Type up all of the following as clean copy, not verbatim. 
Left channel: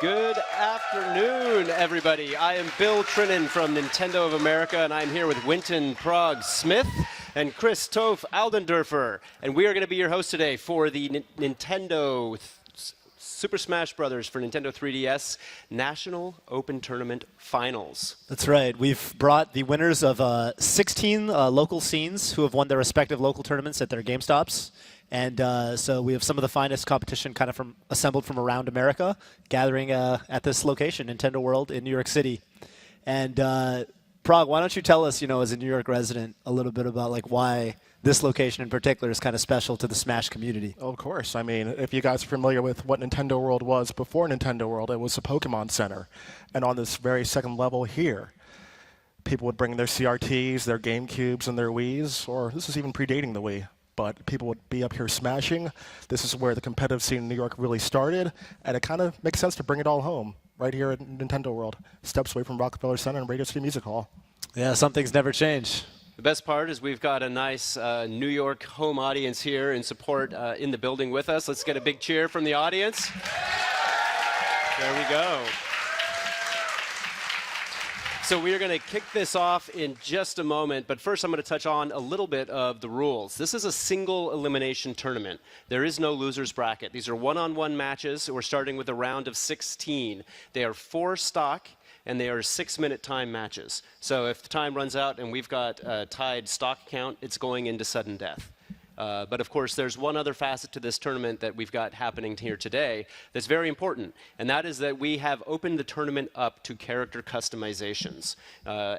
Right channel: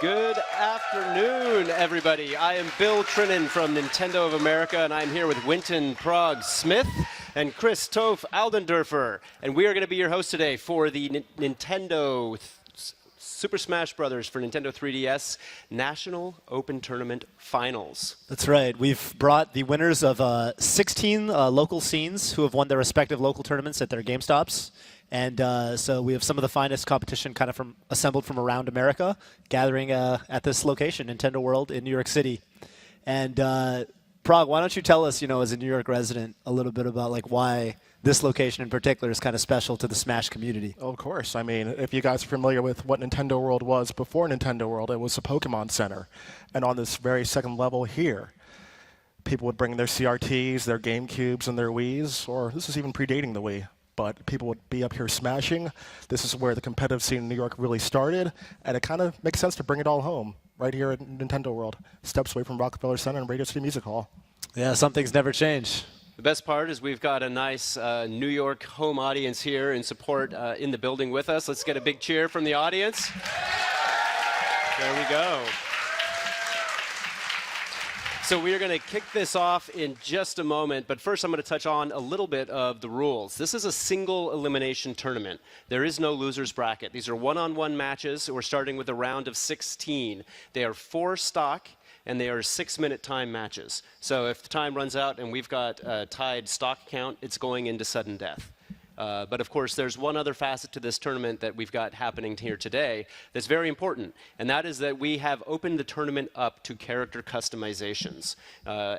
Good afternoon, everybody. I am Bill Trinen from Nintendo of America, and I'm here with Wynton, Prog, Smith, and Kris, Toph, Aldenderfer. And we are going to be your host today for the Nintendo Super Smash Bros. For Nintendo 3DS National Open Tournament Finals. That's right. We've brought the winners of 16 local scenes who have won their respective local tournaments at their GameStops. And so we have some of the finest competition kind of assembled from around America, gathering at this location, Nintendo World in New York City. And Prog, why don't you tell us, as a New York resident, a little bit about why this location in particular is kind of special to the Smash community? Of course. I mean, if you guys are familiar with what Nintendo World was before Nintendo World, it was a Pokemon Center. And on this very second level here, people would bring their CRTs, their GameCubes, and their Wiis, or this is even predating the Wii. But people would be up here smashing. This is where the competitive scene in New York really started, and it kind of makes sense to bring it all home right here at Nintendo World, steps away from Rockefeller Center and Radio City Music Hall. Yeah, some things never change. The best part is we've got a nice New York home audience here in support in the building with us. Let's get a big cheer from the audience. There we go. So we are going to kick this off in just a moment, but first I'm going to touch on a little bit of the rules. This is a single elimination tournament. There is no loser's bracket. These are one-on-one matches. We're starting with a round of 16. They are 4 stock, and they are 6-minute time matches. So if the time runs out and we've got a tied stock count, it's going into sudden death. But of course, there's one other facet to this tournament that we've got happening here today that's very important, and that is that we have opened the tournament up to character customizations.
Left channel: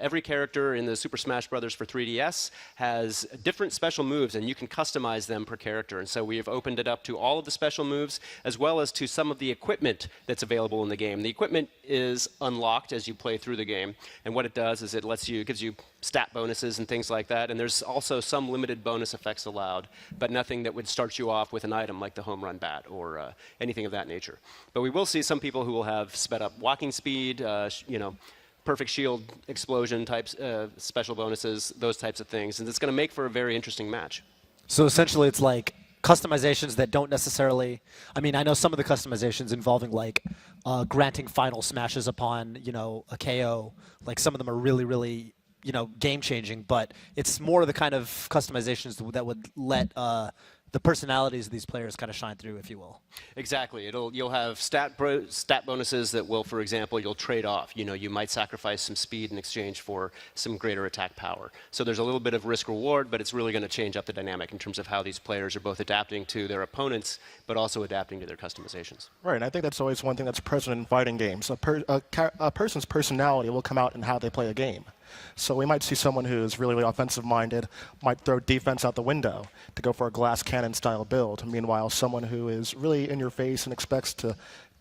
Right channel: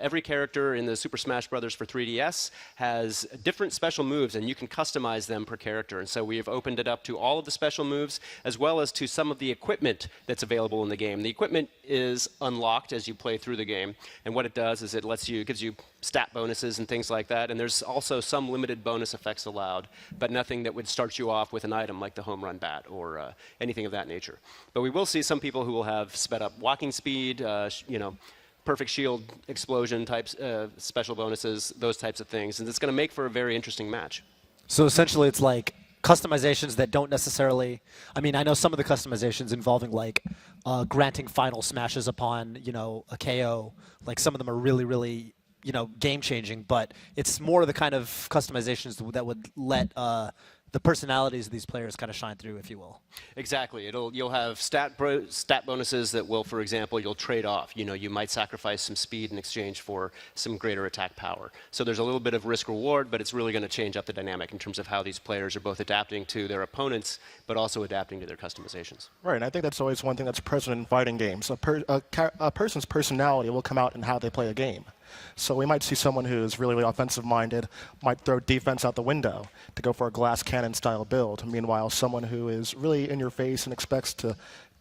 Every character in the Super Smash Bros. For 3DS has different special moves, and you can customize them per character. And so we have opened it up to all of the special moves, as well as to some of the equipment that's available in the game. The equipment is unlocked as you play through the game, and what it does is it gives you stat bonuses and things like that, and there's also some limited bonus effects allowed, but nothing that would start you off with an item like the home run bat or anything of that nature. But we will see some people who will have sped up walking speed, perfect shield explosion types, special bonuses, those types of things, and it's going to make for a very interesting match. So essentially it's like customizations that don't necessarily, I know some of the customizations involving granting final smashes upon, a KO, some of them are really, really game-changing, but it's more the kind of customizations that would let the personalities of these players kind of shine through, if you will. Exactly. You'll have stat bonuses that will, for example, you'll trade off. You might sacrifice some speed in exchange for some greater attack power. So there's a little bit of risk-reward, but it's really going to change up the dynamic in terms of how these players are both adapting to their opponents, but also adapting to their customizations. Right, and I think that's always one thing that's present in fighting games. A person's personality will come out in how they play a game. So we might see someone who is really, really offensive-minded, might throw defense out the window to go for a glass cannon-style build. Meanwhile, someone who is really in your face and expects to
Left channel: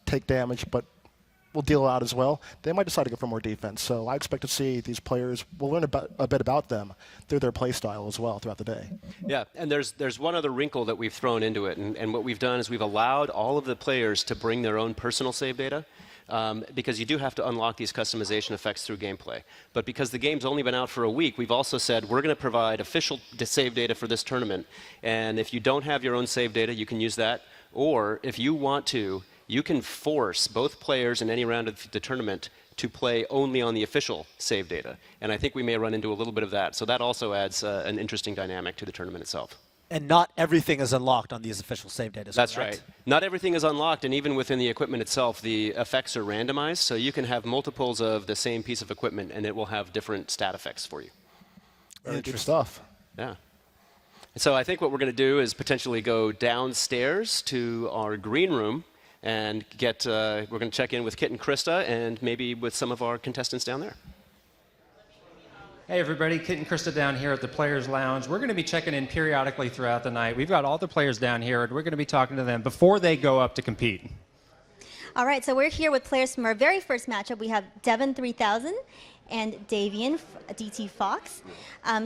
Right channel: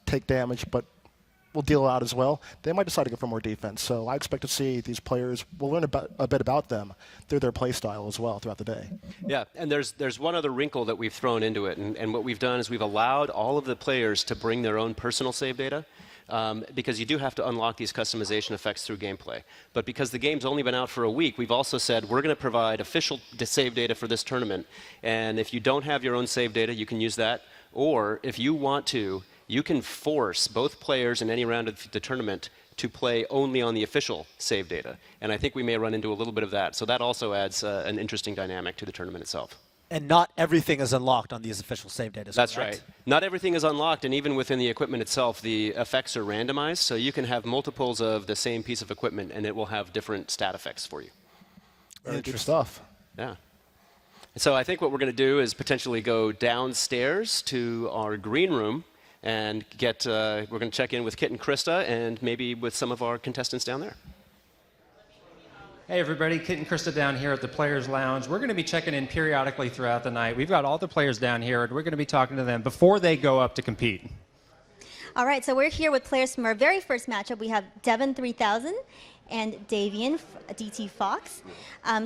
take damage but will deal out as well, they might decide to go for more defense. So I expect to see these players, we'll learn a bit about them through their play style as well throughout the day. Yeah, and there's one other wrinkle that we've thrown into it, and what we've done is we've allowed all of the players to bring their own personal save data. Because you do have to unlock these customization effects through gameplay. But because the game's only been out for a week, we've also said we're going to provide official save data for this tournament. And if you don't have your own save data, you can use that. Or if you want to, you can force both players in any round of the tournament to play only on the official save data. And I think we may run into a little bit of that. So that also adds an interesting dynamic to the tournament itself. And not everything is unlocked on these official save data. That's right. Not everything is unlocked, and even within the equipment itself, the effects are randomized, so you can have multiples of the same piece of equipment, and it will have different stat effects for you. Very good stuff. Yeah. So I think what we're going to do is potentially go downstairs to our green room and we're going to check in with Kit and Krista, and maybe with some of our contestants down there. Hey everybody, Kit and Krista down here at the Players Lounge. We're going to be checking in periodically throughout the night. We've got all the players down here, and we're going to be talking to them before they go up to compete. All right, so we're here with players from our very first matchup. We have Devin 3000 and Davian DT Fox.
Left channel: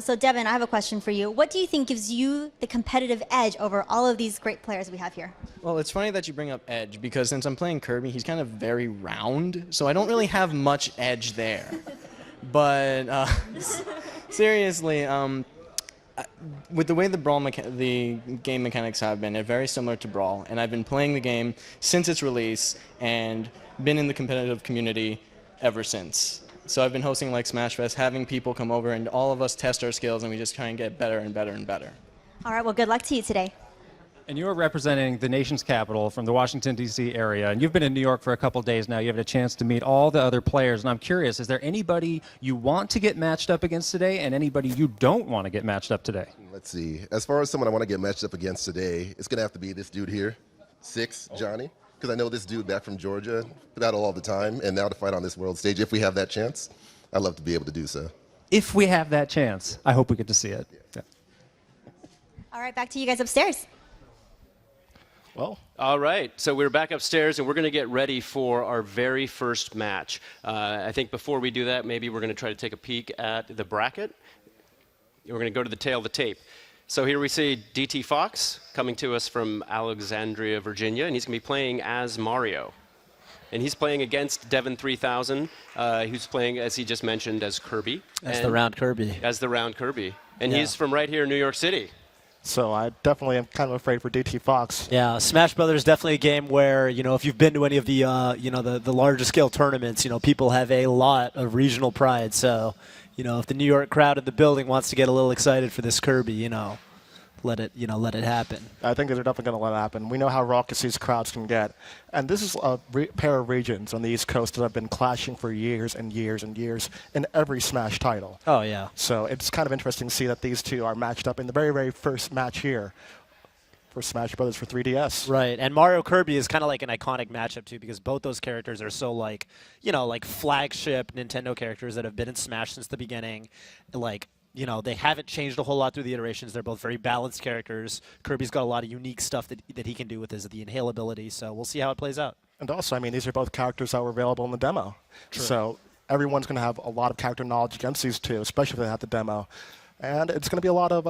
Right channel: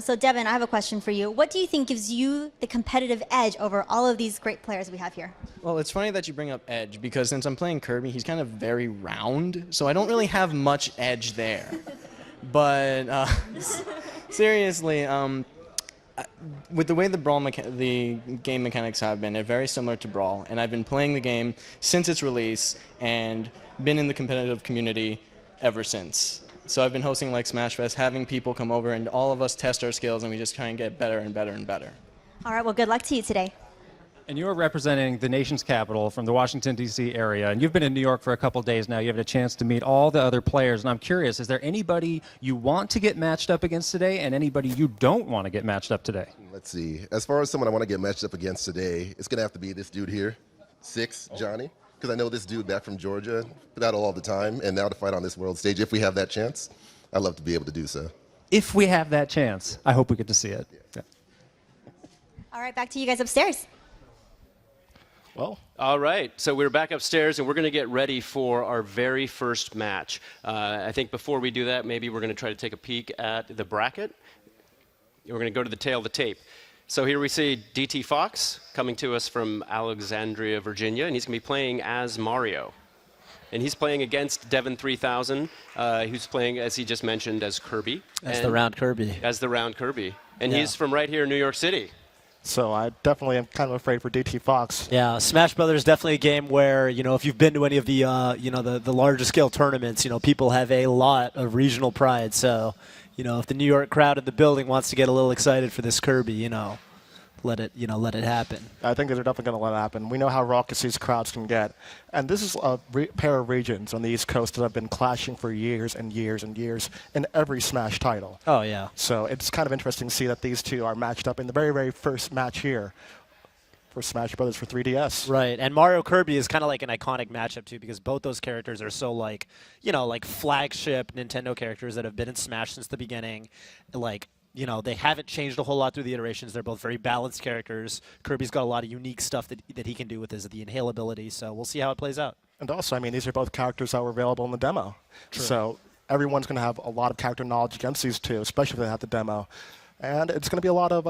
So Devin, I have a question for you. What do you think gives you the competitive edge over all of these great players we have here? Well, it's funny that you bring up edge, because since I'm playing Kirby, he's kind of very round, so I don't really have much edge there. But seriously, with the way the game mechanics have been, they're very similar to Brawl, and I've been playing the game since its release, and been in the competitive community ever since. So I've been hosting like Smash Fest, having people come over, and all of us test our skills, and we just try and get better and better and better. All right, well, good luck to you today. And you're representing the nation's capital from the Washington, D.C. area, and you've been in New York for a couple days now. You have a chance to meet all the other players, and I'm curious, is there anybody you want to get matched up against today and anybody you don't want to get matched up today? Let's see. As far as someone I want to get matched up against today, it's going to have to be this dude here, 6, Johnny, because I know this dude back from Georgia, battle all the time, and now to fight on this world stage, if we have that chance, I'd love to be able to do so. If we have that chance, I hope we get to see it. Yeah. All right, back to you guys upstairs. Well, All right, so we're back upstairs, and we're going to get ready for our very first match. I think before we do that, maybe we're going to try to take a peek at the bracket. We're going to go to the tail of the tape. So here we see DT Fox coming to us from Alexandria, Virginia, and he's going to be playing as Mario. And he's playing against Devin 3000, who's playing, as he just mentioned, as Kirby. As the round Kirby. As the round Kirby. And he's from right here in New York City. so I definitely am kind of afraid for DT Fox. Yeah, Smash Brothers is definitely a game where, if you've been to any of the, the larger scale tournaments, people have a lot of regional pride. So, if the New York crowd in the building wants to get a little excited for this Kirby, let it happen. I think they're definitely going to let it happen. We know how raucous these crowds can get. And this is a pair of regions on the East Coast that have been clashing for years and years and years in every Smash title. Oh, yeah. So it's kind of interesting to see that these two are matched up in the very, very first match here for Smash Brothers for 3DS. Right, and Mario Kirby is kind of like an iconic matchup, too, because both those characters are so, like flagship Nintendo characters that have been in Smash since the beginning. They haven't changed a whole lot through the iterations. They're both very balanced characters. Kirby's got a lot of unique stuff that he can do with the inhale ability, so we'll see how it plays out. And also, these are both characters that were available in the demo. True. So everyone's going to have a lot of character knowledge against these two, especially if they have the demo. And it's going to be a lot of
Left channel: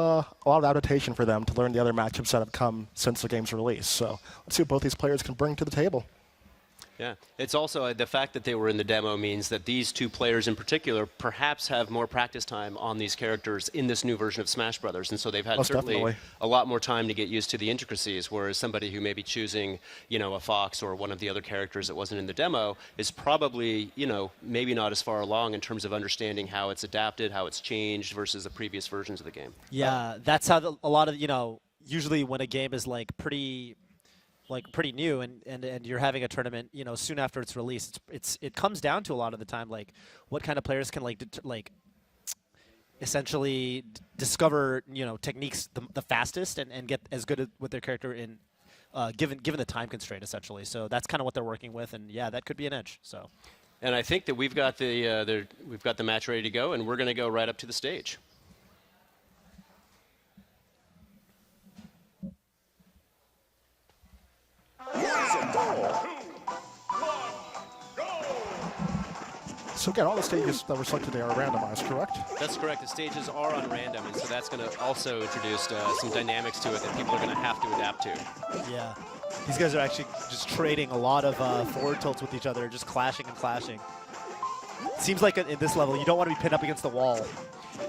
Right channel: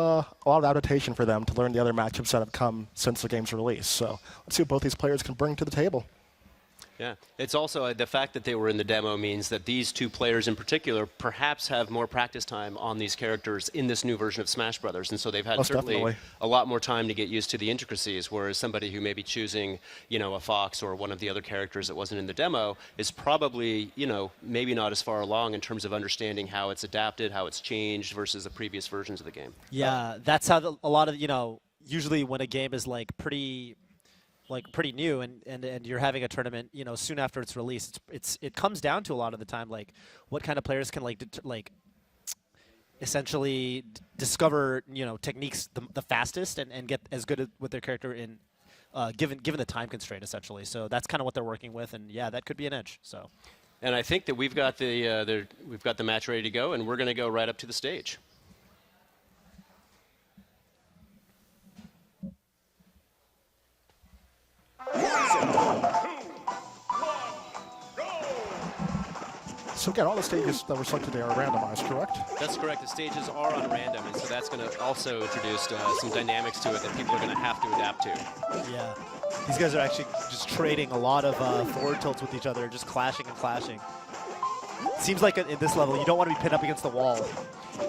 adaptation for them to learn the other matchups that have come since the game's release. So let's see what both these players can bring to the table. Yeah, it's also the fact that they were in the demo means that these two players in particular perhaps have more practice time on these characters in this new version of Smash Brothers, and so they've had Most certainly definitely. a lot more time to get used to the intricacies, whereas somebody who may be choosing, a Fox or one of the other characters that wasn't in the demo is probably, maybe not as far along in terms of understanding how it's adapted, how it's changed versus the previous versions of the game. Yeah, that's how a lot of, usually when a game is pretty new and you're having a tournament, soon after its release, it comes down to a lot of the time, what kind of players can essentially discover, techniques the fastest and get as good with their character in given the time constraint, essentially. So that's kind of what they're working with, and yeah, that could be an edge. So. And I think that we've got the match ready to go, and we're going to go right up to the stage. So again, all the stages that were selected today are randomized, correct? That's correct. The stages are on random, and so that's going to also introduce some dynamics to it that people are going to have to adapt to. Yeah. These guys are actually just trading a lot of forward tilts with each other, just clashing and clashing. Seems like at this level, you don't want to be pinned up against the wall.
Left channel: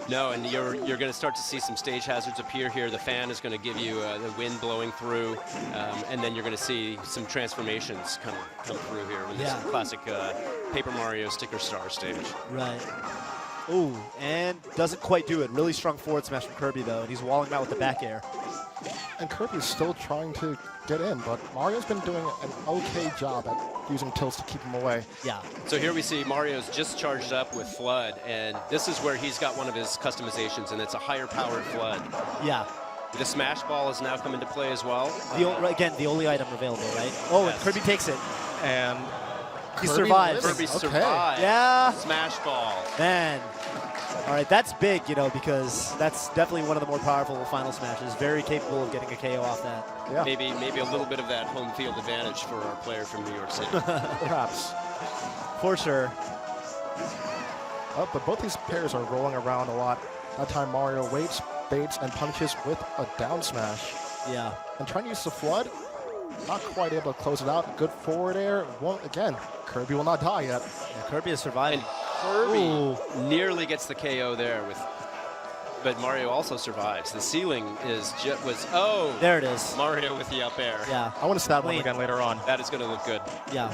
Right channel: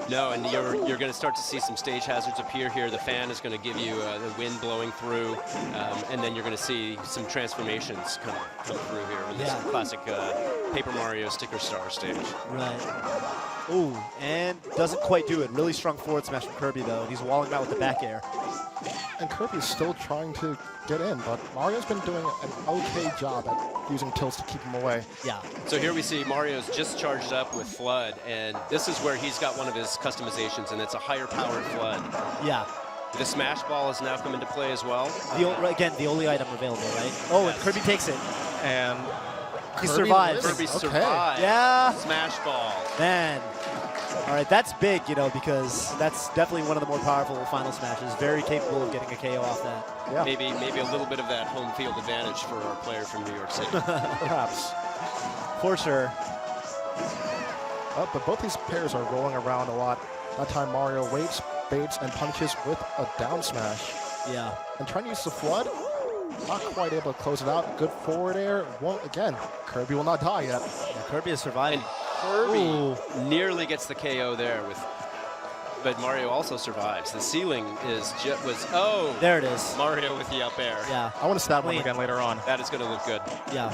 No, and you're going to start to see some stage hazards appear here. The fan is going to give you the wind blowing through, and then you're going to see some transformations come through here. And this is the classic Paper Mario Sticker Star stage. Right. Ooh, and doesn't quite do it. Really strong forward smash from Kirby, though, and he's walling out with the back air. And Kirby's still trying to get in, but Mario's been doing an okay job at using tilts to keep him away. Yeah. So here we see Mario's just charged up with Flood, and this is where he's got one of his customizations, and it's a higher powered Flood. Yeah. The Smash Ball has now come into play as well. Again, the only item available, right? Oh, and Kirby takes it. And He survives. Kirby survives. Yeah. Smash Ball. Man. All right, that's big, because that's definitely one of the more powerful final smashes. Very capable of getting a KO off that. Yeah. Maybe a little bit of that home field advantage for our player from New York City. Perhaps. For sure. But both these pairs are rolling around a lot. That time Mario waits, baits, and punishes with a down smash. Yeah. And trying to use the Flood, not quite able to close it out. Good forward air. Well, again, Kirby will not die yet. Yeah, Kirby is surviving. Kirby nearly gets the KO there but Mario also survives. The ceiling there it is. Mario with the up air. Yeah. I want to stab him again later on. That is going to look good. Yeah.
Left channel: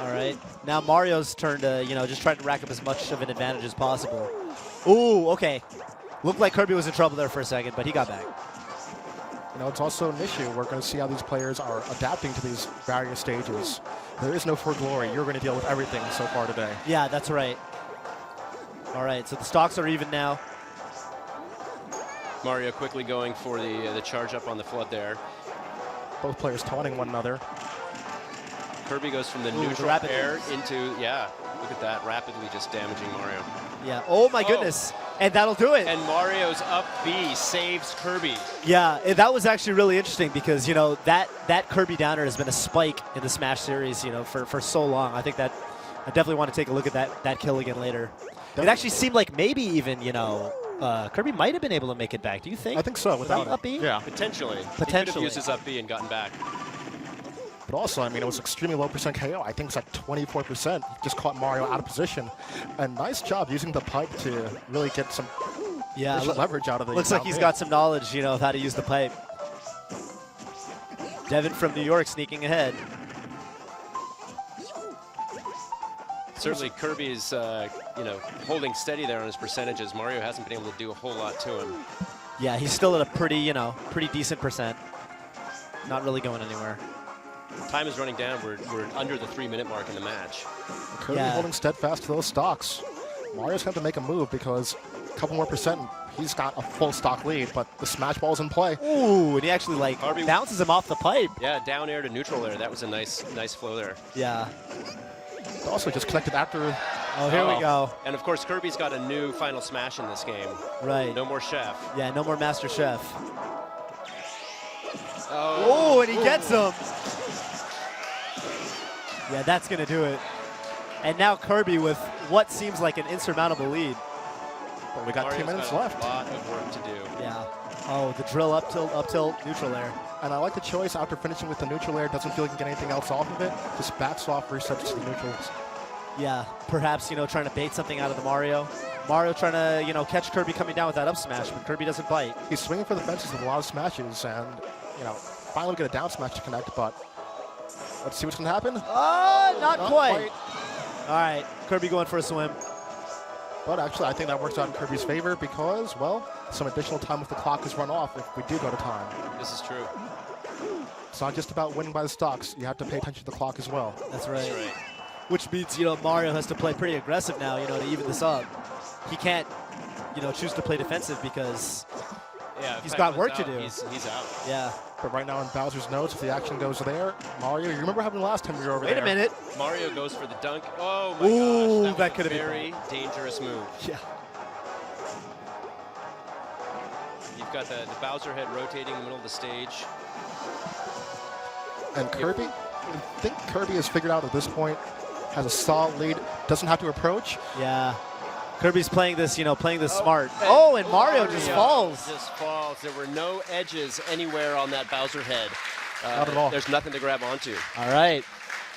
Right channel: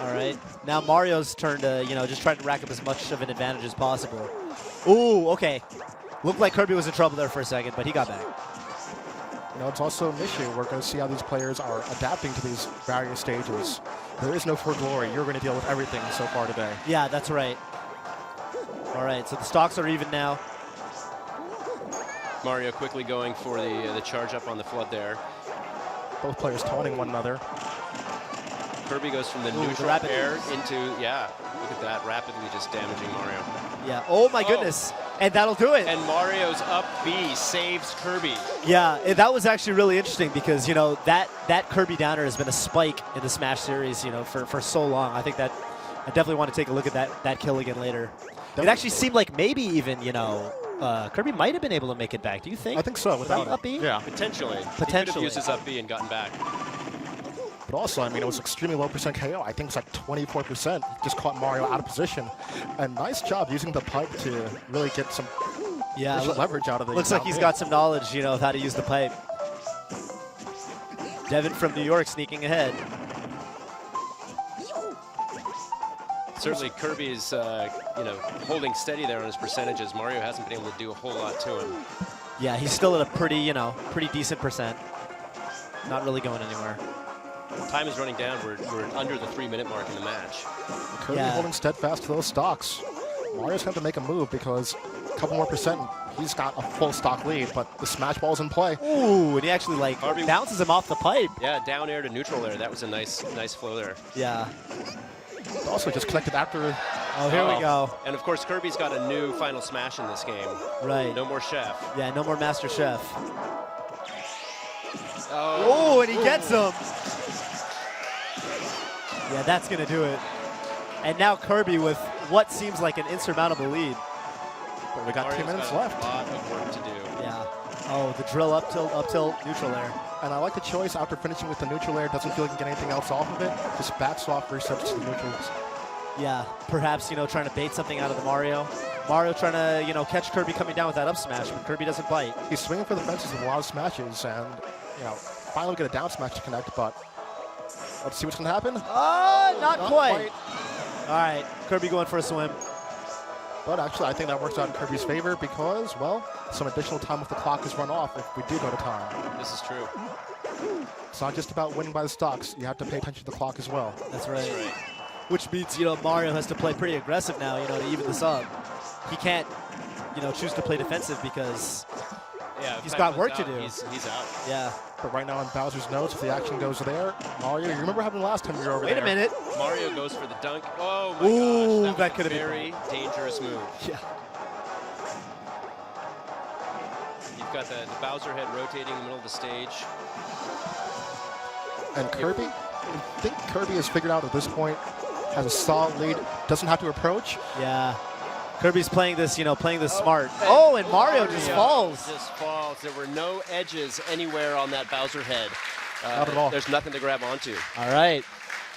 All right. Now Mario's turn to, just try to rack up as much of an advantage as possible. Ooh, okay. Looked like Kirby was in trouble there for a second, but he got back. It's also an issue. We're going to see how these players are adapting to these various stages. There is no for glory. You're going to deal with everything so far today. Yeah, that's right. All right, so the stocks are even now. Mario quickly going for the charge up on the flood there. Both players taunting one another. Kirby goes from the neutral air into, look at that, rapidly just damaging Mario. Yeah, oh my goodness. And that'll do it. And Mario's up B saves Kirby. Yeah, that was actually really interesting because, that Kirby downer has been a spike in the Smash series, for so long. I think that I definitely want to take a look at that kill again later. It actually seemed like maybe even, Kirby might have been able to make it back. Do you think? I think so. Without up B? Yeah. Potentially. He could Potentially. have used his up B and gotten back. But also, it was extremely low percent KO. I think it's like 24%. Just caught Mario out of position. And nice job using the pipe to really get some leverage out of the Looks like he's got some knowledge, of how to use the pipe. Devin from New York sneaking ahead. Certainly Kirby is, holding steady there on his percentages. Mario hasn't been able to do a whole lot to him. Yeah, he's still at a pretty decent percent. Not really going anywhere. Time is running down. We're under the 3-minute mark in the match. Kirby holding steadfast to those stocks. Mario's going to make a move because a couple more percent, he's got a full stock lead, but the smash ball's in play. Ooh, and he actually bounces him off the pipe. Yeah, down air to neutral there. That was a nice flow there. Yeah. Also just connected after. Oh, here we go. And of course, Kirby's got a new final smash in this game. Right. No more chef. Yeah, no more Master Chef. Oh, and he gets him. Yeah, that's going to do it. And now Kirby with what seems like an insurmountable lead. But we got Mario's 2 minutes got left. A lot of work to do. Yeah. Oh, the drill up tilt, neutral air. And I like the choice after finishing with the neutral air. Doesn't feel like he can get anything else off of it. Just backs off, resets to the neutrals. Yeah, perhaps, trying to bait something out of the Mario. Mario trying to, catch Kirby coming down with that up smash, but Kirby doesn't bite. He's swinging for the fences with a lot of smashes, and, finally get a down smash to connect, but let's see what's going to happen. Not quite. All right, Kirby going for a swim. But actually, I think that works out in Kirby's favor because, well, some additional time with the clock is run off if we do go to time. This is true. It's not just about winning by the stocks. You have to pay attention to the clock as well. That's right. That's right. Which means, Mario has to play pretty aggressive now, to even this up. He can't, choose to play defensive because he's got work to do. He's out. Yeah. But right now in Bowser's notes, if the action goes there, Mario, you remember having last time you were over Wait there. a minute. Mario goes for the dunk. Oh my Ooh, gosh. that could have a been very dangerous move. Yeah. You've got the Bowser head rotating in the middle of the stage. And Kirby, I think Kirby has figured out at this point, has a solid lead, doesn't have to approach. Yeah. Kirby's playing this, playing this smart. Oh, and Mario just falls. Just falls. There were no edges anywhere on that Bowser head. Not at all. There's nothing to grab onto. All right.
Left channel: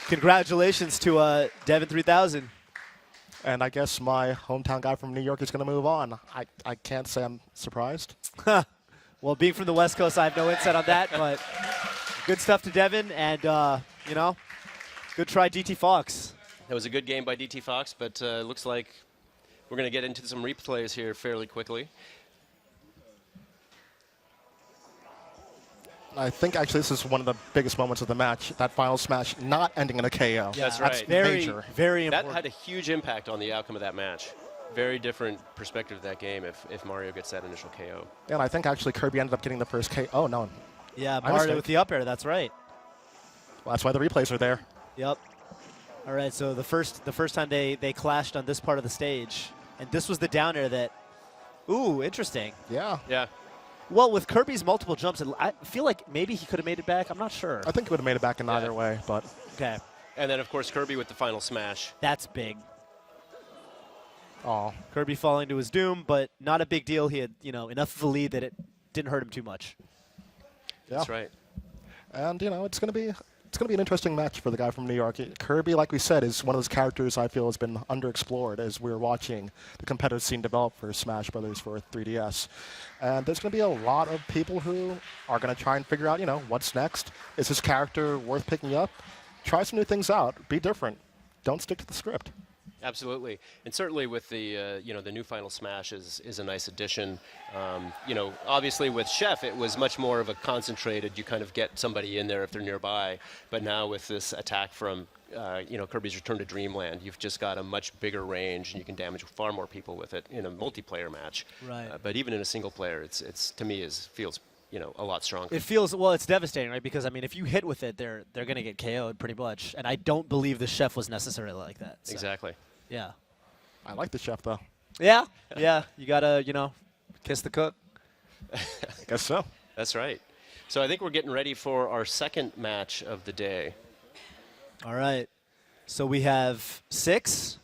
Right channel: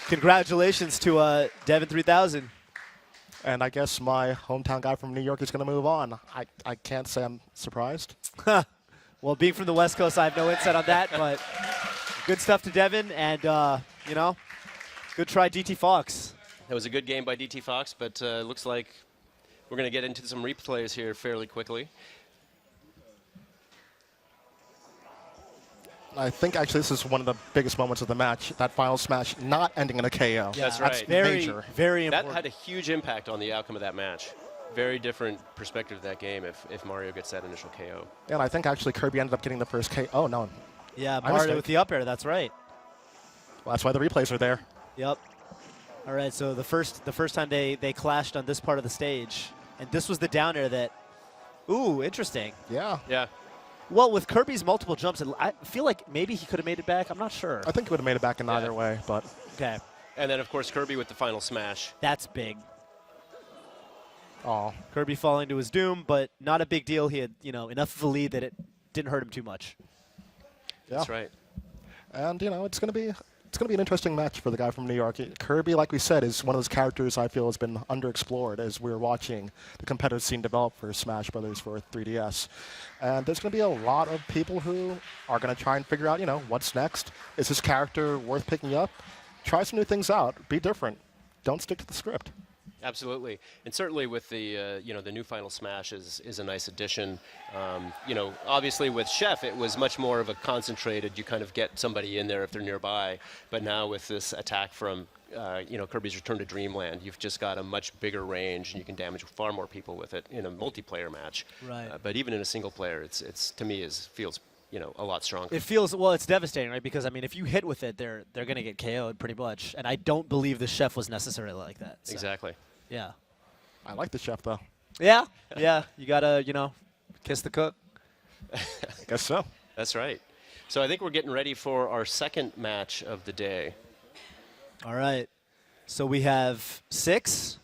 Congratulations to Devin 3000. And I guess my hometown guy from New York is going to move on. I can't say I'm surprised. Well, being from the West Coast, I have no insight on that, but good stuff to Devin, and, good try, DT Fox. It was a good game by DT Fox, but looks like we're going to get into some replays here fairly quickly. I think actually this is one of the biggest moments of the match, that final smash not ending in a KO. Yeah, that's right. Very, major. very important. That had a huge impact on the outcome of that match. Very different perspective of that game if Mario gets that initial KO. And I think actually Kirby ended up getting the first KO. Oh, no. Yeah, My Mario mistake. with the up air, that's right. Well, that's why the replays are there. Yep. All right, so the first time they clashed on this part of the stage, and this was the down air that, ooh, interesting. Yeah. Yeah. Well, with Kirby's multiple jumps, I feel like maybe he could have made it back. I'm not sure. I think he would have made it back in either way, but Okay, And then, of course, Kirby with the final smash. that's big. oh, Kirby falling to his doom, but not a big deal. He had, enough of a lead that it didn't hurt him too much. yeah. That's right. And it's going to be an interesting match for the guy from New York. Kirby, like we said, is one of those characters I feel has been underexplored as we're watching the competitive scene develop for Smash Brothers for 3DS. And there's going to be a lot of people who are going to try and figure out, what's next. Is this character worth picking up? Try some new things out. Be different. don't stick to the script. Absolutely, and certainly with the the new Final Smash is a nice addition. Obviously with Chef it was much more of a concentrated. You kind of get somebody in there if they're nearby, but now with this attack from Kirby's Return to Dreamland, you've just got a much bigger range, and you can damage far more people with it in a multiplayer match. Right. But even in a single player, it's to me feels a lot stronger. It feels, well, it's devastating, right? Because, I mean, if you hit with it, they're going to get KO'd pretty much. And I don't believe the Chef was necessarily like that. So. Exactly. Yeah. I like the Chef, though. Yeah. Yeah. You got to, kiss the cook. I guess so. That's right. So I think we're getting ready for our second match of the day. All right. So we have 6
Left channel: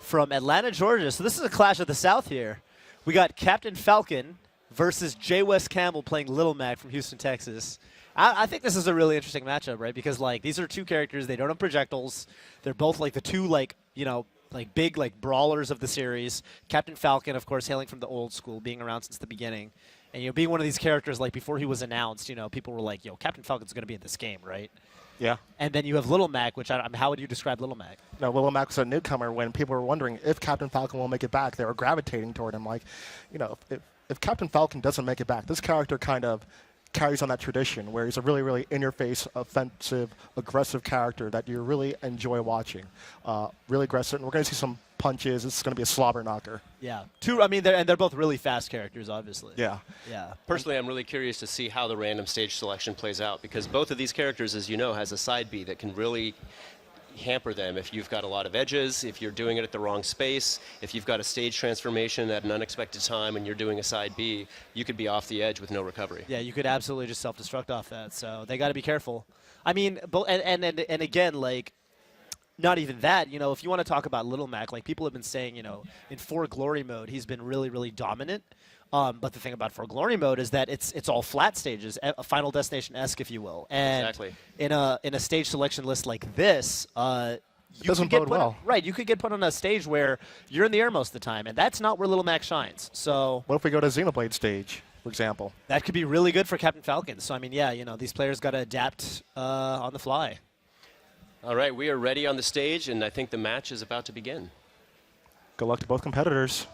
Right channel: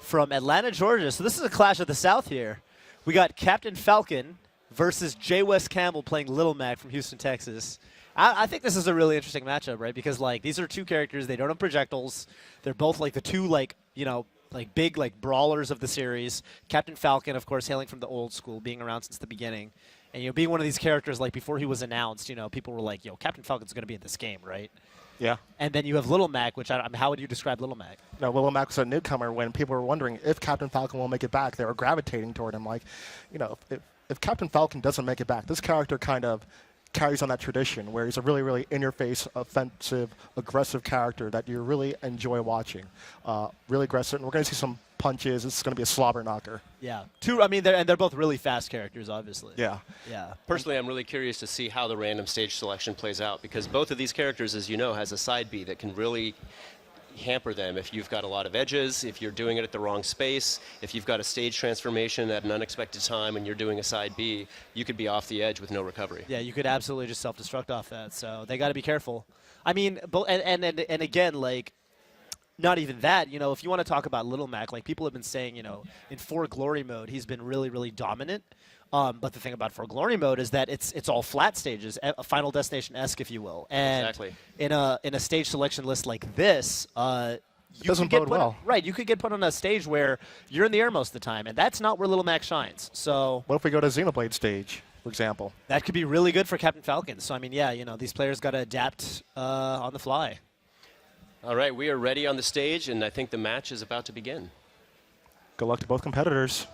from Atlanta, Georgia. So this is a clash of the South here. We got Captain Falcon versus J. West Campbell playing Little Mac from Houston, Texas. I think this is a really interesting matchup, right? Because, these are two characters. They don't have projectiles. They're both, the two, big, brawlers of the series. Captain Falcon, of course, hailing from the old school, being around since the beginning. And, being one of these characters, before he was announced, people were like, Captain Falcon's going to be in this game, right? Yeah. And then you have Little Mac, which, how would you describe Little Mac? No, Little Mac was a newcomer. When people were wondering if Captain Falcon will make it back, they were gravitating toward him. If Captain Falcon doesn't make it back, this character kind of carries on that tradition where he's a really, really in-your-face, offensive, aggressive character that you really enjoy watching. Really aggressive. And we're going to see some punches. It's going to be a slobber knocker. Yeah. They're both really fast characters, obviously. Yeah. Yeah. Personally, I'm really curious to see how the random stage selection plays out, because both of these characters, as you know, has a side B that can really hamper them if you've got a lot of edges, if you're doing it at the wrong space, if you've got a stage transformation at an unexpected time and you're doing a side B, you could be off the edge with no recovery. Yeah, you could absolutely just self-destruct off that, so they got to be careful. I mean, and again, not even that, if you want to talk about Little Mac, people have been saying, in For Glory mode, he's been really, really dominant. But the thing about For Glory mode is that it's all flat stages, a Final Destination-esque, if you will. And exactly. In a stage selection list like this, it doesn't bode well. Right, you could get put on a stage where you're in the air most of the time, and that's not where Little Mac shines. So what if we go to Xenoblade stage, for example? That could be really good for Captain Falcon. So, these players got to adapt on the fly. All right, we are ready on the stage, and I think the match is about to begin. Good luck to both competitors.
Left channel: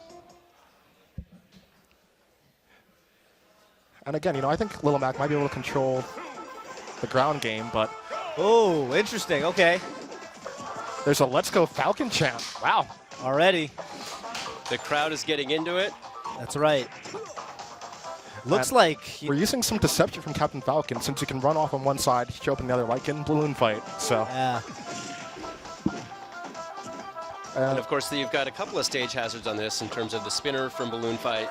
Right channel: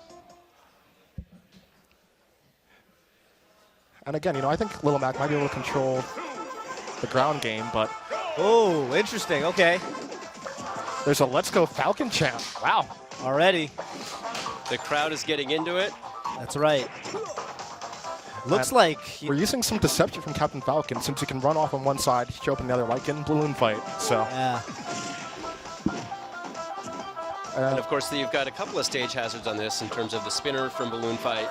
And again, I think Little Mac might be able to control the ground game, but... Oh, interesting. Okay. There's a Let's Go Falcon chant. Wow. Already. The crowd is getting into it. That's right. Looks like... We're using some deception from Captain Falcon, since he can run off on one side, show up on the other, like in Balloon Fight, so... Yeah. And of course, you've got a couple of stage hazards on this in terms of the spinner from Balloon Fight,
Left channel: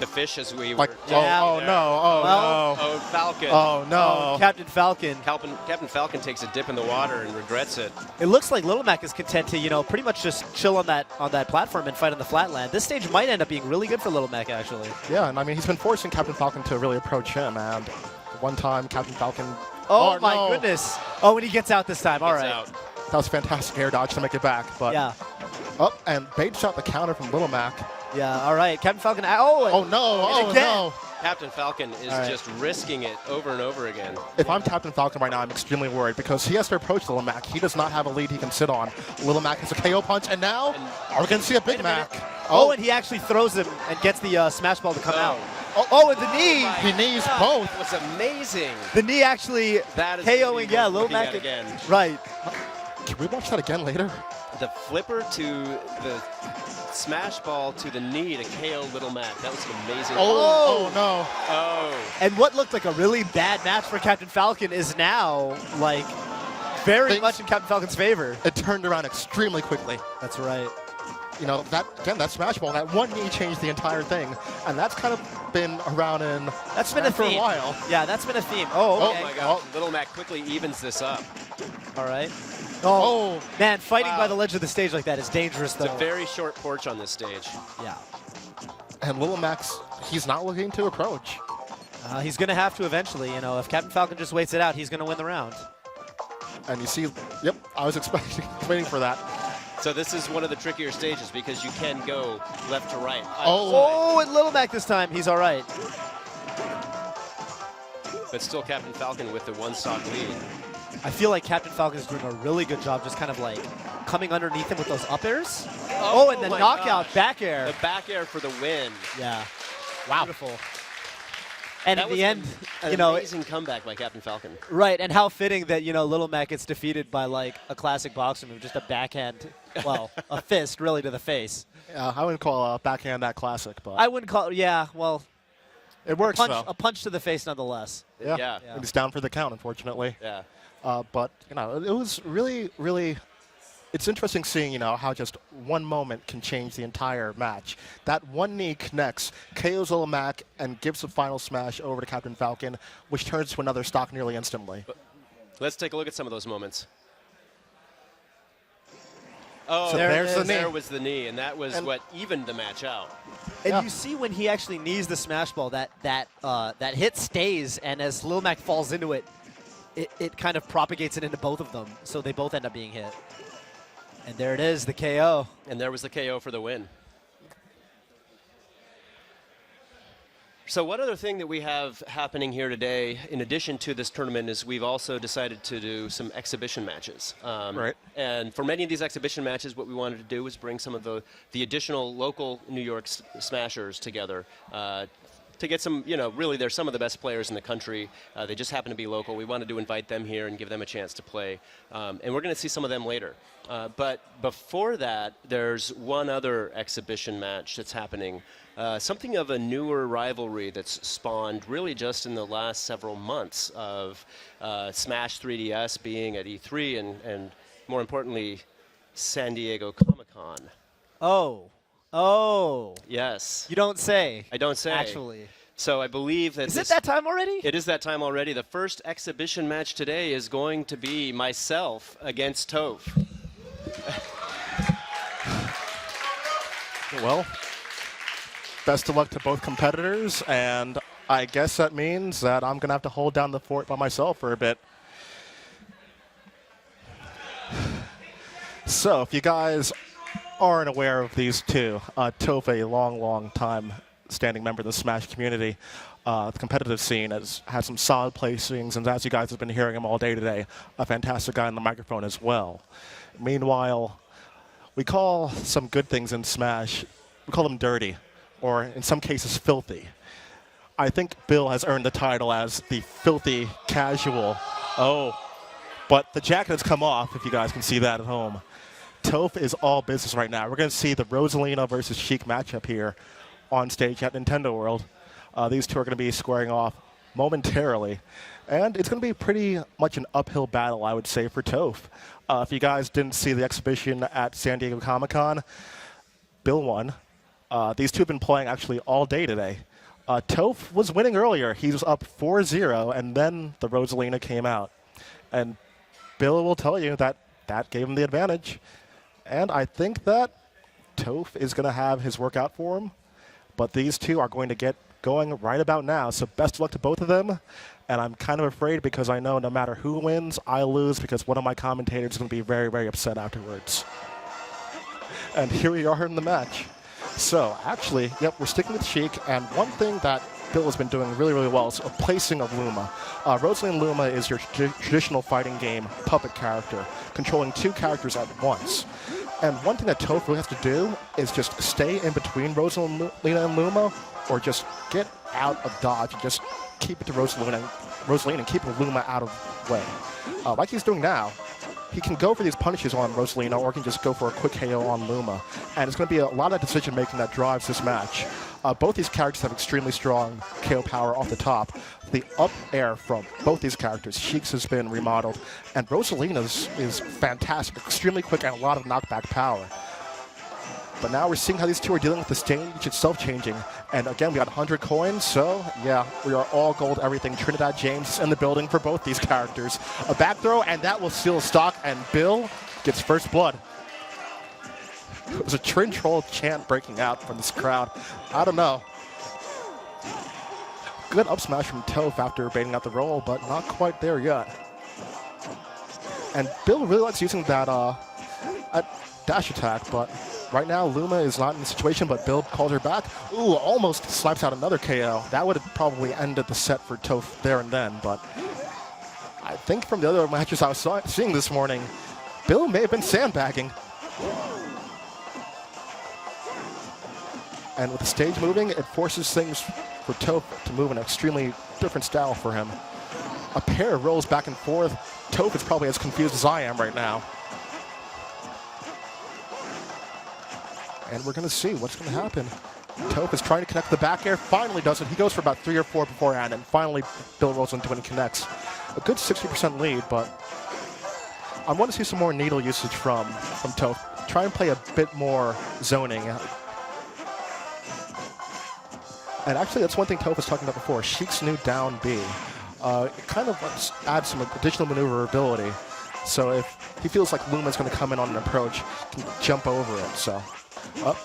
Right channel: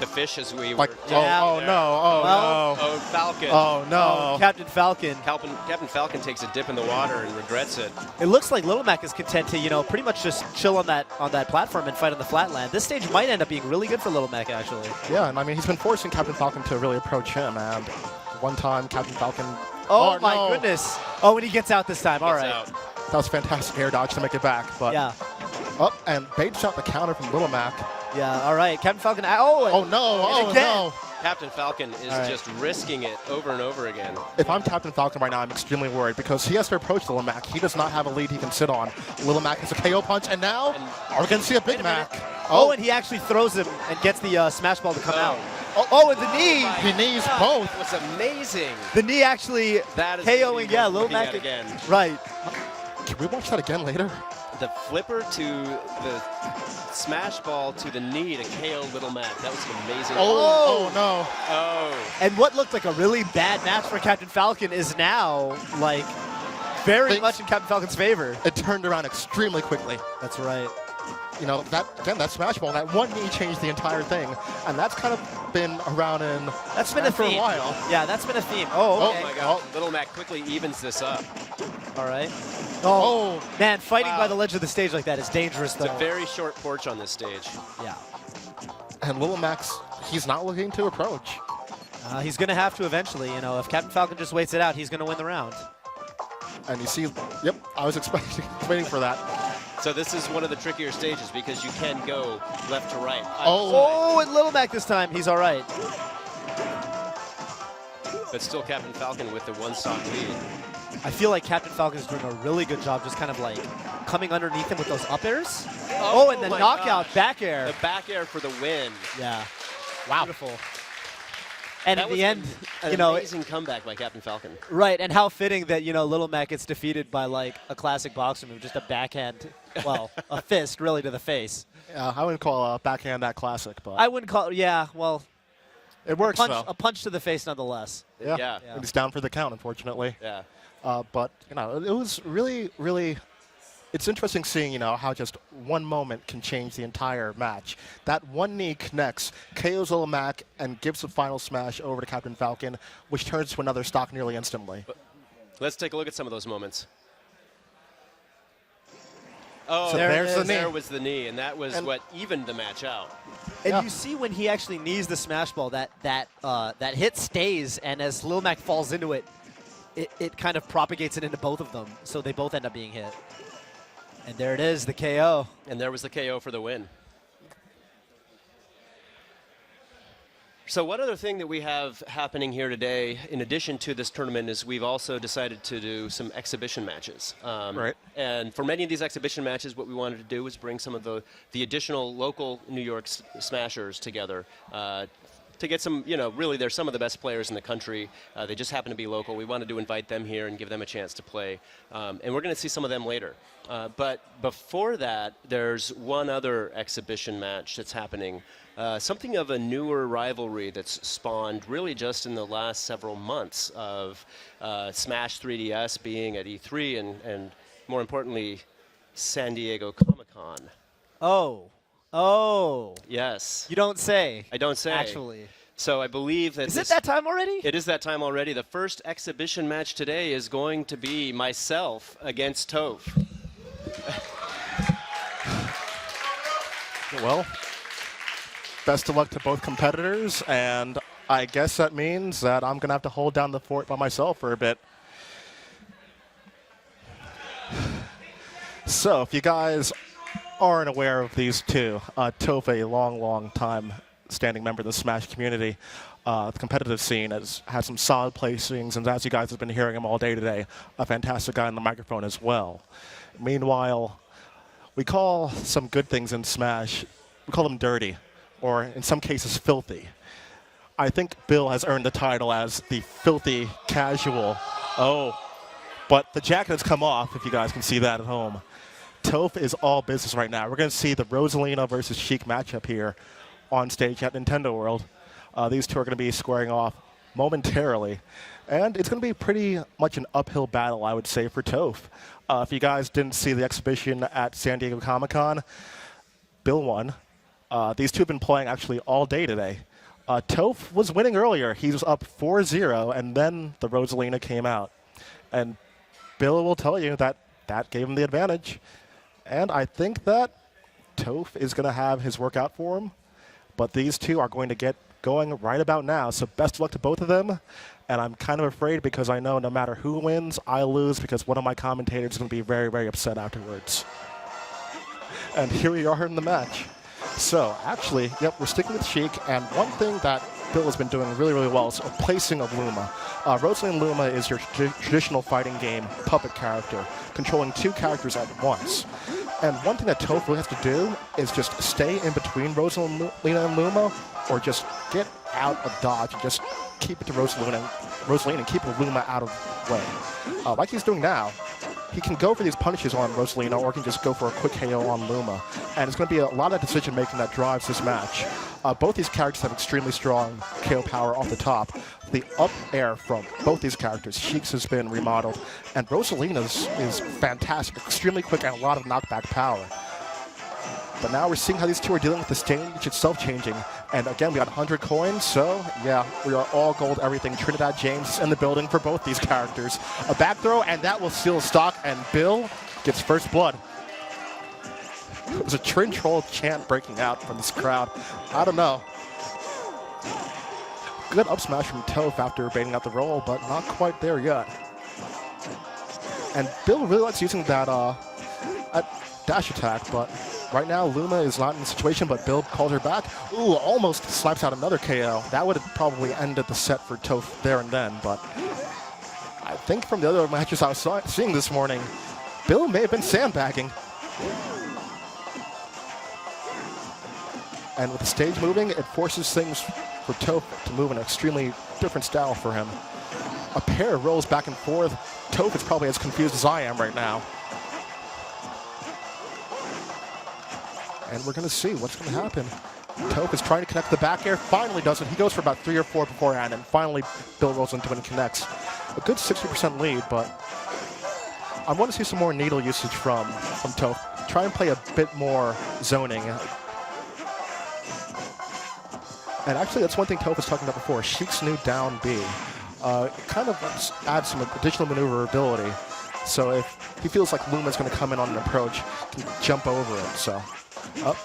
the fish as we were. Oh, Falcon. Oh no, Captain Falcon. Captain Falcon takes a dip in the water and regrets it. It looks like Little Mac is content to, pretty much just chill on that platform and fight on the flatland. This stage might end up being really good for Little Mac, actually. Yeah, and he's been forcing Captain Falcon to really approach him, and one time Captain Falcon. Oh my goodness! Oh, and he gets out this time. All right. That was a fantastic air dodge to make it back, but yeah. Oh, and baits out the counter from Little Mac. Yeah, all right. Captain Falcon. No. Captain Falcon is just risking it over and over again. If I'm Captain Falcon right now, I'm extremely worried because he has to approach Little Mac. He does not have a lead he can sit on. Little Mac has a KO punch, and now are we going to see a Big Mac? Oh, and he actually throws him and gets the smash ball to come out. Oh, and the knee. He knees both. It was amazing. The knee actually KOing, Little Mac again. Right. Can we watch that again later? The flipper to the smash ball to the knee to KO Little Mac. That was an amazing. Oh no. Oh. And what looked like a really bad match for Captain Falcon is now, very much in Captain Falcon's favor. It turned around extremely quickly. That's right. That smash ball, that one knee changed the entire thing, and that's kind of been around That's been a for theme. a while. Yeah, that's been a theme. Oh, okay. Oh my God! Little Mac quickly evens this up. All right. Oh man, fighting by the ledge of the stage like that is dangerous, though. It's a very short porch on this stage. Yeah. And Little Mac's, he's not looking to approach. He's going to have to eventually. If Captain Falcon just waits it out, he's going to win the round. And you see, yep, I was waiting for that. So this is one of the trickier stages because you can go left to right. Oh, and Little Mac this time, he's all right. but still Captain Falcon with the one-stock lead. I feel like Captain Falcon is doing a really good job just kind of like coming underneath him with those up airs. Oh, and the my knockout gosh. back air. The back air for the win. Yeah. Wow. Beautiful. And That in was the end, an amazing comeback by Captain Falcon. right, and how fitting that, Little Mac gets defeated by like a classic boxer move, just a backhand, well, a fist really to the face. I wouldn't call a backhand that classic, but I wouldn't call well, it works a punch to the face nonetheless. Yeah. Yeah. He's down for the count, unfortunately. Yeah. But it was really, really. It's interesting seeing, how just one moment can change the entire match. That one knee connects, KOs Little Mac, and gives the final smash over to Captain Falcon, which turns to another stock nearly instantly. Let's take a look at some of those moments. Oh, So there's the knee. there was the knee, and that was what evened the match out. And you see when he actually knees the smash ball, that hit stays, and as Lil Mac falls into it, it kind of propagates it into both of them, so they both end up being hit. And there it is, the KO. And there was the KO for the win. So one other thing that we have happening here today, in addition to this tournament, is we've also decided to do some exhibition matches. Right. And for many of these exhibition matches, what we wanted to do was bring some of the additional local New York smashers together to get some, really they're some of the best players in the country. They just happen to be local. We wanted to invite them here and give them a chance to play. And we're going to see some of them later. But before that, there's one other exhibition match that's happening. Something of a newer rivalry that's spawned really just in the last several months of Smash 3DS being at E3 and more importantly, San Diego Comic-Con. Oh. Yes. You don't say. I don't say. Actually. So I believe that Is it that time already? It is that time already. The first exhibition match today is going to be myself against Toph. Well, best of luck to both competitors, and I guess that means that I'm going to have to hold down the fort by myself for a bit. So, if you guys aren't aware of these two, Toph, a long time standing member of the Smash community, the competitive scene, has had some solid placings, and as you guys have been hearing him all day today, a fantastic guy on the microphone as well. Meanwhile, we call some good things in Smash, we call them dirty, or in some cases filthy. I think Bill has earned the title as the filthy casual. Oh, but the jacket has come off, if you guys can see that at home. Toph is all business right now. We're going to see the Rosalina versus Sheik matchup here on stage at Nintendo World. These two are going to be squaring off momentarily. And it's going to be pretty much an uphill battle, I would say, for Toph. If you guys didn't see the exhibition at San Diego Comic-Con, Bill won. These two have been playing actually all day today. Toph was winning earlier. He was up 4-0, and then the Rosalina came out. And Bill will tell you that that gave him the advantage. And I think that Toph is going to have his work out for him. But these two are going to get going right about now. So best of luck to both of them. And I'm kind of afraid because I know no matter who wins, I lose because one of my commentators is going to be very, very upset afterwards. And here we are in the match. So, actually, yep, we're sticking with Sheik, and one thing that Bill has been doing really, really well is a placing of Luma. Rosalina Luma is your traditional fighting game puppet character, controlling two characters at once. And one thing that Toph really has to do is just stay in between Rosalina and Luma, or just get out of dodge and just keep it to Rosalina and keep Luma out of the way. Like he's doing now. He can go for these punishes on Rosalina, or he can just go for a quick KO on Luma. And it's going to be a lot of decision-making that drives this match. Both these characters have extremely strong KO power off the top. The up air from both these characters, Sheik's has been remodeled, and Rosalina's is fantastic, extremely quick, and a lot of knockback power. But now we're seeing how these two are dealing with the stage itself changing. And again, we got 100 coins, so yeah, we are all gold everything. Trinidad James is in the building for both these characters. A back throw, and that will seal the stock, and Bill gets first blood. There's a TrinTroll chant breaking out from this crowd. I don't know. Good up smash from Toph after baiting out the roll, but not quite there yet. And Bill really likes using that dash attack, but right now, Luma is not in the situation, but Bill calls her back. Ooh, almost slaps out another KO. That would have probably ended the set for Toph there and then, but I think from the other matches I was seeing this morning, Bill may have been sandbagging. And with the stage moving, it forces things for Toph to move in an extremely different style for him. A pair rolls back and forth. Toph is probably as confused as I am right now. And we're going to see what's going to happen. Toph is trying to connect the back air, finally does it. He goes for about 3 or 4 beforehand, and finally Bill rolls into it and connects. A good 60% lead, but I want to see some more needle usage from Toph. Try and play a bit more zoning. And actually, that's one thing Toph was talking about before. Sheik's new down B. It kind of adds some additional maneuverability. So if he feels like Luma's going to come in on an approach, he can jump over it. So,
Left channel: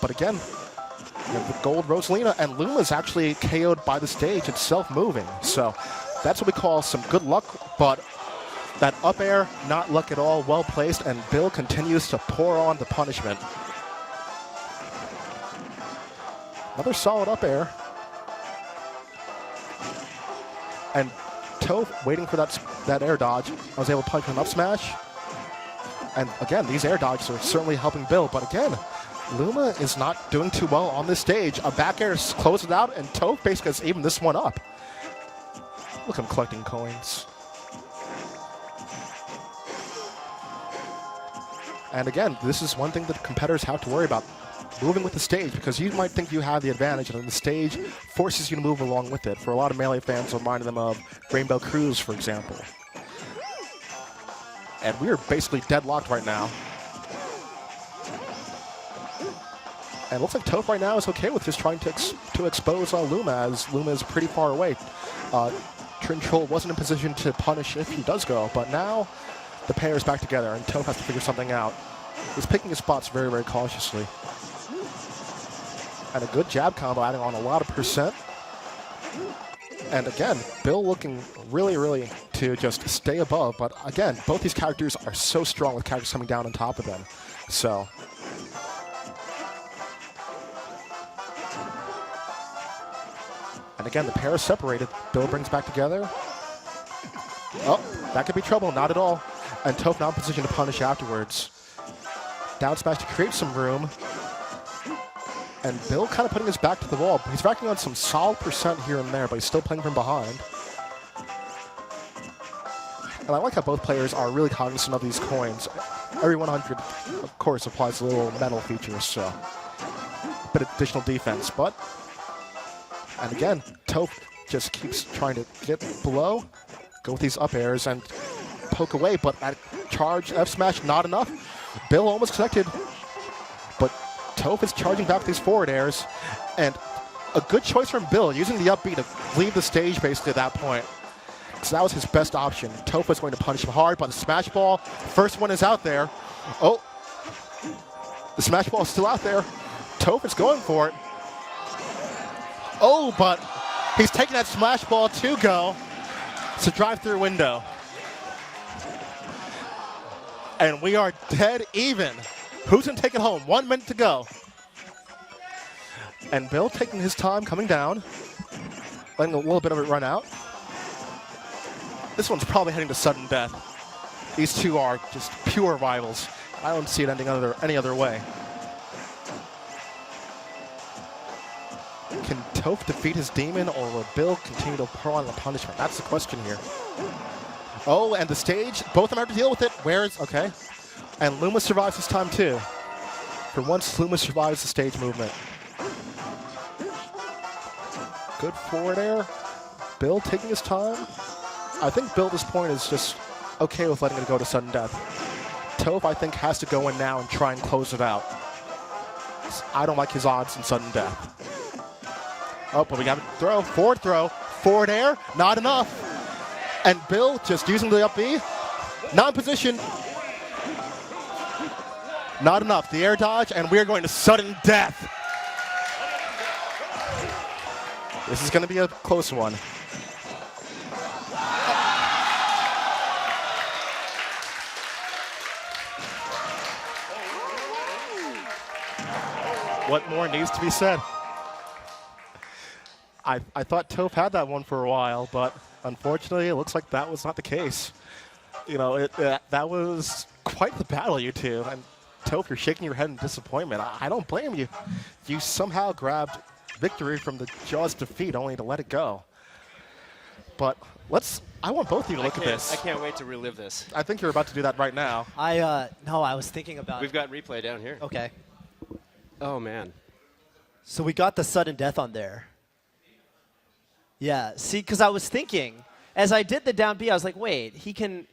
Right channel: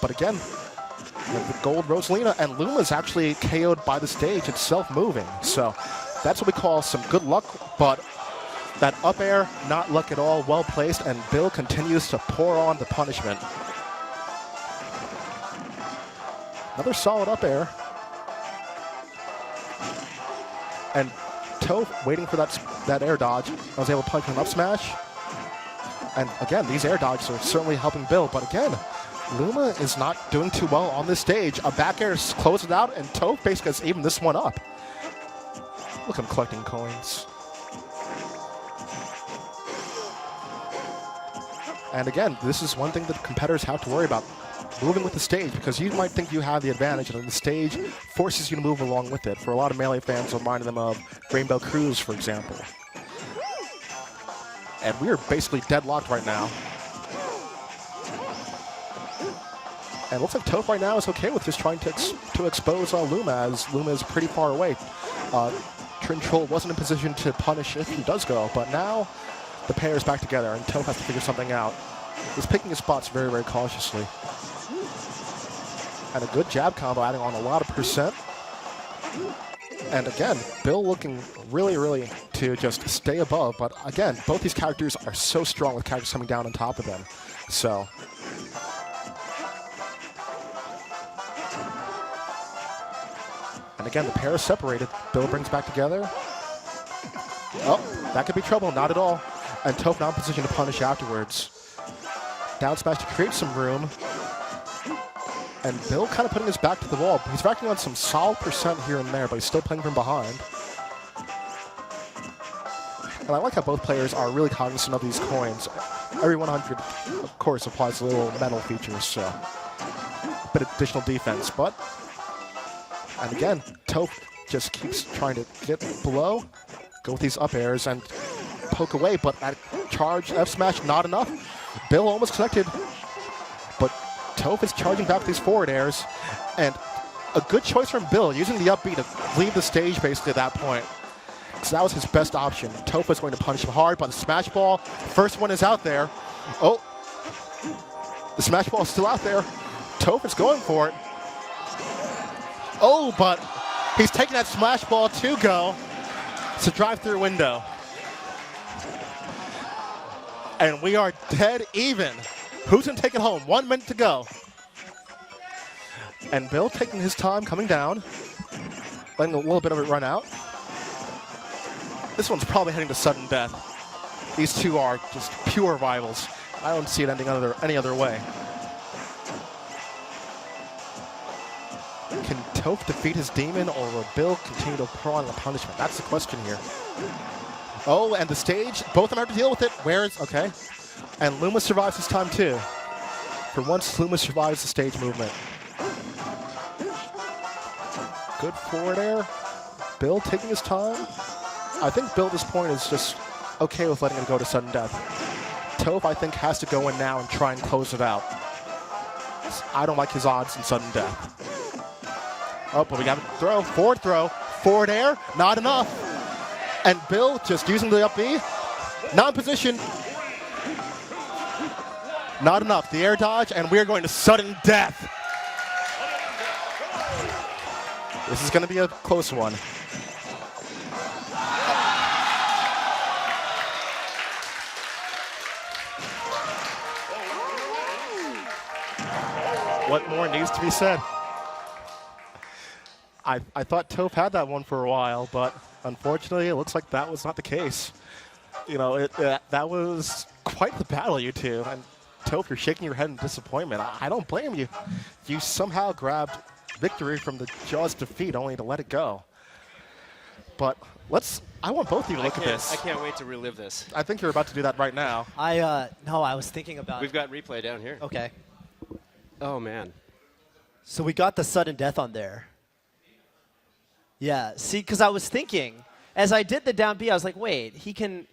but again, you have the gold Rosalina, and Luma's actually KO'd by the stage itself moving. So that's what we call some good luck, but that up air, not luck at all, well placed, and Bill continues to pour on the punishment. Another solid up air. And Toph, waiting for that air dodge, was able to punch an up smash. And again, these air dodges are certainly helping Bill, but again, Luma is not doing too well on this stage. A back air closes it out, and Toph basically has evened this one up. Look, I'm collecting coins. And again, this is one thing that competitors have to worry about. Moving with the stage, because you might think you have the advantage, and the stage forces you to move along with it. For a lot of Melee fans, it reminded them of Rainbow Cruise, for example. And we are basically deadlocked right now. And it looks like Toph right now is okay with just trying to expose Luma, as Luma is pretty far away. TrinTroll wasn't in position to punish if he does go, but now the pair is back together, and Toph has to figure something out. He's picking his spots very, very cautiously. And a good jab combo adding on a lot of percent. And again, Bill looking really, really to just stay above. But again, both these characters are so strong with characters coming down on top of them. So. And again, the pair is separated. Bill brings back together. Oh, that could be trouble. Not at all. And Toph now in position to punish afterwards. Down smash to create some room. And Bill kind of putting his back to the wall. He's racking on some solid percent here and there, but he's still playing from behind. And I like how both players are really cognizant of these coins. Every 100, of course, applies a little metal features, so a bit of additional defense. But, and again, Toph just keeps trying to get below, go with these up airs, and poke away, but at charge F smash, not enough. Bill almost connected, but Toph is charging back with these forward airs, and a good choice from Bill, using the up B to leave the stage basically at that point. So that was his best option. Toph was going to punish him hard, but the smash ball, first one is out there. Oh, the smash ball is still out there. Toph is going for it. Oh, but he's taking that smash ball to go. It's a drive-through window. And we are dead even. Who's going to take it home? 1 minute to go. And Bill taking his time coming down, letting a little bit of it run out. This one's probably heading to sudden death. These two are just pure rivals. I don't see it ending any other way. Can Toph defeat his demon, or will Bill continue to pour on the punishment? That's the question here. Oh, and the stage, both of them have to deal with it. Okay. And Luma survives this time too. For once, Luma survives the stage movement. Good forward air. Bill taking his time. I think Bill at this point is just okay with letting it go to sudden death. Toph, I think, has to go in now and try and close it out. I don't like his odds in sudden death. Oh, but we got a forward air, not enough. And Bill just using the up B, not in position. Not enough. The air dodge, and we are going to sudden death. This is going to be a close one. What more needs to be said? I thought Toph had that one for a while, but unfortunately, it looks like that was not the case. You know, that was quite the battle, you two. And Toph, you're shaking your head in disappointment. I don't blame you. You somehow grabbed victory from the jaws of defeat only to let it go. But I want both of you to look at this. I can't wait to relive this. I think you're about to do that right now. No, I was thinking about. We've got replay down here. Okay. Oh, man. So we got the sudden death on there. Yeah, see, because I was thinking, as I did the down B, I was like, wait, he can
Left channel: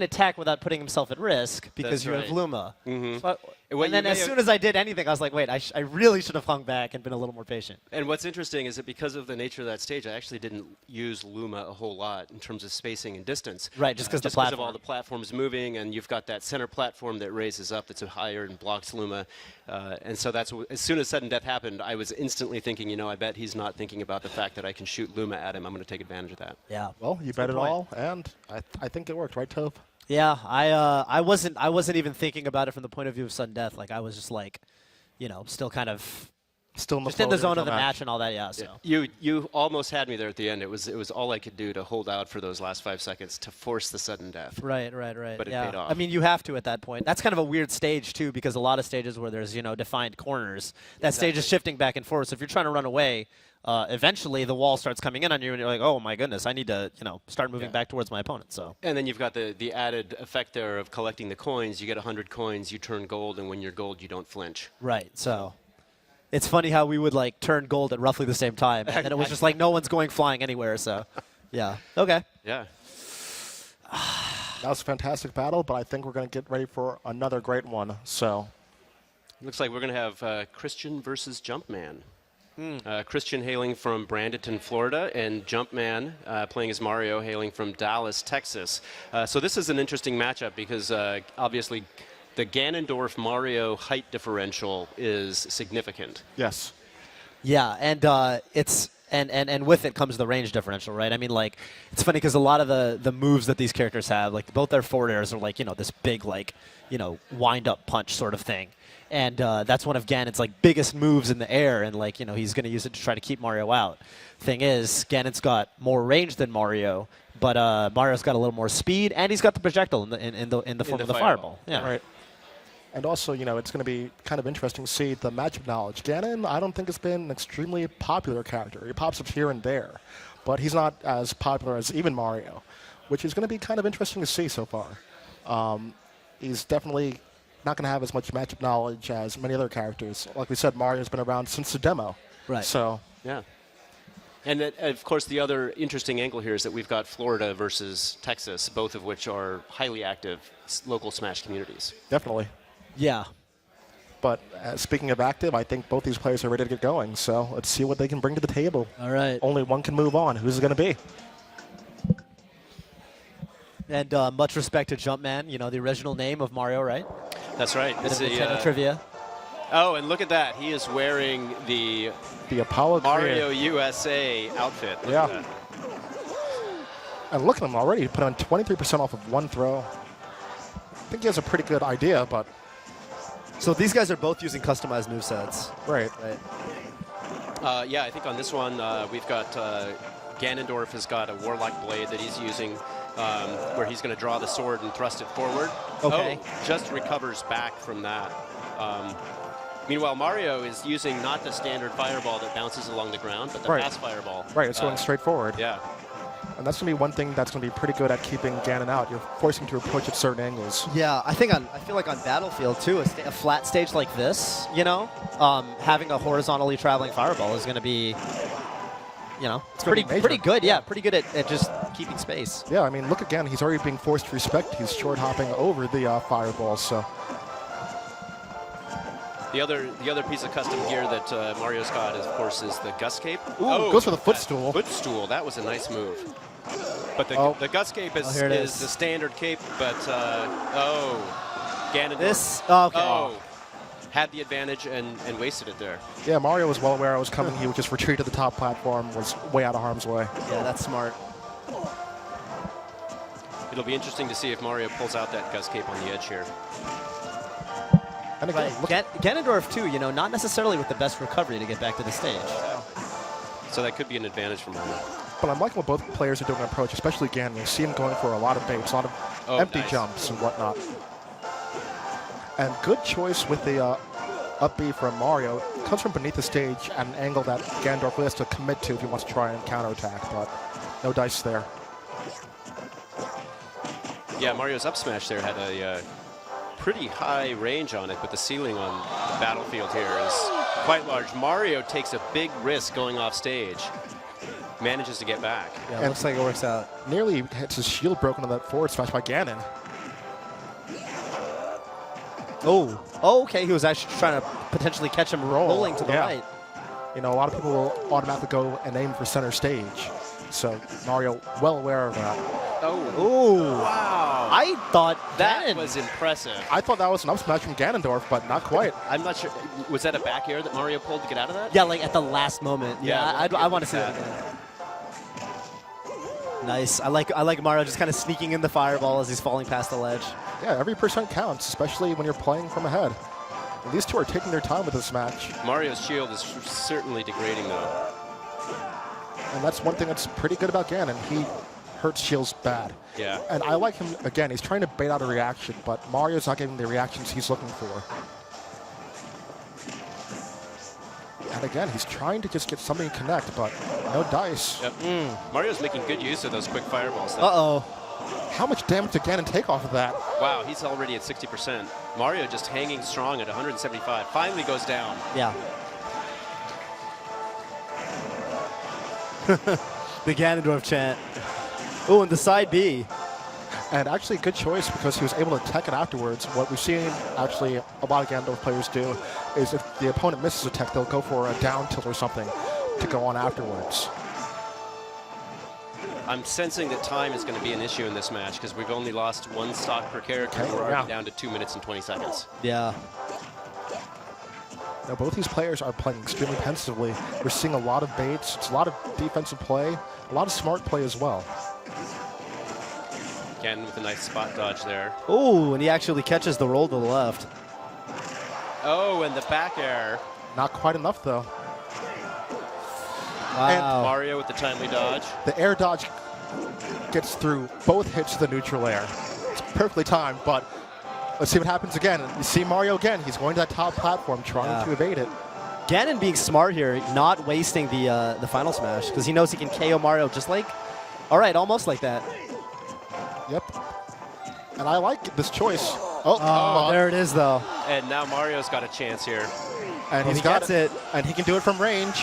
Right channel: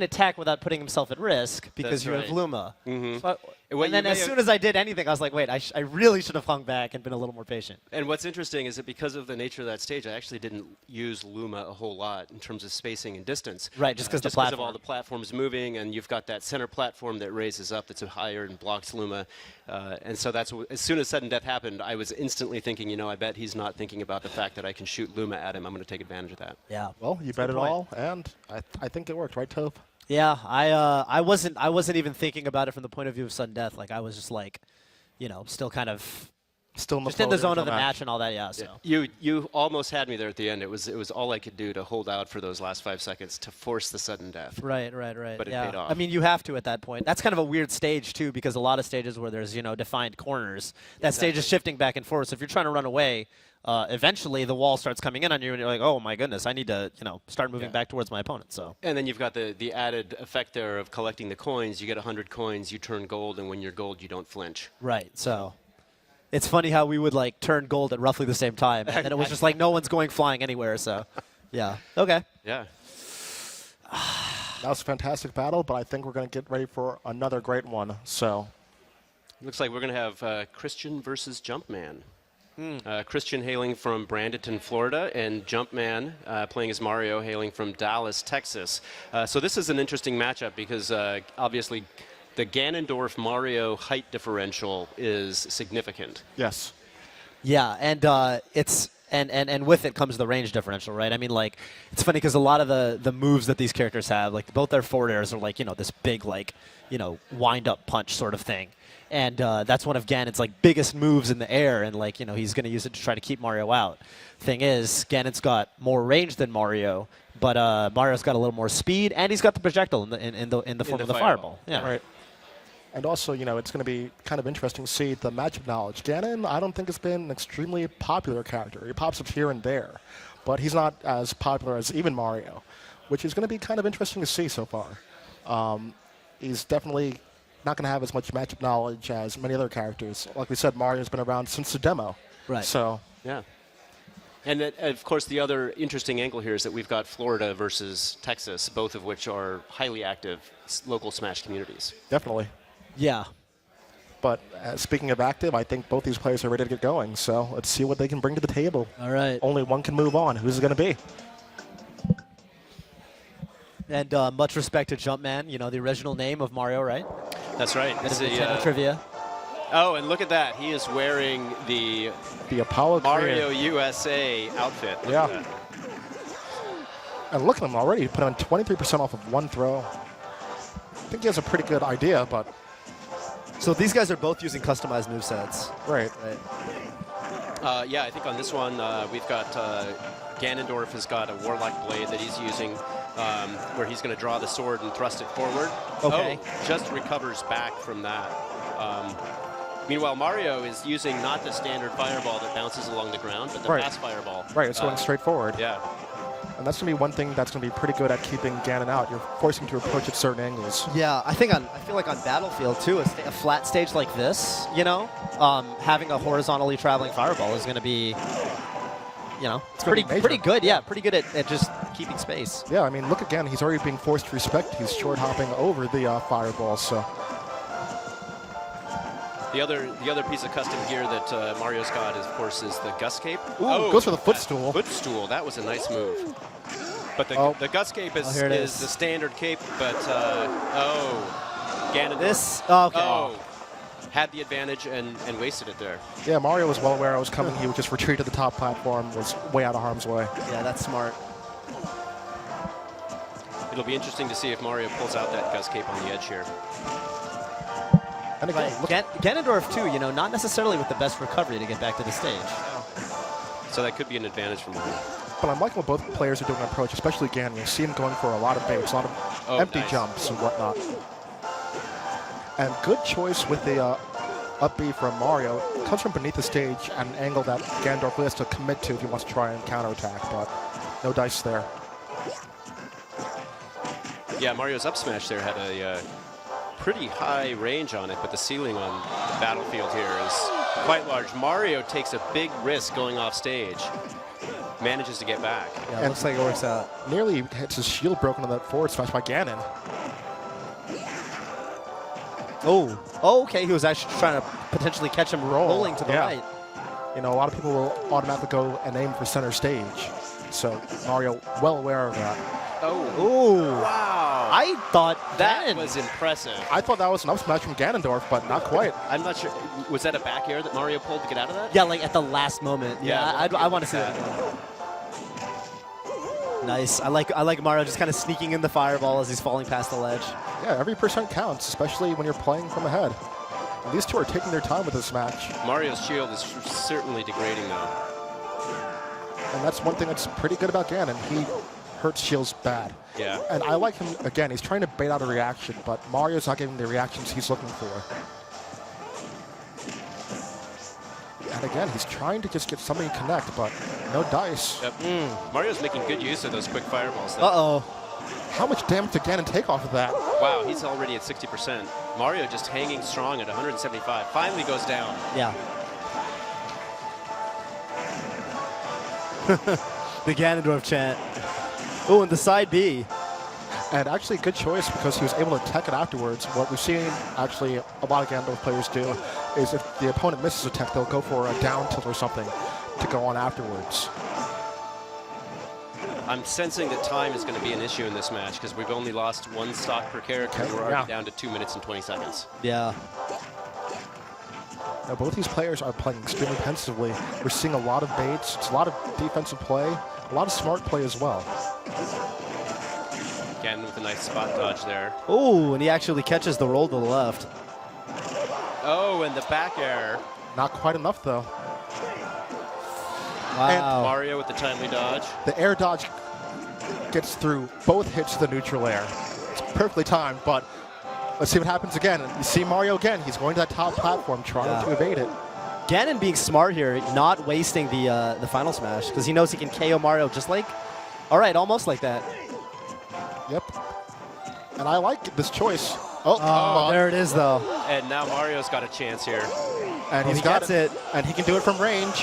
attack without putting himself at risk because That's you right. have Luma. Mm-hmm. So What and you then as may soon as I did anything, I was like, wait, I really should have hung back and been a little more patient. And what's interesting is that because of the nature of that stage, I actually didn't use Luma a whole lot in terms of spacing and distance. Right, just because of all the platforms moving, and you've got that center platform that raises up that's higher and blocks Luma. And so that's as soon as sudden death happened, I was instantly thinking, I bet he's not thinking about the fact that I can shoot Luma at him. I'm going to take advantage of that. Yeah. Well, you bet it all, and I think it worked, right, Toph? Yeah, I wasn't even thinking about it from the point of view of sudden death. Like I was just like, still kind of Still in the, just in the zone of the match and all that. Yeah. So You almost had me there at the end. It was all I could do to hold out for those last 5 seconds to force the sudden death. right. But it paid off. I mean, you have to at that point. That's kind of a weird stage too, because a lot of stages where there's defined corners, that stage is shifting back and forth. So if you're trying to run away, eventually the wall starts coming in on you, and you're like, oh my goodness, I need to start moving back towards my opponent. So. And then you've got the added effect there of collecting the coins. You get 100 coins, you turn gold, and when you're gold, you don't flinch. Right. So. It's funny how we would turn gold at roughly the same time, and it was just like no one's going flying anywhere. So, yeah, okay. Yeah. That was a fantastic battle, but I think we're going to get ready for another great one. So, Looks like we're going to have Christian versus Jumpman. Christian hailing from Bradenton, Florida, and Jumpman playing as Mario hailing from Dallas, Texas. So this is an interesting matchup because obviously the Ganondorf-Mario height differential is significant. yes. Yeah, and it's and with it comes the range differential, right? I mean, it's funny because a lot of the moves that these characters have, both their forward airs are this big wind up punch sort of thing, and that's one of Ganon's biggest moves in the air, and he's going to use it to try to keep Mario out. Thing is, Ganon's got more range than Mario, but Mario's got a little more speed, and he's got the projectile in the form of the fireball. Yeah. Right. And also, it's going to be kind of interesting to see the matchup knowledge. Ganon, I don't think has been an extremely popular character. He pops up here and there, but he's not as popular as even Mario, which is going to be kind of interesting to see so far. He's definitely not going to have as much matchup knowledge as many other characters. Like we said, Mario's been around since the demo. Right. So, Yeah. And of course, the other interesting angle here is that we've got Florida versus Texas, both of which are highly active local Smash communities. definitely. Yeah. But speaking of active, I think both these players are ready to get going. So let's see what they can bring to the table. All right. Only one can move on. Who's it going to be? And much respect to Jumpman, the original name of Mario, right? That's right. This is Nintendo trivia. Oh, and look at that. He is wearing the Apollo Mario career. USA outfit. Look Yeah. at that. And look at him already. He put on 23% off of one throw. I think he has a pretty good idea, but So these guys are both using customized movesets. right. Yeah, I think on this one we've got Ganondorf has got a Warlock blade that he's using where he's going to draw the sword and thrust it forward. Okay. Oh, just recovers back from that. Meanwhile, Mario is using not the standard fireball that bounces along the ground, but the Right. fast fireball. Right, it's going straight forward. Yeah. And that's going to be one thing that's going to be pretty good at keeping Ganon out. You're forcing him to approach at certain angles. Yeah, I feel like on Battlefield too, a flat stage like this, having a horizontally traveling fireball is going to be, it's gonna be pretty major. good. Yeah, pretty good at just keeping space. Yeah, I mean, look again. He's already being forced to respect. He's short hopping over the fireball. So The other piece of custom gear that Mario's got, of course, is the Gus Cape. Ooh, goes for the footstool. Footstool. That was a nice move. But the Gus Cape is here it is is. the standard cape, but Ganondorf. Okay. Had the advantage and wasted it there. yeah, Mario was well aware I was coming. He would just retreat to the top platform. Was way out of harm's way. Yeah, that's smart. It'll be interesting to see if Mario pulls out that Gus Cape on the edge here. And again, look, Ganondorf too, not necessarily with the best recovery to get back to the stage. So that could be an advantage for Mario. but I'm liking what both players are doing an approach, especially Ganon. You see him going for a lot of baits, a lot of empty jumps and whatnot. And good choice with the up B from Mario. Comes from beneath the stage at an angle that Ganondorf really has to commit to if he wants to try and counterattack, but no dice there. Yeah, Mario's up smash there had a pretty high range on it, but the ceiling on the battlefield here is quite large. Mario takes a big risk going off stage, manages to get back. Yeah, And looks like it works out. nearly hits his shield broken on that forward smash by Ganon. Oh, okay. He was actually trying to potentially catch him rolling to the right. You know, a lot of people will automatically go and aim for center stage. So Mario, well aware of that. Oh, Wow. I thought That was impressive. I thought that was an up smash from Ganondorf, but not quite. I'm not sure. Was that a back air that Mario pulled to get out of that? Yeah, like at the last moment. Yeah. I want to see that. Nice. I like Mario just kind of sneaking in the fireball as he's falling past the ledge. Yeah, every percent counts, especially when you're playing from ahead. And these two are taking their time with this match. Mario's shield is certainly degrading, though. And that's one thing that's pretty good about Ganon. He hurts shields bad. Yeah. And I like him, again, he's trying to bait out a reaction, but Mario's not getting the reactions he's looking for. And again, he's trying to just get something to connect, but no dice. Yep. Mario's making good use of those quick fireballs. Though. Uh-oh. How much damage did Ganon take off of that? Wow, he's already at 60%. Mario just hanging strong at 175. Finally goes down. Yeah. The Ganondorf chant. Oh, and the side B. And actually, good choice because he was able to tech it afterwards. What we've seen, actually, a lot of Ganondorf players do is if the opponent misses a tech, they'll go for a down tilt or something to go on afterwards. I'm sensing that time is going to be an issue in this match because we've only lost one stock per character. We're already down to 2 minutes and 20 seconds. Yeah. Now, both these players are playing extremely pensively. We're seeing a lot of baits, it's a lot of defensive play, a lot of smart play as well. Again with a nice spot dodge there. Oh, and he actually catches the roll to the left. Oh, and the back air. Not quite enough, though. Wow. Mario with the timely dodge. The air dodge gets through both hits to the neutral air. It's perfectly timed, but let's see what happens again. You see Mario again. He's going to that top platform, trying to evade it. Ganon being smart here, not wasting the final smash, because he knows he can KO Mario just like, all right, almost like that. Yep. And I like this choice. Oh, There it is, though. And now Mario's got a chance here. And He gets it. And he can do it from range.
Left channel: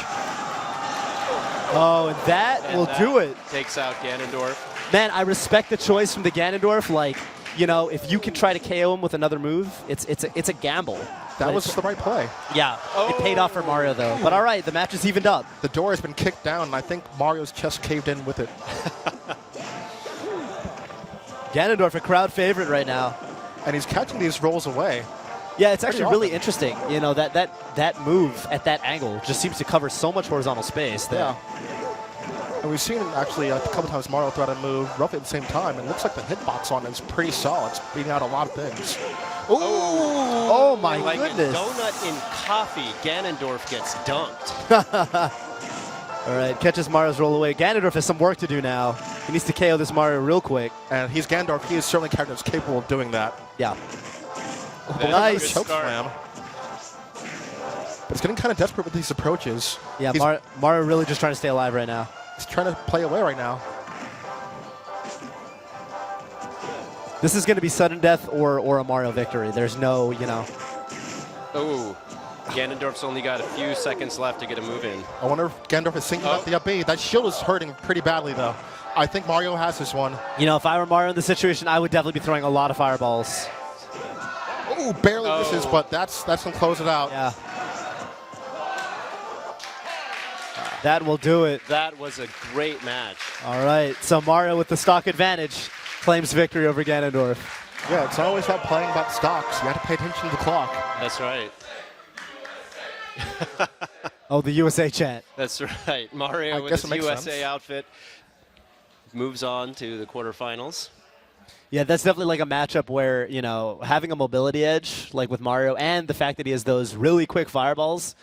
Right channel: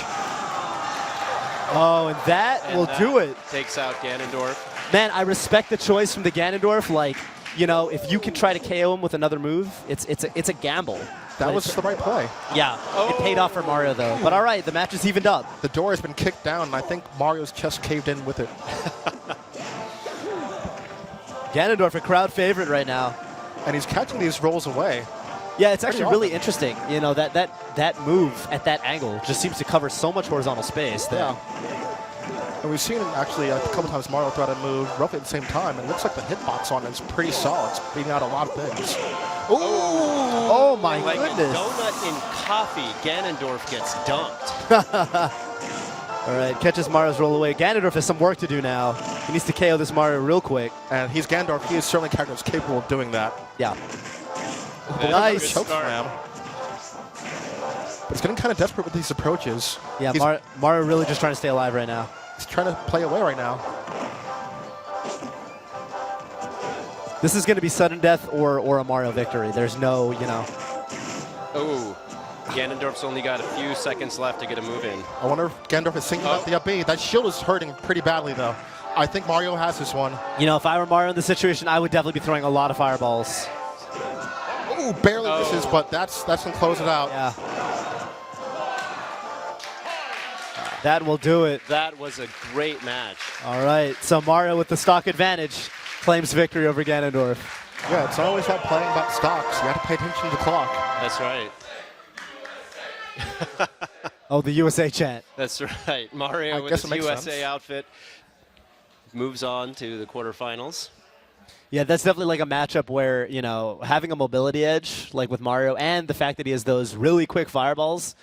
Oh, and that And will that do it. Takes out Ganondorf. Man, I respect the choice from the Ganondorf. Like, if you can try to KO him with another move, it's a gamble. That But was it's- the right play. Yeah, it paid off for Mario, though. But all right, the match is evened up. The door has been kicked down, and I think Mario's chest caved in with it. Ganondorf, a crowd favorite right now. And he's catching these rolls away. Yeah, it's actually Pretty really awesome. interesting. That move at that angle just seems to cover so much horizontal space. That, And we've seen actually a couple times Mario throw out a move roughly at the same time, and it looks like the hitbox on it is pretty solid. It's beating out a lot of things. Oh my Like goodness. a donut in coffee, Ganondorf gets dumped. All right, catches Mario's roll away. Ganondorf has some work to do now. He needs to KO this Mario real quick. And he's Ganondorf. He is certainly a character that's capable of doing that. Yeah. That is a Nice. good Choke start. slam. But he's getting kind of desperate with these approaches. Yeah, He's, Mario really just trying to stay alive right now. he's trying to play away right now. This is going to be sudden death or a Mario victory. There's no, Oh, Ganondorf's only got a few seconds left to get a move in. I wonder if Ganondorf is thinking about the up B. That shield is hurting pretty badly, though. I think Mario has this one. If I were Mario in this situation, I would definitely be throwing a lot of fireballs. Ooh, barely misses, but that's going to close it out. Yeah. That will do it. That was a great match. All right, so Mario with the stock advantage claims victory over Ganondorf. Yeah, it's not always about playing about stocks. You have to pay attention to the clock. That's right. Oh, the USA chant. That's right. Mario with guess his it makes USA sense. outfit moves on to the quarterfinals. Yeah, that's definitely like a matchup where, having a mobility edge, like with Mario, and the fact that he has those really quick fireballs.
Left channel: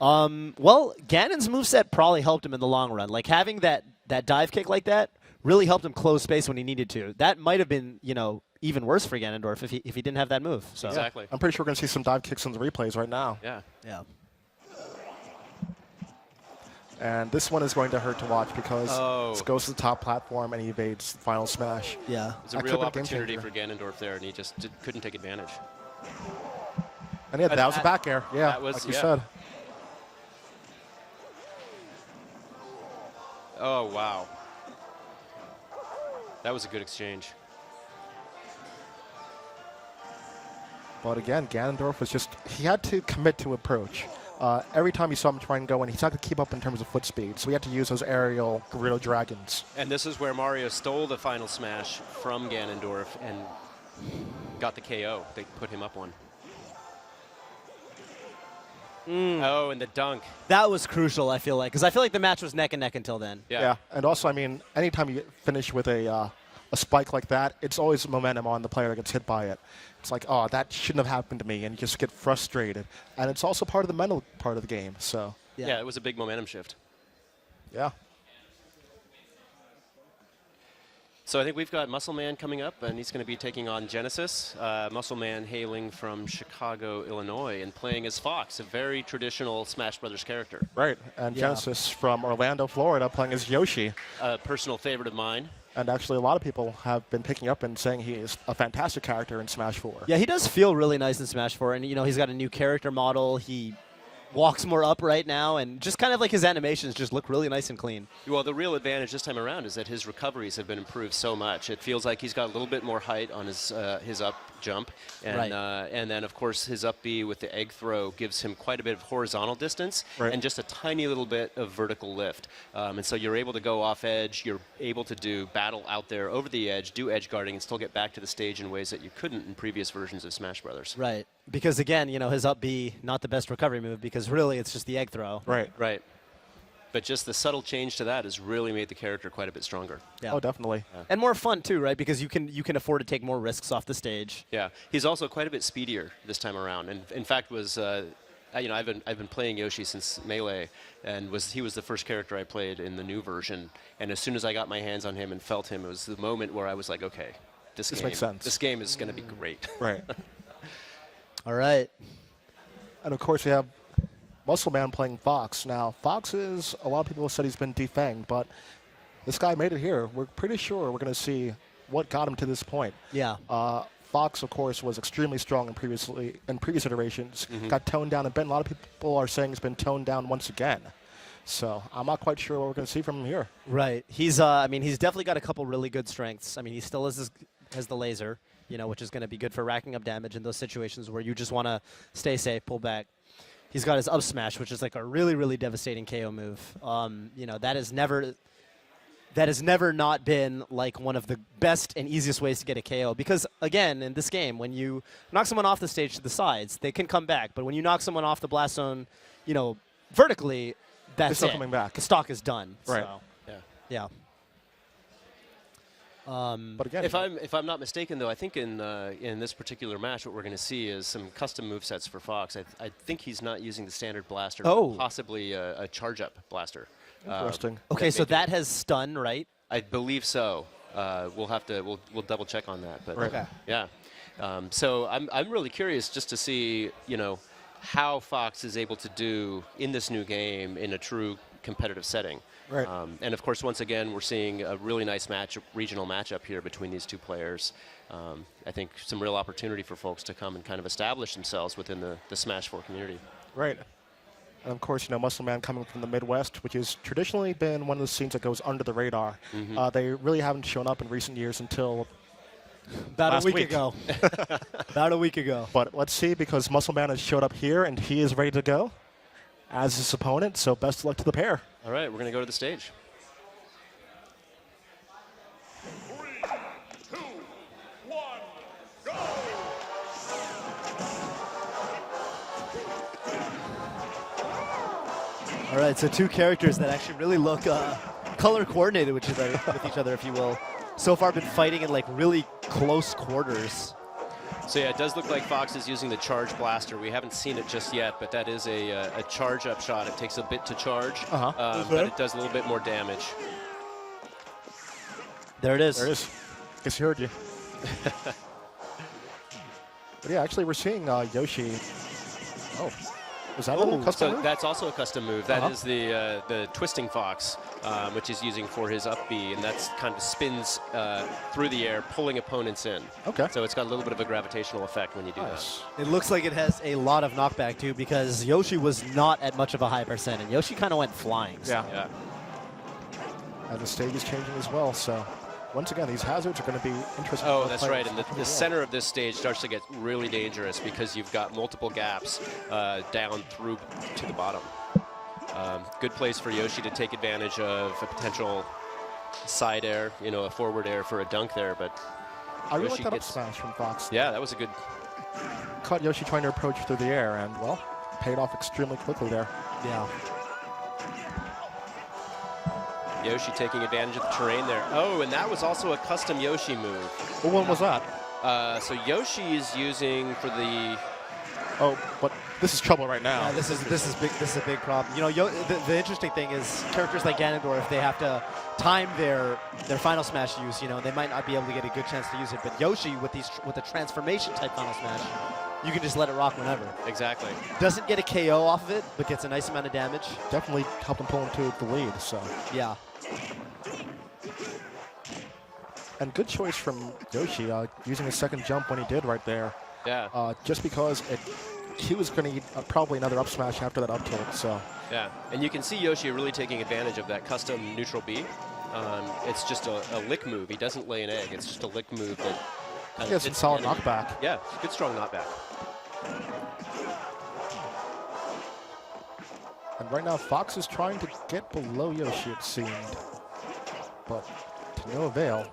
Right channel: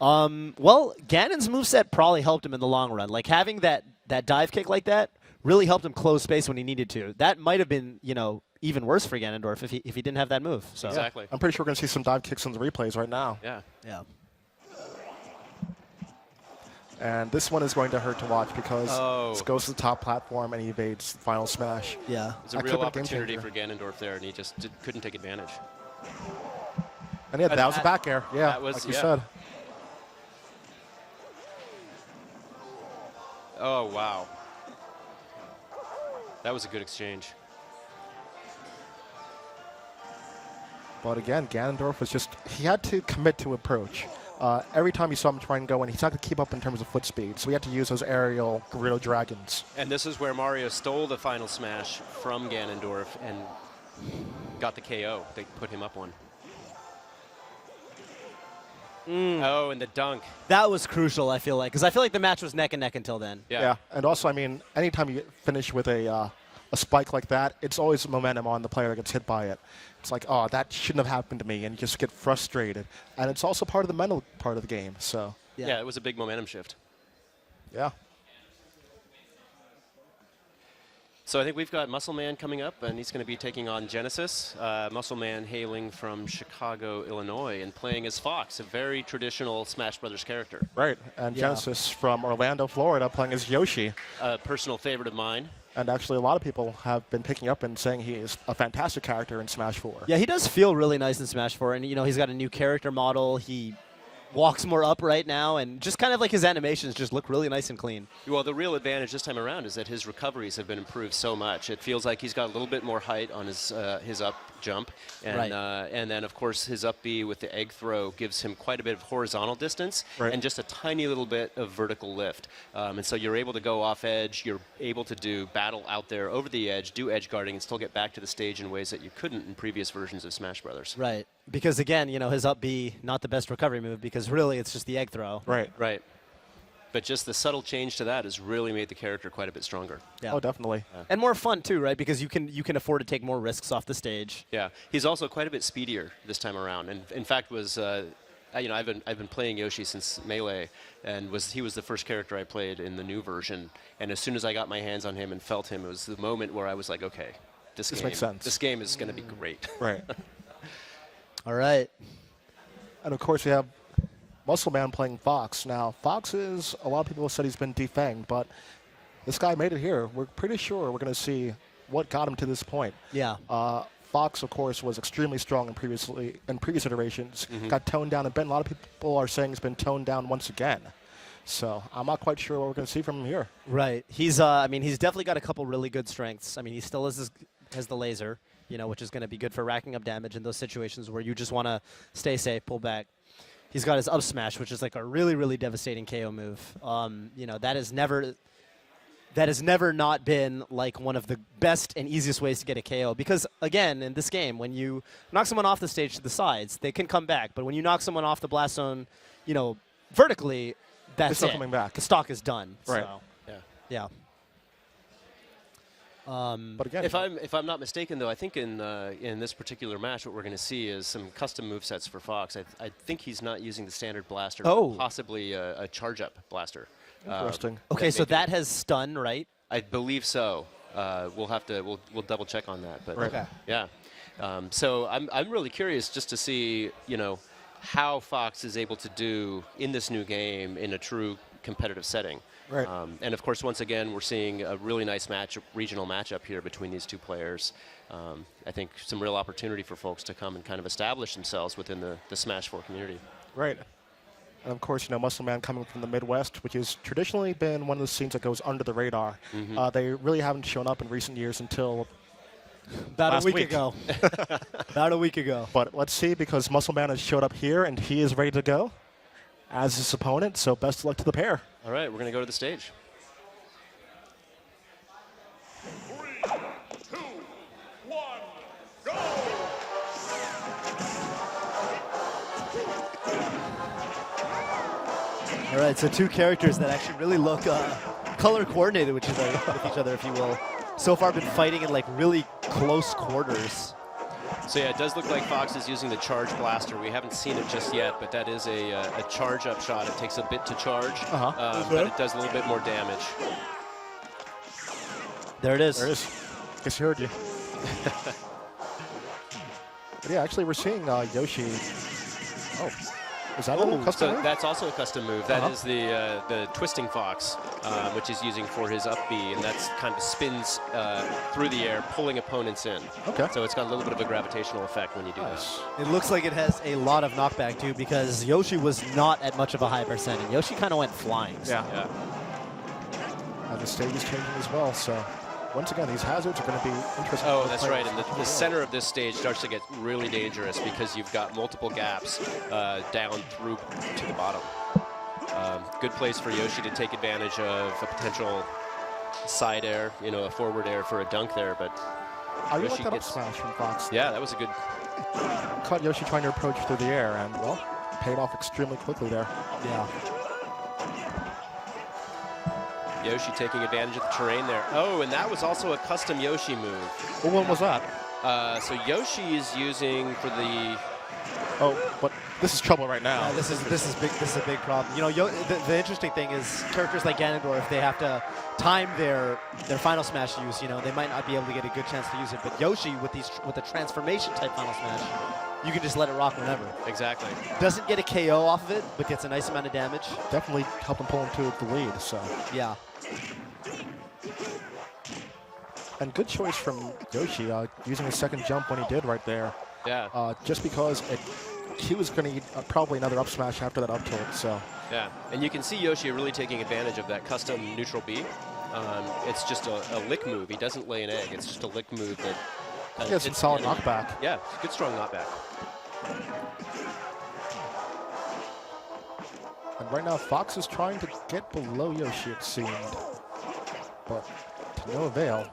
Well, Ganon's moveset probably helped him in the long run. Like, having that dive kick like that really helped him close space when he needed to. That might have been, even worse for Ganondorf if he didn't have that move. So. Exactly. I'm pretty sure we're going to see some dive kicks in the replays right now. Yeah. Yeah. And this one is going to hurt to watch because it goes to the top platform and he evades final smash. Yeah. It's a real opportunity for Ganondorf there, and he just couldn't take advantage. And yeah, that was a back air. Yeah, that was, like you yeah. said. Oh, wow. That was a good exchange. But again, Ganondorf was he had to commit to approach. Every time you saw him try and go in, he's not going to keep up in terms of foot speed, so he had to use those aerial Gerudo Dragons. And this is where Mario stole the final smash from Ganondorf and got the KO. They put him up one. Oh, and the dunk. That was crucial, I feel like, because I feel like the match was neck and neck until then. Yeah. And also, I mean, anytime you finish with a spike like that, it's always momentum on the player that gets hit by it. It's like, oh, that shouldn't have happened to me, and you just get frustrated. And it's also part of the mental part of the game, so. Yeah, it was a big momentum shift. Yeah. So I think we've got Muscle Man coming up, and he's going to be taking on Genesis. Muscle Man hailing from Chicago, Illinois, and playing as Fox, a very traditional Smash Brothers character. Right, and Genesis from Orlando, Florida, playing as Yoshi. A personal favorite of mine. And actually, a lot of people have been picking up and saying he is a fantastic character in Smash 4. Yeah, he does feel really nice in Smash 4, and he's got a new character model. He walks more upright now, and just kind of like his animations just look really nice and clean. Well, the real advantage this time around is that his recoveries have been improved so much. It feels like he's got a little bit more height on his up jump, and Right. And then of course his up B with the egg throw gives him quite a bit of horizontal distance Right. and just a tiny little bit of vertical lift. And so you're able to go off edge. You're able to do battle out there over the edge, do edge guarding, and still get back to the stage in ways that you couldn't in previous versions of Smash Brothers. Right. Because, again, his up B, not the best recovery move, because really it's just the egg throw. Right. Right. But just the subtle change to that has really made the character quite a bit stronger. Yeah. Oh, definitely. And more fun, too, right? Because you can afford to take more risks off the stage. Yeah, he's also quite a bit speedier this time around, and in fact I've been playing Yoshi since Melee, and he was the first character I played in the new version. And as soon as I got my hands on him and felt him, it was the moment where I was like, okay, this makes sense. This game is going to be great. Right. All right. And of course, we have Muscle Man playing Fox. Now, Fox is, a lot of people have said he's been defanged, but this guy made it here. We're pretty sure we're going to see what got him to this point. Yeah. Fox, of course, was extremely strong in previous iterations. Got toned down a bit. A lot of people are saying he's been toned down once again. So I'm not quite sure what we're going to see from him here. Right. He's definitely got a couple really good strengths. I mean, he still has the laser, which is going to be good for racking up damage in those situations where you just want to stay safe, pull back. He's got his up smash, which is like a really, really devastating KO move. That has never not been like one of the best and easiest ways to get a KO. Because again, in this game, when you knock someone off the stage to the sides, they can come back. But when you knock someone off the blast zone, vertically, that's They're it. still coming back. The stock is done. Right. So, yeah. But again, If I'm not mistaken, though, I think in this particular match, what we're going to see is some custom movesets for Fox. I think he's not using the standard blaster, but possibly a charge-up blaster. interesting. Okay, so that has stun, right? I believe so. We'll double check on that. But Right. yeah. So I'm really curious just to see how Fox is able to do in this new game in a true competitive setting. Right. And of course, once again, we're seeing a really nice regional matchup here between these two players. I think some real opportunity for folks to come and kind of establish themselves within the Smash 4 community. Right. And of course, Muscle Man coming from the Midwest, which has traditionally been one of the scenes that goes under the radar. They really haven't shown up in recent years until About last a week week. ago. About a week ago. But let's see, because Muscle Man has showed up here, and he is ready to go as his opponent, so best of luck to the pair. All right, we're going to go to the stage. 3, 2, 1, go! All right, so two characters that actually really look color coordinated with each other, if you will. so far been fighting in like really close quarters. So yeah, it does look like Fox is using the charge blaster. We haven't seen it just yet, but that is a charge up shot. It takes a bit to charge, but it does a little bit more damage. There it is. There it is. Guess you heard you. But yeah, actually, we're seeing Yoshi. Oh, is that a custom move? That's also a custom move. That is the twisting fox, which is using for his up B, and that's kind of spins through the air, pulling opponents in. Okay. So it's got a little bit of a gravitational effect when you do Nice. It looks like it has a lot of knockback too, because Yoshi was not at much of a high percent, and Yoshi kind of went flying. So. Yeah. And the stage is changing as well, so once again, these hazards are going to be interesting. Oh, that's right. And the center of this stage starts to get really dangerous because you've got multiple gaps down through to the bottom. Good place for Yoshi to take advantage of a potential side air, a forward air for a dunk there. But I really Yoshi like that up gets- smash from Fox. Yeah, that was a good. Caught Yoshi trying to approach through the air, and, well, paid off extremely quickly there. Yeah. Yoshi taking advantage of the terrain there. Oh, and that was also a custom Yoshi move. What one was that? So Yoshi is using for the. Oh, but this is trouble right now. Yeah, this is big. This is a big problem. The interesting thing is characters like Ganondorf, they have to time their final smash use. They might not be able to get a good chance to use it, but Yoshi with the transformation type final smash, you can just let it rock whenever. Exactly. Doesn't get a KO off of it, but gets a nice amount of damage. Definitely helped him pull him to the lead, so. Yeah. And good choice from Yoshi, using his second jump when he did right there. Yeah. Just because he was going to need probably another up smash after that up tilt, so. Yeah, and you can see Yoshi really taking advantage of that custom neutral B. It's just a lick move. He doesn't lay an egg. It's just a lick move that. He has some solid knockback. Yeah, good strong knockback. And right now, Fox is trying to get below Yoshi, it seemed. But to no avail.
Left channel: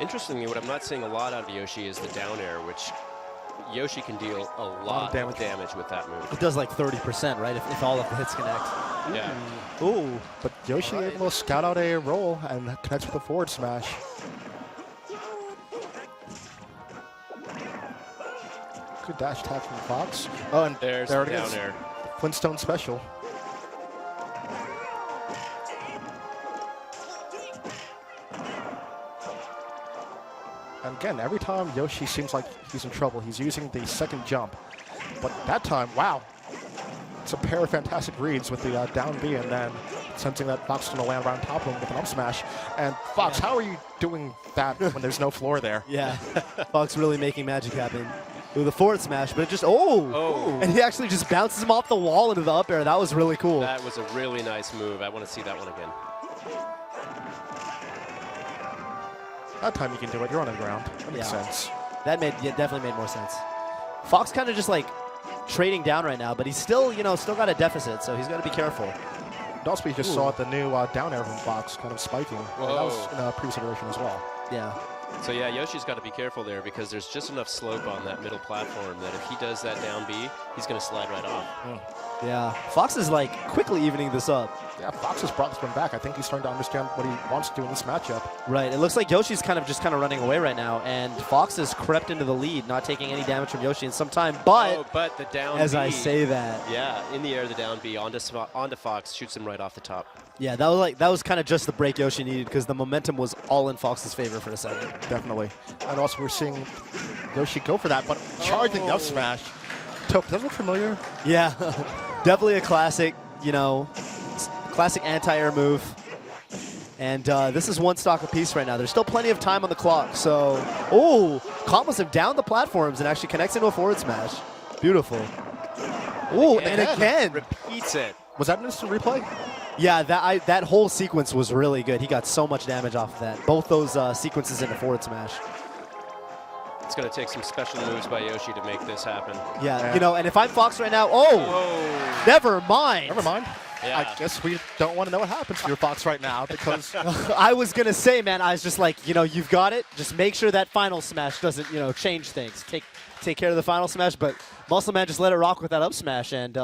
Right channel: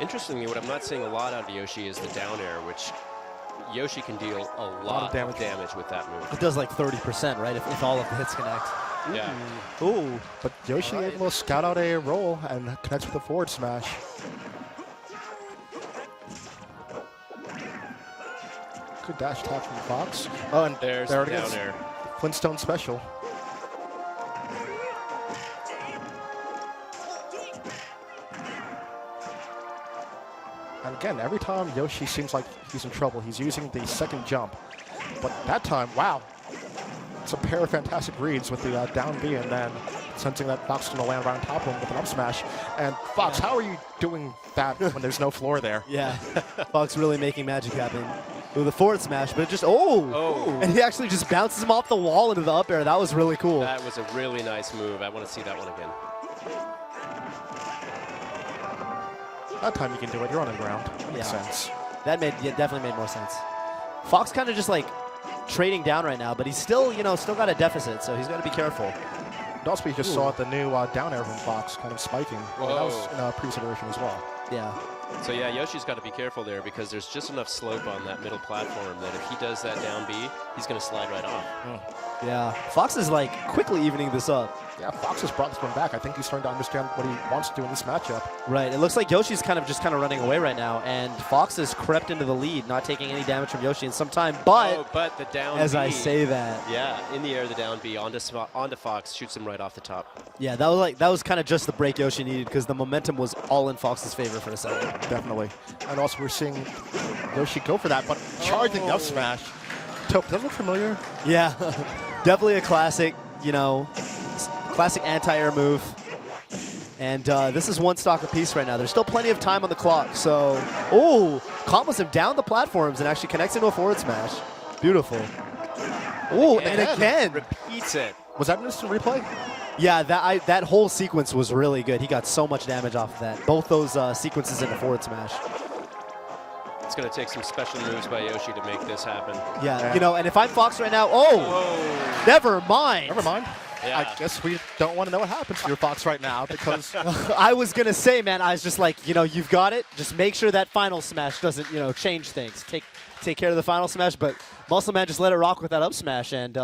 Interestingly, what I'm not seeing a lot out of Yoshi is the down air, which Yoshi can deal a lot of damage with that move. It does like 30%, right? If all of the hits connect. Yeah. Ooh, but Yoshi able to scout out a roll and connects with a forward smash. Good dash attack from Fox. Oh, and There's there the it down is. air. Flintstone special. And again, every time Yoshi seems like he's in trouble, he's using the second jump. But that time, wow. It's a pair of fantastic reads with the down B and then sensing that Fox is going to land right on top of him with an up smash. And Fox, how are you doing that when there's no floor there? Yeah. Fox really making magic happen. With a forward smash, but just, and he actually just bounces him off the wall into the up air. That was really cool. That was a really nice move. I want to see that one again. That time you can do it. You're on the ground. That makes sense. That definitely made more sense. Fox kind of just like trading down right now, but he's still, still got a deficit, so he's got to be careful. And also, we just saw the new down air from Fox kind of spiking. And that was in a previous iteration as well. Yeah. So yeah, Yoshi's got to be careful there because there's just enough slope on that middle platform that if he does that down B, he's going to slide right off. Yeah. Fox is like quickly evening this up. Yeah, Fox has brought this one back. I think he's starting to understand what he wants to do in this matchup. Right. It looks like Yoshi's kind of running away right now, and Fox has crept into the lead, not taking any damage from Yoshi in some time. But the down as B, I say that, yeah, in the air, the down B onto Fox, shoots him right off the top. yeah, that was kind of just the break Yoshi needed because the momentum was all in Fox's favor for a second. Definitely. And also, we're seeing Yoshi go for that, but charging up smash. Toph, does that look familiar? Yeah, definitely a classic, classic anti-air move. And this is one stock apiece right now. There's still plenty of time on the clock. So, combos him down the platforms and actually connects into a forward smash. Beautiful. And again. Repeats it. Was that an instant replay? Yeah, that whole sequence was really good. He got so much damage off of that. Both those sequences in a forward smash. It's going to take some special moves by Yoshi to make this happen. Yeah, and if I'm Fox right now, never mind. Never mind. Yeah. I guess we don't want to know what happens to your Fox right now because I was going to say, man, I was just like, you've got it. Just make sure that final smash doesn't, change things. Take care of the final smash, but Muscle Man just let it rock with that up smash, and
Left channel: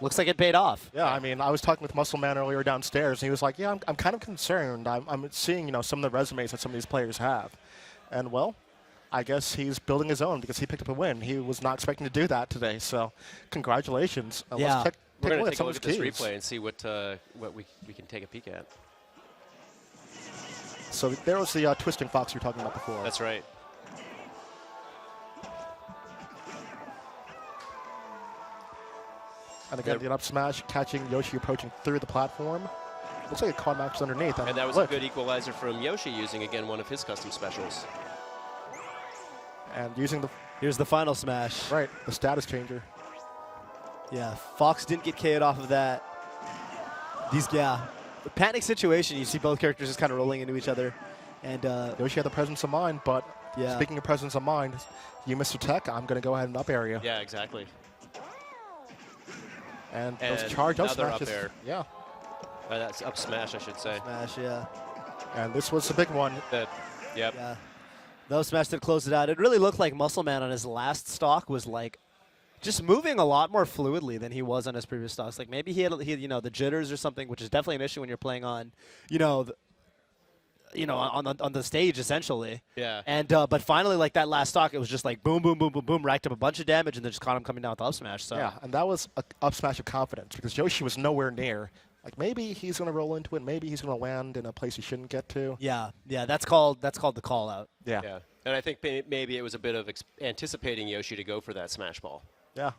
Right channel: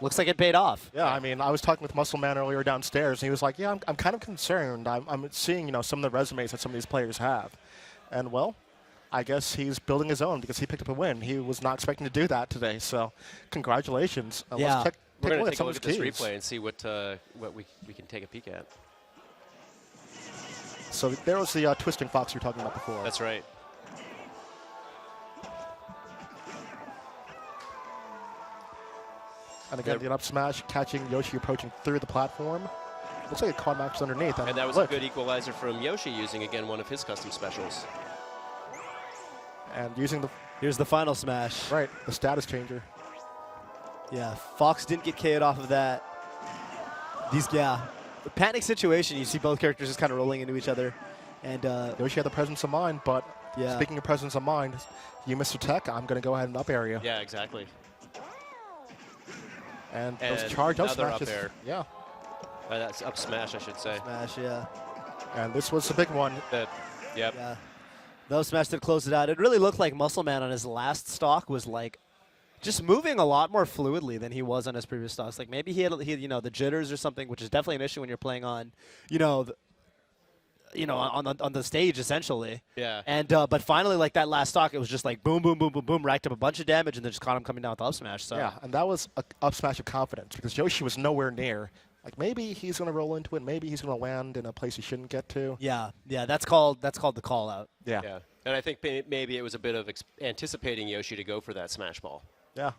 Looks like it paid off. Yeah, I mean, I was talking with Muscle Man earlier downstairs, and he was like, "Yeah, I'm kind of concerned. I'm seeing, some of the resumes that some of these players have, and well, I guess he's building his own because he picked up a win. He was not expecting to do that today, so congratulations. Yeah. Let's take We're a going look to at take a some look of at his this keys. replay and see what we can take a peek at. So there was the twisting fox you were talking about before. That's right. And again, the up smash, catching Yoshi approaching through the platform. Looks like a caught Max underneath. And that was a good equalizer from Yoshi using, again, one of his custom specials. And using the Here's the final smash. right, the status changer. Yeah, Fox didn't get KO'd off of that. The panic situation, you see both characters just kind of rolling into each other. And, Yoshi had the presence of mind, but Yeah. speaking of presence of mind, you missed a tech. I'm going to go ahead and up area. Yeah, exactly. And And those charge up another up smashes. air. Yeah. That's up smash, I should say. smash, yeah. And this was the big one. Yep. Yeah. Those smash did close it out. It really looked like Muscle Man on his last stock was like just moving a lot more fluidly than he was on his previous stocks. Like maybe he had the jitters or something, which is definitely an issue when you're playing on, on the stage essentially. Yeah. And but finally, like that last stock, it was just like boom, boom, boom, boom, boom, racked up a bunch of damage, and then just caught him coming down with up smash. So Yeah, and that was a up smash of confidence because Yoshi was nowhere near. Like maybe he's going to roll into it. Maybe he's going to land in a place he shouldn't get to. yeah, that's called the call out. Yeah. Yeah. And I think maybe it was a bit of anticipating Yoshi to go for that smash ball. Yeah.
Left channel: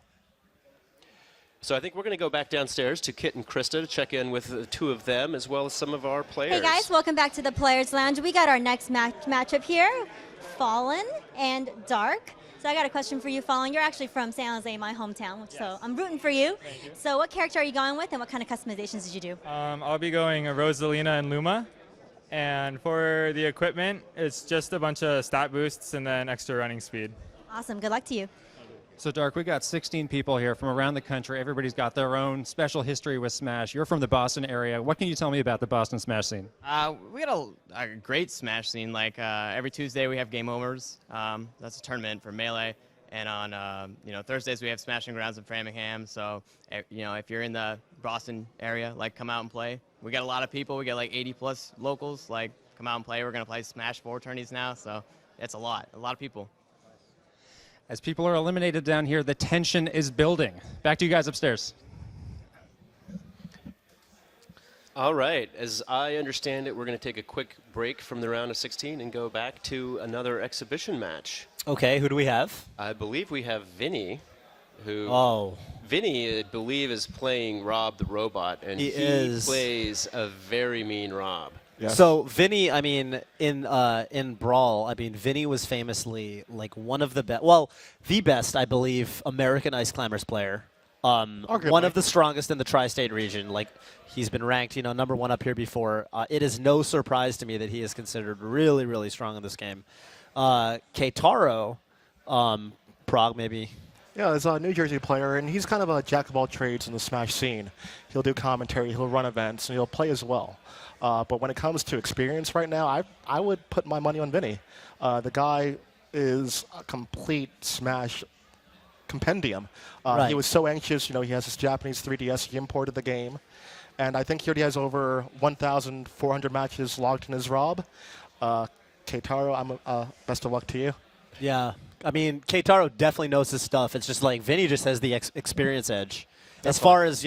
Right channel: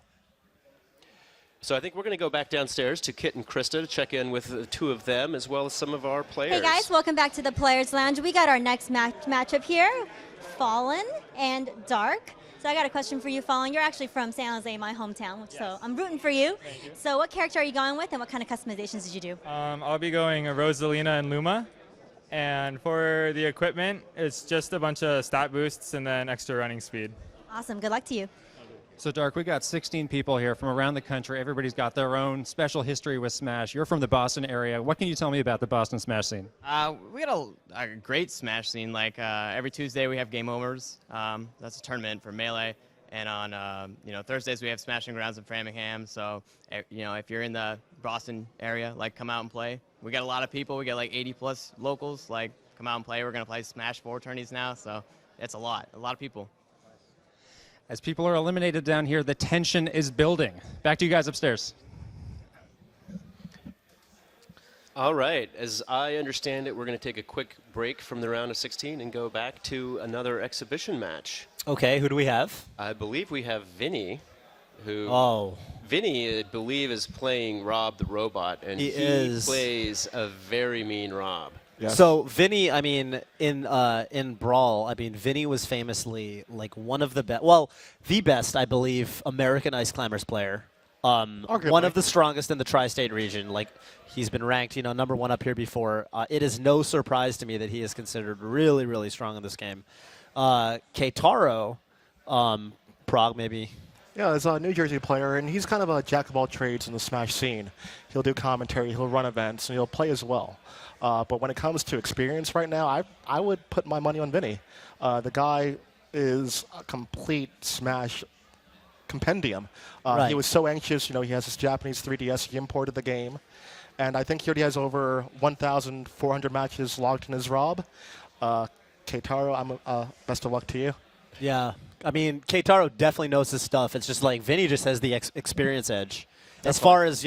So I think we're going to go back downstairs to Kit and Krista to check in with the two of them as well as some of our players. Hey guys, welcome back to the Players Lounge. We got our next matchup here, Fallen and Dark. So I got a question for you, Fallen. You're actually from San Jose, my hometown, so I'm rooting for you. So what character are you going with, and what kind of customizations did you do? I'll be going Rosalina and Luma. And for the equipment, it's just a bunch of stat boosts and then extra running speed. Awesome. Good luck to you. So, Dark, we got 16 people here from around the country. Everybody's got their own special history with Smash. You're from the Boston area. What can you tell me about the Boston Smash scene? We got a great Smash scene. Like every Tuesday we have Game Overs. That's a tournament for Melee. And on Thursdays we have Smashing Grounds in Framingham. So if you're in the Boston area, like come out and play. We got a lot of people. We got like 80 plus locals. Like come out and play. We're gonna play Smash 4 tourneys now. So it's a lot of people. As people are eliminated down here, the tension is building. Back to you guys upstairs. All right. As I understand it, we're going to take a quick break from the round of 16 and go back to another exhibition match. Okay, who do we have? I believe we have Vinny, who... Oh. Vinny, I believe, is playing Rob the Robot, and He is. plays a very mean Rob. Yes. So Vinny, I mean, in Brawl, I mean, Vinny was famously like one of the best, well, the best, I believe, American Ice Climbers player. One of the strongest in the tri-state region. Like he's been ranked, number one up here before. It is no surprise to me that he is considered really, really strong in this game. Keitaro, Prog maybe. Yeah, he's a New Jersey player, and he's kind of a jack of all trades in the Smash scene. He'll do commentary, he'll run events, and he'll play as well. But when it comes to experience right now, I would put my money on Vinny. The guy is a complete Smash compendium. Right. He was so anxious. He has his Japanese 3DS. He imported the game. And I think he already has over 1,400 matches logged in his Rob. Keitaro, best of luck to you. Yeah, I mean, Keitaro definitely knows his stuff. It's just like Vinny just has the experience edge, as far as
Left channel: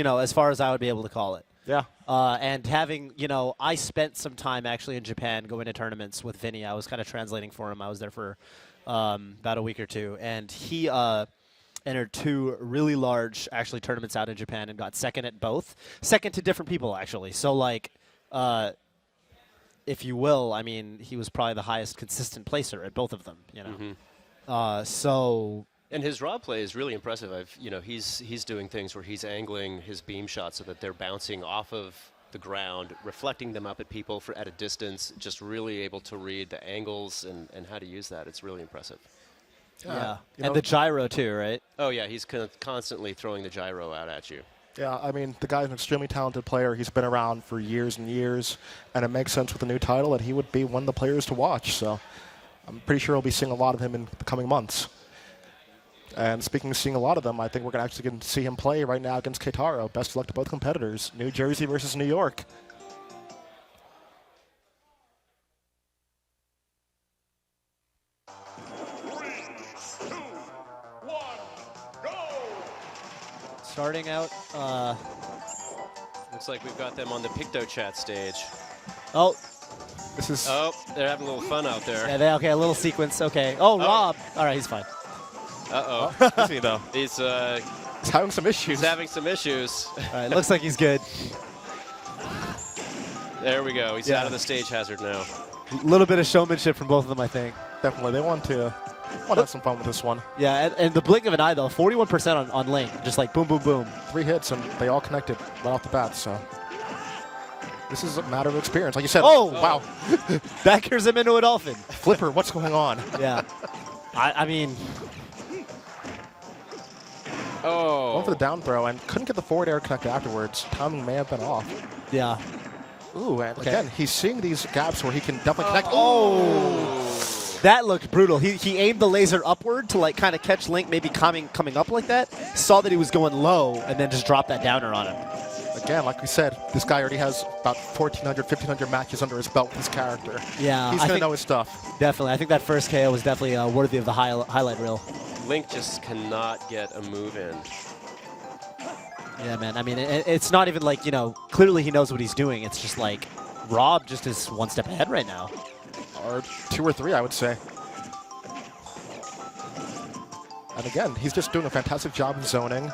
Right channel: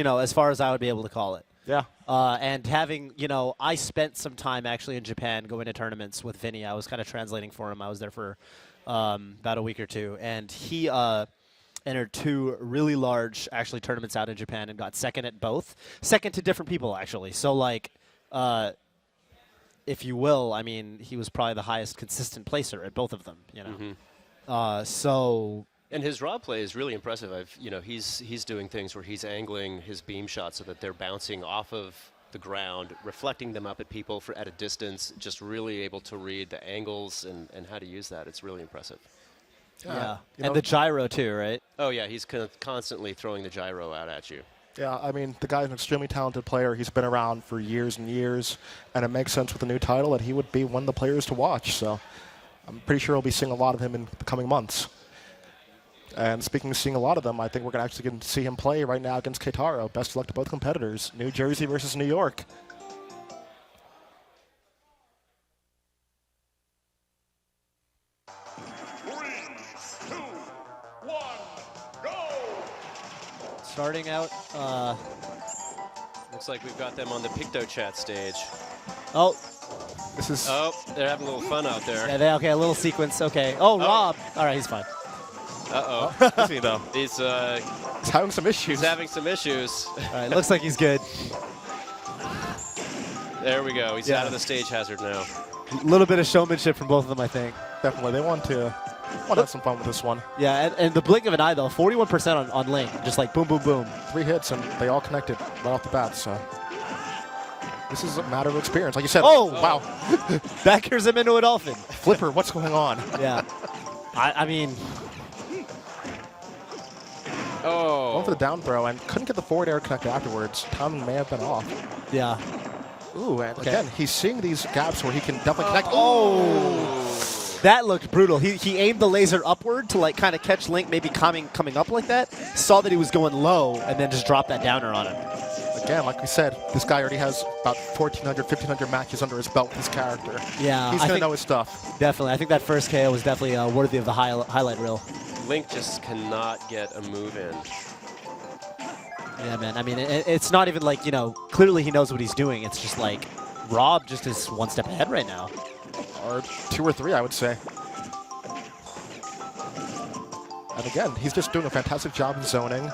I would be able to call it. Yeah. And having, I spent some time actually in Japan going to tournaments with Vinny. I was kind of translating for him. I was there for about a week or two, and he entered 2 really large actually tournaments out in Japan and got second at both. Second to different people actually. So like, if you will, I mean, he was probably the highest consistent placer at both of them. So. And his Rob play is really impressive. He's doing things where he's angling his beam shots so that they're bouncing off of the ground, reflecting them up at people at a distance, just really able to read the angles and how to use that. It's really impressive. Yeah, and the gyro too, right? Oh, yeah, he's constantly throwing the gyro out at you. Yeah, I mean, the guy's an extremely talented player. He's been around for years and years, and it makes sense with the new title that he would be one of the players to watch. So I'm pretty sure we'll be seeing a lot of him in the coming months. And speaking of seeing a lot of them, I think we're going to actually get to see him play right now against Keitaro. Best of luck to both competitors. New Jersey versus New York. Starting out, Looks like we've got them on the PictoChat stage. oh, This is Oh, they're having a little fun out there. yeah, okay, a little sequence, okay. Oh, Rob! All right, he's fine. Uh-oh. me though. He's having some issues. having some issues. All right, looks like he's good. There we go. He's Yeah. out of the stage hazard now. A little bit of showmanship from both of them, I think. Definitely, they want to have some fun with this one. Yeah, and the blink of an eye, though, 41% on Link. Just like boom, boom, boom. 3 hits, and they all connected right off the bat, so... This is a matter of experience. Like you said, Oh! wow. Backers him into a dolphin. Flipper, what's going on? Yeah. I mean, Oh. Going for the down throw, and couldn't get the forward air connect afterwards. Timing may have been off. yeah. Ooh, and Okay. again, he's seeing these gaps where he can definitely connect. That looked brutal. He aimed the laser upward to like kind of catch Link maybe coming up like that. Saw that he was going low and then just dropped that downer on him. Again, like we said, this guy already has about 1,400, 1,500 matches under his belt with his character. Yeah, He's I going to think- know his stuff. Definitely. I think that first KO was definitely worthy of the highlight reel. Link just cannot get a move in. Yeah, man. I mean, it's not even like, clearly he knows what he's doing. It's just like Rob just is one step ahead right now. Or 2 or 3, I would say. And again, he's just doing a fantastic job of zoning.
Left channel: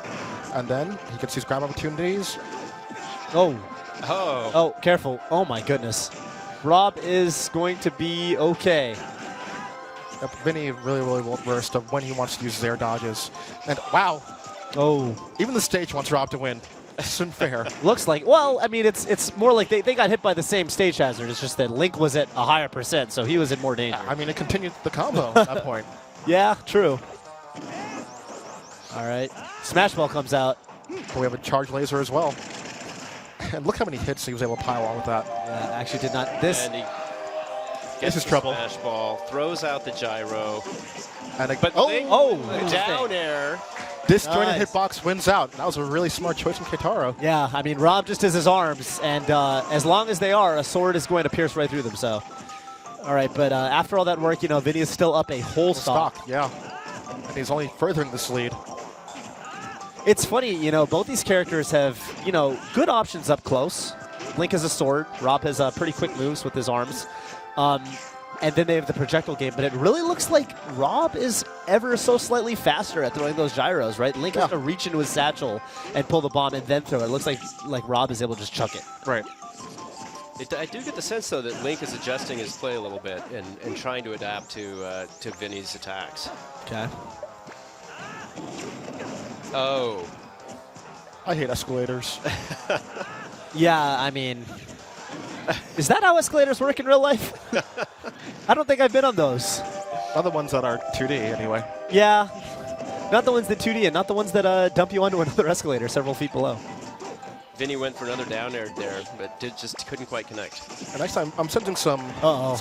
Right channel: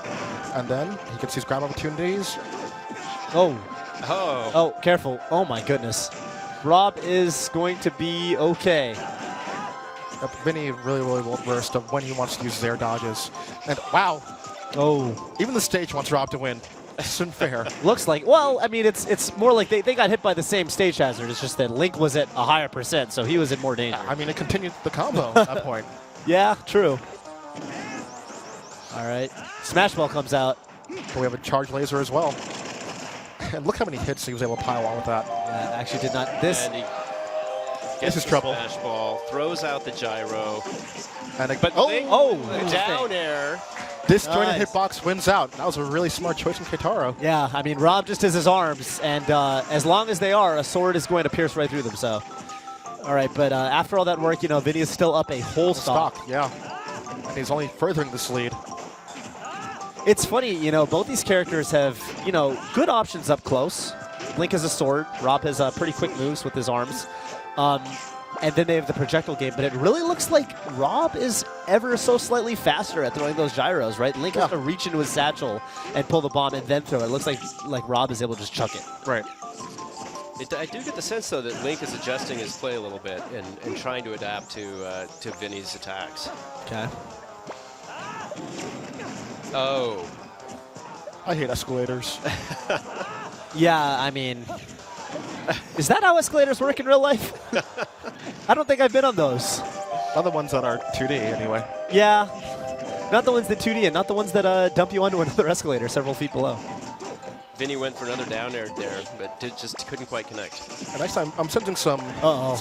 And then he gets these grab opportunities. Oh. Oh. Oh, careful. Oh, my goodness. Rob is going to be okay. Vinny really well versed of when he wants to use his air dodges. And wow, Oh. even the stage wants Rob to win. This isn't fair. Looks like, well, I mean, it's more like they got hit by the same stage hazard. It's just that Link was at a higher percent, so he was in more danger. I mean, it continued the combo at that point. Yeah, true. All right. Smash Ball comes out. But we have a charge laser as well. And look how many hits he was able to pile on with that. Yeah, actually did not. This. And he This is the trouble. Smash ball, throws out the gyro. And But Link, interesting. down air. disjointed Nice. hitbox wins out. That was a really smart choice from Keitaro. Yeah, I mean, Rob just has his arms, and as long as they are, a sword is going to pierce right through them, so. All right, but after all that work, Vinny is still up a whole stock. Yeah. And he's only furthering this lead. It's funny, both these characters have, good options up close. Link has a sword. Rob has pretty quick moves with his arms. And then they have the projectile game, but it really looks like Rob is ever so slightly faster at throwing those gyros, right? Link has to reach into his satchel and pull the bomb and then throw it. It looks like Rob is able to just chuck it. Right. I do get the sense, though, that Link is adjusting his play a little bit and trying to adapt to Vinny's attacks. Okay. Oh. I hate escalators. Yeah, I mean, is that how escalators work in real life? I don't think I've been on those. Not the ones that are 2D, anyway. Yeah, not the ones that 2D and not the ones that dump you onto another escalator several feet below. Vinny went for another down air there, but just couldn't quite connect. And actually, I'm sensing some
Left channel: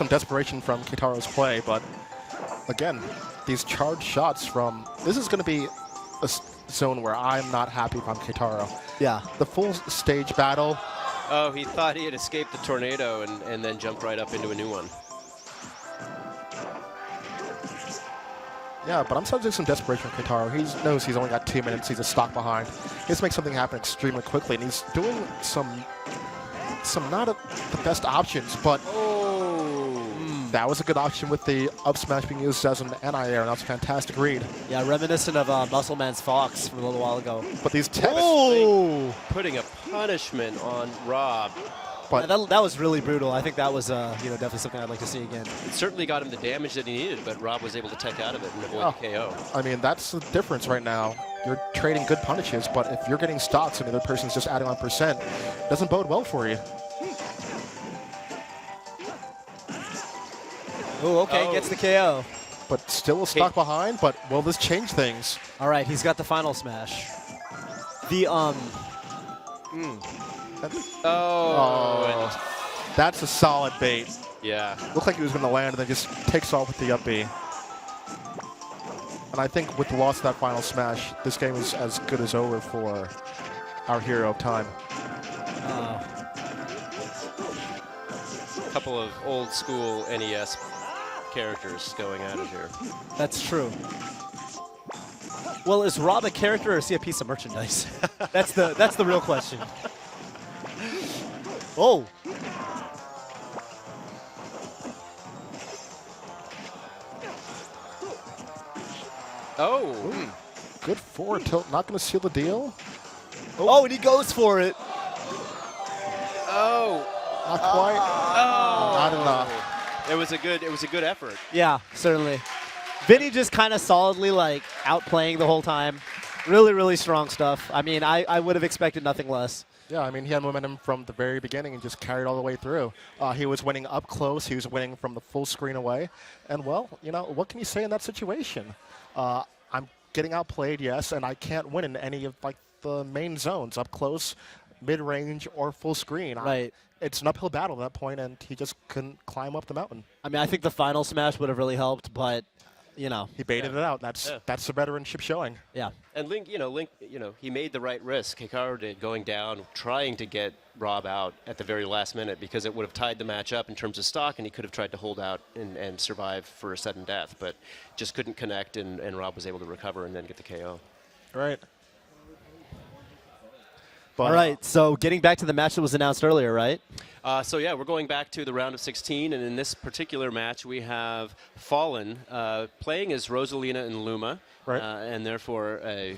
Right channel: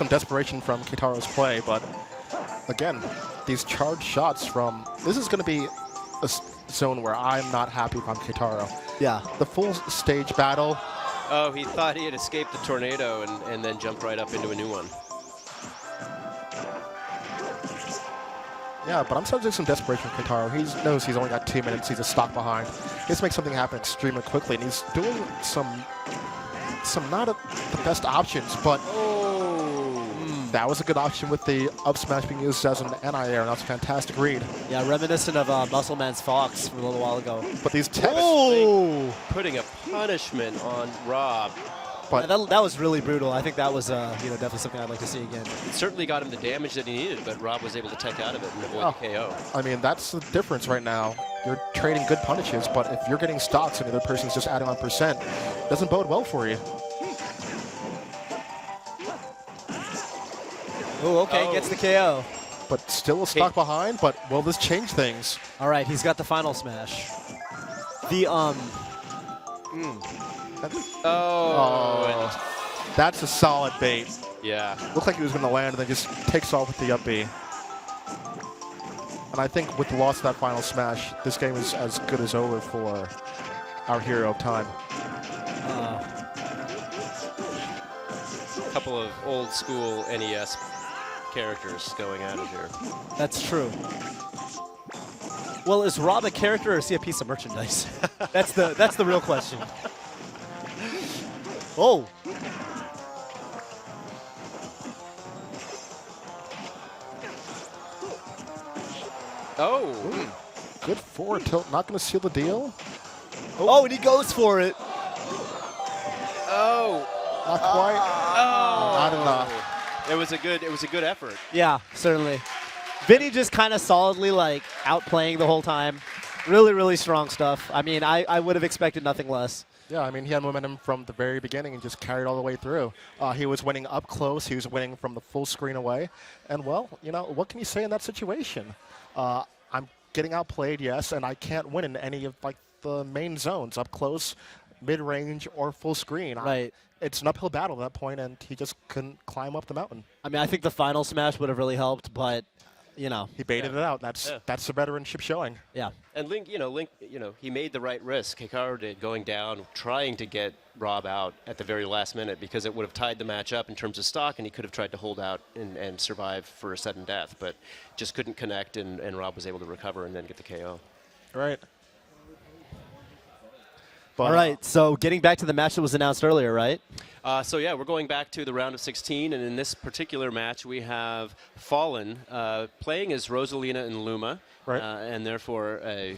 desperation from Keitaro's play, but again, these charged shots from... This is going to be a zone where I'm not happy from Keitaro. Yeah. The full stage battle... Oh, he thought he had escaped the tornado and then jumped right up into a new one. Yeah, but I'm sensing some desperation from Keitaro. He knows he's only got 2 minutes. He's a stock behind. He has to make something happen extremely quickly, and he's doing some not the best options, but that was a good option with the up smash being used as an anti-air, and that's a fantastic read. Yeah, reminiscent of Muscle Man's Fox from a little while ago. But these Putting a punishment on Rob. But that was really brutal. I think that was definitely something I'd like to see again. It certainly got him the damage that he needed, but Rob was able to take out of it and avoid the KO. I mean, that's the difference right now. You're trading good punishes, but if you're getting stocks and the other person's just adding on percent, it doesn't bode well for you. Oh, okay, gets the KO. But still a stock behind, but will this change things? All right, he's got the final smash. The, That's a solid bait. Yeah. Looked like he was going to land and then just takes off with the up B. And I think with the loss of that final smash, this game is as good as over for our hero of time. A couple of old school NES characters going at it here. That's true. Well, is Rob a character or is he a piece of merchandise? That's the real question. Oh. Oh. Ooh, good forward tilt. Not going to seal the deal. Oh, and he goes for it. Oh. Not quite. Oh. Not enough. It was a good effort. Yeah, certainly. Vinny just kind of solidly like outplaying the whole time. Really, really strong stuff. I mean, I would have expected nothing less. Yeah, I mean, he had momentum from the very beginning and just carried all the way through. He was winning up close. He was winning from the full screen away. And, well, you know, what can you say in that situation? I'm getting outplayed, yes, and I can't win in any of, like, the main zones, up close, mid-range, or full screen. Right. It's an uphill battle at that point, and he just couldn't climb up the mountain. I mean, I think the final smash would have really helped, but, you know. He baited it out. That's the veteranship showing. Yeah. And Link, he made the right risk. Hikaru did, going down, trying to get Rob out at the very last minute because it would have tied the match up in terms of stock, and he could have tried to hold out and survive for a sudden death, but just couldn't connect, and Rob was able to recover and then get the KO. Right. All right, so getting back to the match that was announced earlier, right? So yeah, we're going back to the round of 16, and in this particular match, we have Fallen playing as Rosalina and Luma, right. And therefore a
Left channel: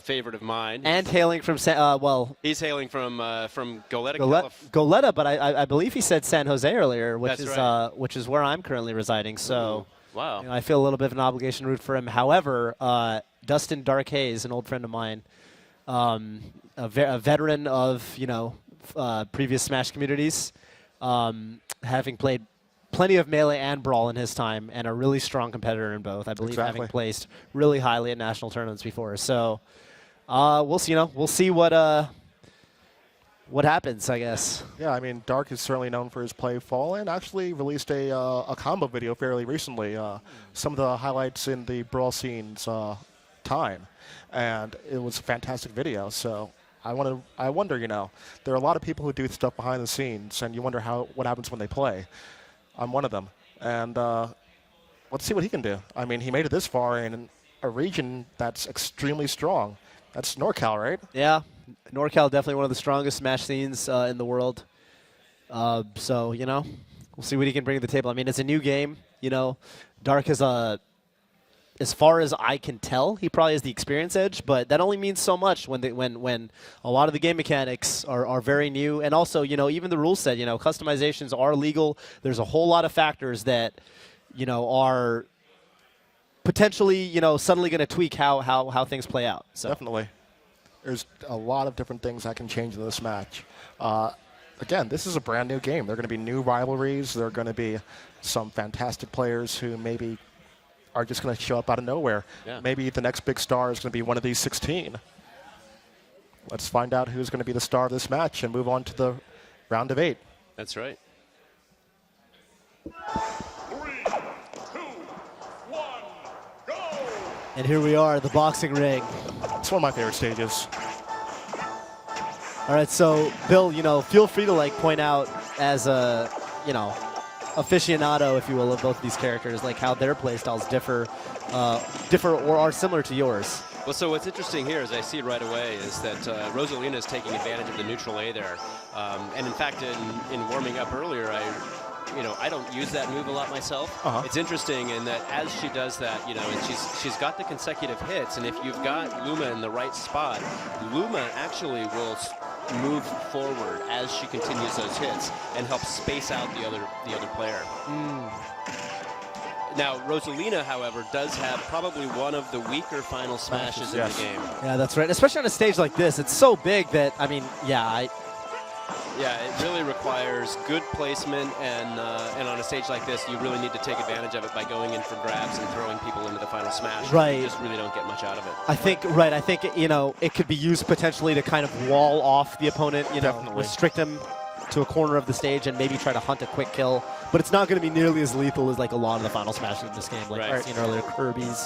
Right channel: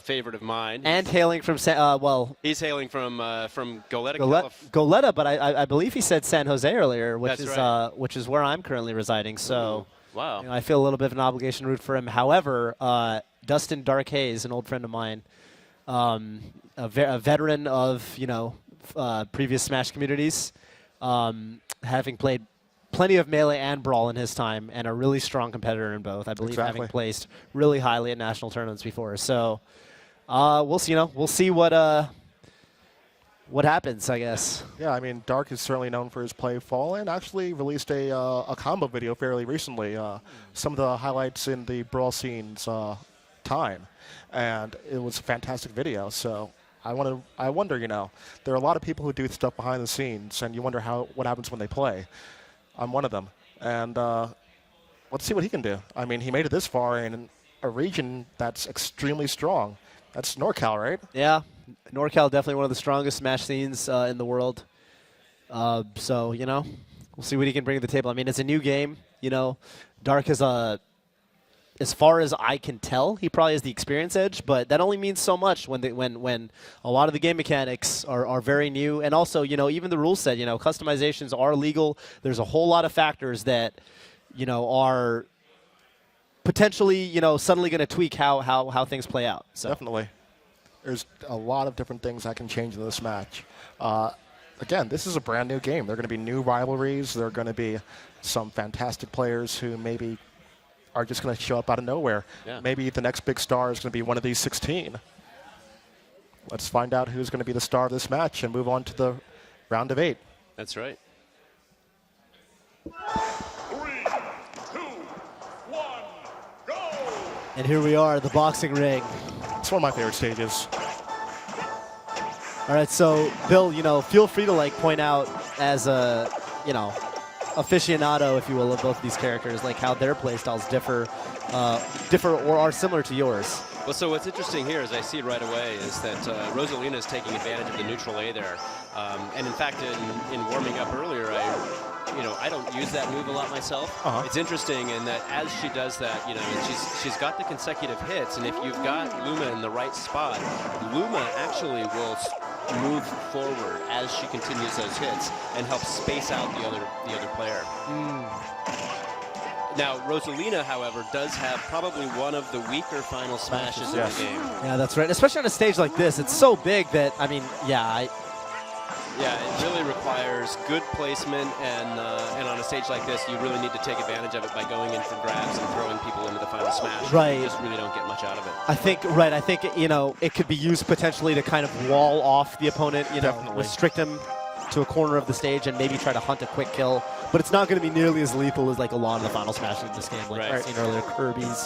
favorite of mine. And hailing from he's hailing from Goleta, Goleta, but I believe he said San Jose earlier, which That's is right. Which is where I'm currently residing. So, wow, I feel a little bit of an obligation to root for him. However, Dustin Dark Hayes, an old friend of mine, a veteran of previous Smash communities, having played plenty of Melee and Brawl in his time, and a really strong competitor in both. I believe having placed really highly at national tournaments before. So we'll see. We'll see what happens, I guess. Yeah, I mean, Dark is certainly known for his play. Fallen actually released a combo video fairly recently. Some of the highlights in the Brawl scene's time, and it was a fantastic video. So I wonder, there are a lot of people who do stuff behind the scenes, and you wonder what happens when they play. I'm one of them, and let's see what he can do. I mean, he made it this far in a region that's extremely strong. That's NorCal, right? Yeah, NorCal definitely one of the strongest Smash scenes in the world. So we'll see what he can bring to the table. I mean, it's a new game. Dark is as far as I can tell, he probably has the experience edge, but that only means so much when a lot of the game mechanics are very new, and also even the rule set, customizations are legal. There's a whole lot of factors that are potentially suddenly going to tweak how things play out. So. Definitely, there's a lot of different things that can change in this match. Again, this is a brand new game. There are going to be new rivalries. There are going to be some fantastic players who maybe are just going to show up out of nowhere. Yeah. Maybe the next big star is going to be one of these 16. Let's find out who's going to be the star of this match and move on to the round of 8. That's right. 3, 2, 1, go! And here we are, the boxing ring. It's one of my favorite stages. All right, so Bill, feel free to point out as a, aficionado, if you will, of both these characters, how their playstyles differ or are similar to yours. Well, so what's interesting here, as I see it right away, is that Rosalina is taking advantage of the neutral A there. And in fact, in warming up earlier, I don't use that move a lot myself. It's interesting in that as she does that, she's got the consecutive hits, and if you've got Luma in the right spot, Luma actually will move forward as she continues those hits and help space out the other player. Now, Rosalina, however, does have probably one of the weaker final smashes in the game. Yeah, that's right. Especially on a stage like this, it's so big that it really requires good placement, and on a stage like this, you really need to take advantage of it by going in for grabs and throwing people into the final smash. Right. You just really don't get much out of it. I think it could be used potentially to kind of wall off the opponent, restrict him to a corner of the stage and maybe try to hunt a quick kill. But it's not going to be nearly as lethal as a lot of the final smashes in this game, like we've seen earlier, Kirby's.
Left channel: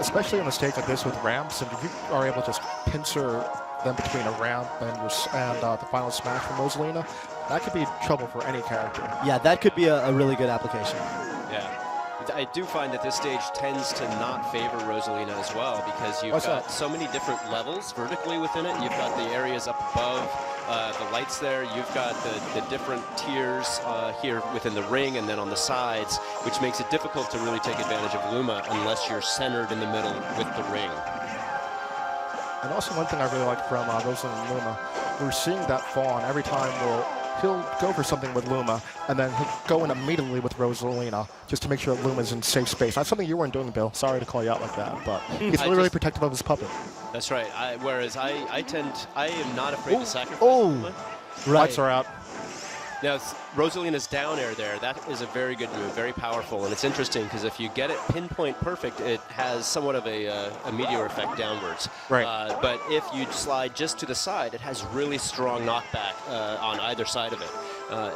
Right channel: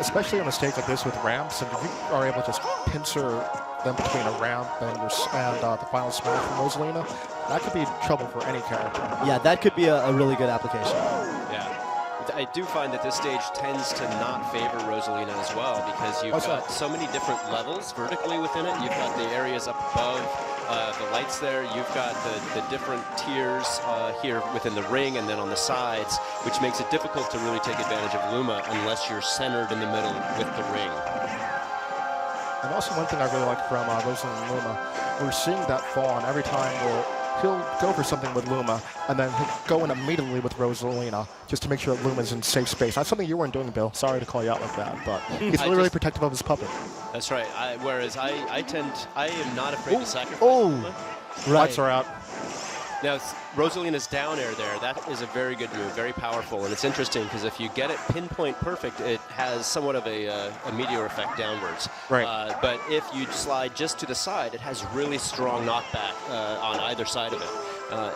especially on a stage like this with ramps, and if you are able to just pincer them between a ramp and the final smash from Rosalina, that could be trouble for any character. Yeah, that could be a really good application. Yeah. I do find that this stage tends to not favor Rosalina as well because you've got so many different levels vertically within it. You've got the areas up above, the lights there. You've got the different tiers here within the ring and then on the sides, which makes it difficult to really take advantage of Luma unless you're centered in the middle with the ring. And also one thing I really like from Rosalina and Luma, we're seeing that fall on every time he'll go for something with Luma, and then he'll go in immediately with Rosalina, just to make sure that Luma's in safe space. That's something you weren't doing, Bill. Sorry to call you out like that, but he's really protective of his puppet. That's right. Whereas I am not afraid to sacrifice Luma. Lights are out. Now, Rosalina's down air there, that is a very good move, very powerful, and it's interesting because if you get it pinpoint perfect, it has somewhat of a meteor effect downwards. Right. But if you slide just to the side, it has really strong knockback on either side of it.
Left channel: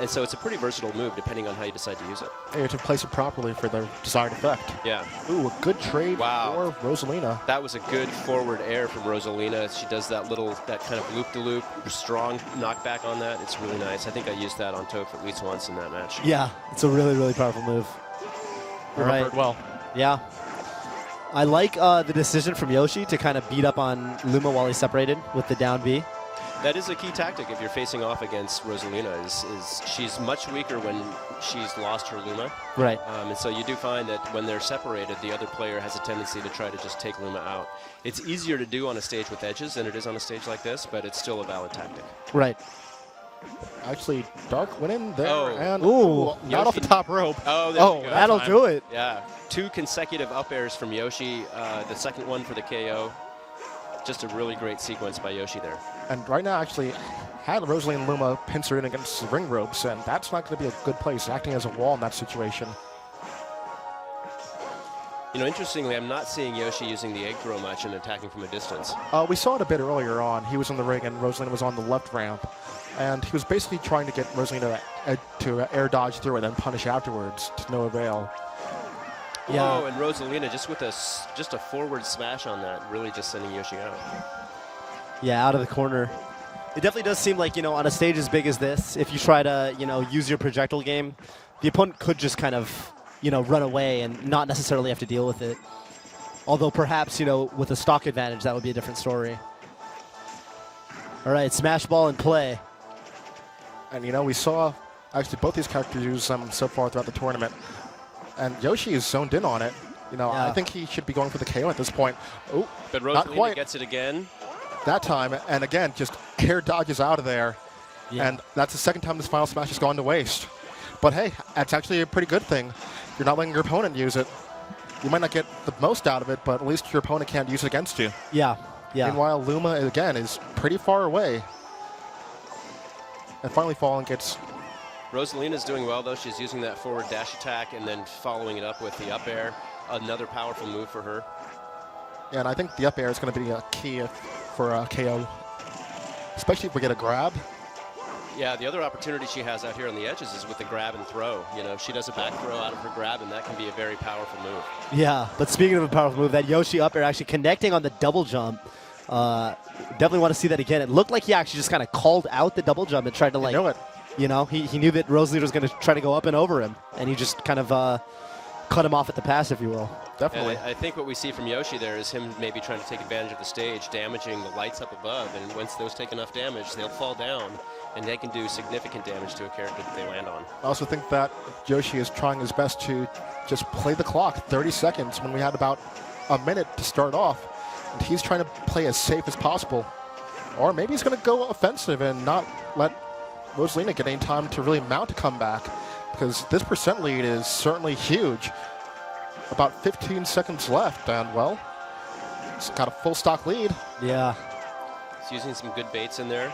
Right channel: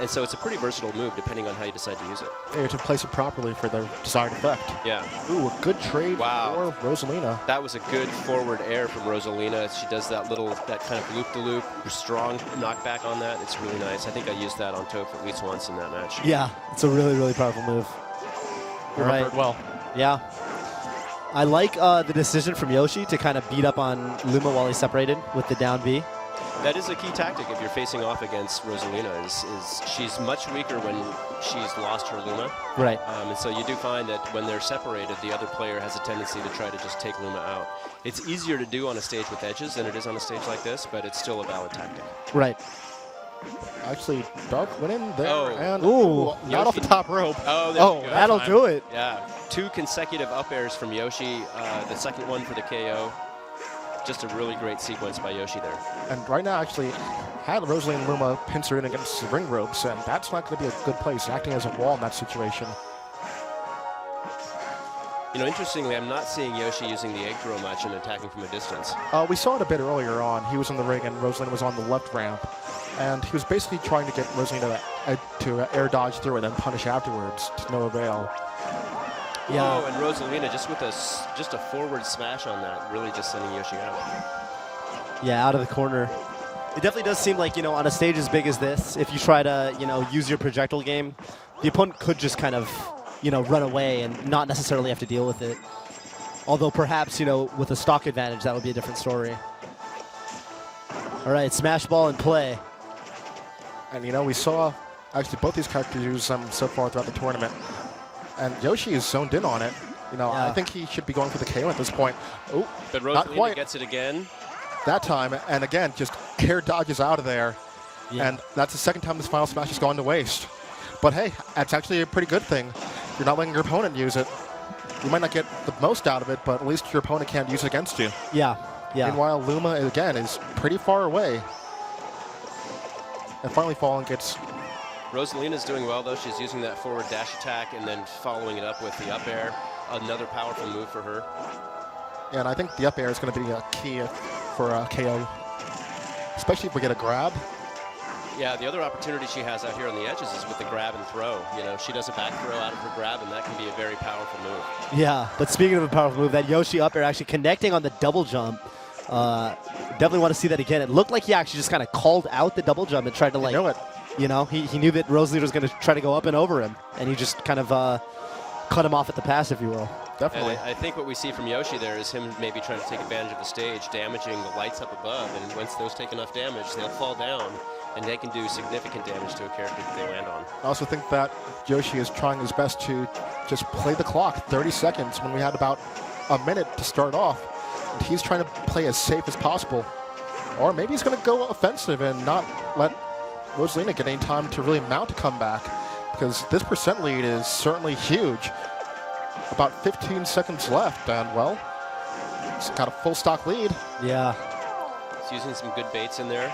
And so it's a pretty versatile move depending on how you decide to use it. You have to place it properly for the desired effect. Yeah. Ooh, a good trade for Rosalina. That was a good forward air from Rosalina. She does that kind of loop-de-loop, strong knockback on that. It's really nice. I think I used that on Toph at least once in that match. Yeah, it's a really, really powerful move. Remembered well. Yeah. I like the decision from Yoshi to kind of beat up on Luma while he's separated with the down B. That is a key tactic if you're facing off against Rosalina. Is she's much weaker when she's lost her Luma. Right. And so you do find that when they're separated, the other player has a tendency to try to just take Luma out. It's easier to do on a stage with edges than it is on a stage like this, but it's still a valid tactic. Right. Actually, Dark went in there and not off the top rope. That'll do it. Yeah, 2 consecutive up airs from Yoshi. The second one for the KO. Just a really great sequence by Yoshi there. And right now, actually, had Rosalina and Luma pincer in against the ring ropes, and that's not going to be a good place, acting as a wall in that situation. You know, interestingly, I'm not seeing Yoshi using the egg throw much and attacking from a distance. We saw it a bit earlier on. He was in the ring, and Rosalina was on the left ramp. And he was basically trying to get Rosalina to air dodge through and then punish afterwards, to no avail. Yeah. Oh, and Rosalina just with a forward smash on that, really just sending Yoshi out. Yeah, out of the corner. It definitely does seem like, on a stage as big as this, if you try to, use your projectile game, the opponent could just kind of, run away and not necessarily have to deal with it. Although perhaps, with a stock advantage, that would be a different story. All right, smash ball in play. And, we saw, actually, both these characters use them so far throughout the tournament. And Yoshi is zoned in on it. I think he should be going for the KO at this point. Oh, but Rosalina gets it again. That time, and again, just air dodges out of there. Yeah. And that's the second time this final smash has gone to waste. But hey, that's actually a pretty good thing. You're not letting your opponent use it. You might not get the most out of it, but at least your opponent can't use it against you. Yeah. Meanwhile, Luma, again, is pretty far away. And finally, Fallen gets... Rosalina's doing well, though. She's using that forward dash attack and then following it up with the up air. Another powerful move for her. And I think the up air is going to be a key for a KO, especially if we get a grab. Yeah, the other opportunity she has out here on the edges is with the grab and throw. She does a back throw out of her grab, and that can be a very powerful move. Yeah, but speaking of a powerful move, that Yoshi up air actually connecting on the double jump. Definitely want to see that again. It looked like he actually just kind of called out the double jump and tried to he knew that Rosalina was going to try to go up and over him, and he just kind of cut him off at the pass, if you will. Definitely. And I think what we see from Yoshi there is him maybe trying to take advantage of the stage, damaging the lights up above, and once those take enough damage, they'll fall down, and they can do significant damage to a character that they land on. I also think that Yoshi is trying his best to just play the clock, 30 seconds, when we had about a minute to start off, and he's trying to play as safe as possible. Or maybe he's going to go offensive and not let Rosalina get any time to really mount a comeback, because this percent lead is certainly huge. About 15 seconds left, and well, he's got a full stock lead. Yeah. He's using some good baits in there.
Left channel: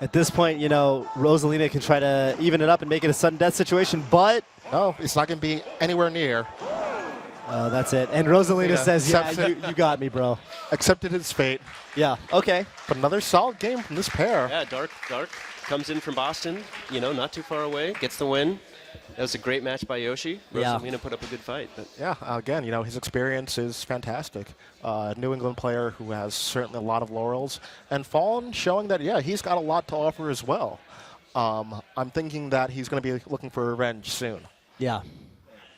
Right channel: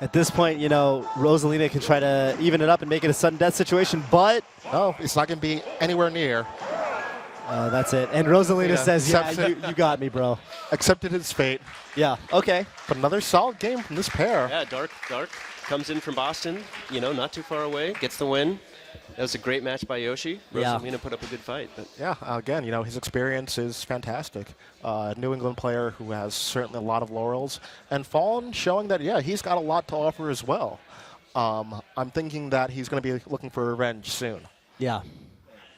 At this point, Rosalina can try to even it up and make it a sudden death situation, but... No, it's not going to be anywhere near. Oh, that's it. And Rosalina says, you got me, bro. Accepted his fate. Yeah, okay. But another solid game from this pair. Yeah, Dark comes in from Boston, not too far away, gets the win. That was a great match by Yoshi. Yeah. Rosalina put up a good fight. But. Yeah, again, his experience is fantastic. New England player who has certainly a lot of laurels. And Fallen showing that, he's got a lot to offer as well. I'm thinking that he's going to be looking for revenge soon. Yeah.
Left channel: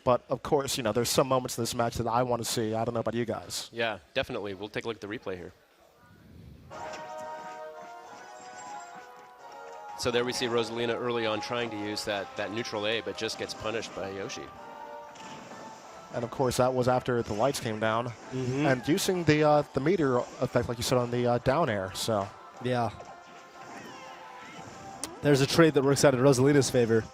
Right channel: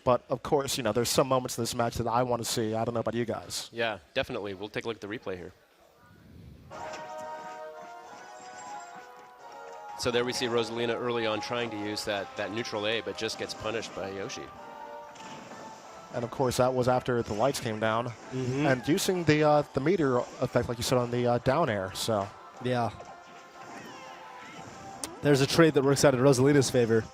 But, of course, there's some moments in this match that I want to see. I don't know about you guys. Yeah, definitely. We'll take a look at the replay here. So there we see Rosalina early on trying to use that neutral A, but just gets punished by Yoshi. And, of course, that was after the lights came down. And using the meter effect, like you said, on the down air. So, Yeah. There's a trade that works out in Rosalina's favor.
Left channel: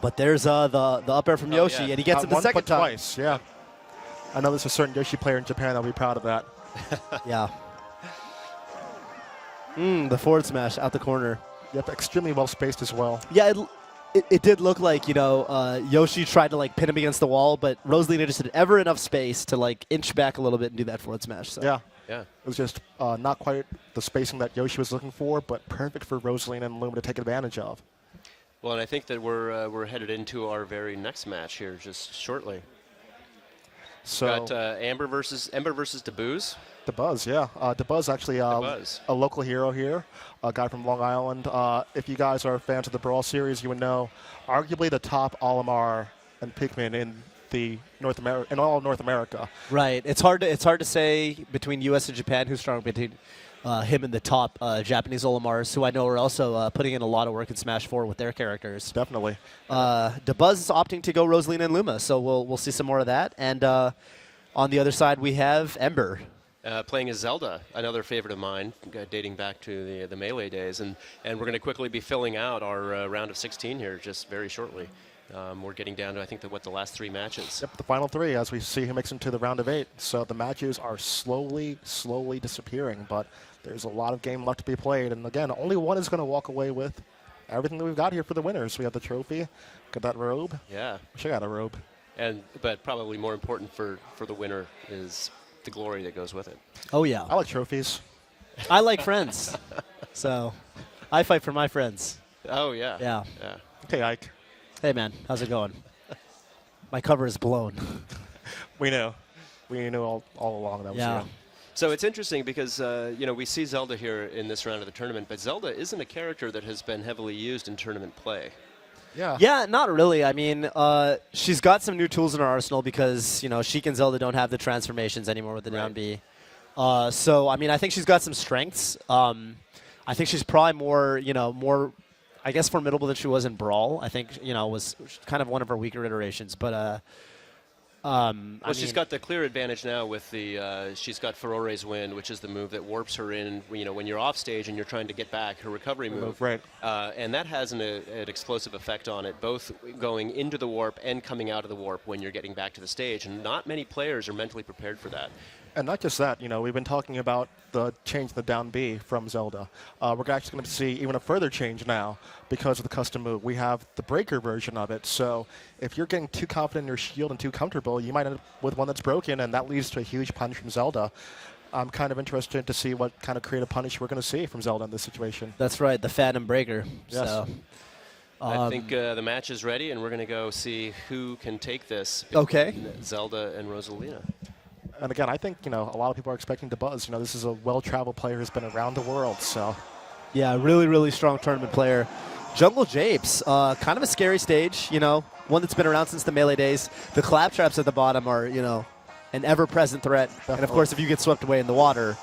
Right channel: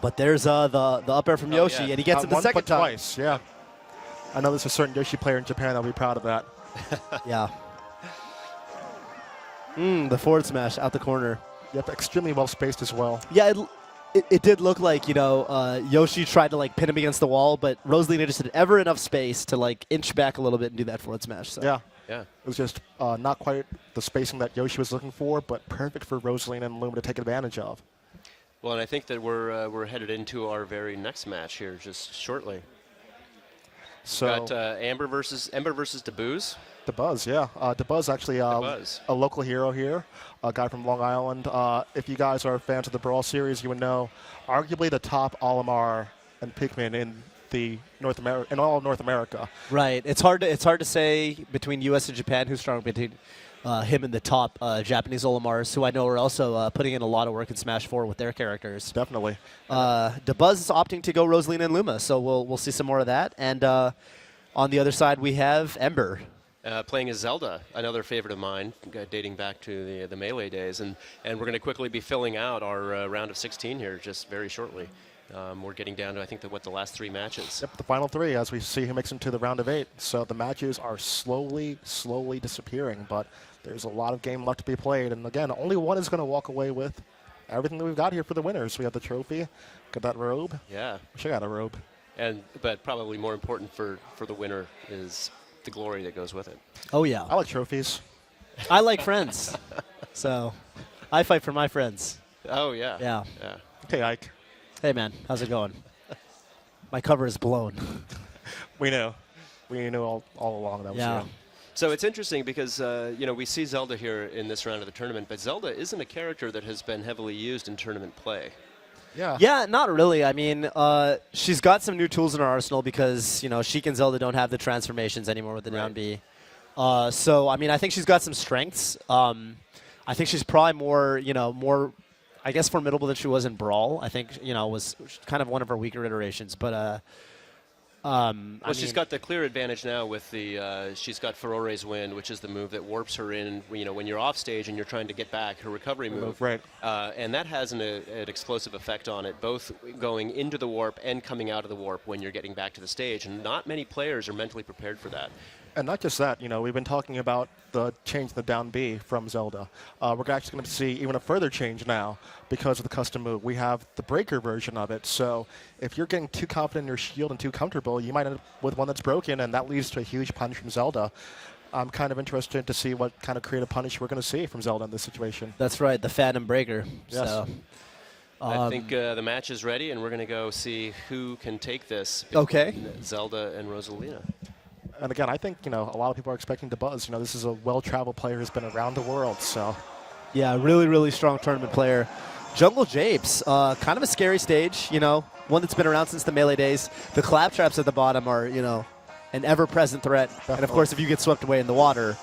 But there's the up air from Yoshi, yeah. and he gets it the one second foot time. Twice, yeah. I know there's a certain Yoshi player in Japan that'll be proud of that. Yeah. The forward smash out the corner. Yep, extremely well spaced as well. Yeah, it did look like, Yoshi tried to, pin him against the wall, but Rosalina just had ever enough space to, inch back a little bit and do that forward smash. So. Yeah. Yeah. It was just not quite the spacing that Yoshi was looking for, but perfect for Rosalina and Luma to take advantage of. Well, and I think that we're headed into our very next match here just shortly. So We've got Ember versus DeBooz. DeBuzz, yeah. DeBuzz actually DeBuzz. a local hero here, a guy from Long Island. If you guys are fans of the Brawl series, you would know arguably the top Olimar and Pikmin in all of North America. Right. It's hard to say between U.S. and Japan who's stronger between him and the top Japanese Olimars, who I know are also putting in a lot of work in Smash 4 with their characters. Definitely. DeBuzz is opting to go Rosalina and Luma, so we'll see some more of that. And on the other side, we have Ember. Playing as Zelda, another favorite of mine, dating back to the Melee days. And we're going to quickly be filling out our round of 16 here just very shortly. We're getting down to, I think, the last 3 matches. Yep, the final 3 as we see who makes it to the round of 8. So the matches are slowly disappearing, but there's a lot of game left to be played. And again, only one is going to walk away with everything that we've got here for the winners. We have the trophy, got that robe. Yeah. Wish I got a robe. But probably more important for the winner is the glory that goes with it. Oh, yeah. I like trophies. I like friends. So I fight for my friends. Oh, yeah. Yeah. Okay, Ike. Hey, man. How's it going? My cover is blown. We know. We knew all along that was Yeah. him. So it's interesting because, we see Zelda here in this round of the tournament, but Zelda isn't a character that has been heavily used in tournament play. Yeah. Yeah, not really. I mean, she's got some new tools in her arsenal because, Sheik and Zelda don't have the transformations anymore with the down B. So, I mean, I think she's got some strengths. I think she's probably more, I guess, formidable than she was in Brawl. I think, was kind of one of her weaker iterations. But, she's got the clear advantage now with she's got Furore's Wind, which is the move that warps her in, when you're off stage and you're trying to get back, her recovery move. Right. And that has an explosive effect on it, both going into the warp and coming out of the warp when you're getting back to the stage. And not many players are mentally prepared for that. And not just that, we've been talking about the change in the down B from Zelda. We're actually going to see even a further change now because of the custom move. We have the breaker version of it. So if you're getting too confident in your shield and too comfortable, you might end up with one that's broken, and that leads to a huge punish from Zelda. I'm kind of interested to see what kind of creative punish we're going to see from Zelda in this situation. That's right, the Phantom Breaker. Yes. So, I think the match is ready, and we're going to go see who can take this. Okay. Zelda and Rosalina. And again, I think, a lot of people are expecting DeBuzz. This is a well-traveled player who's been around the world, so. Yeah, really, really strong tournament player. Jungle Japes, kind of a scary stage, one that's been around since the Melee days. The claptraps at the bottom are, an ever-present threat. Definitely. And, of course, if you get swept away in the water,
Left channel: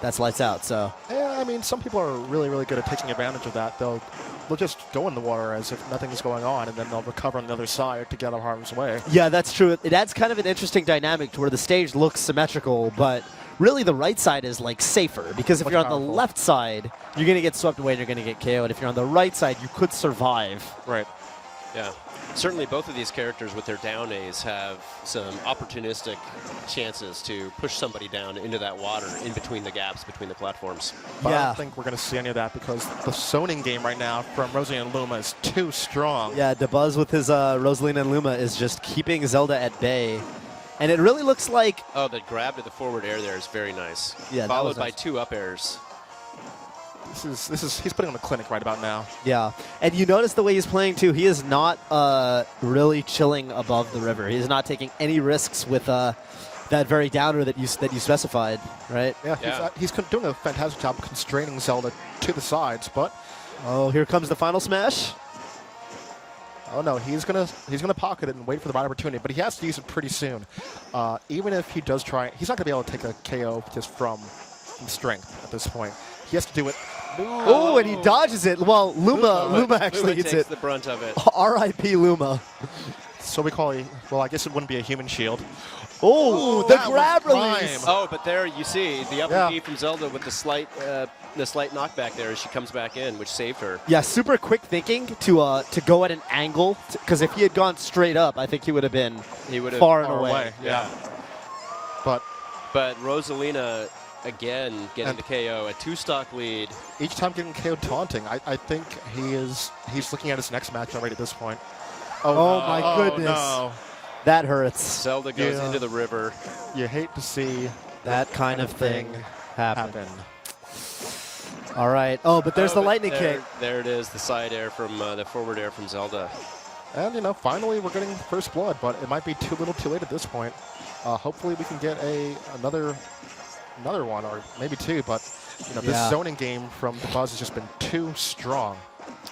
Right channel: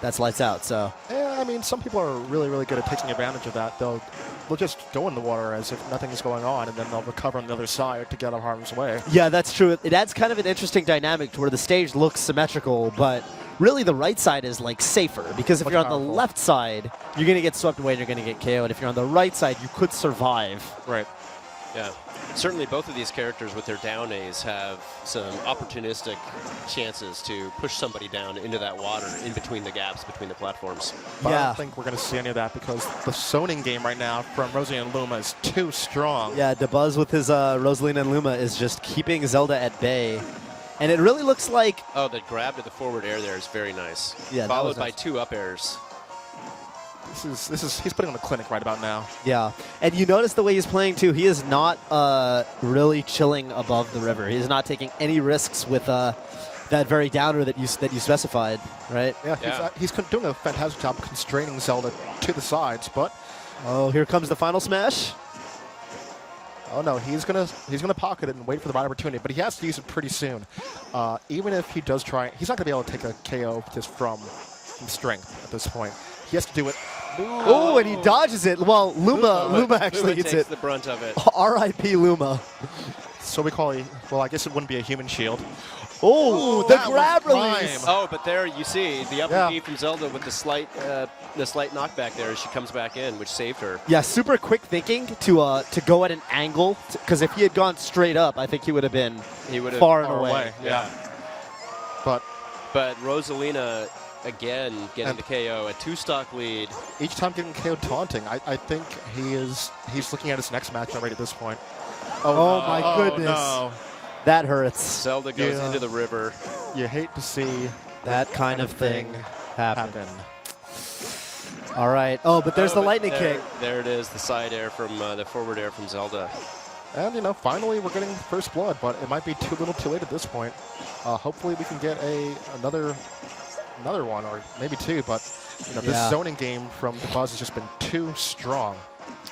that's lights out, so. Yeah, I mean, some people are really, really good at taking advantage of that. They'll just go in the water as if nothing's going on, and then they'll recover on the other side to get out of harm's way. Yeah, that's true. It adds kind of an interesting dynamic to where the stage looks symmetrical, but really the right side is, safer. Because if you're on the left side, you're going to get swept away and you're going to get KO'd. If you're on the right side, you could survive. Right. Yeah. Certainly both of these characters with their down A's have some opportunistic chances to push somebody down into that water in between the gaps between the platforms. But I don't think we're going to see any of that because the zoning game right now from Rosalina and Luma is too strong. Yeah, DeBuzz with his Rosalina and Luma is just keeping Zelda at bay. And it really looks like... Oh, the grab to the forward air there is very nice. Yeah, followed by 2 up airs. He's putting on the clinic right about now. Yeah, and you notice the way he's playing too. He is not really chilling above the river. He's not taking any risks with that very downer that you specified, right? Yeah, he's doing a fantastic job constraining Zelda to the sides, but oh, here comes the final smash. Oh no, he's gonna pocket it and wait for the right opportunity, but he has to use it pretty soon. Even if he does try, he's not gonna be able to take a KO just from strength at this point. He has to do it. Oh, and he dodges it. Well, Luma actually gets takes it. the brunt of it. R.I.P. Luma. So we call well, I guess it wouldn't be a human shield. Oh, the grab release. Oh, but there you see the up B from Zelda with the slight knockback there as she comes back in, which saved her. Yeah, super quick thinking to go at an angle, because if he had gone straight up, I think he would have been far and away. Yeah. But Rosalina again getting the KO, a 2-stock lead. Each time getting KO taunting, I think he's looking at his next match already at this point. Oh my goodness. No. That hurts. Zelda goes into the river. You hate to see that kind of thing happen. All right. Oh, but there's the lightning kick. There it is, the side air from the forward air from Zelda. And finally we're getting first blood, but it might be too little, too late at this point. Hopefully we can get another one, or maybe two. But this zoning game from the Buzz has just been too strong.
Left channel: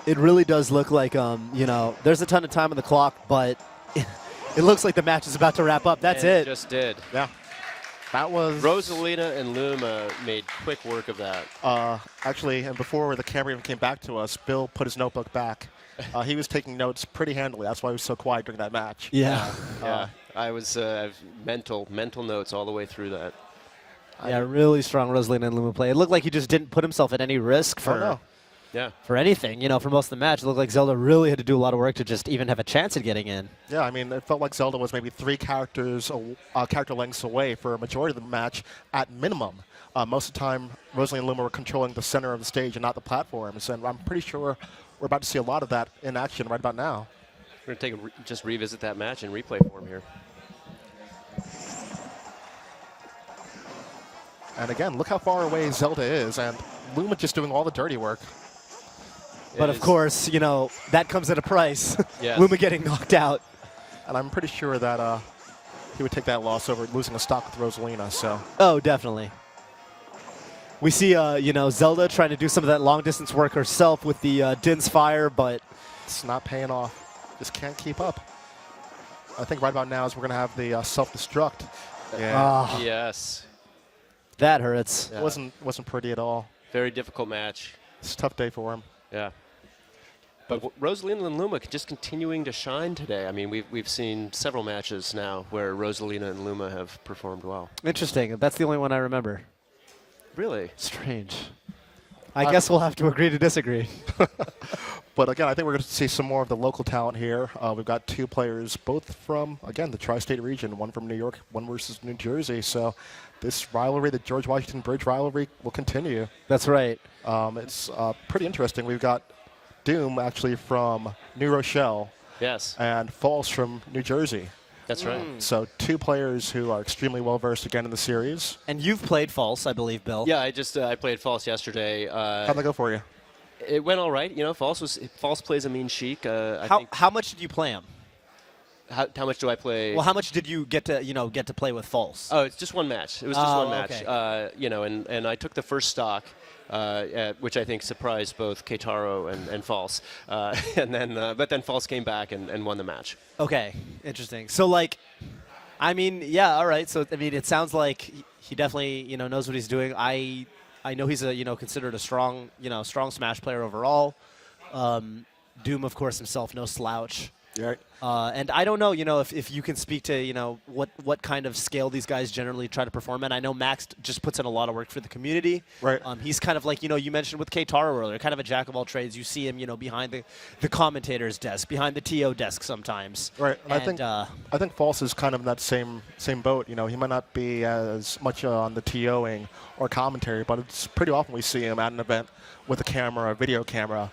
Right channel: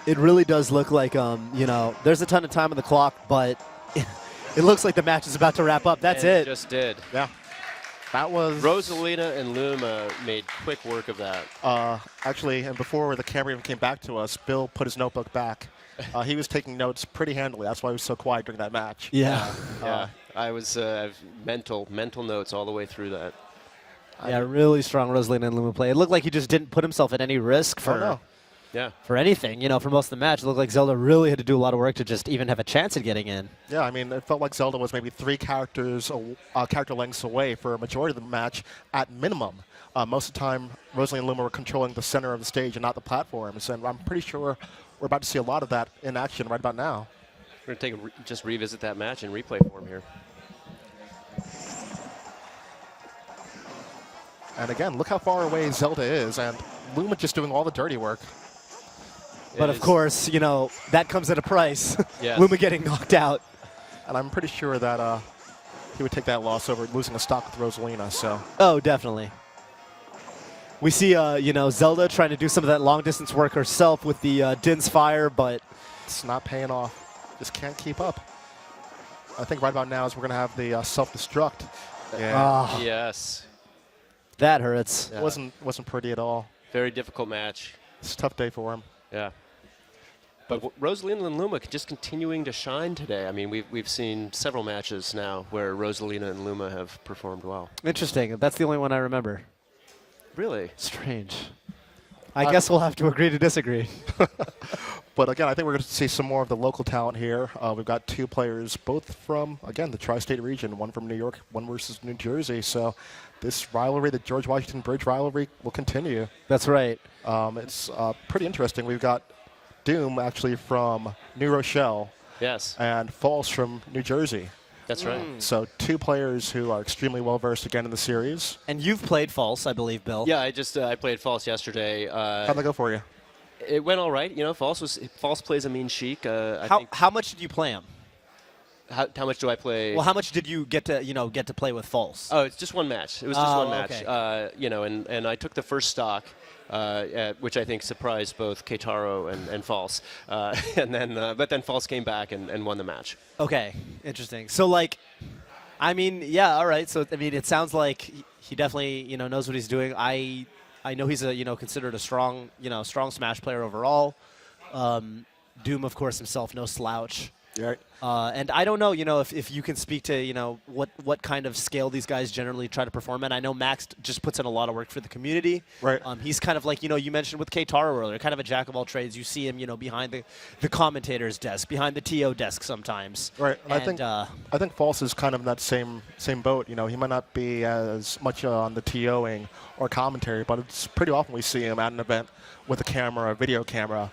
It really does look like there's a ton of time on the clock, but it looks like the match is about to wrap up. That's it. It just did. Yeah. That was... Rosalina and Luma made quick work of that. Actually, and before the camera even came back to us, Bill put his notebook back. He was taking notes pretty handily. That's why he was so quiet during that match. Yeah. I was mental notes all the way through that. Yeah, really strong Rosalina and Luma play. It looked like he just didn't put himself at any risk for anything. For most of the match, it looked like Zelda really had to do a lot of work to just even have a chance at getting in. Yeah, I mean, it felt like Zelda was maybe 3 character lengths away for a majority of the match at minimum. Most of the time, Rosalina and Luma were controlling the center of the stage and not the platforms, and I'm pretty sure we're about to see a lot of that in action right about now. We're going to just revisit that match in replay form here. And again, look how far away Zelda is, and Luma just doing all the dirty work. But of course, that comes at a price. Yes. Luma getting knocked out. And I'm pretty sure that he would take that loss over losing a stock with Rosalina. So. Oh, definitely. We see, Zelda trying to do some of that long-distance work herself with the Din's Fire, but... It's not paying off. Just can't keep up. I think right about now is we're going to have the self-destruct. Yeah. Yes. That hurts. Yeah. Wasn't pretty at all. Very difficult match. It's a tough day for him. Yeah. But Rosalina and Luma just continuing to shine today. I mean, we've seen several matches now where Rosalina and Luma have performed well. Interesting. That's the only one I remember. Really? Strange. I guess we'll have to agree to disagree. But again, I think we're going to see some more of the local talent here. We've got 2 players, both from, again, the tri-state region, one from New York, one versus New Jersey. So this rivalry, the George Washington Bridge rivalry, will continue. That's right. It's pretty interesting. We've got Doom actually from New Rochelle. Yes. And False from New Jersey. That's right. So 2 players who are extremely well-versed again in the series. And you've played False, I believe, Bill. Yeah, I played False yesterday. How'd that go for you? It went all right. False plays a mean Sheik. How much did you play him? How much do I play? Well, how much did you get to play with False? Oh, it's just one match. It was just one match. Okay. And I took the first stock, which I think surprised both Keitaro and False. But then False came back and won the match. Okay, interesting. So, all right. So, it sounds like he definitely, knows what he's doing. I know he's considered a strong Smash player overall. Doom, of course, himself, no slouch. Yeah. And I don't know, if you can speak to, what kind of scale these guys generally try to perform at. I know Max just puts in a lot of work for the community. Right. He's kind of like, you mentioned with Keitaro earlier, kind of a jack of all trades. You see him, behind the commentator's desk, behind the TO desk sometimes. Right. And I think False is kind of in that same boat. He might not be as much on the TOing or commentary, but it's pretty often we see him at an event with a camera, a video camera,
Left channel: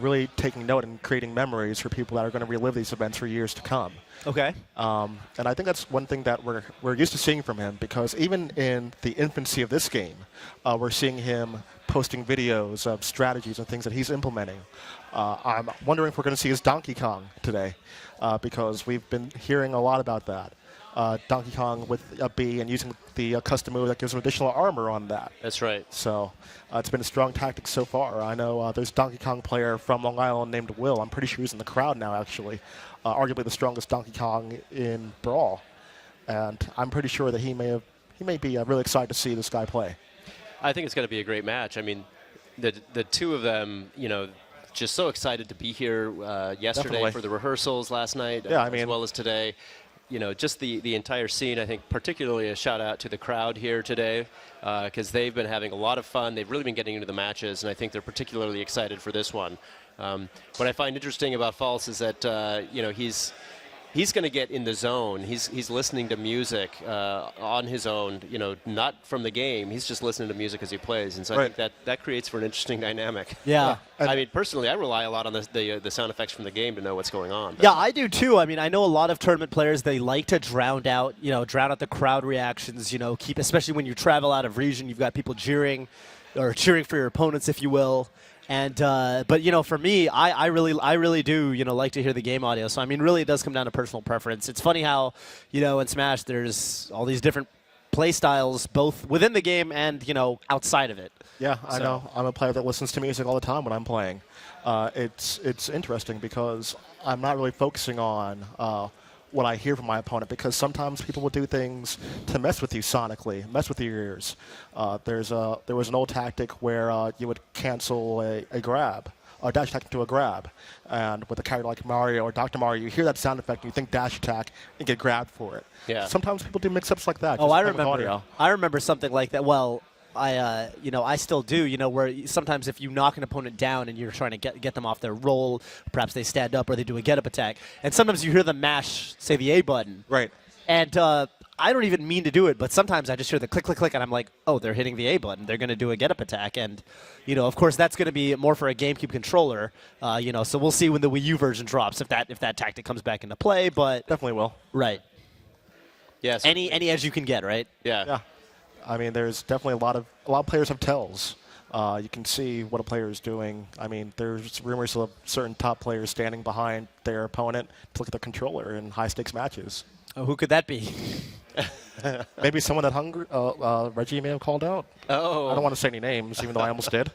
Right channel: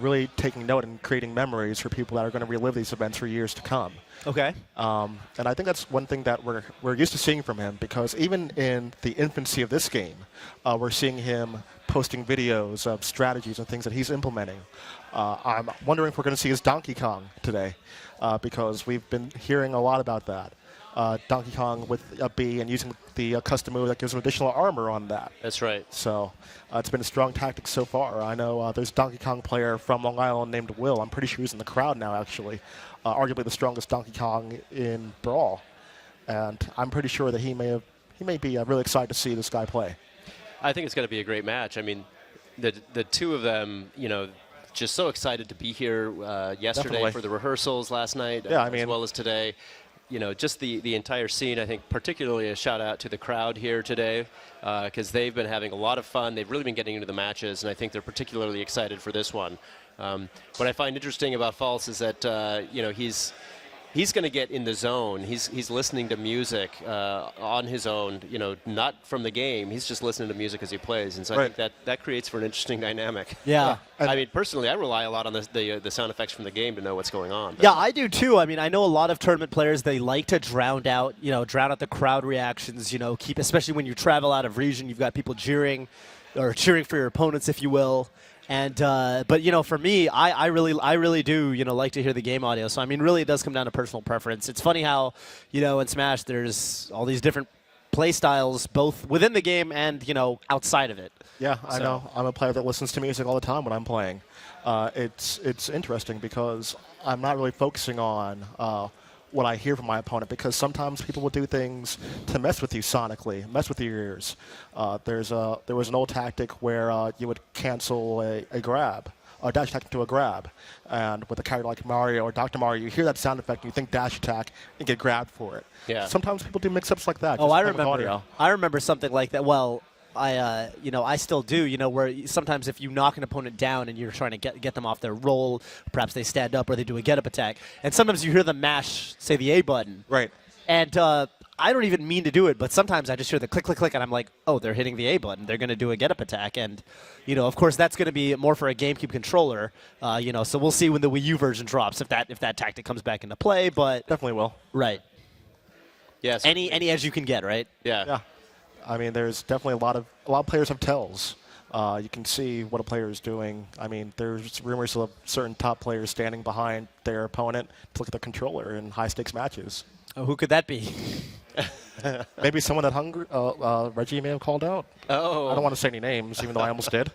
really taking note and creating memories for people that are going to relive these events games for years to come. Okay. And I think that's one thing that we're used to seeing from him, because even in the infancy of this game, we're seeing him posting videos of strategies and things that he's implementing. I'm wondering if we're going to see his Donkey Kong today, because we've been hearing a lot about that. Donkey Kong with a B and using the custom move that gives him additional armor on that. That's right. So it's been a strong tactic so far. I know there's a Donkey Kong player from Long Island named Will. I'm pretty sure he's in the crowd now, actually. Arguably the strongest Donkey Kong in Brawl. And I'm pretty sure that he may be really excited to see this guy play. I think it's going to be a great match. I mean, the two of them, just so excited to be here yesterday Definitely. for the rehearsals last night, Yeah, as well as today. Just the entire scene. I think particularly a shout out to the crowd here today, because they've been having a lot of fun. They've really been getting into the matches, and I think they're particularly excited for this one. What I find interesting about False is that he's going to get in the zone. He's listening to music on his own, not from the game. He's just listening to music as he plays, and so I think that creates for an interesting dynamic. Yeah. I mean, personally, I rely a lot on the sound effects from the game to know what's going on. Yeah, I do too. I mean, I know a lot of tournament players, they like to drown out the crowd reactions, especially when you travel out of region, you've got people cheering for your opponents, if you will. And but for me, I really do like to hear the game audio. So I mean, really, it does come down to personal preference. It's funny how in Smash there's all these different play styles, both within the game and outside of it. Yeah, I know. I'm a player that listens to music all the time when I'm playing. It's interesting because I'm not really focusing on what I hear from my opponent, because sometimes people will do things to mess with you sonically, mess with your ears. There was an old tactic where you would cancel a grab, or dash attack into a grab, and with a character like Mario or Dr. Mario, you hear that sound effect and you think dash attack and get grabbed for it. Yeah. Sometimes people do mix-ups like that. Oh, I just with remember. audio. I remember something like that. Well, I still do. Where sometimes if you knock an opponent down and you're trying to get them off their roll, perhaps they stand up or they do a get-up attack, and sometimes you hear them mash, say, the A button. Right. And I don't even mean to do it, but sometimes I just hear the click, click, click, and I'm like, oh, they're hitting the A button. They're going to do a get-up attack, and of course, that's going to be more for a GameCube controller. So we'll see when the Wii U version drops if that tactic comes back into play. But definitely will. Right. Yes. Any edge you can get, right? Yeah. I mean, there's definitely a lot of players have tells. You can see what a player is doing. I mean, there's rumors of certain top players standing behind their opponent to look at the controller in high-stakes matches. Oh, who could that be? Maybe someone that Reggie may have called out. Oh. I don't want to say any names, even though I almost did.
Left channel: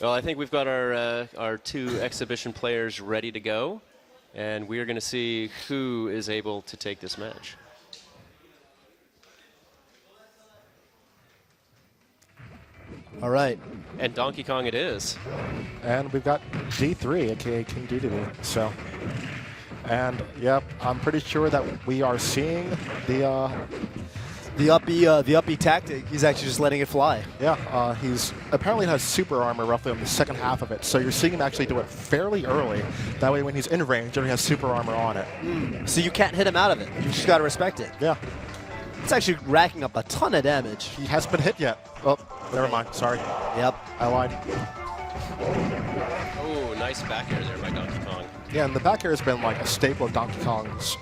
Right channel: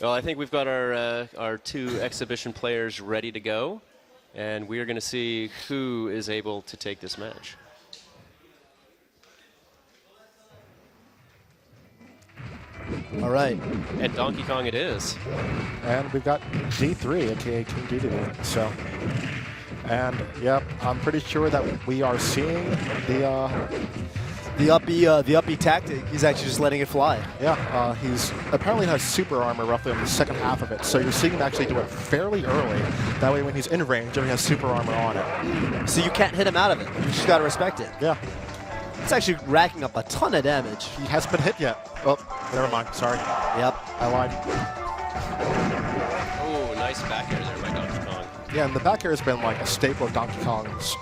Well, I think we've got our two exhibition players ready to go, and we are going to see who is able to take this match. All right. And Donkey Kong it is. And we've got D3, aka King Dedede. So, and yep, I'm pretty sure that we are seeing the uppy tactic. He's actually just letting it fly. Yeah, he's apparently has super armor roughly in the second half of it. So you're seeing him actually do it fairly early. That way, when he's in range, he has super armor on it. So you can't hit him out of it. You just gotta respect it. Yeah. It's actually racking up a ton of damage. He hasn't been hit yet. Oh, never mind. Sorry. Yep. I lied. Oh, nice back air there by Donkey Kong. Yeah, and the back air has been like a staple of Donkey Kong's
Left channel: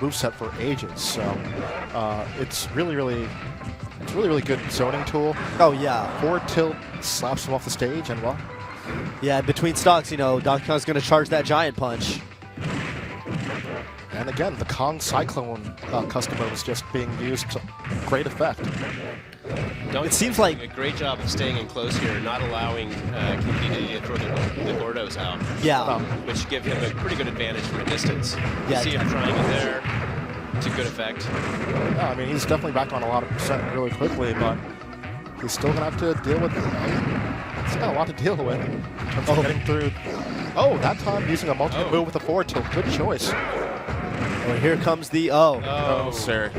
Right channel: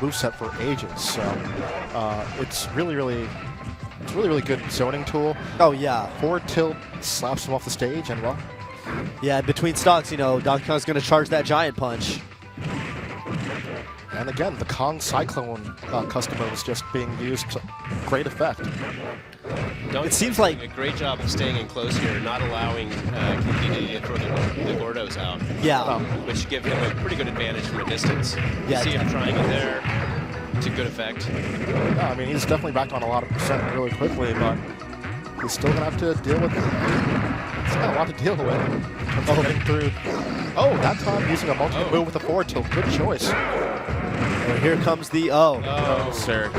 moveset for ages. So it's really good zoning tool. Oh yeah. Forward tilt slaps him off the stage, and well. Yeah, between stocks, Donkey Kong's gonna charge that giant punch. And again, the Kong Cyclone customer is just being used to great effect. It seems like a great job of staying in close here, not allowing King to throw the Gordos out. Yeah. Which give him a pretty good advantage from a distance. Yeah. You see him trying it there to good effect. Yeah, I mean, he's definitely back on a lot of percent really quickly, but he's still going to have to deal with he's got a lot to deal with. Getting through. Oh, that time using a multi move with a forward tilt. Good choice. Well, here comes the Oh, sir.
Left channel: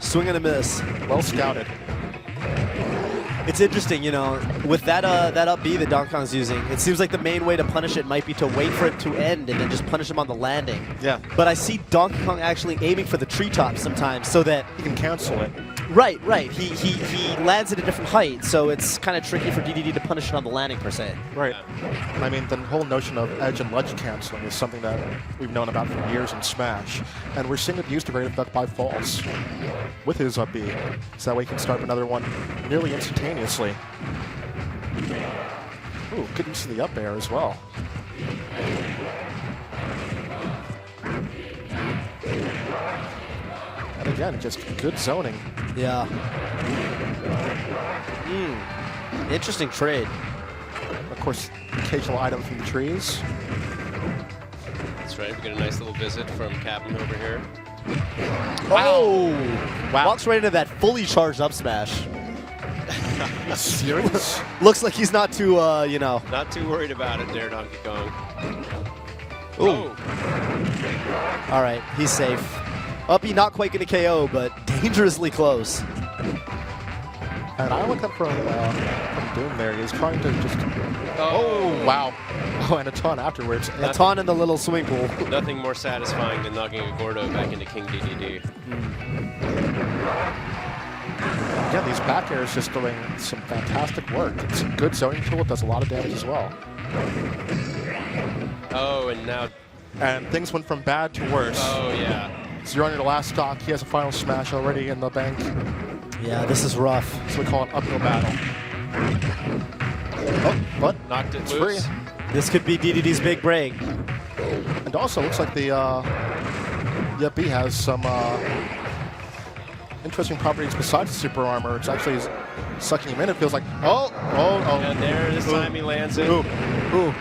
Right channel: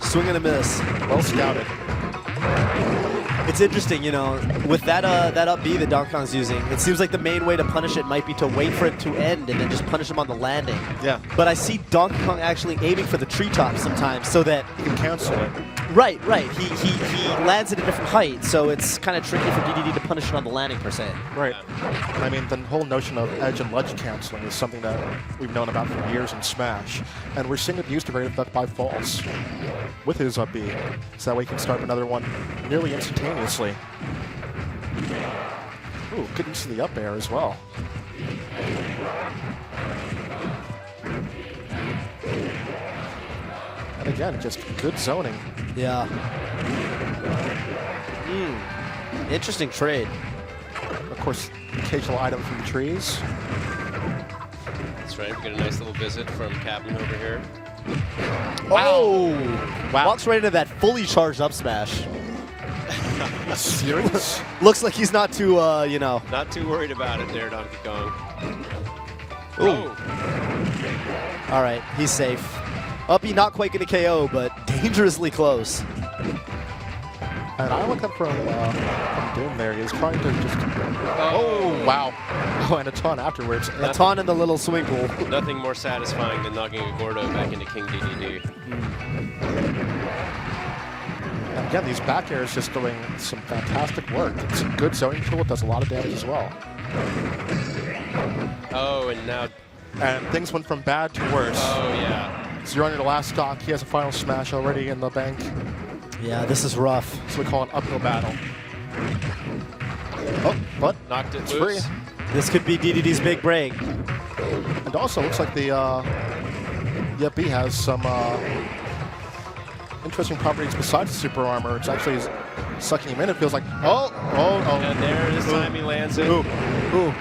Swing and a miss. Well scouted. It's interesting, with that up B that Donkey Kong's using, it seems like the main way to punish it might be to wait for it to end and then just punish him on the landing. Yeah. But I see Donkey Kong actually aiming for the treetop sometimes so that he can cancel it. Right. He lands at a different height, so it's kind of tricky for DDD to punish it on the landing per se. Right. I mean, the whole notion of edge and ledge canceling is something that we've known about for years in Smash, and we're seeing it used to great effect by Falls with his up B, so that way he can start another one nearly instantaneously. Ooh, good use of the up air as well. And again, just good zoning. Yeah. Interesting trade. Of course, occasional item from the trees. That's right. We get a nice little visit from Captain over here. Oh! Wow. Walks right into that fully charged up smash. Serious? Looks like he's not too, Not too worried about it there, Donkey Kong. Ooh. All right, he's safe. Uppy not quite going to KO, but dangerously close. And I look up from Doom there. He's trying to just... Oh, wow. Oh, and a ton afterwards. A ton in the little swinkle. Nothing more satisfying than knocking a Gordo back into King DDD. Again, these back airs just doing some fantastic work. It's a good zoning tool. It does a lot of damage as well. Oh, and now... And things went from bad to worse. Oh, yeah. So you're under the last stock. He has a final smash already in the bank. Yeah, this is rough. So we call it uphill battle. Oh, but knocked it it's loose. free. This could be DDD's big break. And also, looks like the B has some interesting properties besides the super armor. It's actually sucking him in. It feels like, oh. And there, this time he lands it. Ooh.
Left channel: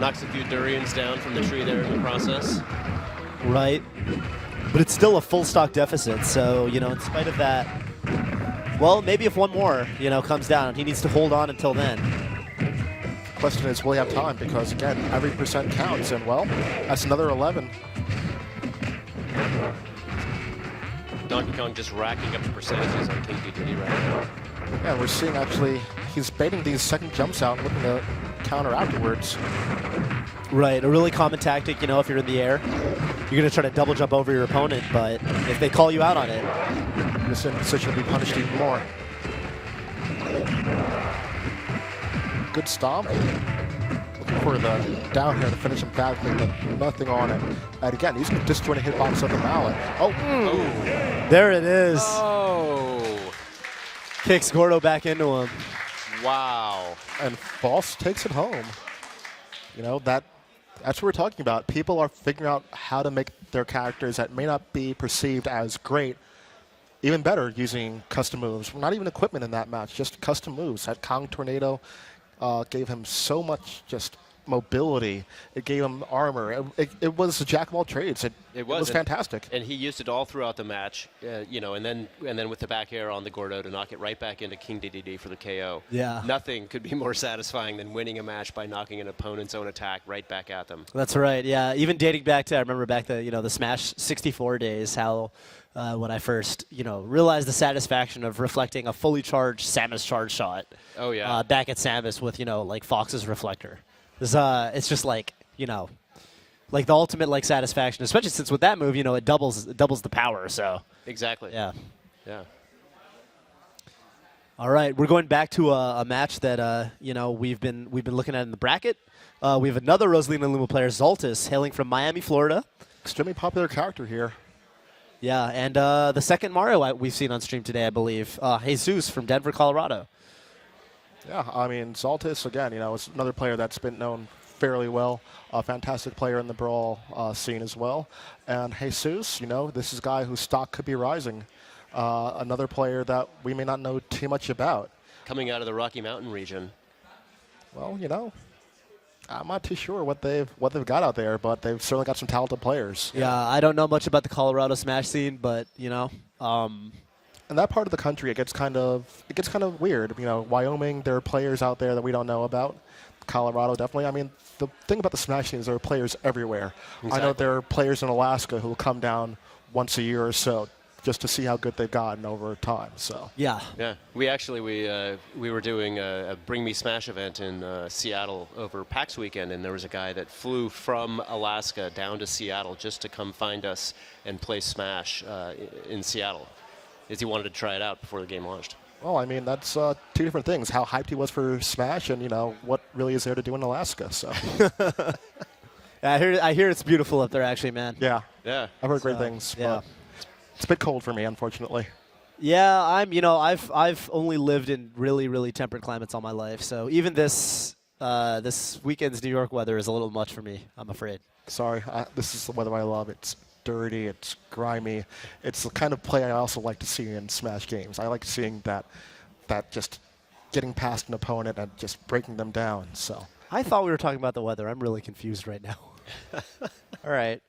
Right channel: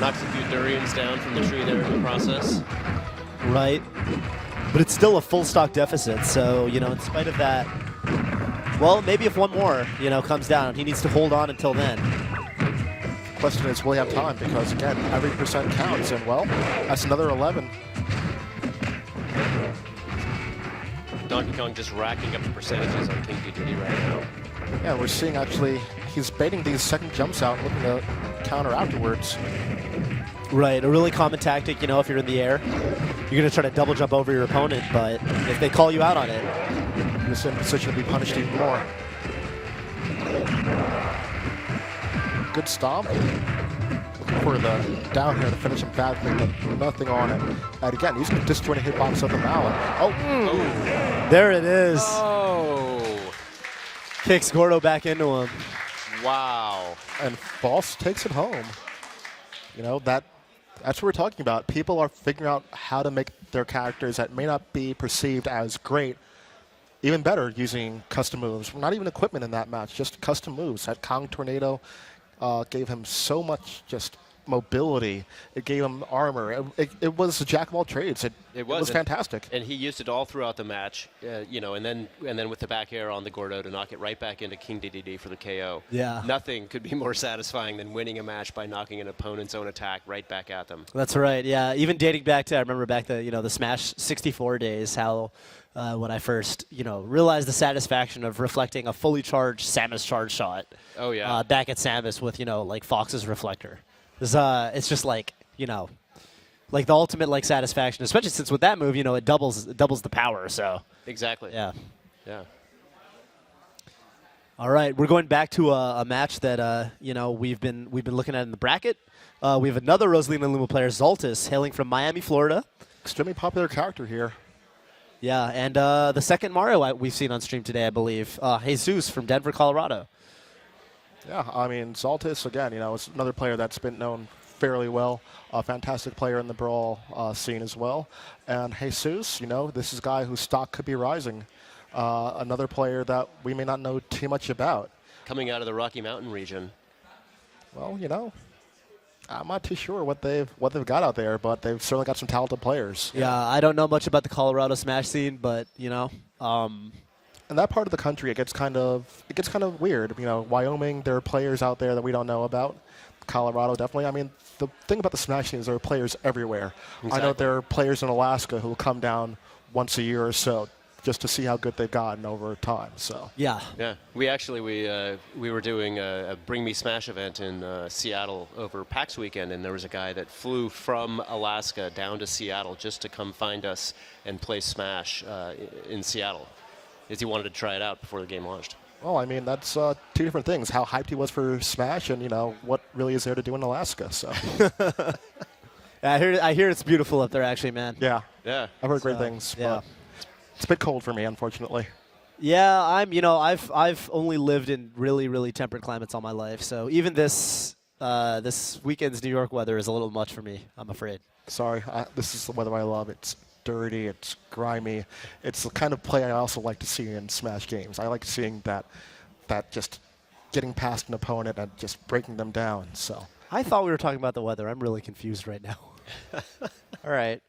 Knocks a few durians down from the tree there in the process. Right. But it's still a full stock deficit, so, in spite of that, well, maybe if one more, comes down, he needs to hold on until then. The question is, will he have time? Because, again, every percent counts, and, well, that's another 11. Donkey Kong just racking up the percentages on King DDD right now. Yeah, we're seeing, actually, he's baiting these second jumps out, looking to counter afterwards. Right, a really common tactic, if you're in the air, you're going to try to double jump over your opponent, but if they call you out on it, you're in a position to be punished even more. Good stomp. Looking for the down here to finish him back, but nothing on it. And again, he's just doing a hitbox of the mallet. Oh, there it is. Oh. Kicks Gordo back into him. Wow. And False takes it home. That's what we're talking about. People are figuring out how to make their characters that may not be perceived as great even better using custom moves. Not even equipment in that match, just custom moves. That Kong Tornado gave him so much just mobility. It gave him armor. It was a jack of all trades. It was fantastic. And he used it all throughout the match, and then with the back air on the Gordo to knock it right back into King DDD for the KO. Yeah. Nothing could be more satisfying than winning a match by knocking an opponent's own attack right back at them. That's right. Yeah. Even dating back to, I remember back the Smash 64 days, how when I first realized the satisfaction of reflecting a fully charged Samus charge shot. Oh yeah. Back at Samus with like Fox's reflector. It's just like the ultimate satisfaction, especially since with that move, it doubles the power. So exactly. Yeah. Yeah. All right, we're going back to a match that we've been looking at in the bracket. We have another Rosalina Luma player, Zoltis, hailing from Miami, Florida. Extremely popular character here. Yeah, and the second Mario we've seen on stream today, I believe, Jesus from Denver, Colorado. Yeah, I mean, Zoltis, again, is another player that's been known fairly well. A fantastic player in the Brawl scene as well. And Jesus, this is a guy whose stock could be rising. Another player that we may not know too much about. Coming out of the Rocky Mountain region. Well, I'm not too sure what they've got out there, but they've certainly got some talented players. Yeah, I don't know much about the Colorado Smash scene, but in that part of the country, it gets kind of weird. Wyoming, there are players out there that we don't know about. Colorado, definitely. I mean, the thing about the Smash scene is there are players everywhere. Exactly. I know there are players in Alaska who will come down once a year or so just to see how good they've gotten over time. So yeah. We actually we were doing a Bring Me Smash event in Seattle over PAX weekend, and there was a guy that flew from Alaska down to Seattle just to come find us and play Smash in Seattle. is he wanted to try it out before the game launched. Well, I mean, that's two different things. How hyped he was for Smash and, what really is there to do in Alaska. So. I hear it's beautiful up there, actually, man. Yeah. Yeah. I've heard great things. Yeah. It's a bit cold for me, unfortunately. Yeah, I've only lived in really, really temperate climates all my life. So even this weekend's New York weather is a little much for me, I'm afraid. Sorry. This is the weather I love. It's dirty, it's grimy. It's the kind of play I also like to see in Smash games. I like seeing that just getting past an opponent and just breaking them down. So I thought we were talking about the weather. I'm really confused right now. All right.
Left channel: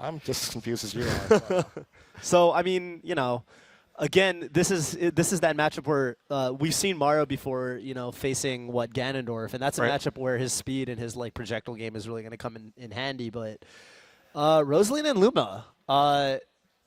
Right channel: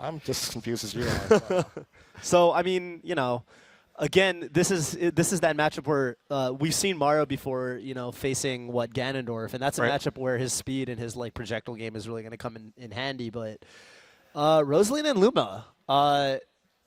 I'm just as confused as you are. So I mean, again, this is that matchup where we've seen Mario before, facing Ganondorf, and that's a matchup where his speed and his projectile game is really going to come in handy. But Rosalina and Luma,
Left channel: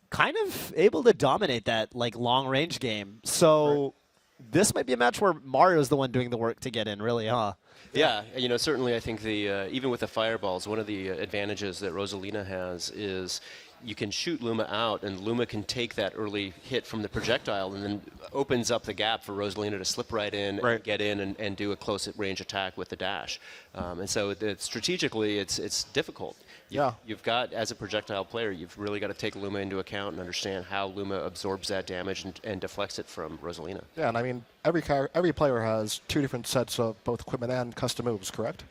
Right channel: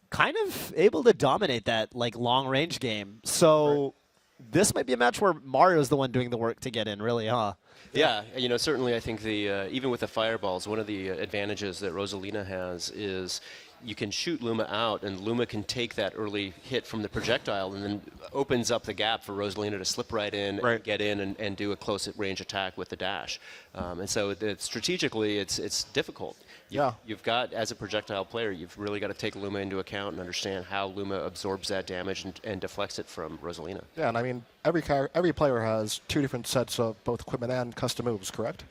kind of able to dominate that long range game. So this might be a match where Mario's the one doing the work to get in, really, huh? Yeah, certainly I think even with the fireballs, one of the advantages that Rosalina has is you can shoot Luma out, and Luma can take that early hit from the projectile and then opens up the gap for Rosalina to slip right in, and get in, and do a close-range attack with the dash. And so strategically, it's difficult. You've got, as a projectile player, you've really got to take Luma into account and understand how Luma absorbs that damage and deflects it from Rosalina. Yeah, and I mean, every player has two different sets of both equipment and custom moves, correct?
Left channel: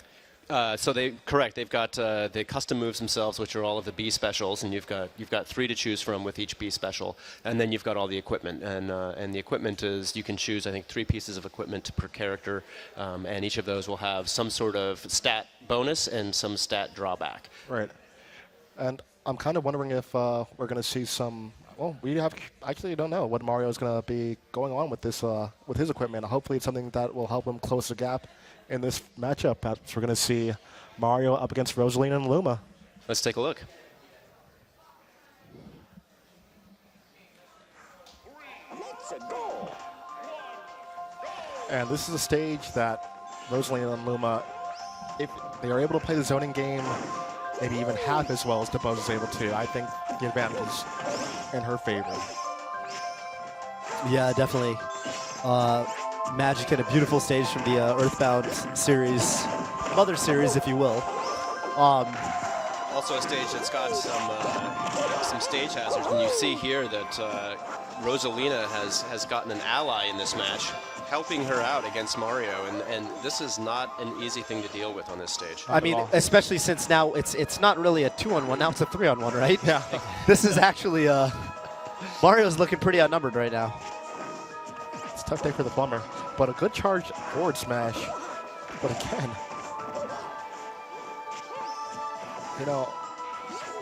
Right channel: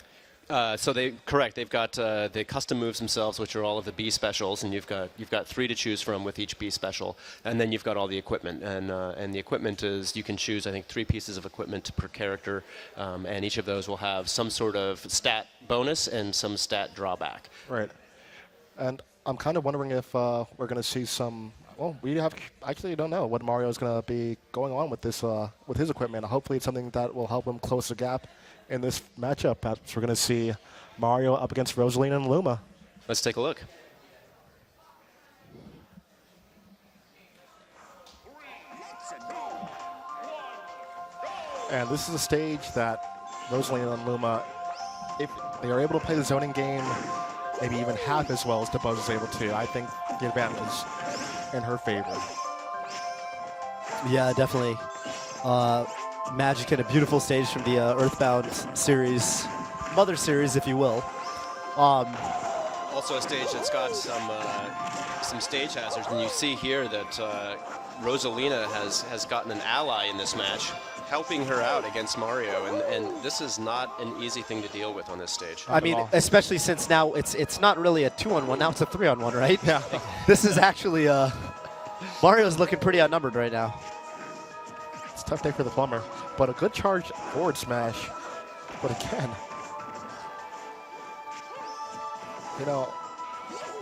They've got the custom moves themselves, which are all of the B specials, and you've got 3 to choose from with each B special, and then you've got all the equipment, and the equipment is, you can choose, I think, 3 pieces of equipment per character, and each of those will have some sort of stat bonus and some stat drawback. Right, and I'm kind of wondering if we're going to see some. Well, we actually don't know what Mario is going to be going on with this with his equipment. Hopefully, it's something that will help him close the gap in this matchup. We're going to see Mario up against Rosalina and Luma. Let's take a look. And this is a stage that Rosalina and Luma, if they are able to play the zoning game maybe even half as well as Toph is able to, I think the advantage is in her favor. Yeah, definitely. Magic and a beautiful stage from the Earthbound series, Mother series, if you will. Also a stage that's got some stage hazards, and you see here that Rosalina has gotten an ally in this match, helping her out against Mario, and this is not an easy thing to deal with on this stage. I mean, especially since now it's not really a 2-on-1, now it's a 3-on-1, right? Yeah. This is actually Mario's looking pretty outnumbered right now. It's a tough day for the plumber, but a good charge forward smash. But again,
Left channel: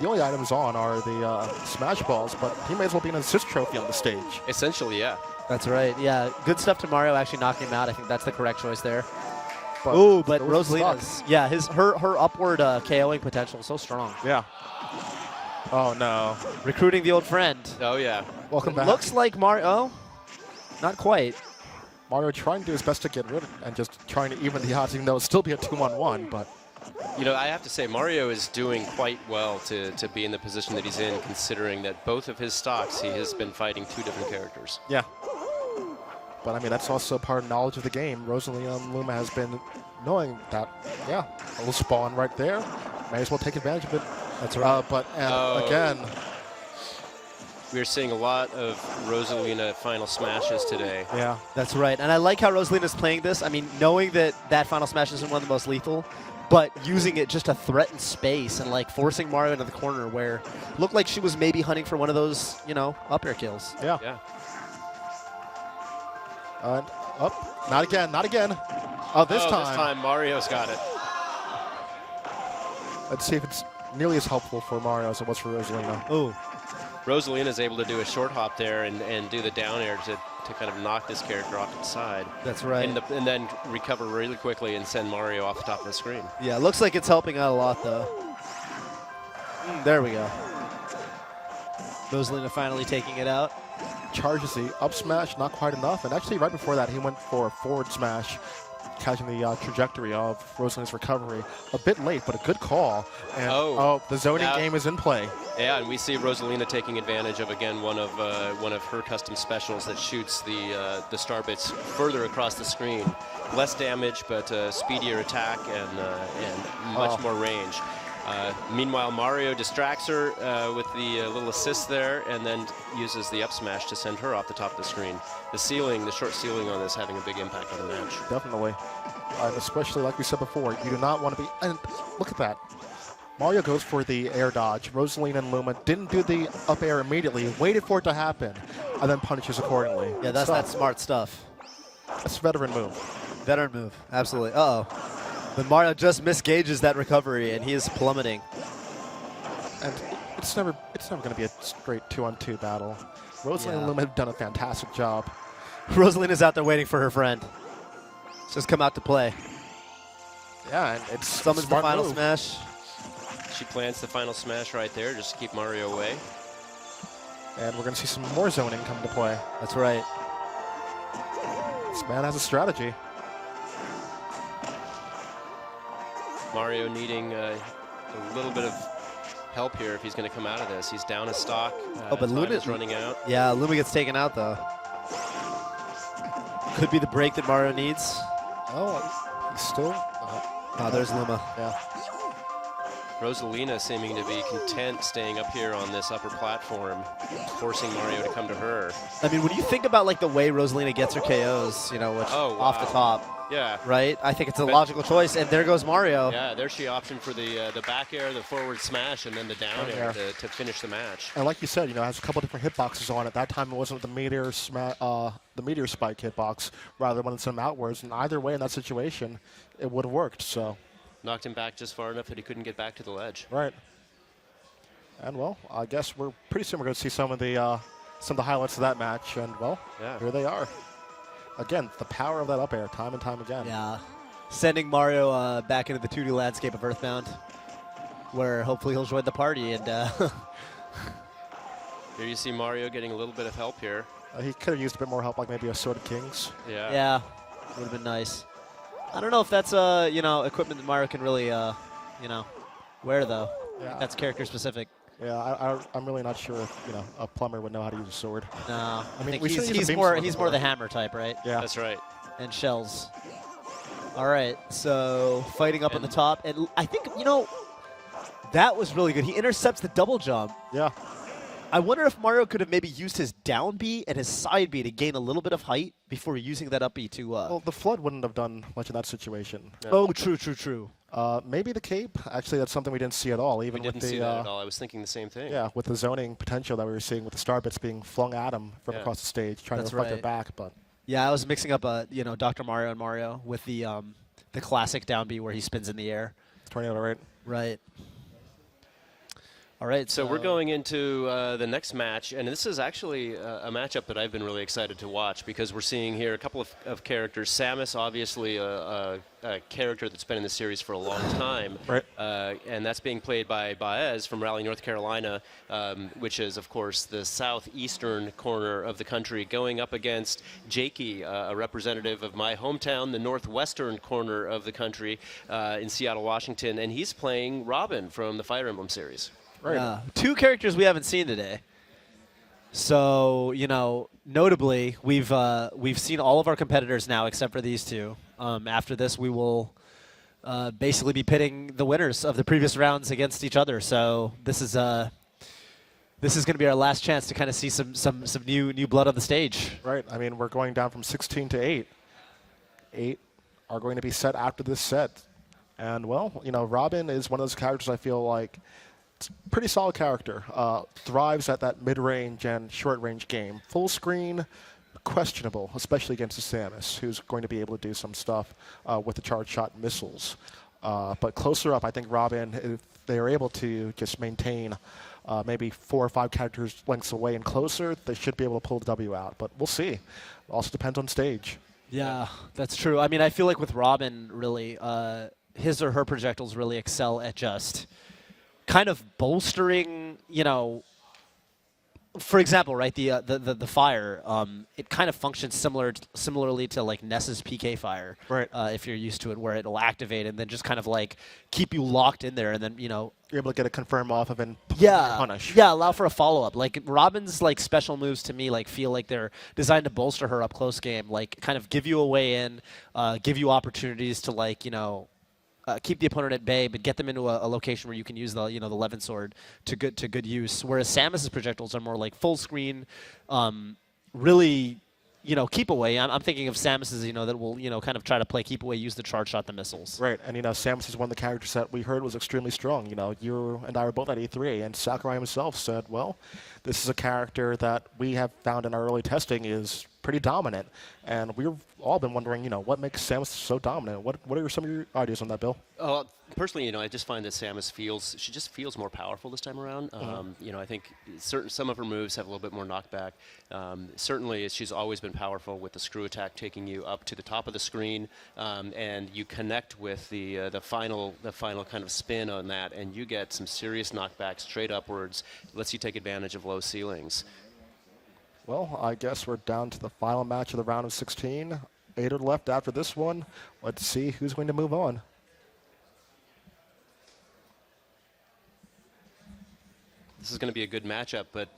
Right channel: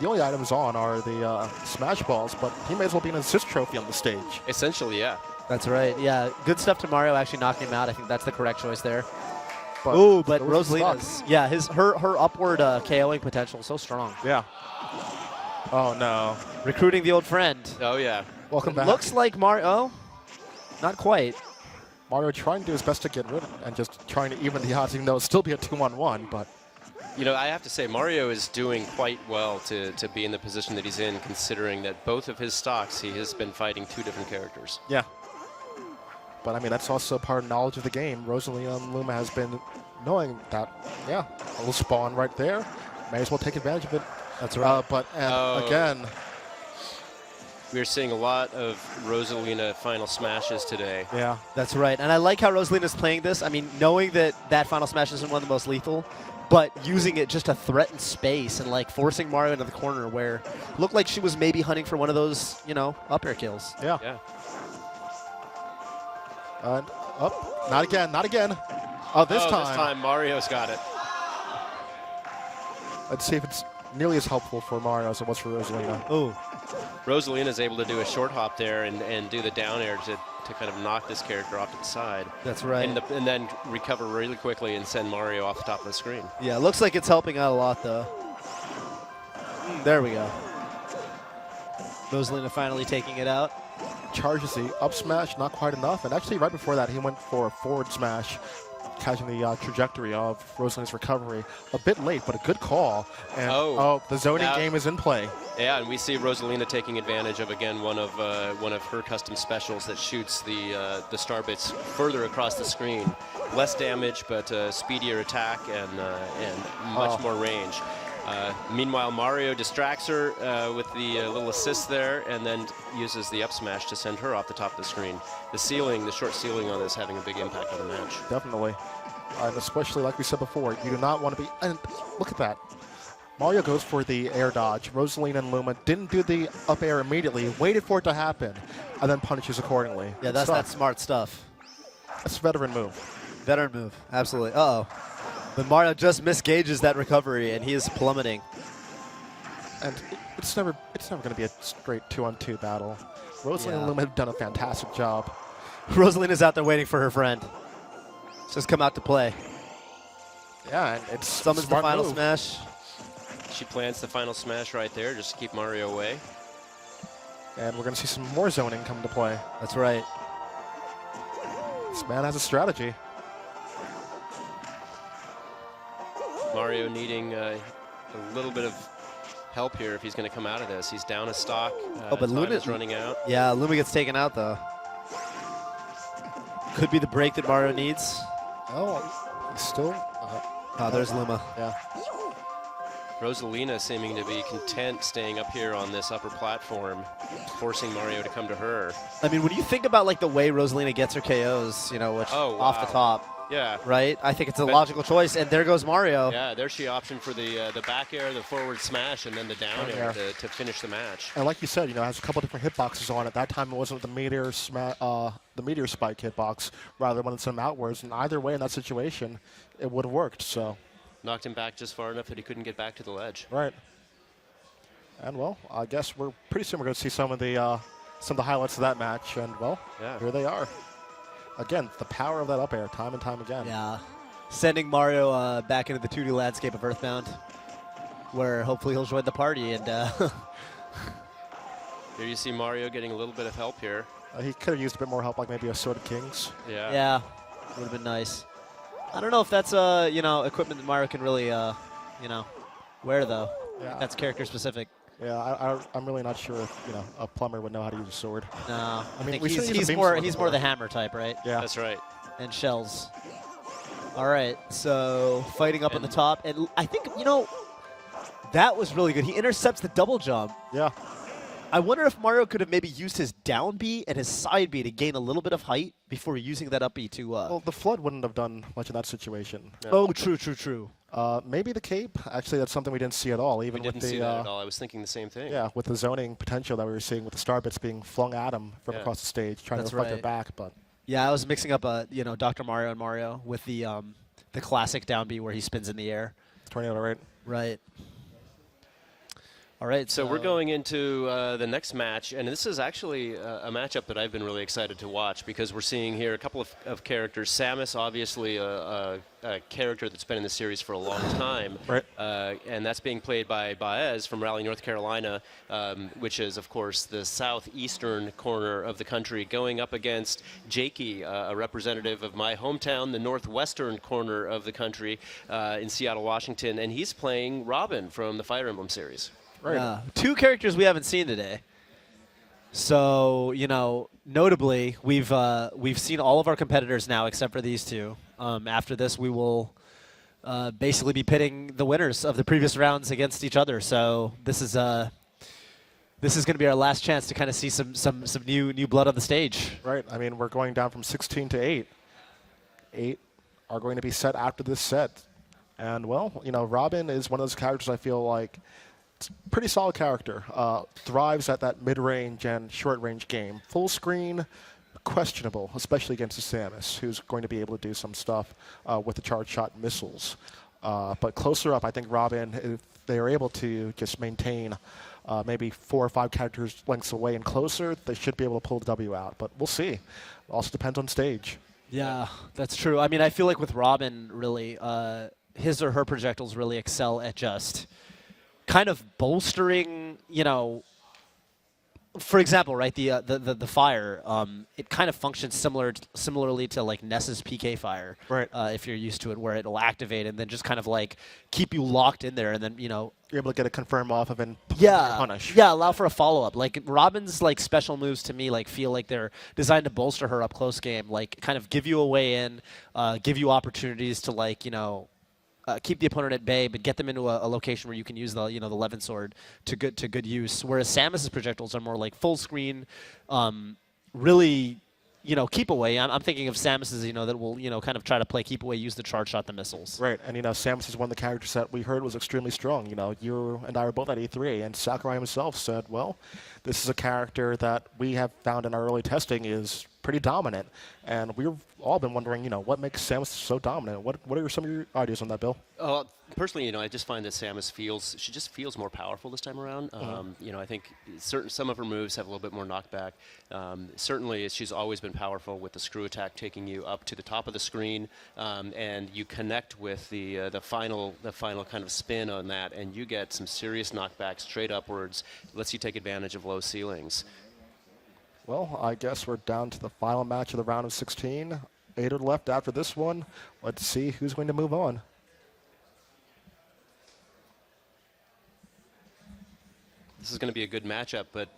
the only items on are the smash balls, but he may as well be an assist trophy on the stage. Essentially, yeah. That's right. Yeah, good stuff to Mario actually knocking him out. I think that's the correct choice there. But Rosalina's, yeah, her upward KOing potential is so strong. Yeah. Oh no. Recruiting the old friend. Oh yeah. Welcome back. Looks like Mario. Oh, not quite. Mario trying to do his best to get rid of it and just trying to even the odds, even though it'll still be a 2-on-1, but. I have to say, Mario is doing quite well to be in the position that he's in, considering that both of his stocks, he has been fighting 2 different characters. Yeah. But, I mean, that's also part of knowledge of the game. Rosalina and Luma has been knowing that, yeah, the spawn right there. May as well take advantage of it. That's right. Again. We're seeing a lot of Rosalina final smashes today. Yeah. That's right. And I like how Rosalina's playing this. I mean, knowing that final smash isn't one of the most lethal, but using it just to threaten space and forcing Mario into the corner where it looked like she was maybe hunting for one of those, up air kills. Yeah. And up. Not again. Not again. Oh, this time. This time Mario's got it. Let's see if it's nearly as helpful for Mario as it was for Rosalina. Oh. Rosalina's able to do a short hop there and do the down air to kind of knock this character off to the side. That's right. And then recover really quickly and send Mario off the top of the screen. Yeah, it looks like it's helping out a lot, though. There we go. Rosalina finally taking it out. Charges the up smash, not quite enough. And actually, right before that, he went for a forward smash catching the trajectory of Rosalina's recovery. A bit late, but a good call. And the zoning game is in play. Yeah, and we see Rosalina taking advantage of, again, one of her custom specials that shoots the star bits further across the screen. Less damage, but speedier attack and much more range. Meanwhile, Mario distracts her with the little assist there, and then uses the up smash to send her off the top of the screen. The short ceiling on this having a big impact on the match. Definitely. And especially, like we said before, you do not want to be... And look at that. Mario goes for the air dodge. Rosalina and Luma didn't do the up air immediately, waited for it to happen, and then punishes accordingly. Yeah, that's that smart stuff. That's a veteran move. Veteran move, absolutely. Uh-oh. But Mario just misgauges that recovery, and he is plummeting. And it's never going to be a straight 2-on-2 battle. Rosalina and Luma have done a fantastic job. Rosalina's out there waiting for her friend. She's just come out to play. Yeah, and it's summons the final smash. She plants the final smash right there just to keep Mario away. And we're going to see some more zoning come into play. That's right. This man has a strategy. Mario needing a little bit of help here if he's going to come out of this. He's down a stock. But Luna's running out. Yeah, Luma gets taken out, though. Could be the break that Mario needs. Oh, he's still... Oh, there's Luma. Yeah. Rosalina seeming to be content staying up here on this upper platform, forcing Mario to come to her. I mean, when you think about like the way Rosalina gets her KOs, you know, which off the top, right? I think it's a logical choice. And there goes Mario. Yeah, there she optioned for the back air, the forward smash, and then the down air to finish the match. And like you said, you know, it has a couple different hitboxes on it. That time it wasn't the meteor spike hitbox, rather when it's them outwards. And either way, in that situation, it would have worked. So. Knocked him back just far enough that he couldn't get back to the ledge. Right. And well, I guess we're pretty soon we're going to see some of the highlights of that match. And well, here they are. Again, the power of that up air, time and time again. Yeah, sending Mario back into the 2D landscape of Earthbound, where hopefully he'll join the party. And here you see Mario getting a little bit of help here. He could have used a bit more help, like maybe a Sword of Kings. Yeah. Yeah, would have been nice. I don't know if that's equipment that Mario can really wear though. Yeah. That's character specific. Yeah, I'm really not sure if a plumber would know how to use a sword. No, I mean, he's more the hammer type, right? Yeah, that's right. And shells. All right, so fighting up on the top, and I think that was really good. He intercepts the double jump. Yeah. I wonder if Mario could have maybe used his down B and his side B to gain a little bit of height before using that up B to... Well, the Flood wouldn't have done much in that situation. Yeah. Oh, true. Maybe the Cape. Actually, that's something we didn't see at all. Even we didn't with see that at all. I was thinking the same thing. Yeah, with the zoning potential that we were seeing with the star bits being flung at him from across the stage, trying to reflect it back. But yeah, I was mixing up Dr. Mario and Mario with the classic down B where he spins in the air. Tornado, right? Right. All right, so we're going into the next match, and this is actually a matchup that I've been really excited to watch because we're seeing here a couple of characters. Samus, obviously a character that's been in the series for a long time, right? And that's being played by Baez from Raleigh, North Carolina, which is, of course, the southeastern corner of the country, going up against Jakey, a representative of my hometown, the northwestern corner of the country in Seattle, Washington, and he's playing Robin from the Fire Emblem series. Right. Two characters we haven't seen today. So, notably, we've seen all of our competitors now except for these two. After this, we will basically be pitting the winners of the previous rounds against each other. So this is going to be our last chance to kind of see some new blood on the stage. Right. I mean, we're going down from 16 to 8. 8 are going to be set after this set. And, well, Robin is one of those characters I feel like pretty solid character. Thrives at that mid-range and short-range game. Full screen, questionable, especially against the Samus, who's going to be able to do some stuff with the charge shot missiles. But closer up, I think Robin, if they are able to just maintain maybe 4 or 5 characters lengths away and closer, they should be able to pull the W out. But we'll see. It also depends on stage. Yeah, that's true. I mean, I feel like with Robin, really, his or her projectiles really excel at just kind of bolstering, for example, right, the fire, it kind of functions similarly to like Ness's PK fire, right? If you're used to it, where it'll activate and then just kind of like keep you locked in there, and then you're able to get a confirm off of and punish. Yeah, allow for a follow up. Like Robin's like special moves to me like feel like they're designed to bolster her up close game, like kind of give you a way in, give you opportunities to like keep the opponent at bay, but get them into a location where you can use the the Levin sword to good use. Whereas Samus's projectiles are more like full screen, really, keep away. I'm thinking of Samus's, that will kind of try to play keep away, use the charge shot, the missiles. Right, and Samus is one of the characters that we heard was extremely strong. You and I were both at E3, and Sakurai himself said, well, this is a character that we have found in our early testing is pretty dominant, and we've all been wondering, what makes Samus so dominant? What are some of your ideas on that, Bill? Personally, I just find that Samus feels more powerful this time around. I think some of her moves have a little bit more knockback. Certainly, she's always been powerful with the screw attack, taking you up to the top of the screen, and you connect with the final kind of spin on that, and you get some serious knockbacks straight upwards. Lets you take advantage of low ceilings. Well, I guess we're down to the final match of the round of 16. 8 are left after this one. Let's see who's going to move on. This is going to be a good matchup, but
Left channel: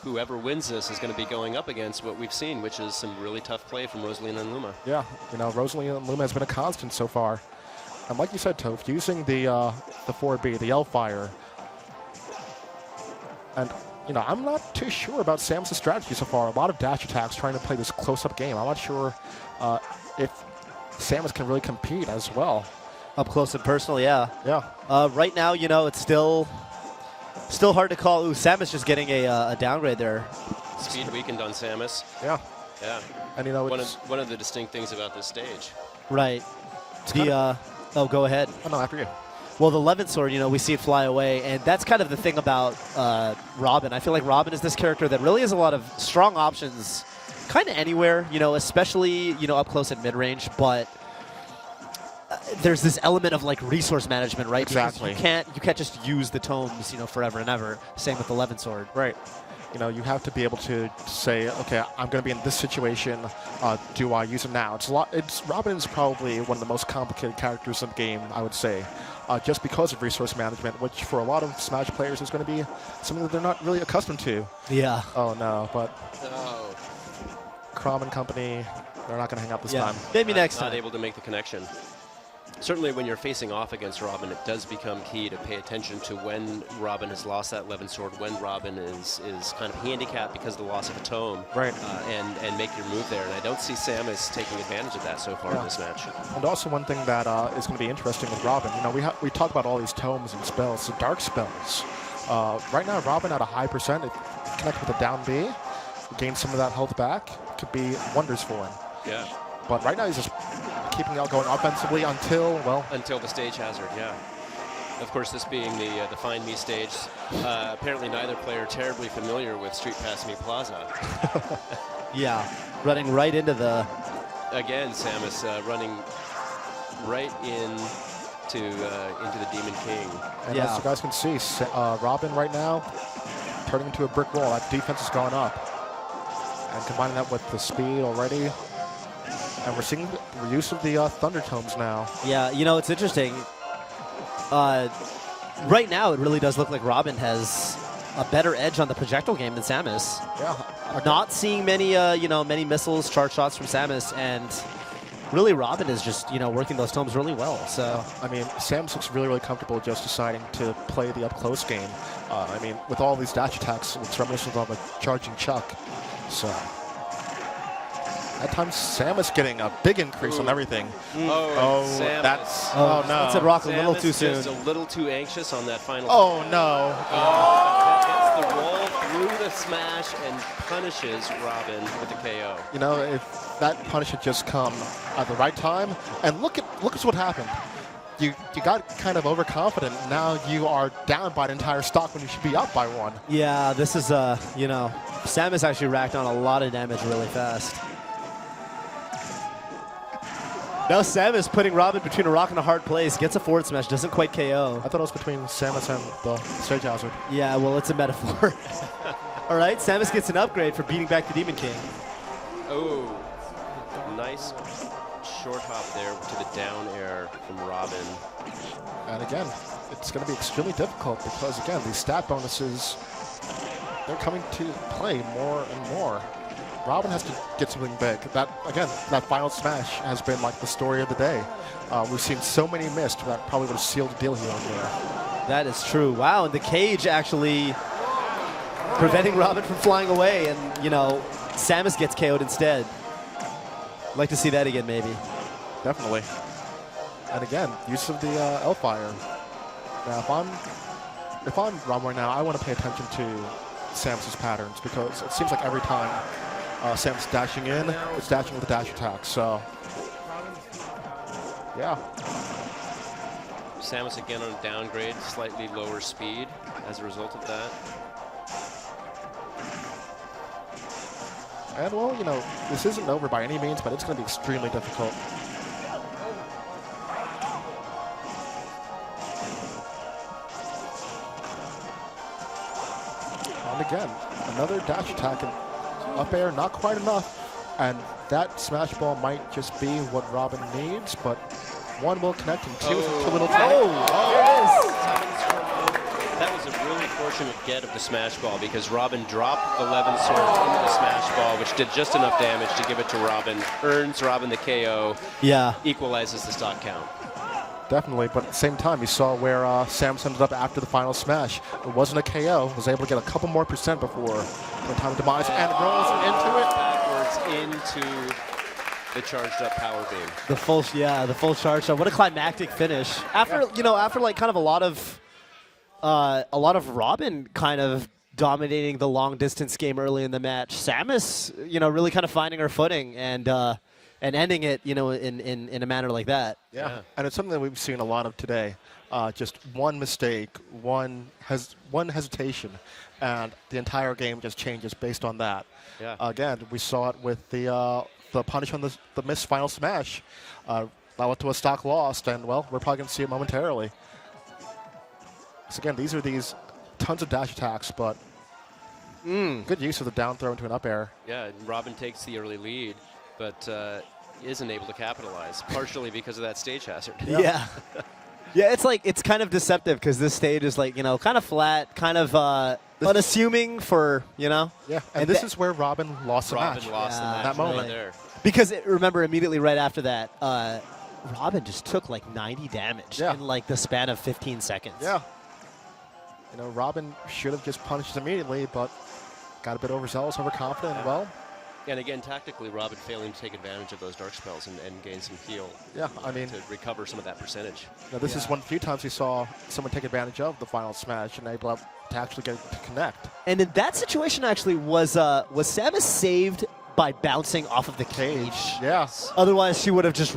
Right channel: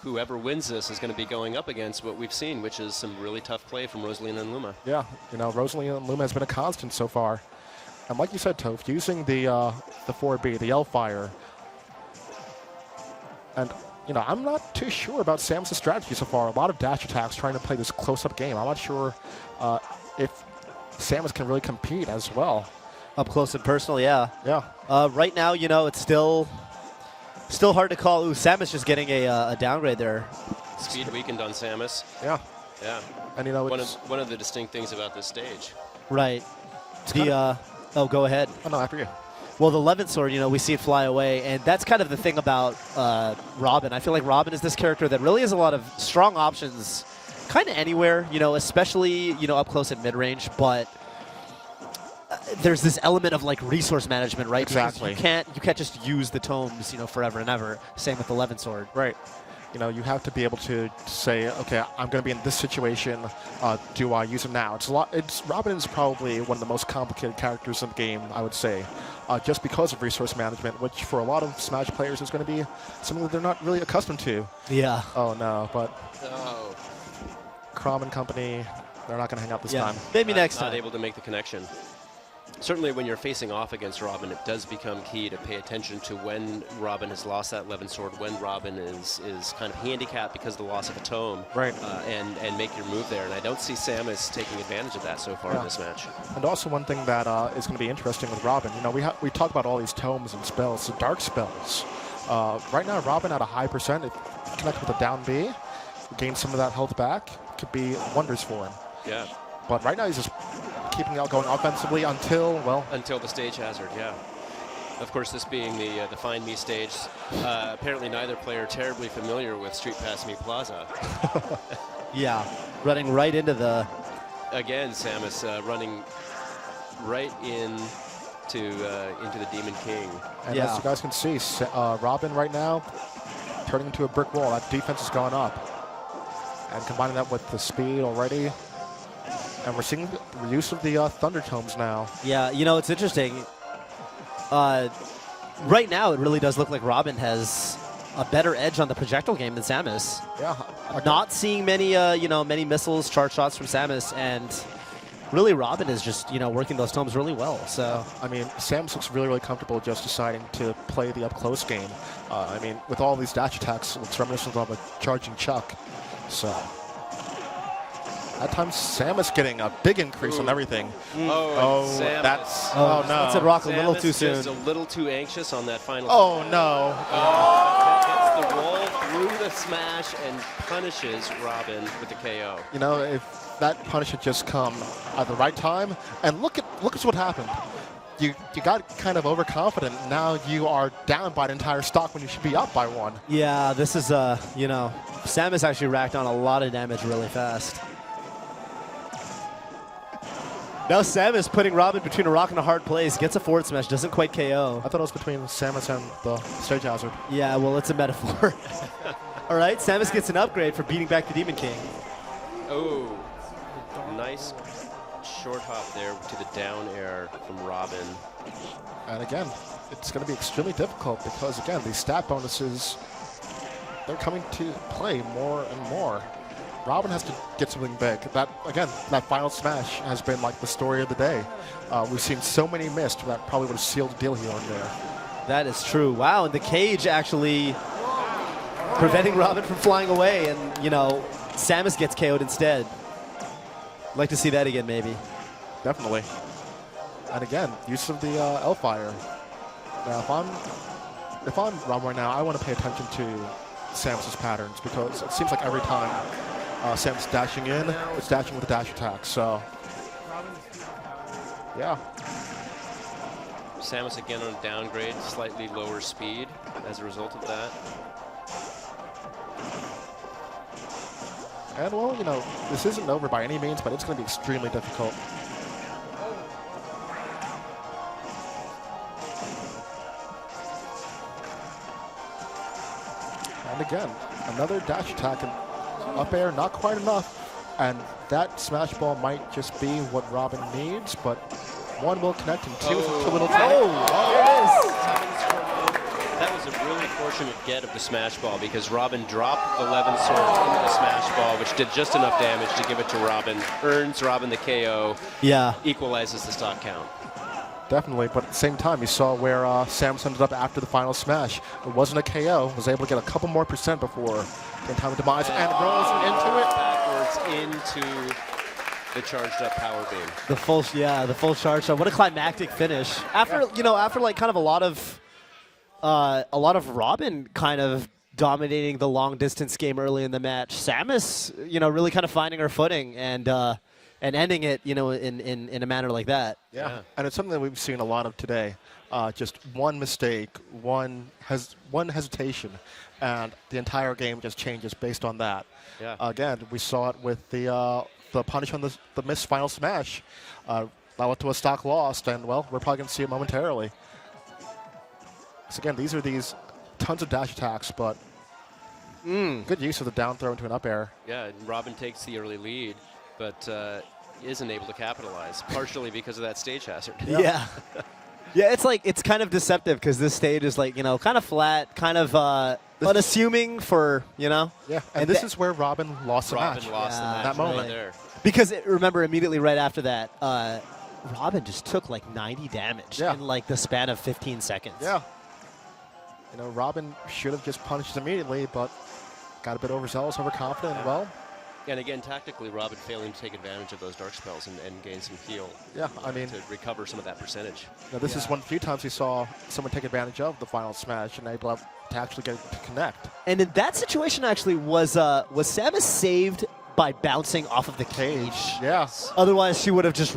whoever wins this is going to be going up against what we've seen, which is some really tough play from Rosalina and Luma. Yeah, Rosalina and Luma has been a constant so far. And like you said, Toph, using the 4B, the L-Fire, and I'm not too sure about Samus' strategy so far. A lot of dash attacks trying to play this close-up game. I'm not sure if Samus can really compete as well. Up close and personal, yeah. Yeah. Right now, it's still hard to call. Ooh, Samus just getting a downgrade there. Speed weakened on Samus. Yeah. Yeah. And one of the distinct things about this stage. Right. Go ahead. Oh, no, after you. Well, the Levin sword, we see it fly away, and that's kind of the thing about Robin. I feel like Robin is this character that really has a lot of strong options, kind of anywhere, especially up close and mid range. But there's this element of like resource management, right? Exactly. Because you can't just use the tomes, forever and ever. Same with the Levin sword. Right. You have to be able to say, okay, I'm going to be in this situation. Do I use him now? Robin is probably one of the most complicated characters in the game, I would say, just because of resource management, which for a lot of Smash players is going to be something that they're not really accustomed to. Yeah. Oh no, but Crom and company, they're not going to hang out this time. Maybe next time. Not able to make the connection. Certainly when you're facing off against Robin, it does become key to pay attention to when Robin has lost that Levin sword, when Robin is kind of handicapped because of the loss of a tome, right? And make your move there. And I don't see Samus taking advantage of that so far in this match. And also one thing that is going to be interesting with Robin, we talk about all these tomes and spells, the dark spells. Right now, Robin at a high percent, it connects with a down B, gain some of that health back, could be wonders for him. Yeah. But right now he's just keeping out going offensively until the stage hazard, yeah. Of course, this being the Find Me stage, apparently neither player terribly familiar with Street Pass Me Plaza. Yeah, running right into the... Again, Samus running right into the Demon King. And as you guys can see, Robin right now turning into a brick wall. That defense has gone up. And combining that with the speed already... And we're seeing the use of the Thunder Tomes now. Yeah, it's interesting. Right now, it really does look like Robin has a better edge on the projectile game than Samus. Yeah. Not seeing many missiles, charge shots from Samus, and really Robin is just, working those tomes really well. So, Samus looks really, really comfortable just deciding to play the up-close game. With all these dash attacks, it's reminiscent of a charging Chuck. So... That time, Samus getting a big increase on everything. Samus. That's... Oh, no. It's a rock a little too soon. Just a little too anxious on that final... Oh, no. Gets the roll through the smash and punishes Robin with the KO. If that punish had just come at the right time, and look at what happened. You got kind of overconfident. Now you are down by an entire stock when you should be up by one. Yeah, this is, Samus actually racked on a lot of damage really fast. Now Samus putting Robin between a rock and a hard place, gets a forward smash, doesn't quite KO. I thought it was between Samus and the stage hazard. Yeah, well, it's a metaphor. All right, Samus gets an upgrade for beating back the Demon King. Oh, nice short hop there to the down air from Robin. And again, it's going to be extremely difficult because, again, these stat bonuses, they're coming to play more and more. Robin has to get something big. That final smash has been like the story of the day. We've seen so many missed that probably would have sealed the deal here and there. That is true. Wow, and the cage actually preventing Robin from flying away, and, Samus gets KO'd instead. I'd like to see that again, maybe. Definitely. And again, use of the L-Fire. Now, if I'm Robin right now, I want to pay attention to Samus's patterns because it seems like every time Samus dashing in, it's dashing with a dash attack. So, yeah. Samus again on a downgrade, slightly lower speed as a result of that. And, well, this isn't over by any means, but it's going to be extremely difficult. And again, another dash attack and up air, not quite enough. And that smash ball might just be what Robin needs, but one will connect and two is too little too late. That was a really fortunate get of the smash ball because Robin dropped the Levin sword into the smash ball, which did just enough damage to give it to Robin, earns Robin the KO, equalizes the stock count. Definitely, but at the same time, you saw where Samus ended up after the final smash. It wasn't a KO, was able to get a couple more percent before the time of demise, and rolls into it. Backwards into the charged up power beam. The full charge shot. What a climactic finish. After like kind of a lot of Robin kind of dominating the long distance game early in the match. Samus, really kind of finding her footing and ending it, in a manner like that. Yeah, and it's something that we've seen a lot of today. Just one mistake, one hesitation, and the entire game just changes based on that. Yeah. Again, we saw it with the punish on the missed final smash. That led to a stock lost, and, well, we're probably going to see it momentarily. So, again, these are tons of dash attacks, but good use of the down throw into an up air. Yeah, and Robin takes the early lead, but isn't able to capitalize, partially because of that stage hazard. Yeah. Yeah, it's kind of deceptive because this stage is kind of flat, kind of unassuming for, Yeah, and this is where Robin lost the match. Robin lost the match that moment. right there. Because, remember, immediately right after that, Robin just took 90 damage in the span of 15 seconds. Yeah. Robin should have just punished immediately, but got a bit overzealous, overconfident, and, well. And again, tactically, Robin failing to take advantage of those dark spells and gain some heal. Yeah, to recover some of that percentage. Now, this is one of the few times we saw someone take advantage of the final smash and able to actually get it to connect. And in that situation, actually, was Samus saved by bouncing off of the cage? Yes. Otherwise, she would have just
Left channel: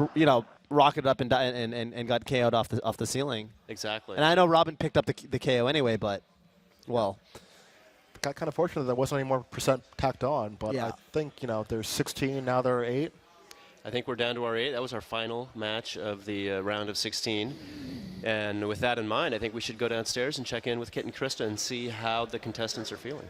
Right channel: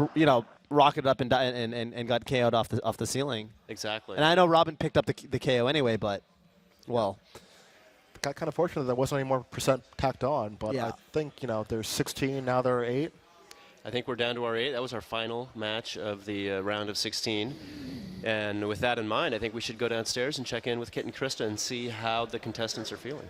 rocketed up and got KO'd off the ceiling. Exactly. And I know Robin picked up the KO anyway, but well. Got kind of fortunate that there wasn't any more percent tacked on, but I think, there's 16, now there are 8. I think we're down to our 8. That was our final match of the round of 16. And with that in mind, I think we should go downstairs and check in with Kit and Krista and see how the contestants are feeling.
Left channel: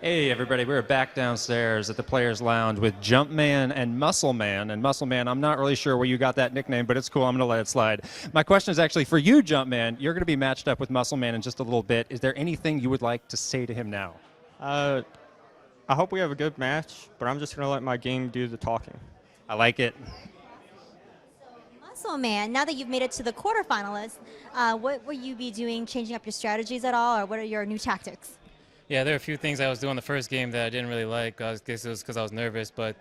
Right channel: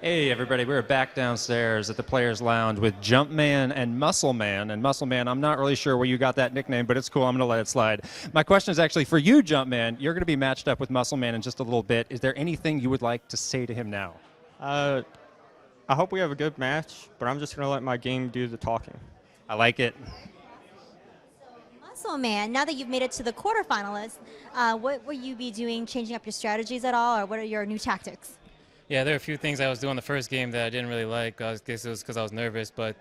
Hey, everybody. We're back downstairs at the Players Lounge with Jumpman and Muscle Man. And Muscle Man, I'm not really sure where you got that nickname, but it's cool. I'm going to let it slide. My question is actually for you, Jumpman. You're going to be matched up with Muscle Man in just a little bit. Is there anything you would like to say to him now? I hope we have a good match, but I'm just going to let my game do the talking. I like it. Muscle Man, now that you've made it to the quarterfinalists, what will you be doing, changing up your strategies at all, or what are your new tactics? Yeah, there are a few things I was doing the first game that I didn't really like. I guess it was because I was nervous, but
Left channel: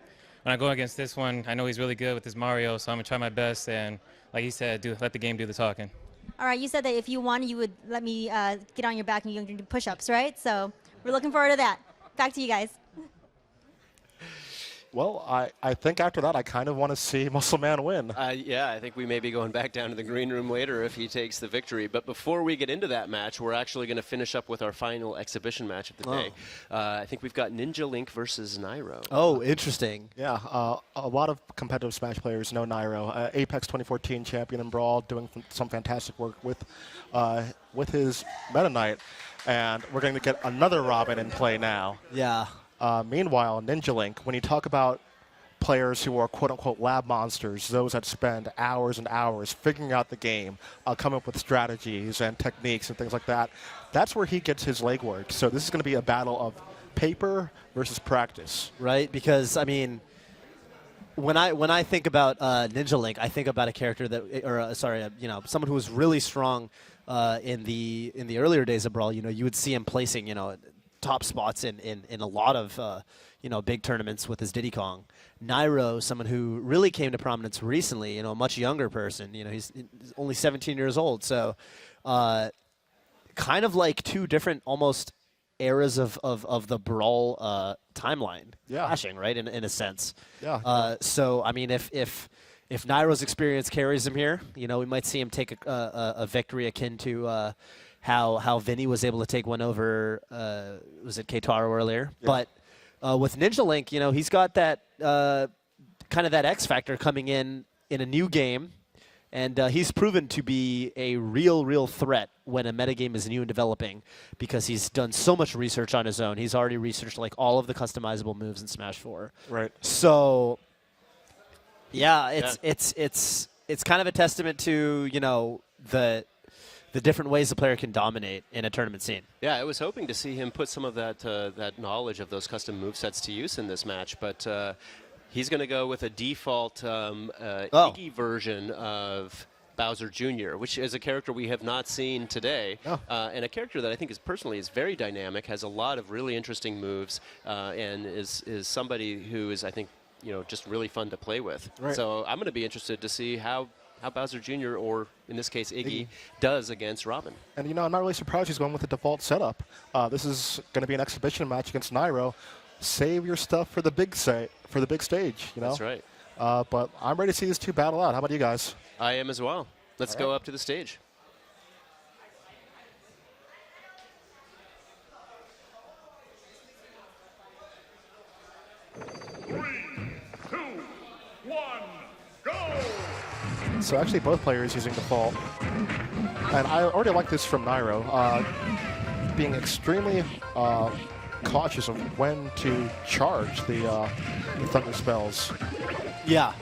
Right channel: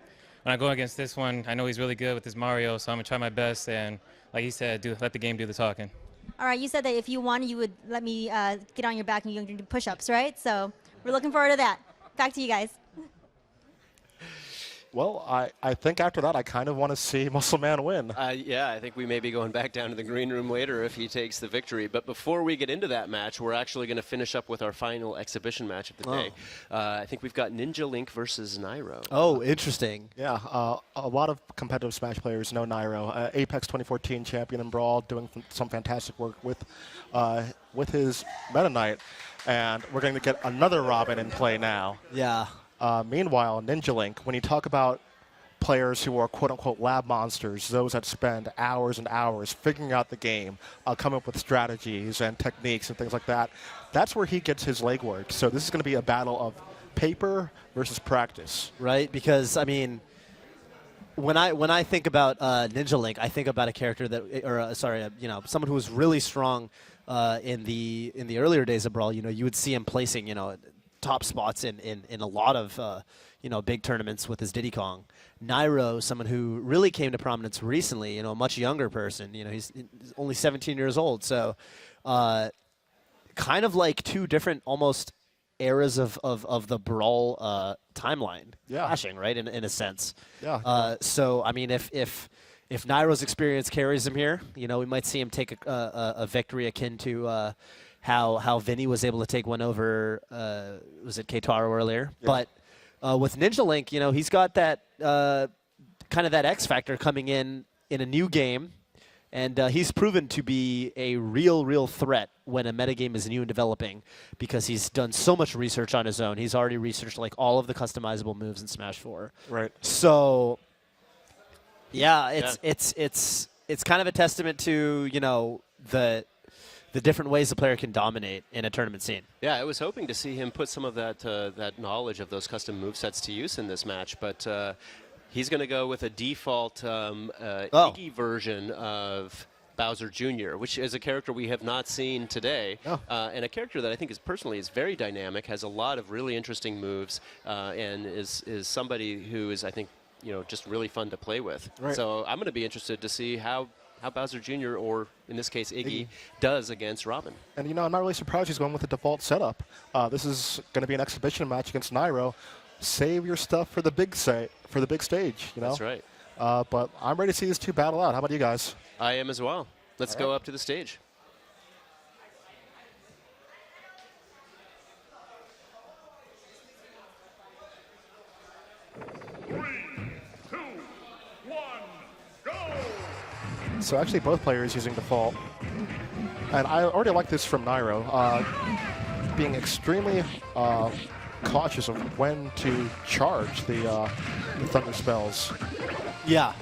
when I go against this one, I know he's really good with his Mario, so I'm going to try my best, and like he said, let the game do the talking. All right, you said that if you won, you would let me get on your back and you can do push-ups, right? So we're looking forward to that. Back to you guys. Well, I think after that, I kind of want to see Muscle Man win. Yeah, I think we may be going back down to the green room later if he takes the victory. But before we get into that match, we're actually going to finish up with our final exhibition match of the day. I think we've got Ninja Link versus Nairo. Oh, interesting. Yeah, a lot of competitive Smash players know Nairo. Apex 2014 champion in Brawl, doing some fantastic work with his Meta Knight. And we're going to get another Robin in play now. Yeah. Meanwhile, Ninja Link, when you talk about players who are quote-unquote lab monsters, those that spend hours and hours figuring out the game, coming up with strategies and techniques and things like that, that's where he gets his legwork. So this is going to be a battle of paper versus practice. Right? Because, I mean, when I think about Ninja Link, I think about a character that, someone who was really strong in the earlier days of Brawl. You would see him placing, top spots in a lot of, big tournaments with his Diddy Kong. Nairo, someone who really came to prominence recently, a much younger person. He's only 17 years old. So kind of like two different almost eras of the Brawl timeline clashing, right, in a sense. Yeah. So, I mean, if Nairo's experience carries him here, we might see him take a victory akin to how Vinny was able to take one over, was it Keitaro earlier? Yeah. But with Ninja Link, he's got that kind of that X factor coming in a new game, and he's proven to be a real threat when a metagame is new and developing, because he's done so much research on his own. He's already researched like all of the customizable moves in Smash 4. Right. So, yeah, it's kind of a testament to the different ways a player can dominate in a tournament scene. Yeah, I was hoping to see him put some of that knowledge of those custom movesets to use in this match, but he's going to go with a default Iggy version of Bowser Jr., which is a character we have not seen today, and a character that I think is very dynamic, has a lot of really interesting moves, and is somebody who is, I think, just really fun to play with. Right. So I'm going to be interested to see how Bowser Jr., or in this case Iggy, does against Robin. And I'm not really surprised he's going with the default setup. This is going to be an exhibition match against Nairo. Save your stuff for the big stage. That's right. But I'm ready to see these two battle out. How about you guys? I am as well. Let's go up to the stage. So actually both players using default. And I already like this from Nairo, being extremely cautious of when to charge the thunder spells. Yeah.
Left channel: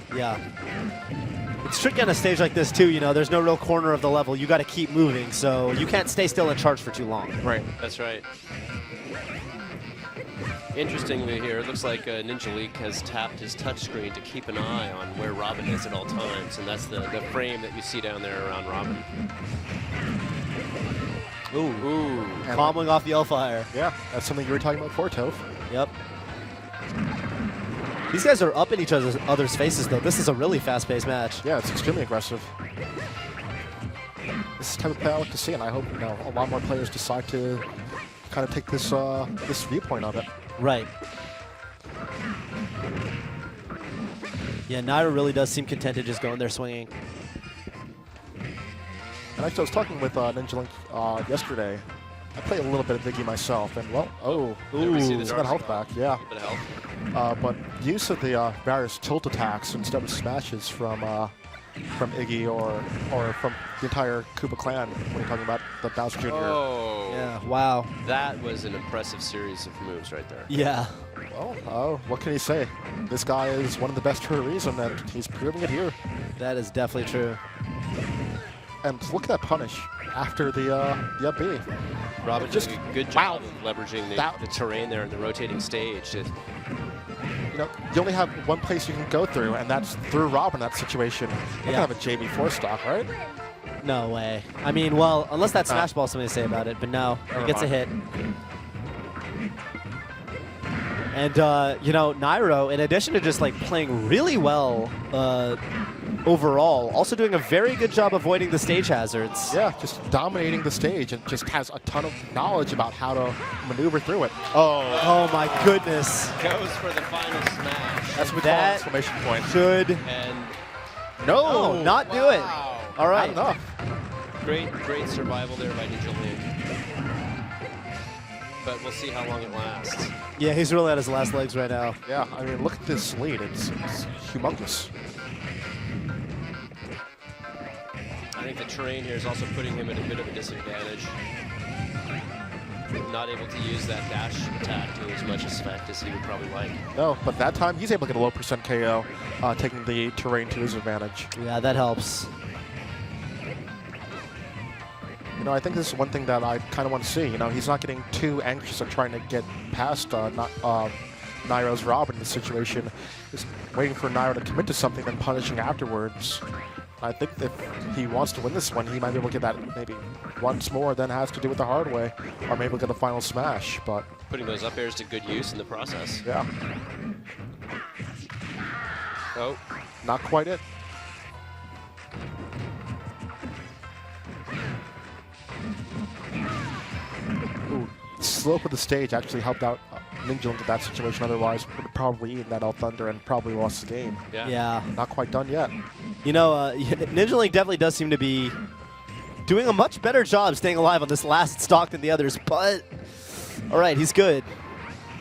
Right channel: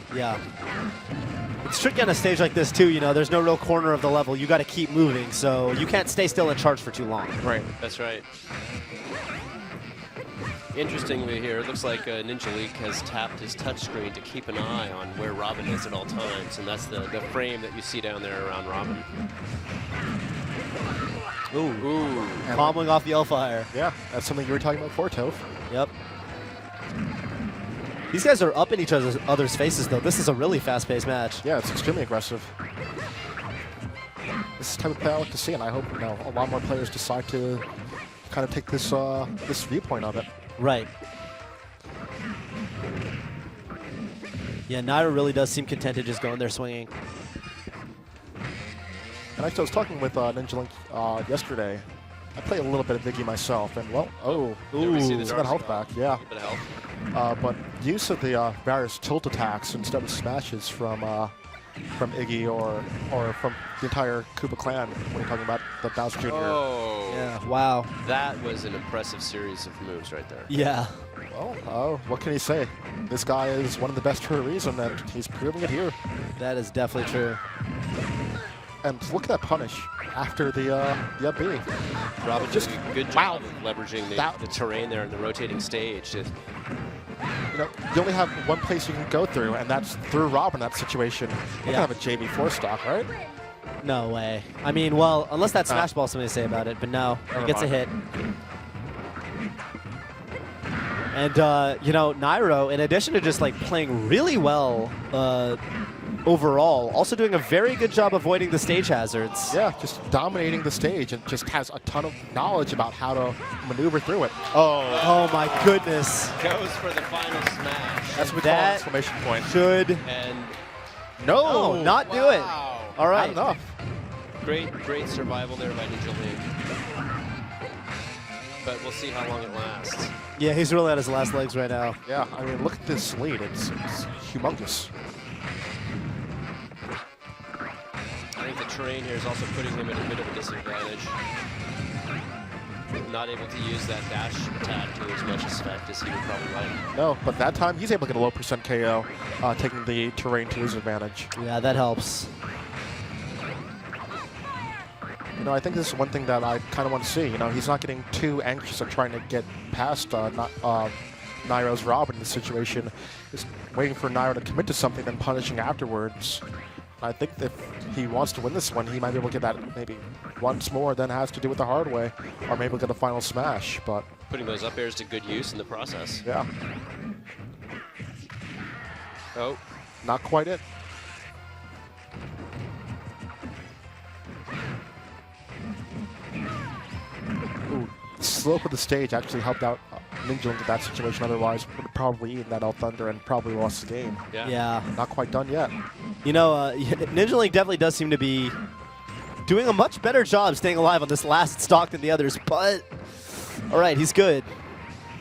It's tricky on a stage like this too, there's no real corner of the level. You got to keep moving, so you can't stay still and charge for too long. Right. That's right. Interestingly here, it looks like Ninja Link has tapped his touchscreen to keep an eye on where Robin is at all times, and that's the frame that you see down there around Robin. Ooh. Cobbling off the L-Fire. Yeah, that's something you were talking about before, Toph. Yep. These guys are up in each other's faces, though. This is a really fast-paced match. Yeah, it's extremely aggressive. This is the type of play I like to see, and I hope a lot more players decide to kind of take this this viewpoint of it. Right. Yeah, Nairo really does seem contented just going there swinging. And actually, I was talking with Ninja Link yesterday. I play a little bit of Iggy myself, and he's got health back, yeah. But use of the various tilt attacks instead of smashes from Iggy or from the entire Koopa clan when you're talking about the Bowser Jr. Oh, yeah! Wow, that was an impressive series of moves right there. Yeah. Oh, what can he say? This guy is one of the best for a reason, and he's proving it here. That is definitely true. And look at that punish after the up B. Robin just a good job of leveraging the terrain there in the rotating stage. You only have one place you can go through, and that's through Robin in that situation. You can have a JB4 stock, right? No way. I mean, well, unless that's Smash Ball, something to say about it, but no, he gets a hit. And, Nairo, in addition to just, playing really well overall, also doing a very good job avoiding the stage hazards. Yeah, just dominating the stage and just has a ton of knowledge about how to maneuver through it. Oh my goodness. Goes for the final smash. That's what that exclamation point. Should. And not do it. All right. Not enough. Great survival there by Ninja Link. But we'll see how long it lasts. Yeah, he's really at his last legs right now. Yeah, I mean, look at this lead. It's humongous. I think the terrain here is also putting him at a bit of a disadvantage. not able to use that dash attack to as much effect as he would probably like. No, but that time he's able to get a low percent KO, taking the terrain to his advantage. Yeah, that helps. You know, I think this is one thing that I kind of want to see. You know, he's not getting too anxious at trying to get past Nairo's Robin in this situation. Just waiting for Nairo to commit to something, then punishing afterwards. I think if he wants to win this one, he might be able to get that maybe once more, then has to do it the hard way, or maybe get a final smash. But putting those up airs to good use in the process. Yeah. Oh, not quite it. Ooh, the slope of the stage actually helped out Ninja into that situation. Otherwise, would have probably eaten that Thunder and probably lost the game. Yeah. Not quite done yet. You know, Ninja Link definitely does seem to be doing a much better job staying alive on this last stock than the others, but all right, he's good.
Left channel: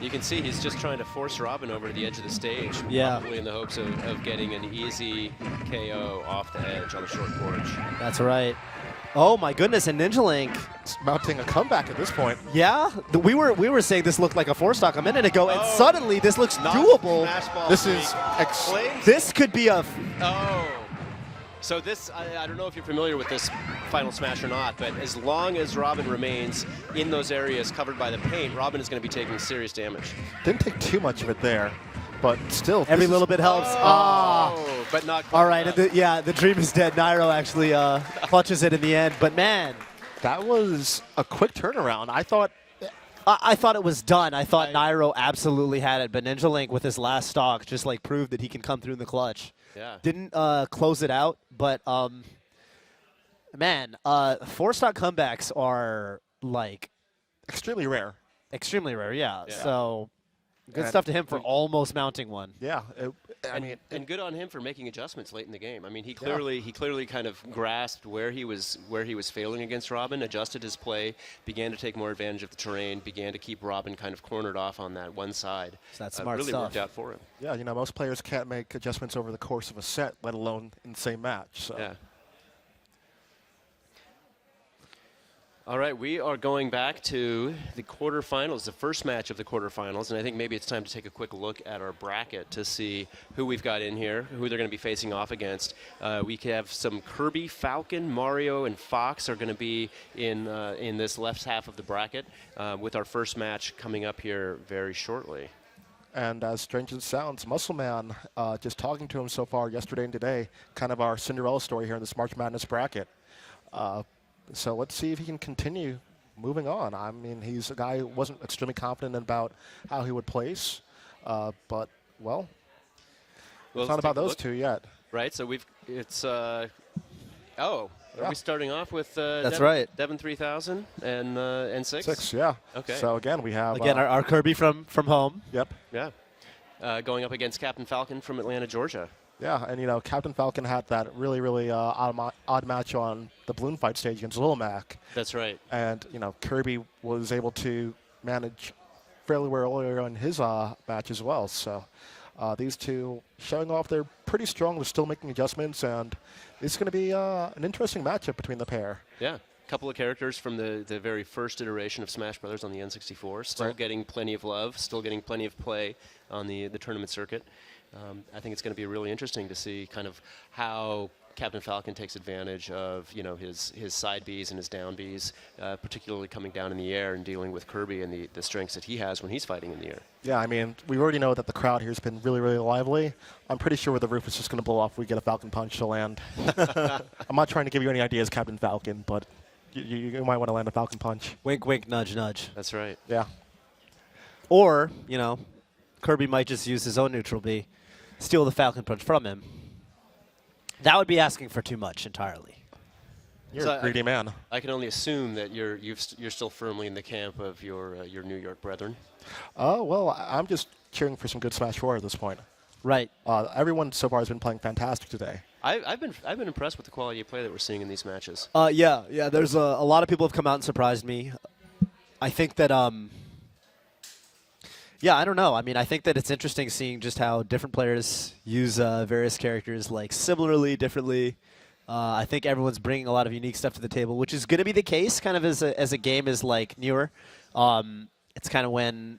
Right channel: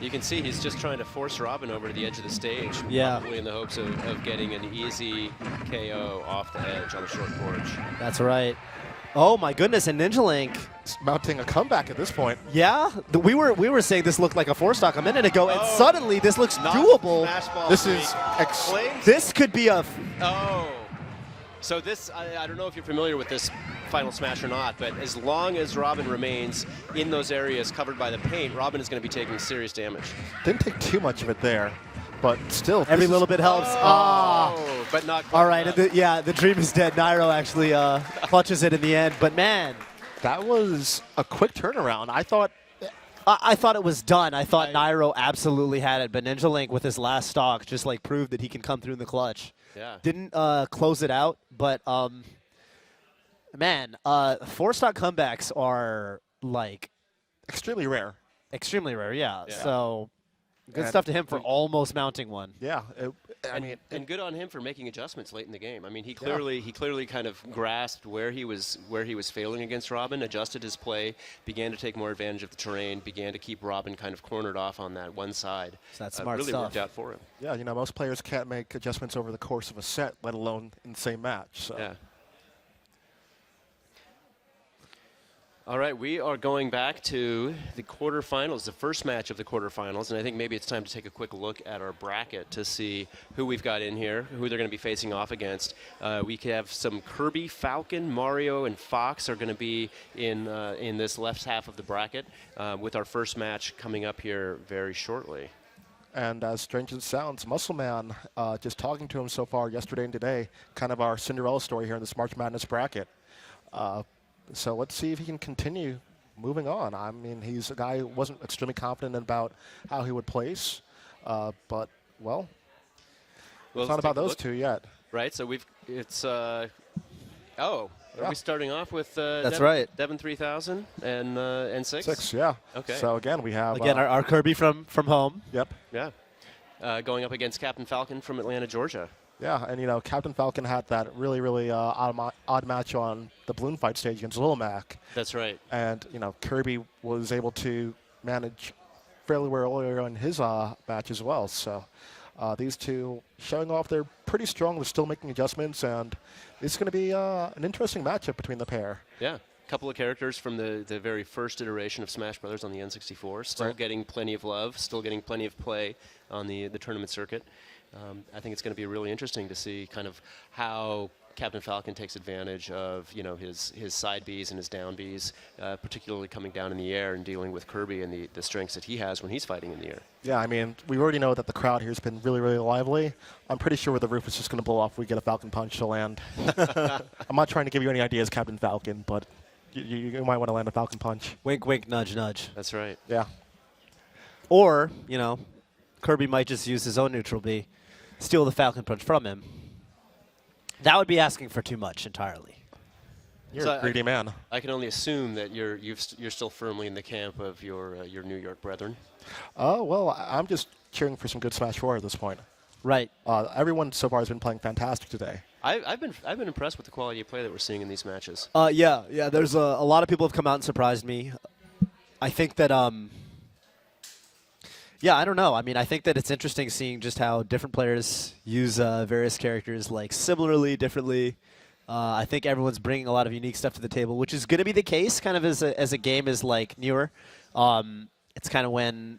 You can see he's just trying to force Robin over to the edge of the stage, probably in the hopes of getting an easy KO off the edge on the short porch. That's right. Oh my goodness, and Ninja Link mounting a comeback at this point. Yeah, we were saying this looked like a 4-stock a minute ago, and suddenly this looks doable. This could be a. So this, I don't know if you're familiar with this final smash or not, but as long as Robin remains in those areas covered by the paint, Robin is going to be taking serious damage. Didn't take too much of it there, but still. Every little bit helps. But not. All right, the dream is dead. Nairo actually clutches it in the end, but man, that was a quick turnaround. I thought it was done. I thought Nairo absolutely had it, but Ninja Link with his last stock just like proved that he can come through in the clutch. Yeah. Didn't close it out, but man, 4-stock comebacks are like extremely rare. Extremely rare, yeah. So good stuff to him for almost mounting one. Yeah, and good on him for making adjustments late in the game. I mean, he clearly kind of grasped where he was failing against Robin, adjusted his play, began to take more advantage of the terrain, began to keep Robin kind of cornered off on that one side. So that's smart really stuff. Worked out for him. Yeah, you know, most players can't make adjustments over the course of a set, let alone in the same match. So. Yeah. All right, we are going back to the quarterfinals, the first match of the quarterfinals, and I think maybe it's time to take a quick look at our bracket to see who we've got in here, who they're going to be facing off against. We have some Kirby, Falcon, Mario, and Fox are going to be in this left half of the bracket, with our first match coming up here very shortly. And as strange as it sounds, Muscle Man, just talking to him so far yesterday and today, kind of our Cinderella story here in this March Madness bracket. So let's see if he can continue moving on. I mean, he's a guy who wasn't extremely confident about how he would place, but, well, it's not about those two yet. Right, so are we starting off with That's right. Devin 3000 and 6? 6, yeah. Okay. So again, we have our Kirby from home. Yep. Yeah. Going up against Captain Falcon from Atlanta, Georgia. Yeah, and you know, Captain Falcon had that really odd match on the balloon fight stage against Lil Mac. That's right. And you know, Kirby was able to manage fairly well earlier in his match as well. So these two showing off they're pretty strong. They're still making adjustments, and it's going to be an interesting matchup between the pair. Yeah. A couple of characters from the very first iteration of Smash Brothers on the N64, still getting plenty of love, still getting plenty of play on the tournament circuit. I think it's going to be really interesting to see kind of how Captain Falcon takes advantage of his side Bs and his down Bs, particularly coming down in the air and dealing with Kirby and the strengths that he has when he's fighting in the air. Yeah, I mean, we already know that the crowd here has been really lively. I'm pretty sure the roof is just going to blow off if we get a Falcon Punch to land. I'm not trying to give you any ideas, Captain Falcon, but you might want to land a Falcon Punch. Wink, wink, nudge, nudge. That's right. Yeah. Or, Kirby might just use his own neutral B, steal the Falcon Punch from him. That would be asking for too much entirely. You're a greedy man. I can only assume that you're still firmly in the camp of your New York brethren. Oh, well, I'm just cheering for some good Smash 4 at this point. Right. Everyone so far has been playing fantastic today. I've been impressed with the quality of play that we're seeing in these matches. Yeah. There's a lot of people have come out and surprised me. I think that yeah, I don't know. I mean, I think that it's interesting seeing just how different players use various characters like similarly, differently. I think everyone's bringing a lot of unique stuff to the table, which is going to be the case kind of as a game is like newer. It's kind of when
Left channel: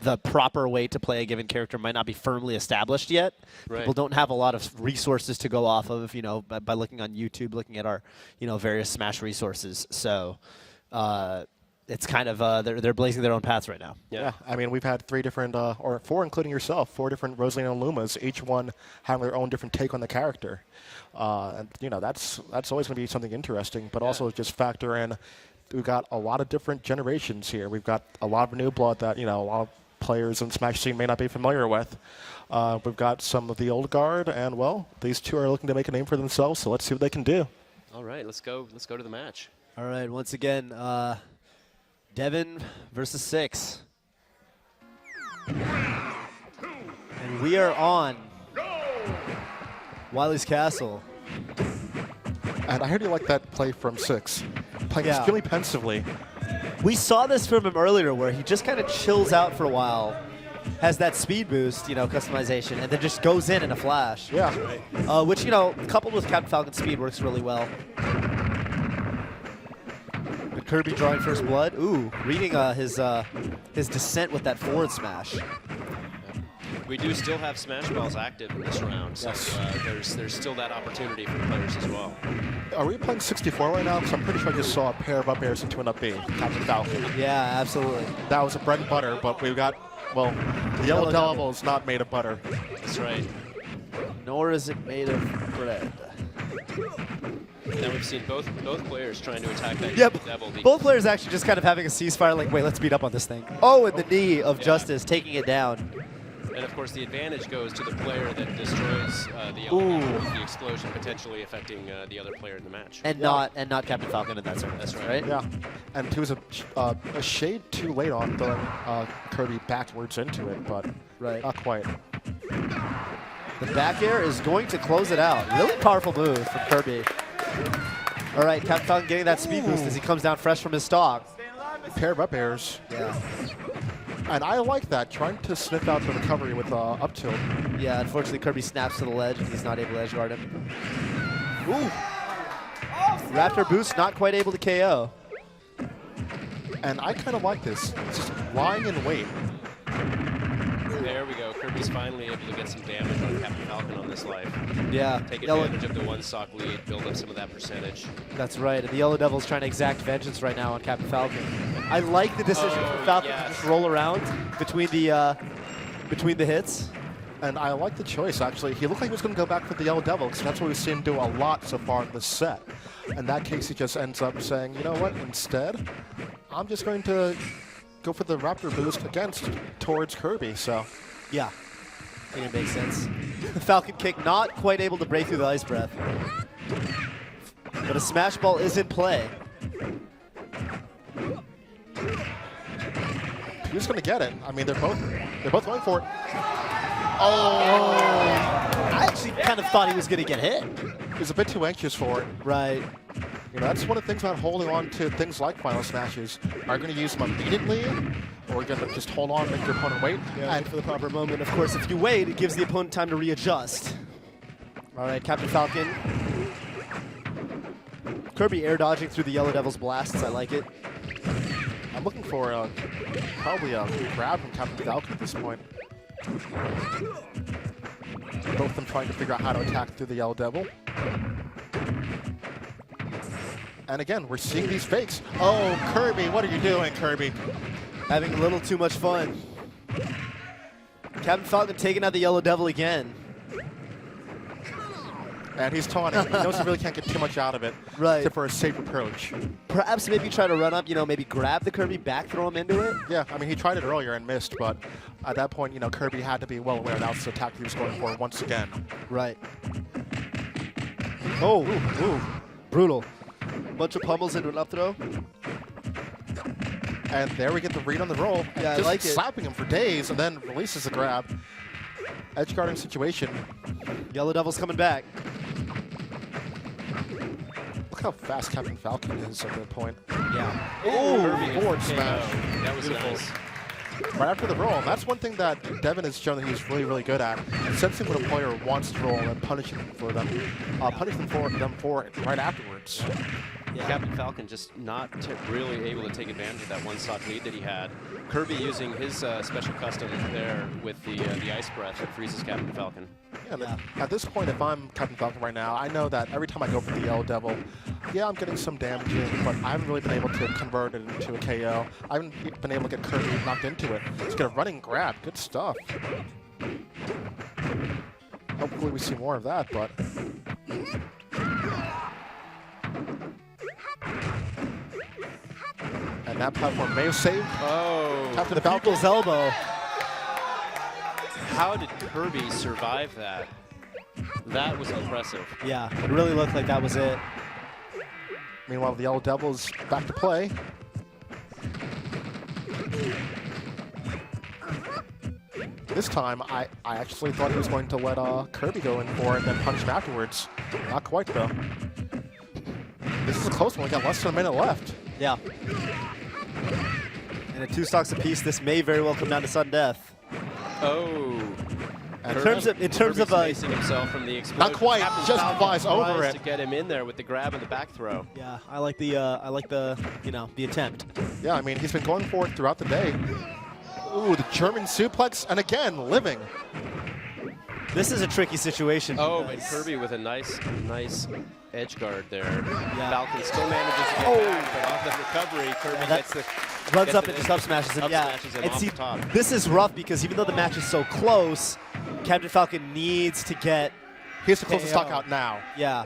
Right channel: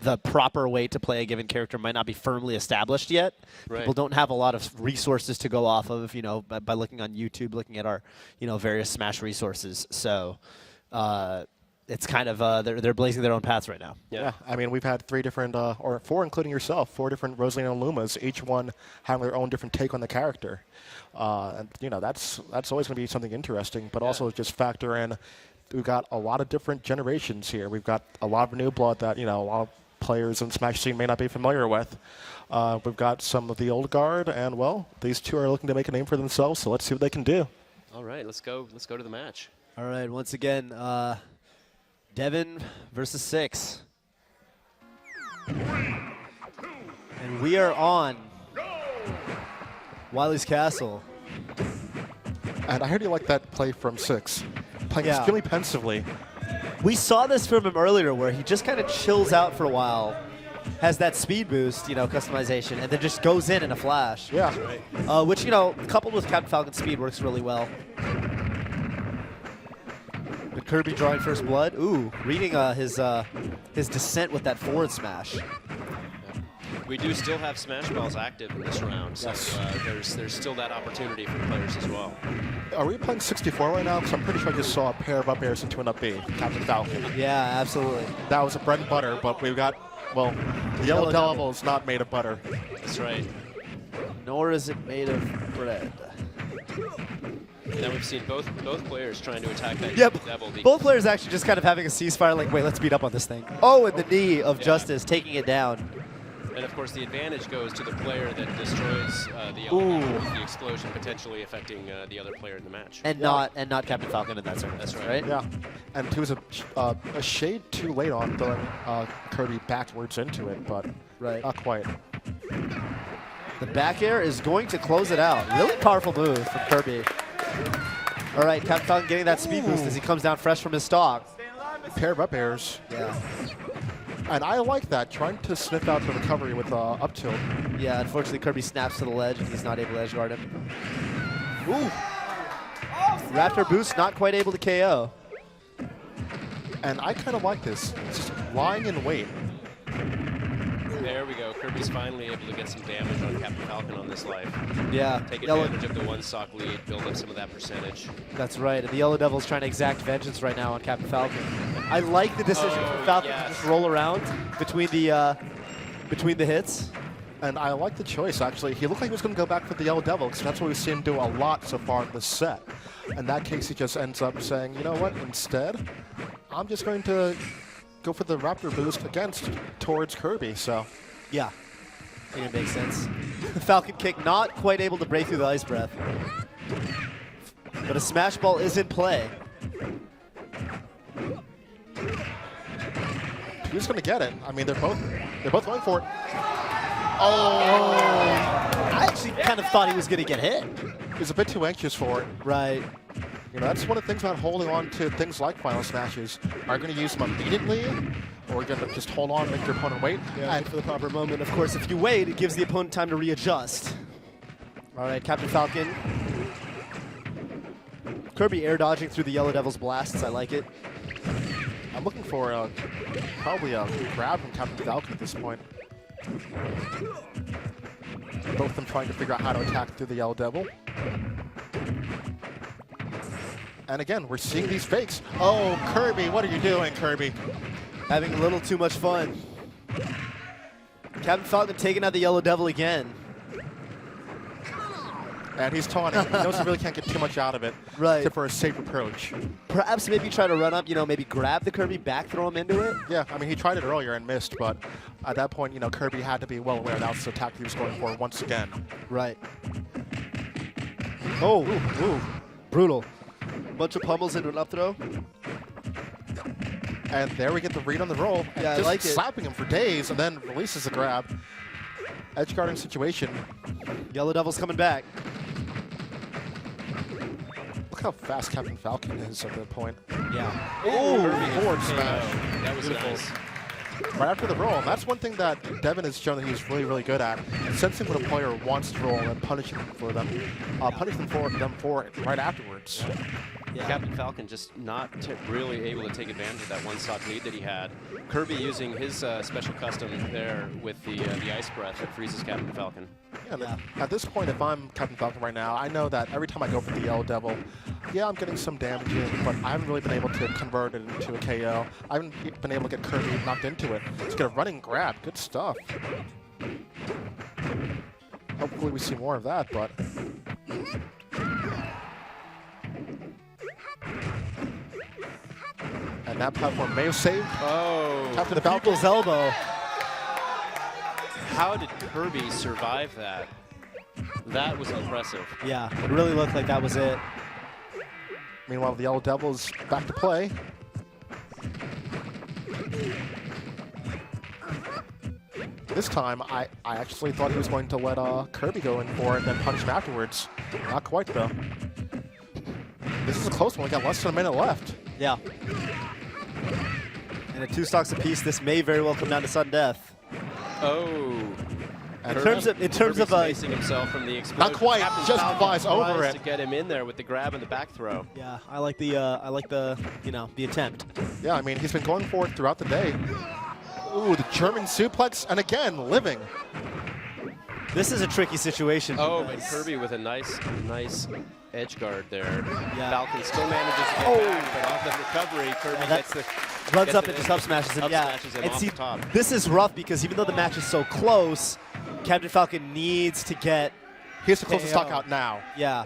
the proper way to play a given character might not be firmly established yet. Right. People don't have a lot of resources to go off of, by looking on YouTube, looking at our, various Smash resources. So it's kind of they're blazing their own paths right now. Yeah, I mean, we've had 3 different, or 4, including yourself, 4 different Rosalina and Lumas, each one having their own different take on the character. And that's always going to be something interesting, but also just factor in, we've got a lot of different generations here. We've got a lot of new blood that, a lot of players in Smash scene may not be familiar with. We've got some of the old guard, and, well, these 2 are looking to make a name for themselves, so let's see what they can do. All right, let's go to the match. All right, once again, Devin versus 6. And we are on Wily's Castle. And I heard you like that play from 6. Playing extremely pensively. We saw this from him earlier where he just kind of chills out for a while, has that speed boost, customization, and then just goes in a flash. Yeah. Which, coupled with Captain Falcon's speed works really well. But Kirby drawing first blood. Ooh, reading his descent with that forward smash. We do still have Smash Balls active in this round, so there's still that opportunity for players as well. Are we playing 64 right now? Because I'm pretty sure I just saw a pair of up airs into an up B, Captain Falcon. Yeah, absolutely. That was a bread and butter, but we've got, well, the yellow devil is not made of butter. That's right. Nor is it made of bread. Now we've seen both players trying to attack that devil. Both players actually just kind of having a ceasefire, like, wait, let's beat up on this thing. Oh, and the knee of Justice taking it down. And of course, the advantage goes to the player that destroys the element with the explosion, potentially affecting the other player in the match. And not Captain Falcon in that circumstance. That's right. Yeah, and he was a shade too late on throwing Kirby backwards into it, but not quite. The back air is going to close it out. Really powerful move from Kirby. All right, Captain Falcon getting that speed boost as he comes down fresh from his stock. Pair of up airs. Yeah. And I like that, trying to sniff out the recovery with up to it. Yeah, unfortunately Kirby snaps to the ledge and he's not able to edge guard him. Ooh. Raptor boost not quite able to KO. And I kind of like this. Just lying in wait. There we go. Kirby's finally able to get some damage on Captain Falcon on this life. Yeah. Take advantage of the 1-stock lead, build up some of that percentage. That's right. And the Yellow Devil's trying to exact vengeance right now on Captain Falcon. I like the decision for Falcon to just roll around between the hits. And I like the choice, actually. He looked like he was going to go back for the Yellow Devil, because that's what we've seen him do a lot so far in this set. In that case, he just ends up saying, you know what, instead, I'm just going to go for the Raptor boost towards Kirby, so. Yeah, I think it makes sense. Falcon kick not quite able to break through the ice breath. But a smash ball is in play. Who's going to get it? I mean, they're both going for it. Oh, I actually kind of thought he was going to get hit. He was a bit too anxious for it. Right. That's one of the things about holding on to things like Final Smashes. Are you going to use them immediately, or are you going to just hold on and make your opponent wait? Yeah, and for the proper moment. Of course, if you wait, it gives the opponent time to readjust. All right, Captain Falcon. Kirby air dodging through the Yellow Devil's blasts. I like it. I'm looking for probably a grab from Captain Falcon at this point. Both of them trying to figure out how to attack through the Yellow Devil. And again, we're seeing these fakes. Oh, Kirby, what are you doing, Kirby? Having a little too much fun. Captain Falcon taking out the Yellow Devil again. And he's taunting. He knows he really can't get too much out of it. Right. Except for a safe approach. Perhaps maybe try to run up, maybe grab the Kirby, back throw him into it? Yeah, I mean, he tried it earlier and missed, but at that point, Kirby had to be well aware that was the attack he was going for once again. Right. Oh, ooh, brutal. Bunch of pummels into an up throw. And there we get the read on the roll. Yeah, just I like it. Slapping him for days and then releases the grab. Edge guarding situation. Yellow Devil's coming back. Look how fast Captain Falcon is at that point. Yeah. Ooh, forward smash. That was nice. right after the roll. And that's one thing that Devin has shown that he's really, really good at. Sensing what a player wants to roll and punishing them for them for it right afterwards. Yeah. Captain Falcon just not really able to take advantage of that one-stock lead that he had. Kirby using his special custom there with the Ice Breath that freezes Captain Falcon. Yeah, at this point, if I'm Captain Falcon right now, I know that every time I go for the Yellow Devil, yeah, I'm getting some damage in, but I haven't really been able to convert it into a KO. I haven't been able to get Kirby knocked into it. Let's get a running grab. Good stuff. Hopefully we see more of that, but... And that platform may have saved Captain Falcon's elbow. How did Kirby survive that? That was impressive. Yeah, it really looked like that was it. Meanwhile, the Yellow Devil's back to play. This time, I actually thought he was going to let Kirby go in for it and then punish him afterwards. Not quite, though. This is a close one. We got less than a minute left. Yeah. And at 2 stocks apiece, this may very well come down to sudden death. Oh. In terms of spacing himself from the explosion. Not quite. Captain Just Falcon flies over tries it to get him in there with the grab and the back throw. Yeah, I like the the attempt. Yeah, I mean, he's been going for it throughout the day. Ooh, the German suplex, and again, living. This is a tricky situation. Oh, but Kirby with a nice edge guard there. Yeah. Falcon still manages to get back, but off the recovery, Kirby runs up and just up smashes him. Yeah, and see, this is rough because even though the match is so close, Captain Falcon needs to get. He has to close the stock out now. Yeah.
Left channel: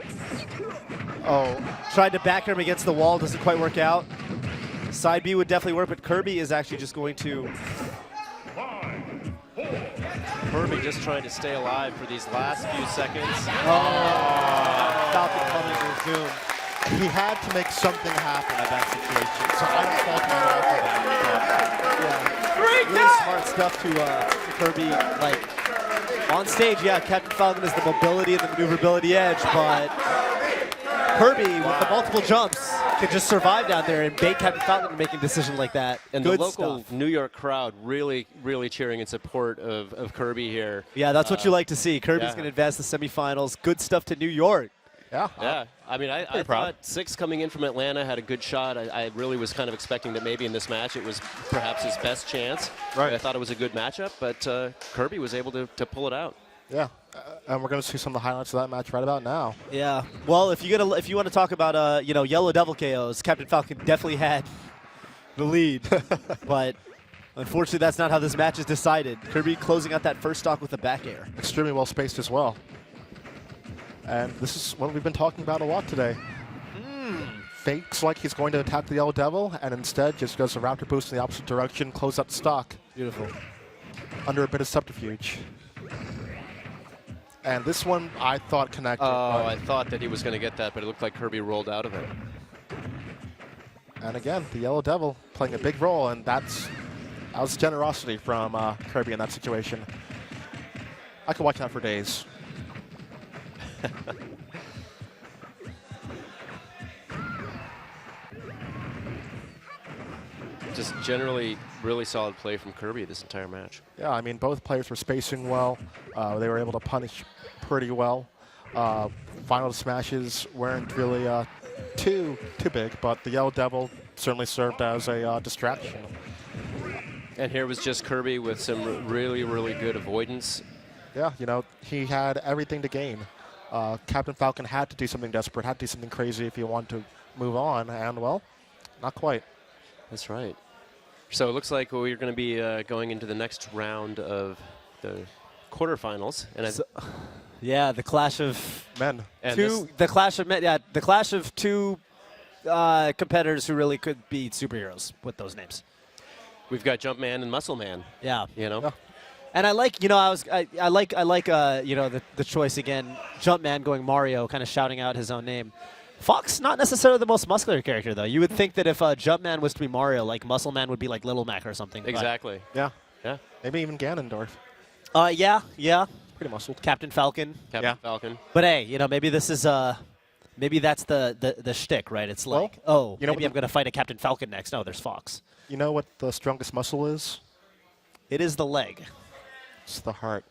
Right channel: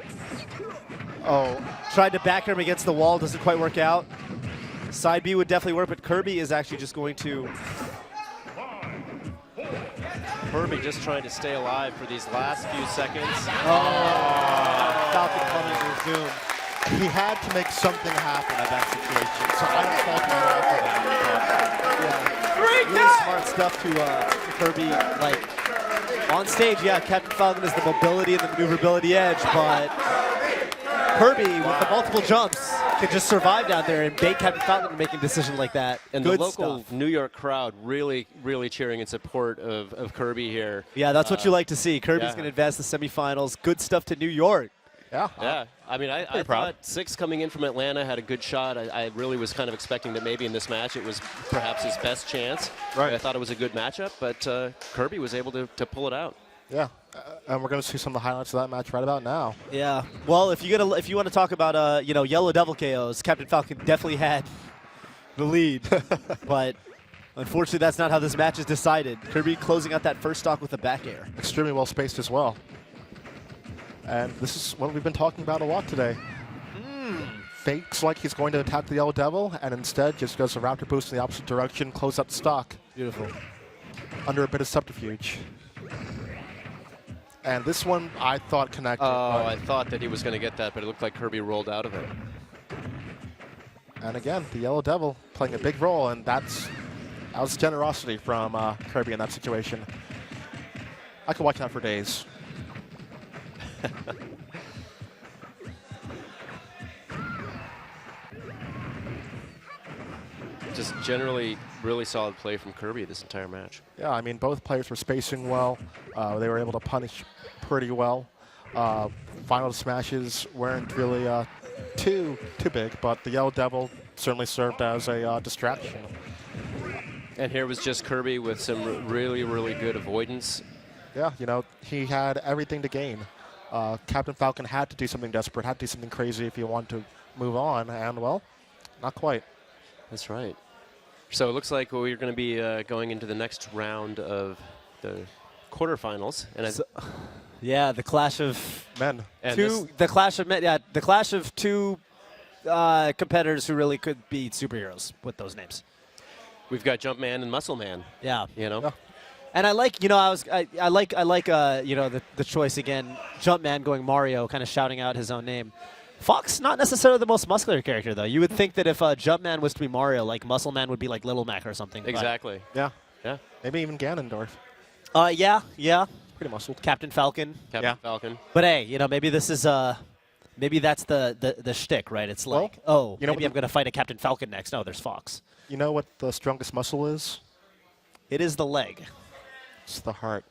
Oh, tried to back him against the wall, doesn't quite work out. Side B would definitely work, but Kirby is actually just going to. Kirby just trying to stay alive for these last few seconds. Falcon coming to his doom. He had to make something happen in that situation, so I don't fault him at all for that. Yeah, really smart stuff to Kirby. Like on stage, yeah, Captain Falcon has the mobility and the maneuverability edge, but Kirby with the multiple jumps can just survive down there and bait Captain Falcon into making a decision like that. And Good the local stuff. New York crowd really cheering in support of Kirby here. Yeah, that's what you like to see. Kirby's yeah. going to advance the semifinals. Good stuff to New York. Yeah. Yeah. I mean, I thought 6 coming in from Atlanta had a good shot. I really was kind of expecting that maybe in this match it was perhaps his best chance. Right. I thought it was a good matchup, but Kirby was able to pull it out. Yeah. And we're going to see some of the highlights of that match right about now. Yeah. Well, if you want to talk about Yellow Devil KOs, Captain Falcon definitely had the lead, but unfortunately that's not how this match is decided. Kirby closing out that first stock with a back air. Extremely well spaced as well. And this is what we've been talking about a lot today. Fakes like he's going to attack the Yellow Devil, and instead just goes a raptor boost in the opposite direction, close up the stock. Beautiful. Under a bit of subterfuge. And this one, I thought connected. Oh, I thought that he was going to get that, but it looked like Kirby rolled out of it. And again, the Yellow Devil playing a big role, and that was generosity from Kirby in that situation. I could watch that for days. Just generally really solid play from Kirby this entire match. Yeah, I mean, both players were spacing well. They were able to punish pretty well. Final smashes weren't really too big, but the Yellow Devil certainly served as a distraction. And here was just Kirby with some really good avoidance. Yeah, he had everything to gain. Captain Falcon had to do something desperate, had to do something crazy if he wanted to move on, and, well, not quite. That's right. So it looks like we're going to be going into the next round of the quarterfinals. And yeah, the clash of men. The clash of men. Yeah, the clash of two competitors who really could be superheroes with those names. We've got Jumpman and Muscle Man. Yeah. Yeah. And I like, I like, the choice again. Jumpman going Mario, kind of shouting out his own name. Fox, not necessarily the most muscular character, though. You would think that if Jumpman was to be Mario, like Muscle Man would be like Little Mac or something. Exactly. Yeah. Yeah. Maybe even Ganondorf. Yeah. Pretty muscled. Captain Falcon. Falcon. But hey, maybe this is maybe that's the shtick, right? It's like, maybe I'm going to fight a Captain Falcon next. No, there's Fox. You know what the strongest muscle is? It is the leg. It's the heart.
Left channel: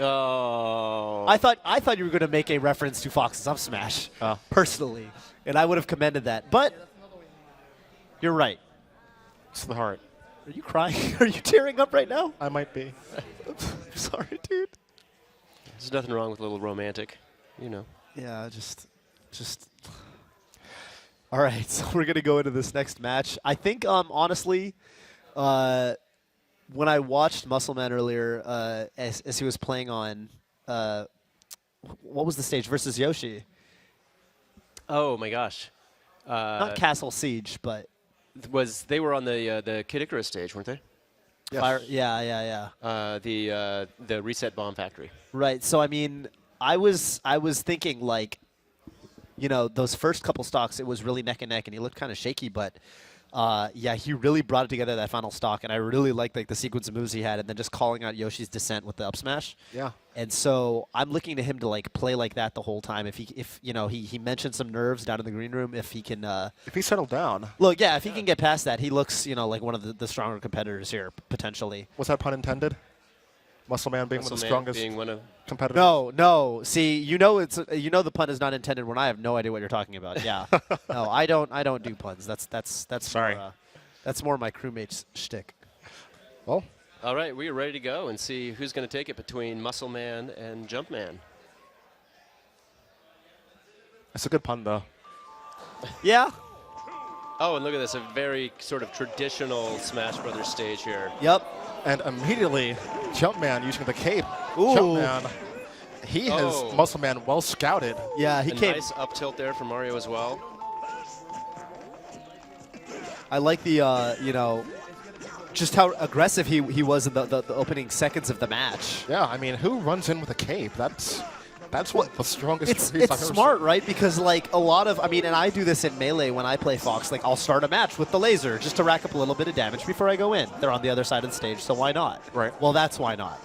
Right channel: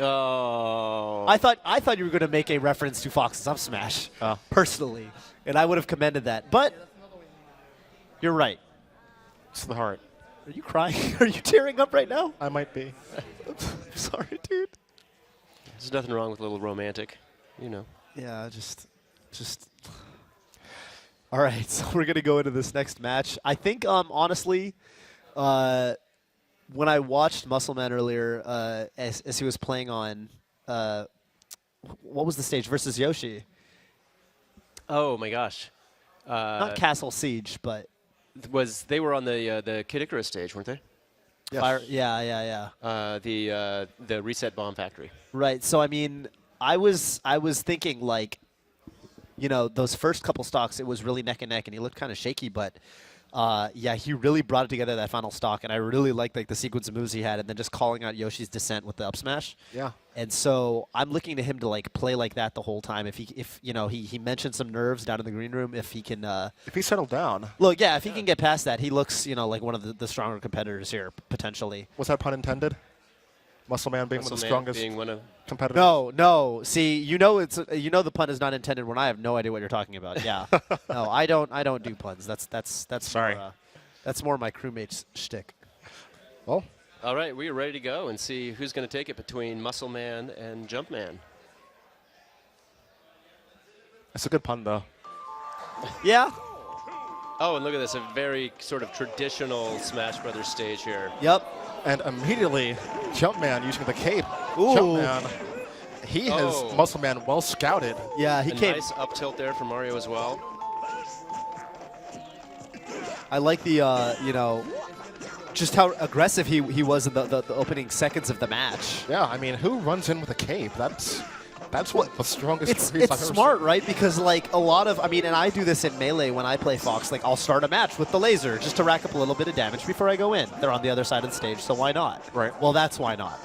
Oh. I thought you were going to make a reference to Fox's up smash, personally, and I would have commended that. But you're right. It's the heart. Are you crying? Are you tearing up right now? I might be. I'm sorry, dude. There's nothing wrong with a little romantic, you know. Yeah, just. All right, so we're gonna go into this next match. I think, honestly, when I watched Muscleman earlier, as he was playing on, what was the stage versus Yoshi? Oh my gosh. Not Castle Siege, but they were on the Kid Icarus stage, weren't they? Yes. Yeah. The Reset Bomb Factory. Right. So I mean, I was thinking like, you know, those first couple stocks, it was really neck and neck, and he looked kind of shaky, but yeah, he really brought it together that final stock, and I really liked like the sequence of moves he had, and then just calling out Yoshi's descent with the up smash. Yeah. And so I'm looking to him to like play like that the whole time. If you know, he mentioned some nerves down in the green room. If he can, if he settled down. Look, yeah, if he can get past that, he looks, you know, like one of the stronger competitors here potentially. Was that pun intended? Muscleman being one of the strongest competitors. No. See, you know the pun is not intended when I have no idea what you're talking about. Yeah. No, I don't do puns. That's sorry. That's more my crewmate's shtick. Well, all right, we are ready to go and see who's going to take it between Muscleman and Jumpman. It's a good pun though. Yeah. Oh, and look at this, a very sort of traditional Smash Brothers stage here. Yep. And immediately, Jumpman using the cape. Ooh. Jumpman, he has Muscleman well scouted. Yeah, he came. Nice up tilt there for Mario as well. I like the, you know, just how aggressive he was in the opening seconds of the match. Yeah, I mean, who runs in with a cape? That's what the strongest. It's smart, right? Because like a lot of, I mean, and I do this in Melee when I play Fox. Like I'll start a match with the laser just to rack up a little bit of damage before I go in. They're on the other side of the stage, so why not? Right. Well, that's why not.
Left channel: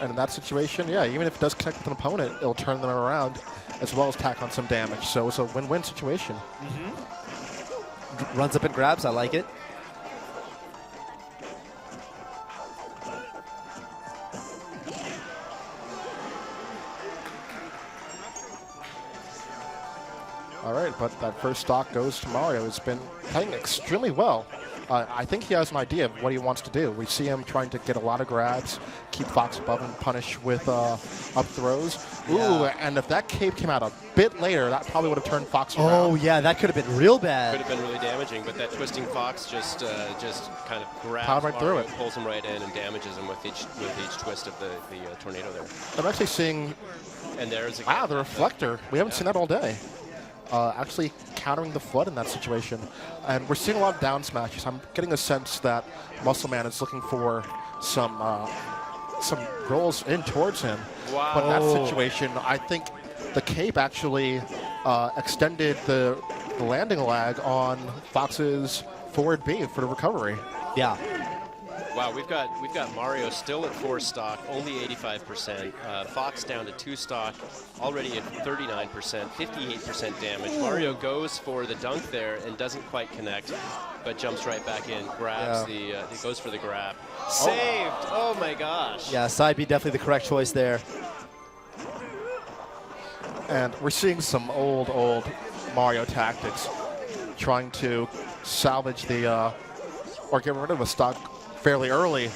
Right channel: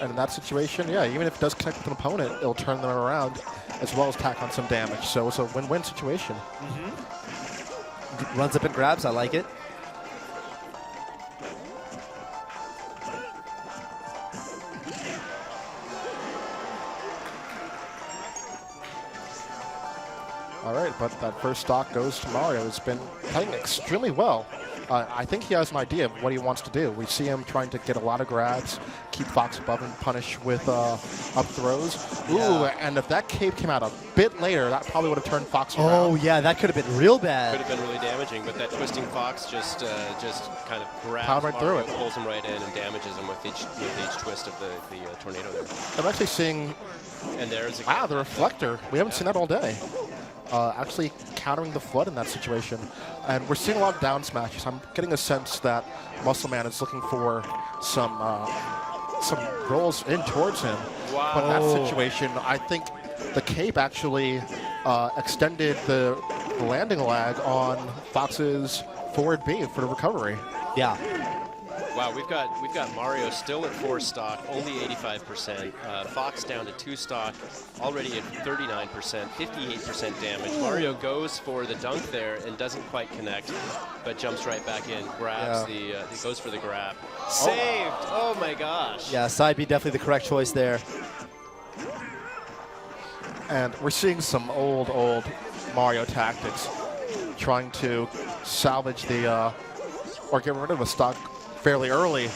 And in that situation, yeah, even if it does connect with an opponent, it'll turn them around as well as tack on some damage. So it's a win-win situation. Mm-hmm. Runs up and grabs. I like it. All right, but that first stock goes to Mario. It's been playing extremely well. I think he has an idea of what he wants to do. We see him trying to get a lot of grabs, keep Fox above him, punish with up throws. Ooh, and if that cape came out a bit later, that probably would have turned Fox around. Oh, yeah, that could have been real bad. Could have been really damaging, but that twisting Fox just kind of grabs right Mario, through it. Pulls him right in and damages him with each twist of the tornado there. I'm actually seeing... And there's again. Wow, the reflector. We haven't seen that all day. Actually countering the flood in that situation. And we're seeing a lot of down smashes. I'm getting a sense that Muscleman is looking for some rolls in towards him. Wow. But in that situation, I think the cape actually extended the landing lag on Fox's forward B for the recovery. Yeah. Wow, we've got Mario still at 4 stock, only 85%. Fox down to 2 stock, already at 39%, 58% damage. Mario goes for the dunk there and doesn't quite connect, but jumps right back in, grabs he goes for the grab. Saved! Oh my gosh! Yeah, side B definitely the correct choice there. And we're seeing some old Mario tactics, trying to salvage the or get rid of a stock fairly early.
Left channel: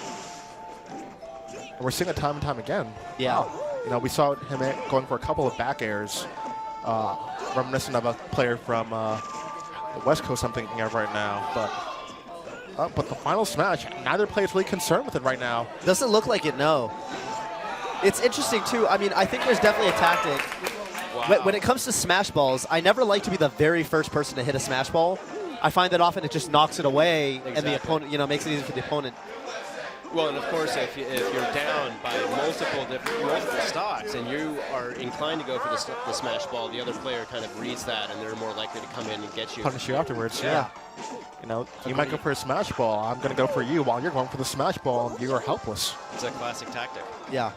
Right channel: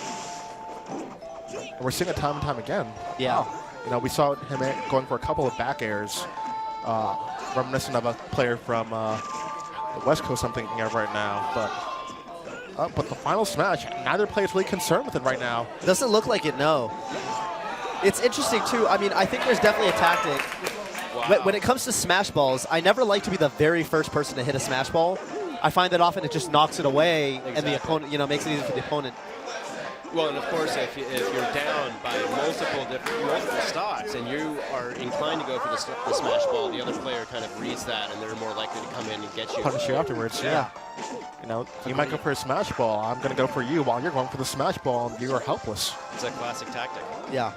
And we're seeing it time and time again. Yeah. You know, we saw him going for a couple of back airs, reminiscent of a player from the West Coast I'm thinking of right now. But the final smash, neither player is really concerned with it right now. Doesn't look like it, no. It's interesting, too. I mean, I think there's definitely a tactic. Wow. When it comes to smash balls, I never like to be the very first person to hit a smash ball. I find that often it just knocks it away, and the opponent, you know, makes it easy for the opponent. Well, and of course, if you're down by multiple stocks and you are inclined to go for the smash ball, the other player kind of reads that, and they're more likely to come in and get you. Punish you afterwards, yeah. You know, you might go for a smash ball. I'm going to go for you while you're going for the smash ball, and you are helpless. It's a classic tactic. Yeah.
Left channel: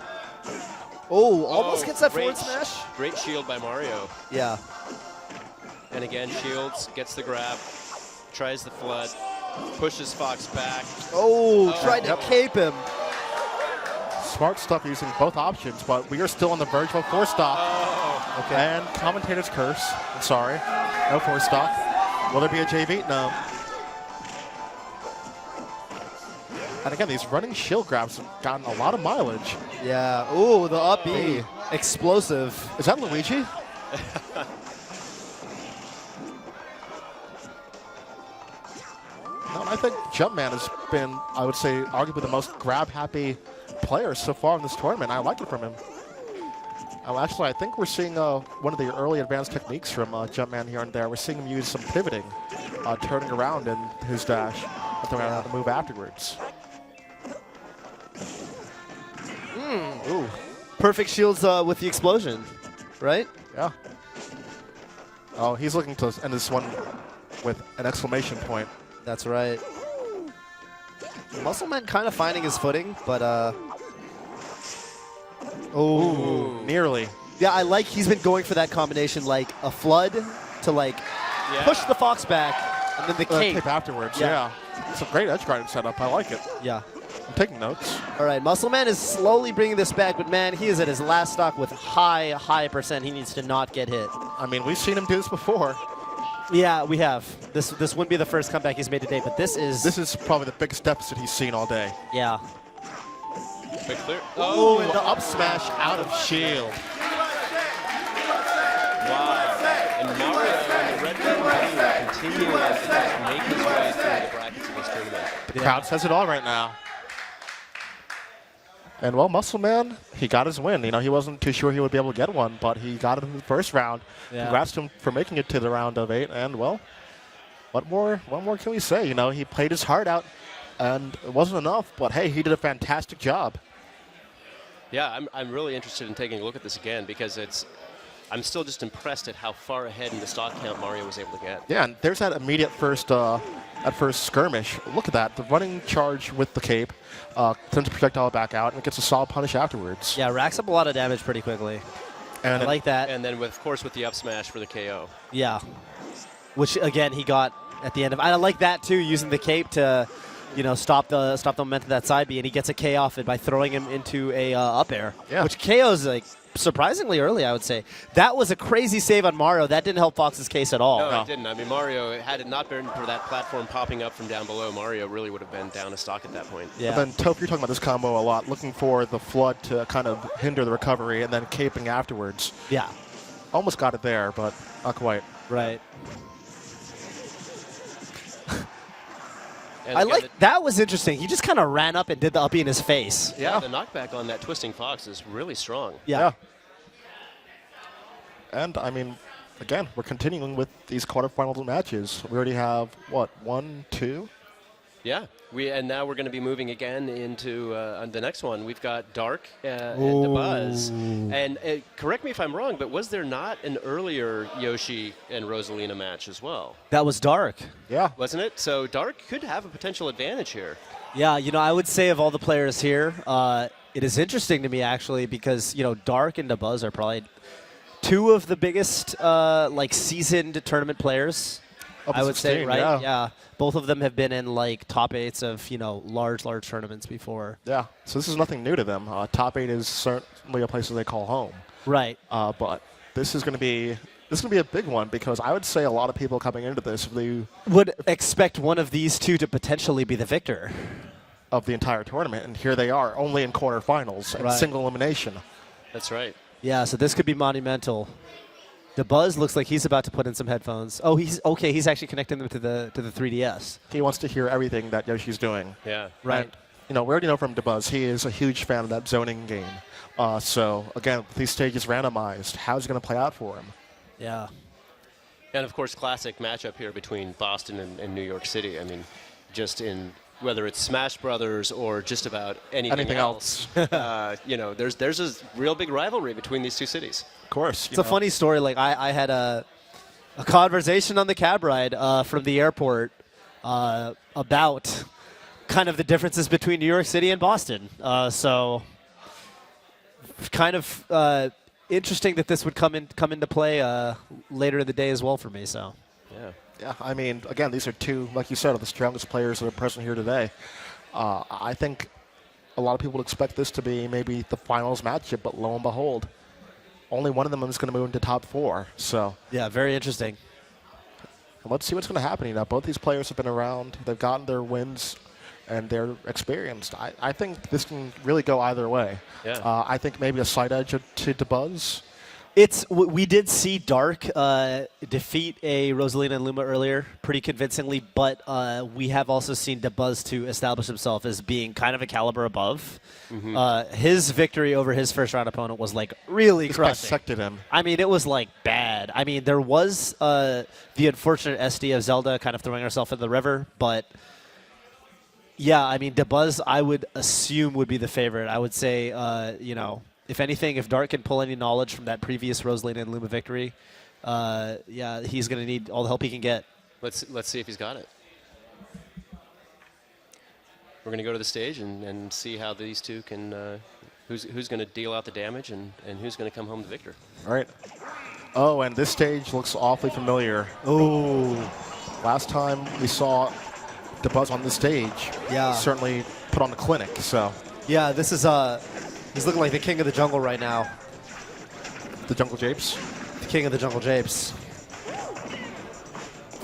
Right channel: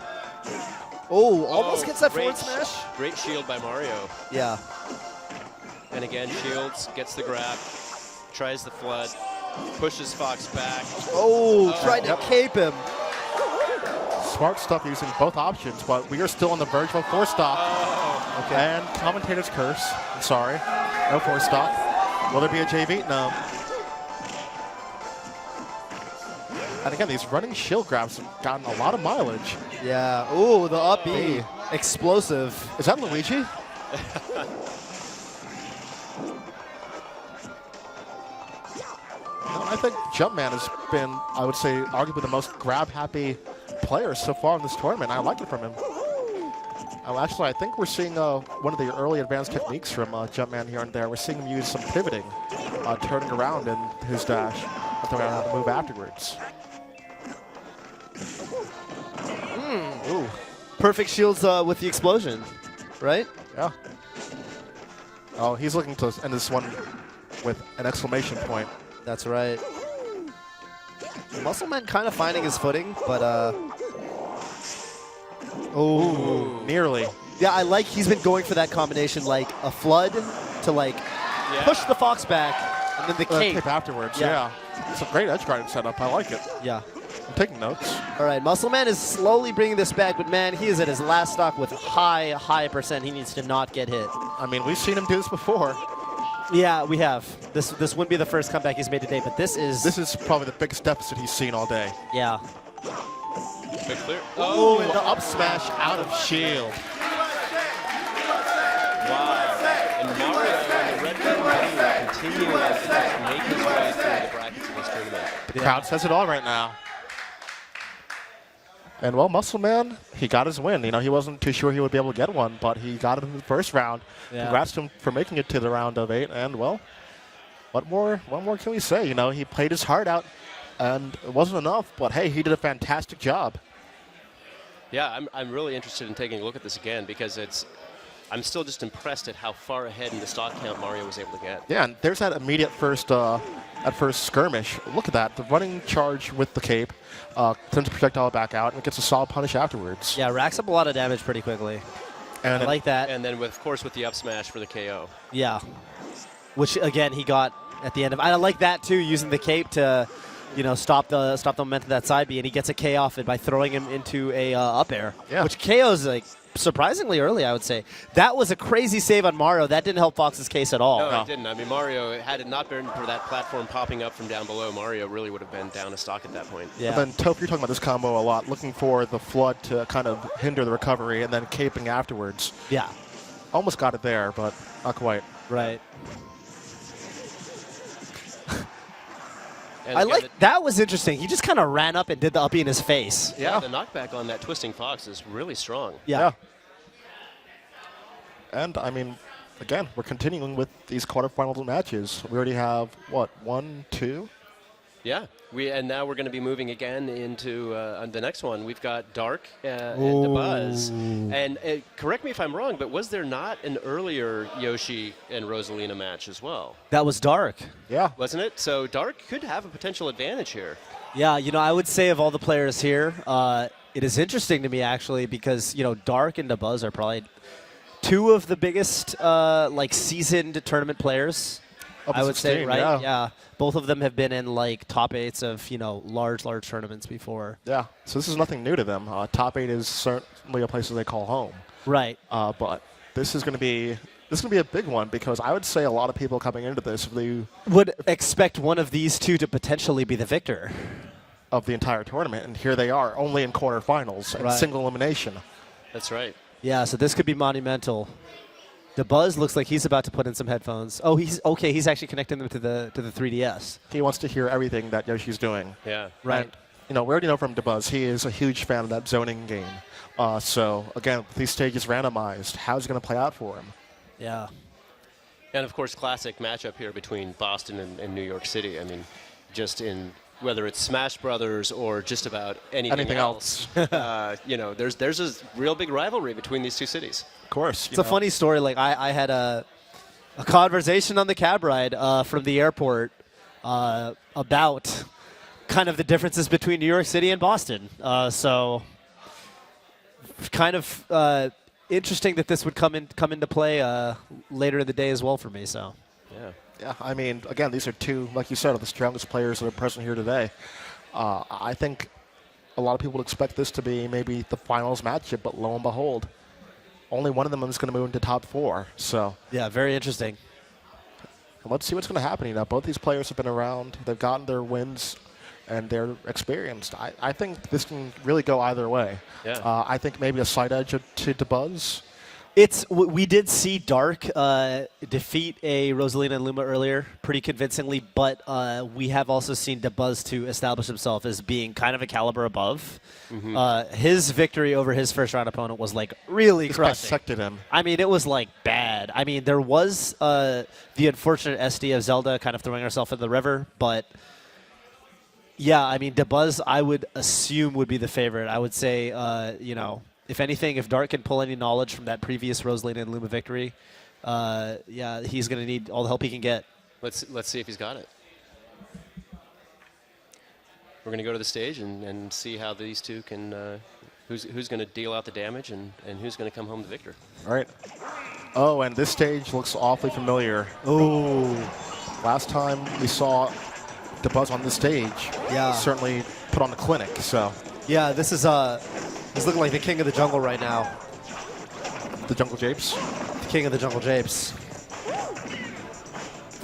Oh, almost gets that forward smash. Great shield by Mario. Yeah. And again, shields, gets the grab, tries the flood. Pushes Fox back. Oh, tried to cape him. Smart stuff using both options, but we are still on the verge of a force stop. Okay. And commentator's curse. I'm sorry. No force stop. Will there be a JV? No. And again, these running shield grabs have gotten a lot of mileage. Yeah. Ooh, the up B. Explosive. Is that Luigi? I think Jumpman has been, I would say, arguably the most grab-happy player so far in this tournament. I like it from him. Actually, I think we're seeing one of the early advanced techniques from Jumpman here and there. We're seeing him use some pivoting, turning around in his dash, throwing the move afterwards. Ooh. Perfect shields with the explosion, right? Yeah. Oh, he's looking to end this one with an exclamation point. That's right. Muscleman kind of finding his footing, but Ooh, nearly. Yeah, I like he's been going for that combination, like a flood to like push the Fox back, and then the cape afterwards. Yeah. It's a great edge guarding setup. I like it. Yeah. I'm taking notes. All right, Muscleman is slowly bringing this back, but man, he is at his last stock with high percent. He needs to not get hit. I mean, we've seen him do this before. Yeah, we have. This wouldn't be the first comeback he's made today, but this is probably the biggest deficit he's seen all day. Yeah. Quick clear. Oh, and the up smash out of shield. Wow. And Mario and the Red Bull continue to make his way through the brackets of this tournament. The crowd says it all right now. And well, Muscleman, he got his win. You know, he wasn't too sure he would be able to get one, but he got it in the first round. Yeah. Congrats to him for making it to the round of 8. And well, what more can we say? You know, he played his heart out, and it wasn't enough. But hey, he did a fantastic job. Yeah, I'm really interested in taking a look at this again because I'm still just impressed at how far ahead in the stock count Mario was able to get. Yeah, and there's that immediate first skirmish. Look at that, the running charge with the cape, sends a projectile back out, and it gets a solid punish afterwards. Yeah, racks up a lot of damage pretty quickly. And I like that. And then, of course, with the up smash for the KO. Yeah, which again he got at the end of. I like that too, using the cape to, stop the momentum of that side B, and he gets a K off it by throwing him into a up air, which KO's like surprisingly early, I would say. That was a crazy save on Mario. That didn't help Fox's case at all. No, it didn't. I mean, Mario, had it not been for that platform popping up from down below, Mario really would have been down a stock at that point. Yeah. And then, Toph, you're talking about this combo a lot, looking for the flood to kind of hinder the recovery, and then caping afterwards. Yeah. Almost got it there, but not quite. Right. And I like that was interesting. He just kind of ran up and did the uppie in his face. Yeah, the knockback on that twisting fox is really strong. Yeah. And I mean, again, we're continuing with these quarterfinal matches. We already have what, 1, 2? Yeah, and now we're going to be moving again into the next one. We've got Dark and the Buzz. And correct me if I'm wrong, but was there not an earlier Yoshi and Rosalina match as well? That was Dark. Yeah. Wasn't it? So Dark could have a potential advantage here. Yeah, I would say of all the players here, it is interesting to me actually because, Dark and the Buzz are probably two of the biggest seasoned tournament players. I would say, right? Yeah. Both of them have been in top 8s of large tournaments before. Yeah. So this is nothing new to them. Top 8 is certainly a place that they call home. Right. But this is going to be a big one because I would say a lot of people coming into this would expect one of these two to potentially be the victor of the entire tournament, and here they are, only in quarterfinals and single elimination. That's right. Yeah. So this could be monumental. The Buzz looks like he's about to put in some headphones. Oh, he's okay. He's actually connecting them to the 3DS. He wants to hear everything that Yoshi's doing. Yeah. Right. And, we already know from DeBuzz, he is a huge fan of that zoning game. So, again, these stages randomized, how's it going to play out for him? Yeah. And, of course, classic matchup here between Boston and New York City. I mean, just in whether it's Smash Brothers or just about anything else. There's a real big rivalry between these two cities. Of course. It's a funny story. I had a conversation on the cab ride from the airport about kind of the differences between New York City and Boston. So kind of interesting that this would come into play later in the day as well for me. So yeah. Yeah, I mean, again, these are two, like you said, of the strongest players that are present here today. I think a lot of people would expect this to be maybe the finals matchup, but lo and behold, only one of them is going to move into top 4. So Yeah, very interesting. let's see what's going to happen. You know, both these players have been around. They've gotten their wins, and they're experienced. I think this can really go either way. Yeah. I think maybe a slight edge to Buzz. We did see Dark defeat a Rosalina and Luma earlier pretty convincingly, but we have also seen DeBuzz to establish himself as being kind of a caliber above. His victory over his first round opponent was like really crushing. Dissected him. I mean, it was like bad. I mean, there was the unfortunate SD of Zelda kind of throwing herself in the river, but yeah, I mean, DeBuzz I would assume would be the favorite. I would say, you know, if anything, if Dark can pull any knowledge from that previous Rosalina and Luma victory, yeah, he's going to need all the help he can get. Let's see if he's got it. We're going to go to the stage and see how these two can, who's going to deal out the damage and who's going to come home the victor. All right. Oh, and this stage looks awfully familiar. Oh, last time we saw DeBuzz on the stage, yeah, certainly put on the clinic. So yeah, this is he's looking like the king of the jungle right now. The Jungle Japes? The king of the Jungle Japes.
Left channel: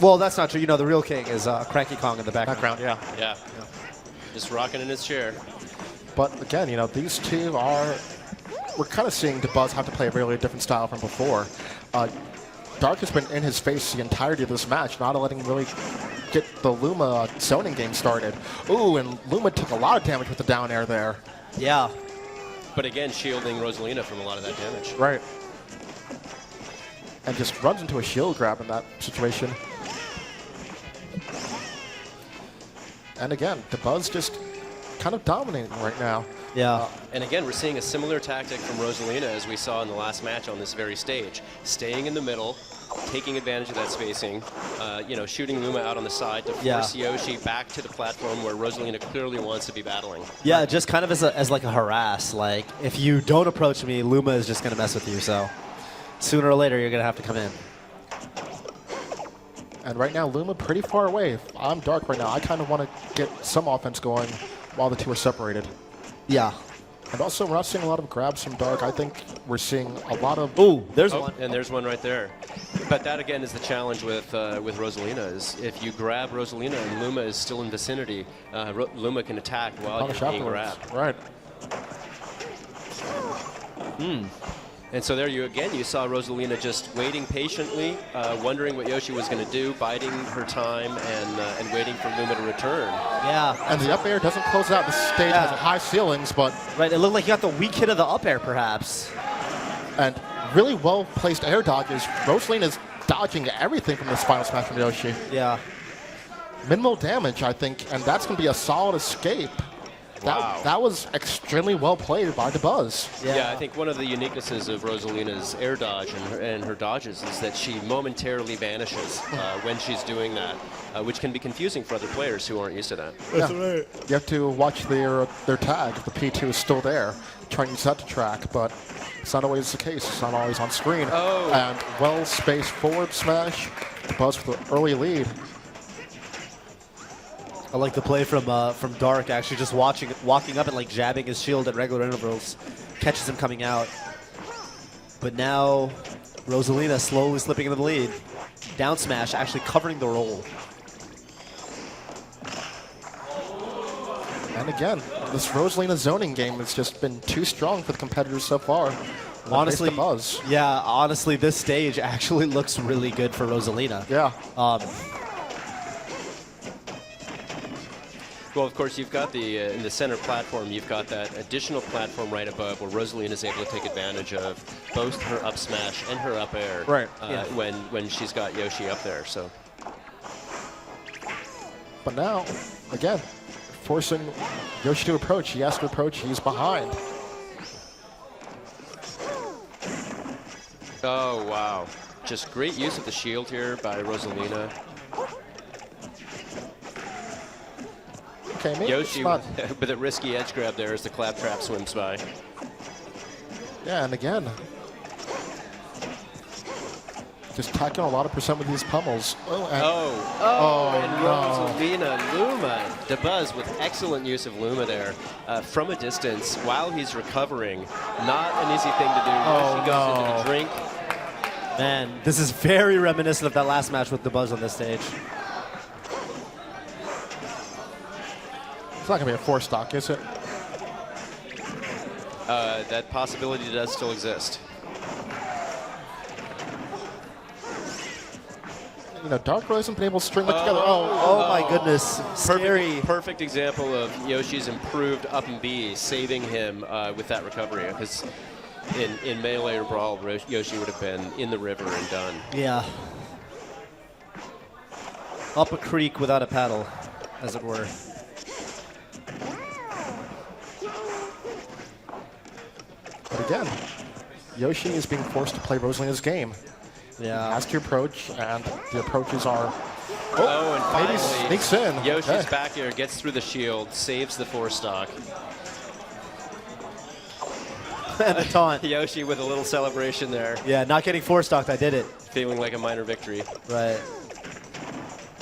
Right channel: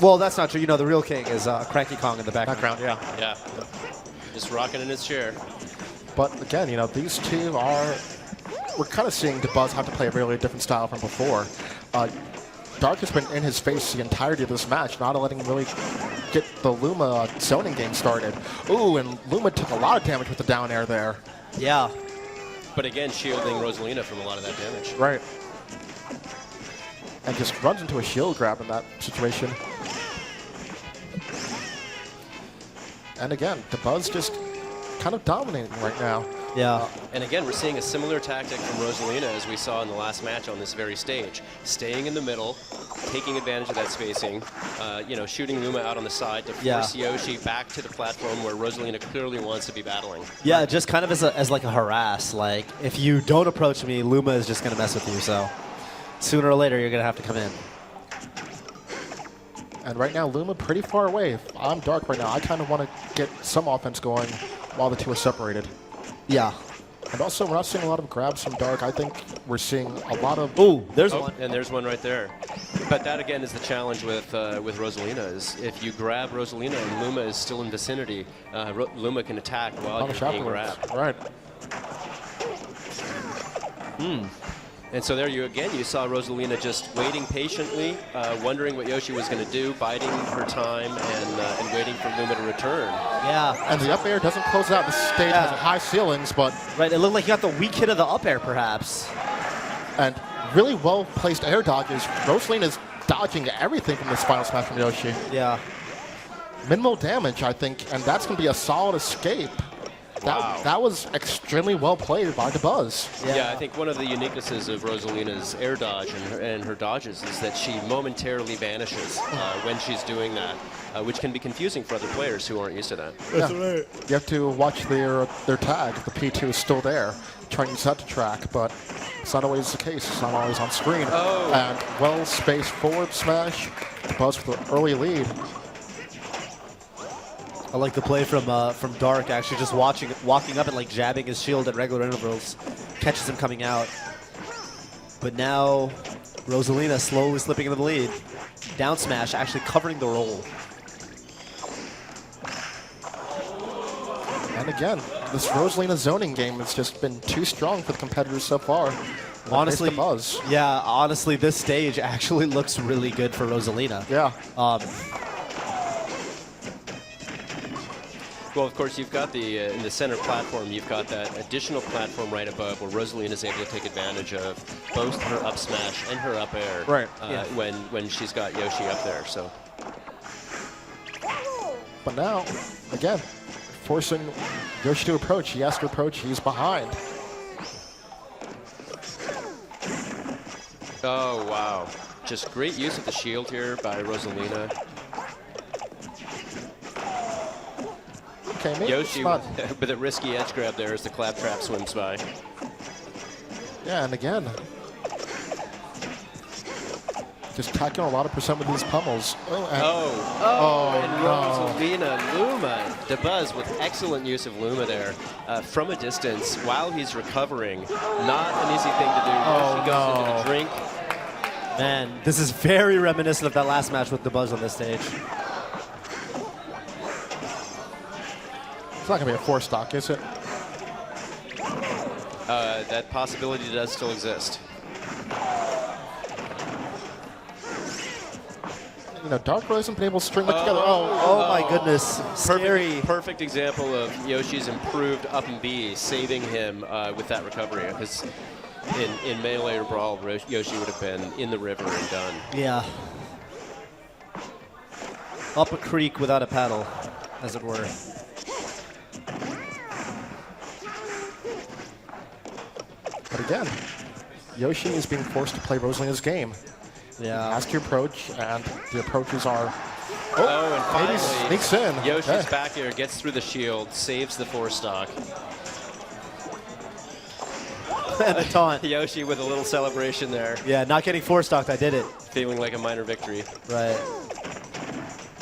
Well, that's not true. You know, the real king is Cranky Kong in the background. Yeah. Just rocking in his chair. But again, you know, these two are... We're kind of seeing DeBuzz have to play a really different style from before. Dark has been in his face the entirety of this match, not letting him really get the Luma zoning game started. Ooh, and Luma took a lot of damage with the down air there. Yeah. But again, shielding Rosalina from a lot of that damage. Right. And just runs into a shield grab in that situation. And again, DeBuzz just kind of dominating right now. Yeah. And again, we're seeing a similar tactic from Rosalina as we saw in the last match on this very stage. Staying in the middle, taking advantage of that spacing, you know, shooting Luma out on the side to force Yoshi back to the platform where Rosalina clearly wants to be battling. Yeah, just kind of as like a harass. Like, if you don't approach me, Luma is just going to mess with you. So sooner or later, you're going to have to come in. And right now, Luma pretty far away. If I'm Dark right now, I kind of want to get some offense going while the two are separated. Yeah. And also, we're not seeing a lot of grabs from Dark. I think we're seeing a lot of... Ooh, there's one. And there's one right there. But that, again, is the challenge with Rosalina, is if you grab Rosalina and Luma is still in vicinity, Luma can attack while you're being grabbed. Right. And so there you saw Rosalina just waiting patiently, wondering what Yoshi was going to do, biding her time and waiting for Luma to return. Yeah. And the up air doesn't close out. The stage has high ceilings, but... Right, it looked like you got the weak hit of the up air, perhaps. And really well-placed air dodges. Rosalina's dodging everything from this final smash from Yoshi. Yeah. Minimal damage, I think, and that's going to be a solid escape. That was extremely well played by DeBuzz. Yeah, I think one of the uniquenesses of Rosalina's air dodge and her dodges is that she momentarily vanishes when she's doing that, which can be confusing for other players who aren't used to that. That's right. You have to watch their tag. The P2 is still there, trying to use that to track, but it's not always the case. It's not always on screen. Oh. And well-spaced forward smash. DeBuzz with an early lead. I like the play from Dark, actually just walking up and like jabbing his shield at regular intervals, catches him coming out. But now Rosalina slowly slipping into the lead. Down smash actually covering the roll. And again, this Rosalina zoning game has just been too strong for the competitors so far. Honestly, this stage actually looks really good for Rosalina. Yeah. Well, of course, you've got in the center platform, you've got that additional platform right above where Rosalina is able to take advantage of both her up smash and her up air. Right. When she's got Yoshi up there. So. But now, again, forcing Yoshi to approach. He has to approach. He's behind. Oh, wow. Just great use of the shield here by Rosalina. Okay, Yoshi with a risky edge grab there as the claptrap swims by. Yeah, and again, Just tacking a lot of percent with these pummels. And Rosalina, Luma, DeBuzz with excellent use of Luma there from a distance while he's recovering. Not an easy thing to do. Yoshi goes into the drink. Man, this is very reminiscent of that last match with DeBuzz on this stage. It's not going to be a 4-stock, is it? That possibility does still exist. Dark really hasn't been able to string it together. Oh my goodness. Perfect example of Yoshi's improved up and B, saving him with that recovery. Because in Melee or Brawl, Yoshi would have been in the river and done. Yeah. Up a creek without a paddle, as it were. But again, Yoshi is being forced to play Rosalina's game. Yeah. He has to approach, and the approaches are... and finally, sneaks in. Yoshi's back here, gets through the shield, saves the 4-stock. And the taunt. Yoshi with a little celebration there. Yeah, not getting 4-stocked, I did it. Feeling like a minor victory. Right.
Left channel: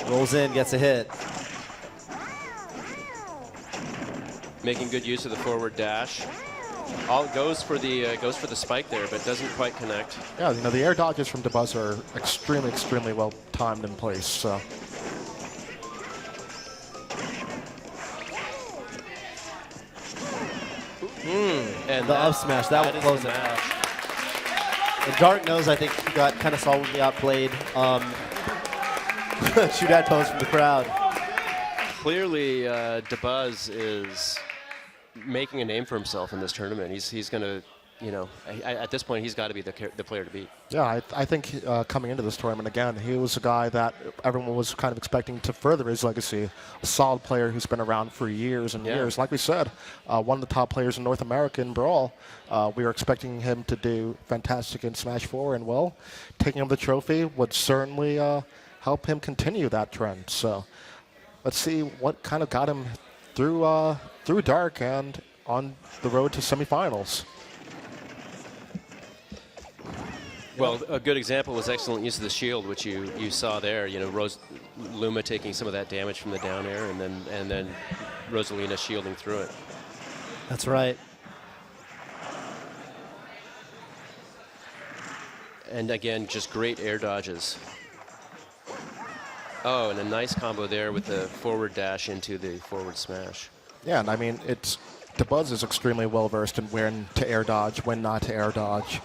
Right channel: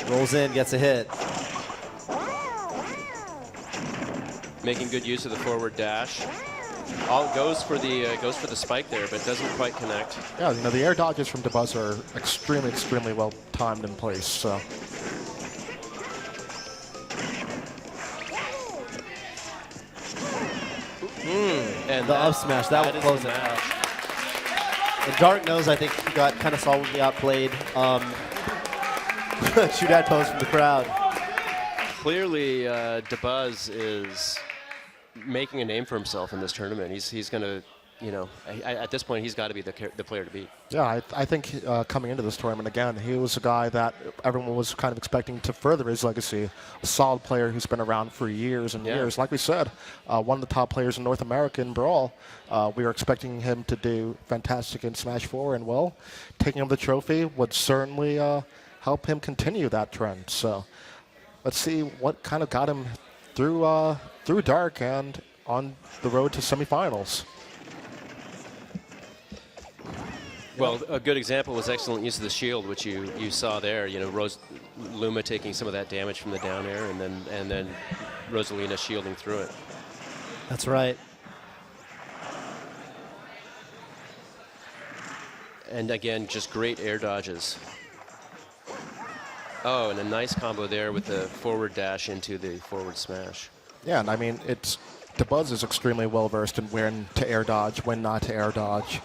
Rolls in, gets a hit. Making good use of the forward dash. All goes for the spike there, but doesn't quite connect. Yeah, the air dodges from DeBuzz are extremely, extremely well timed in place. So. And the up smash, that would close it. And Dark knows, I think, he got kind of solidly outplayed. Shoot at pose from the crowd. Clearly, DeBuzz is making a name for himself in this tournament. He's going to, at this point, he's got to be the player to beat. Yeah, I think coming into this tournament, again, he was a guy that everyone was kind of expecting to further his legacy. A solid player who's been around for years and years. Like we said, one of the top players in North America in Brawl. We were expecting him to do fantastic in Smash 4, and, well, taking him the trophy would certainly help him continue that trend. So let's see what kind of got him through Dark and on the road to semifinals. Well, a good example was excellent use of the shield, which you saw there. Luma taking some of that damage from the down air, and then Rosalina shielding through it. That's right. And again, just great air dodges. Oh, and a nice combo there with the forward dash into the forward smash. Yeah, and I mean, DeBuzz is extremely well versed in when to air dodge, when not to air dodge,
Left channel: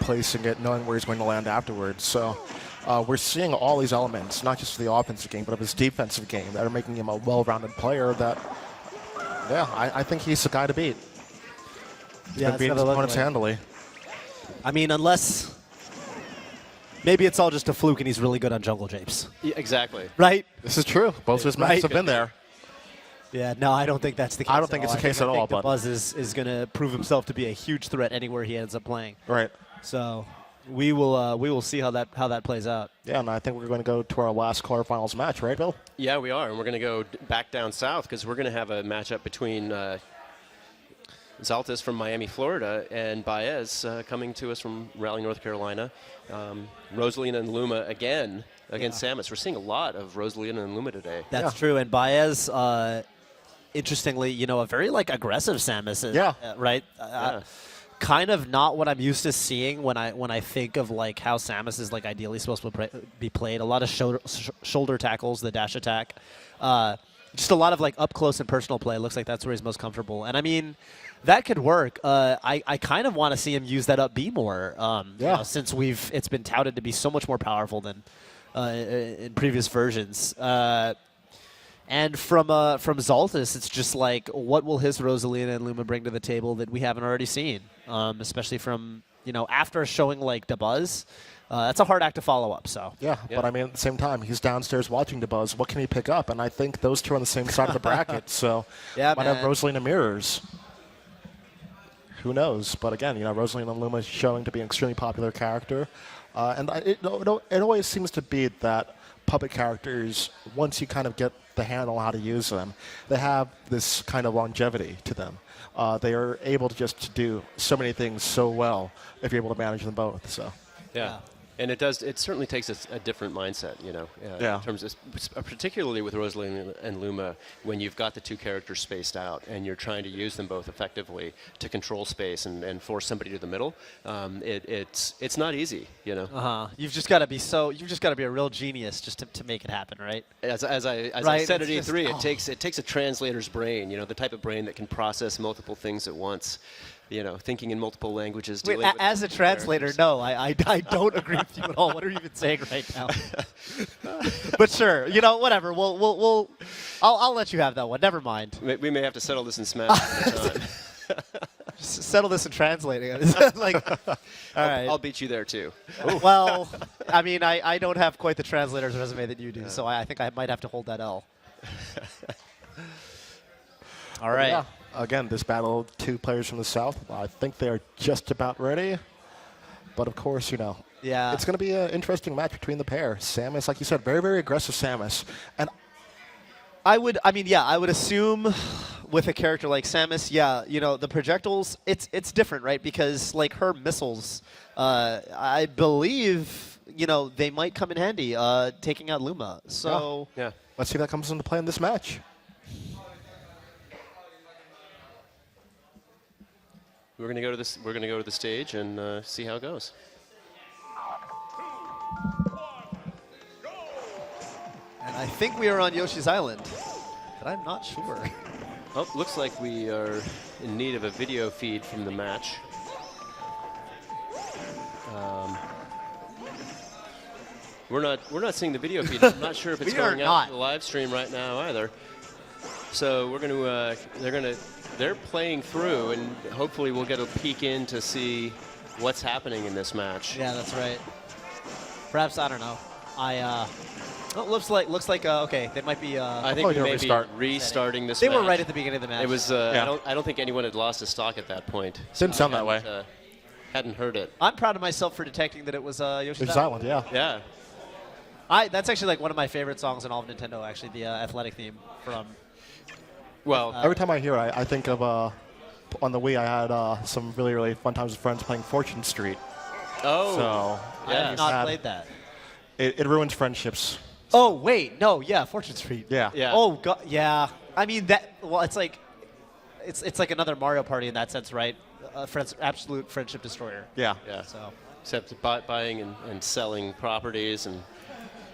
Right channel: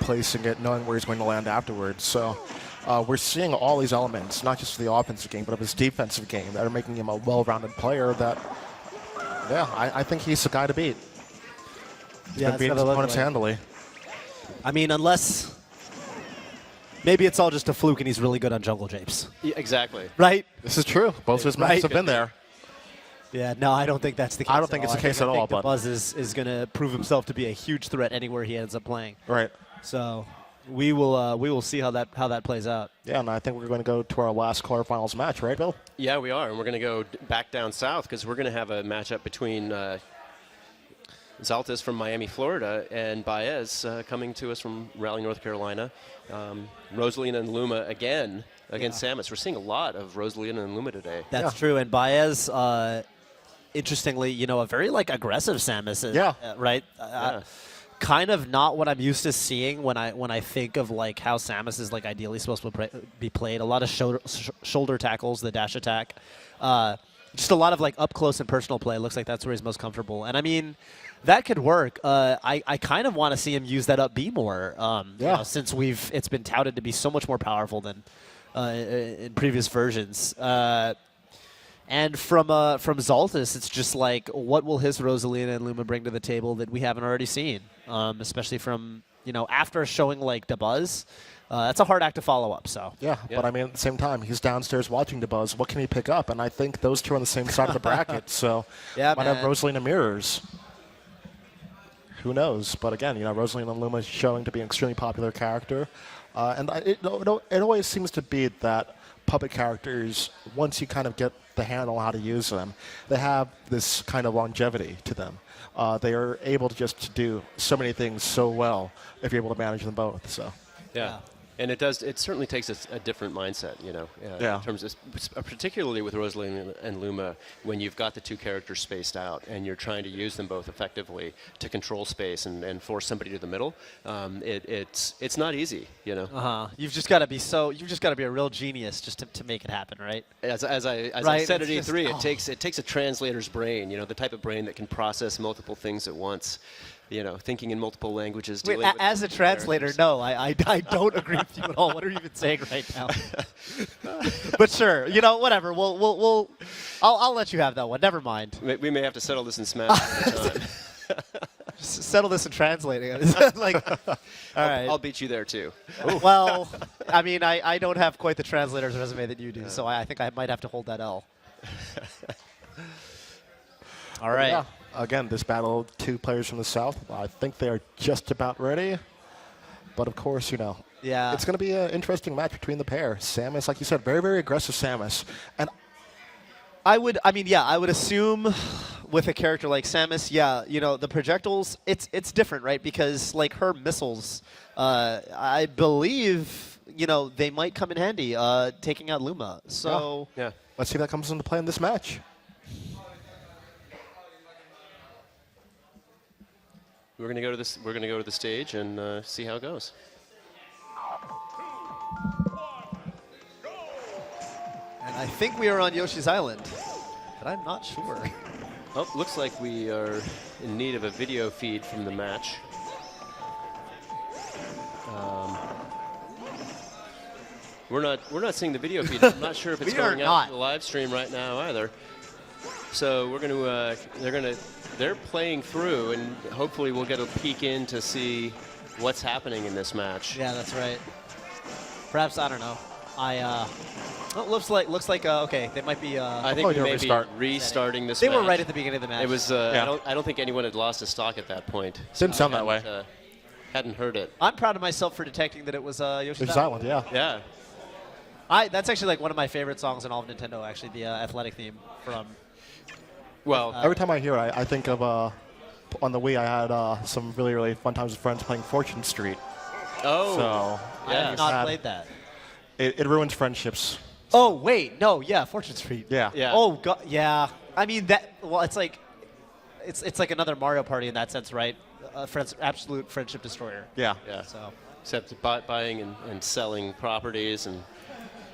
placing it, knowing where he's going to land afterwards. So we're seeing all these elements, not just of the offensive game, but of his defensive game, that are making him a well-rounded player that, I think he's the guy to beat. He's going to beat his opponents handily. I mean, unless... Maybe it's all just a fluke and he's really good on jungle japes. Yeah, exactly. Right? This is true. Both of his matches have been there. Yeah, no, I don't think that's the case. I don't think it's the case at all. But Buzz is going to prove himself to be a huge threat anywhere he ends up playing. Right. So we will see how that plays out. Yeah, and I think we're going to go to our last quarterfinals match, right, Bill? Yeah, we are, and we're going to go back down south because we're going to have a matchup between Zaltis from Miami, Florida, and Baez coming to us from Raleigh, North Carolina. Rosalina and Luma again against Samus. We're seeing a lot of Rosalina and Luma today. That's true, and Baez, interestingly, a very aggressive Samus. Right. Kind of not what I'm used to seeing when I think of how Samus is ideally supposed to be played. A lot of shoulder tackles, the dash attack, just a lot of up close and personal play. It looks like that's where he's most comfortable. And I mean, that could work. I kind of want to see him use that up B more. Since it's been touted to be so much more powerful than in previous versions. And from Zaltis, it's just what will his Rosalina and Luma bring to the table that we haven't already seen? Especially from after showing DeBuzz, that's a hard act to follow up. So but I mean at the same time, he's downstairs watching DeBuzz. What can he pick up? And I think those two are on the same side of the bracket. So might have Rosalina mirrors. Who knows? But again, Rosalina and Luma is showing to be an extremely popular character, and it always seems to be that puppet characters, once you kind of get the handle on how to use them, they have this kind of longevity to them. They are able to just do so many things so well if you're able to manage them both. So yeah. And it does. It certainly takes a different mindset, you know, Yeah. in terms of, particularly with Rosalina and Luma, when you've got the two characters spaced out and you're trying to use them both effectively to control space and force somebody to the middle. It's not easy, you know. You've just got to be a real genius just to make it happen, right? As I Right, said at it's E3, just- it takes a translator's brain, you know, the type of brain that can process multiple things at once. You know, thinking in multiple languages. Wait, dealing with as a translator, no, I don't agree with you at all. What are you even saying right now? But sure, you know, whatever. I'll let you have that one. Never mind. We may have to settle this in Smash. Just settle this in translating. Like, all right. I'll beat you there too. Well, I mean, I don't have quite the translator's resume that you do, so I think I might have to hold that L. All right. Yeah. Again, this battle, two players from the South. I think they are just about ready. But of course, you know, it's going to be an interesting match between the pair. Samus, like you said, very, very aggressive Samus. And I would assume with a character like Samus, you know, the projectiles, it's different, right? Because like her missiles, I believe, you know, they might come in handy taking out Luma. So yeah. Let's see if that comes into play in this match. We're gonna go to the stage and see how it goes. And I think we are on Yoshi's Island, but I'm not sure. Oh, looks like we are in need of a video feed from the match. We're not seeing the video feed. I'm not sure if it's going out to the live stream right now either. So we're they're playing through, and hopefully we'll get a peek in to see what's happening in this match. Yeah, that's right. Perhaps, I don't know. It looks like okay, they might be. I think we may be restarting this. They match. were right at the beginning of the match. It was. I don't think anyone had lost a stock at that point. Didn't sound that way. Hadn't heard it. I'm proud of myself for detecting that it was Yoshi's Island. Yeah. Yeah. That's actually like one of my favorite songs in all of Nintendo. Actually, the athletic theme from. Well, every time I hear it, I think of on the Wii. I had some really, really fun times with friends playing Fortune Street. Oh. So I have not played that. It ruins friendships. Oh wait, no, yeah, Fortune Street. Yeah. Yeah. Oh god, yeah. I mean that. Well, it's like another Mario Party in that sense, right? Absolute friendship destroyer. Yeah. Yeah. So. Except buying and selling properties, and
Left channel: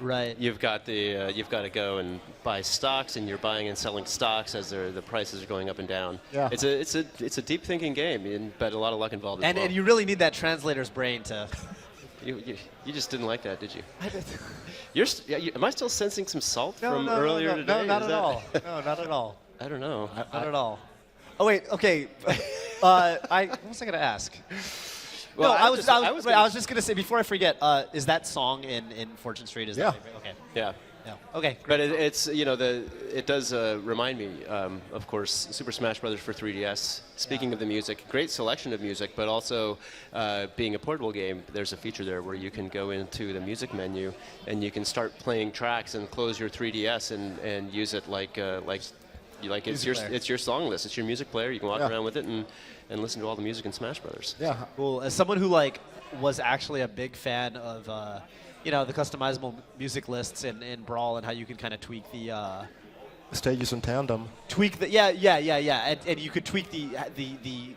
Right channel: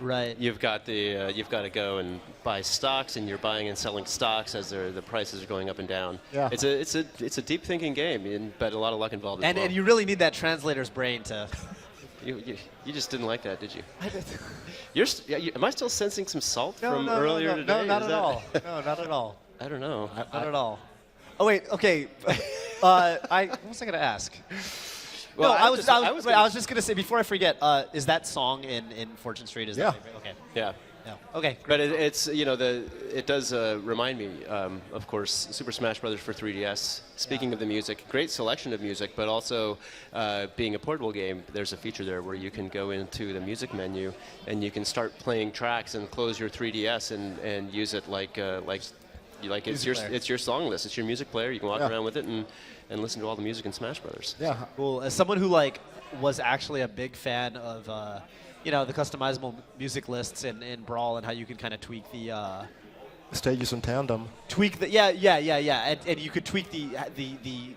right. You've got to go and buy stocks, and you're buying and selling stocks as the prices are going up and down. Yeah. It's a deep thinking game, but a lot of luck involved. And you really need that translator's brain to. You just didn't like that, did you? Am I still sensing some salt from earlier today? No, not at all. No, not at all. I don't know. Not at all. Oh wait, okay. What was I gonna ask? Well, no, I was just gonna say before I forget. Is that song in Fortune Street? Is yeah. That okay. Yeah. Yeah. Okay. But it's it does remind me, of course, Super Smash Brothers for 3DS. Speaking of the music, great selection of music, but also being a portable game, there's a feature there where you can go into the music menu and you can start playing tracks and close your 3DS and use it like it's your song list, it's your music player. You can walk around with it and listen to all the music in Smash Brothers. Yeah. Cool. As someone who was actually a big fan of the customizable music lists in Brawl and how you can kind of tweak the stages in tandem. Tweak the and you could tweak the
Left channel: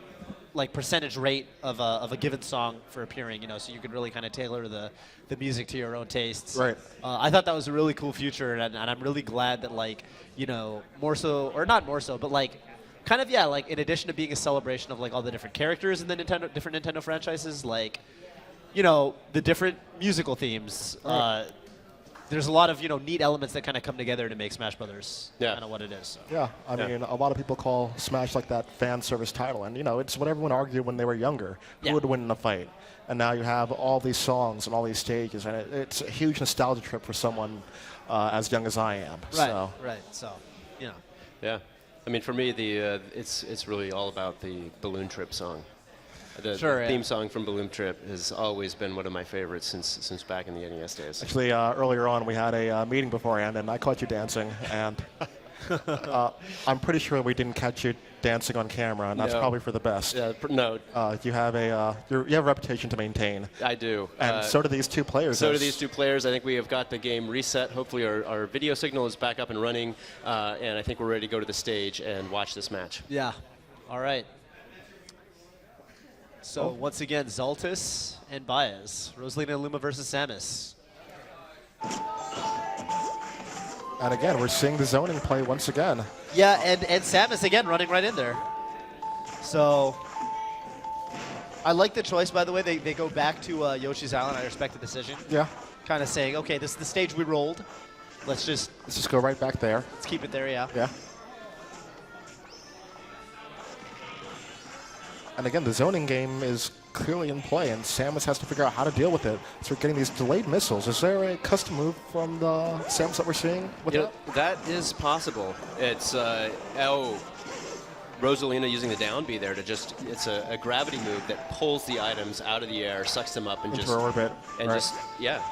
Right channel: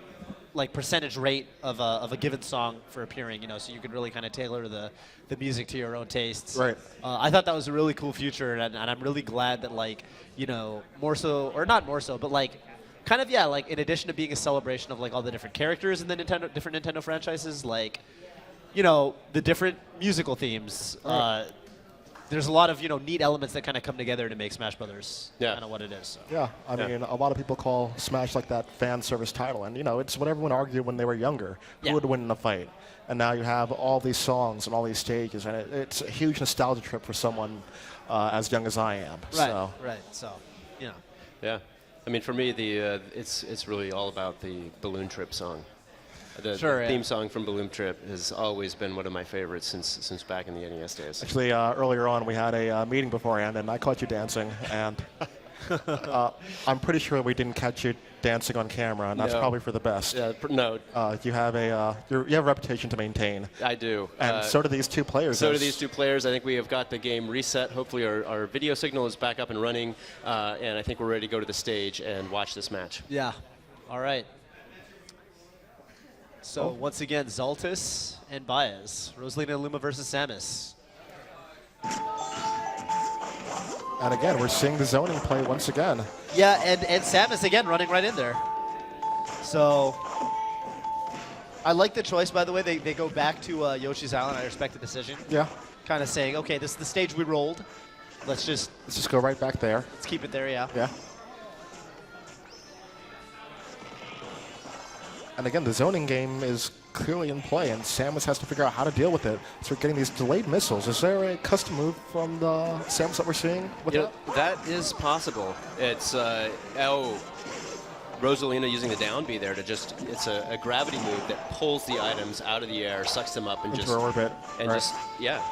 like percentage rate of a given song for appearing, so you could really kind of tailor the music to your own tastes. Right. I thought that was a really cool feature, and I'm really glad that more so, or not more so, but kind of in addition to being a celebration of all the different characters in the different Nintendo franchises, the different musical themes. Right. There's a lot of neat elements that kind of come together to make Smash Brothers kind of what it is. So. Yeah, I mean, a lot of people call Smash that fan service title, and it's what everyone argued when they were younger. Who would win in a fight? And now you have all these songs and all these stages, and it's a huge nostalgia trip for someone as young as I am. Right. So. Right. So, Yeah. I mean, for me, it's really all about the Balloon Trip song. The theme song from Balloon Trip has always been one of my favorites since back in the NES days. Actually, earlier on, we had a meeting beforehand, and I caught you dancing, and I'm pretty sure we didn't catch you dancing on camera, and that's No. probably for the best. No. You have you have a reputation to maintain. I do. And so do these two players. So do these two players. I think we have got the game reset. Hopefully our video signal is back up and running, and I think we're ready to go to the stage and watch this match. Yeah. All right. So once again, Zaltis and Baez. Rosalina and Luma versus Samus. And again, we're seeing the zoning play once again. Yeah, and Samus again running right in there. So I like the choice, by the way. They go back to Yoshi's Island. I respect the decision. Yeah. Kind of saying, okay, this is the stage we rolled. Let's just go right back there. Let's keep it there, yeah. Yeah. And again, the zoning game is clearly in play, and Samus has to figure out how to deal with it. So we're getting these delayed missiles. Is there a custom move from the Samus that we're seeing? With That is possible. It's Rosalina using the down B there to just, it's a gravity move that pulls the items out of the air, sucks them up, and Into just orbit, and right. just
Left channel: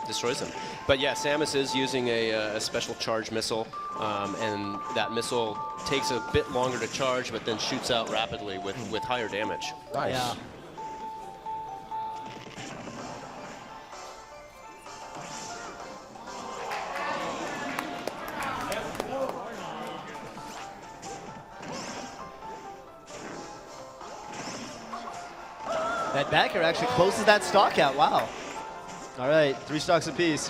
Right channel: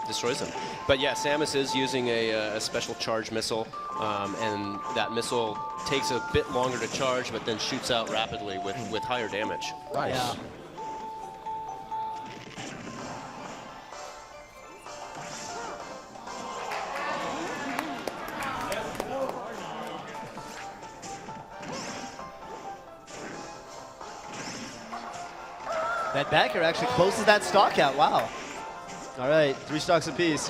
destroys them. But yeah, Samus is using a special charge missile, and that missile takes a bit longer to charge, but then shoots out rapidly with higher damage. Nice. Yeah. That backer actually closes that stock out. Wow. All right, 3 stocks apiece.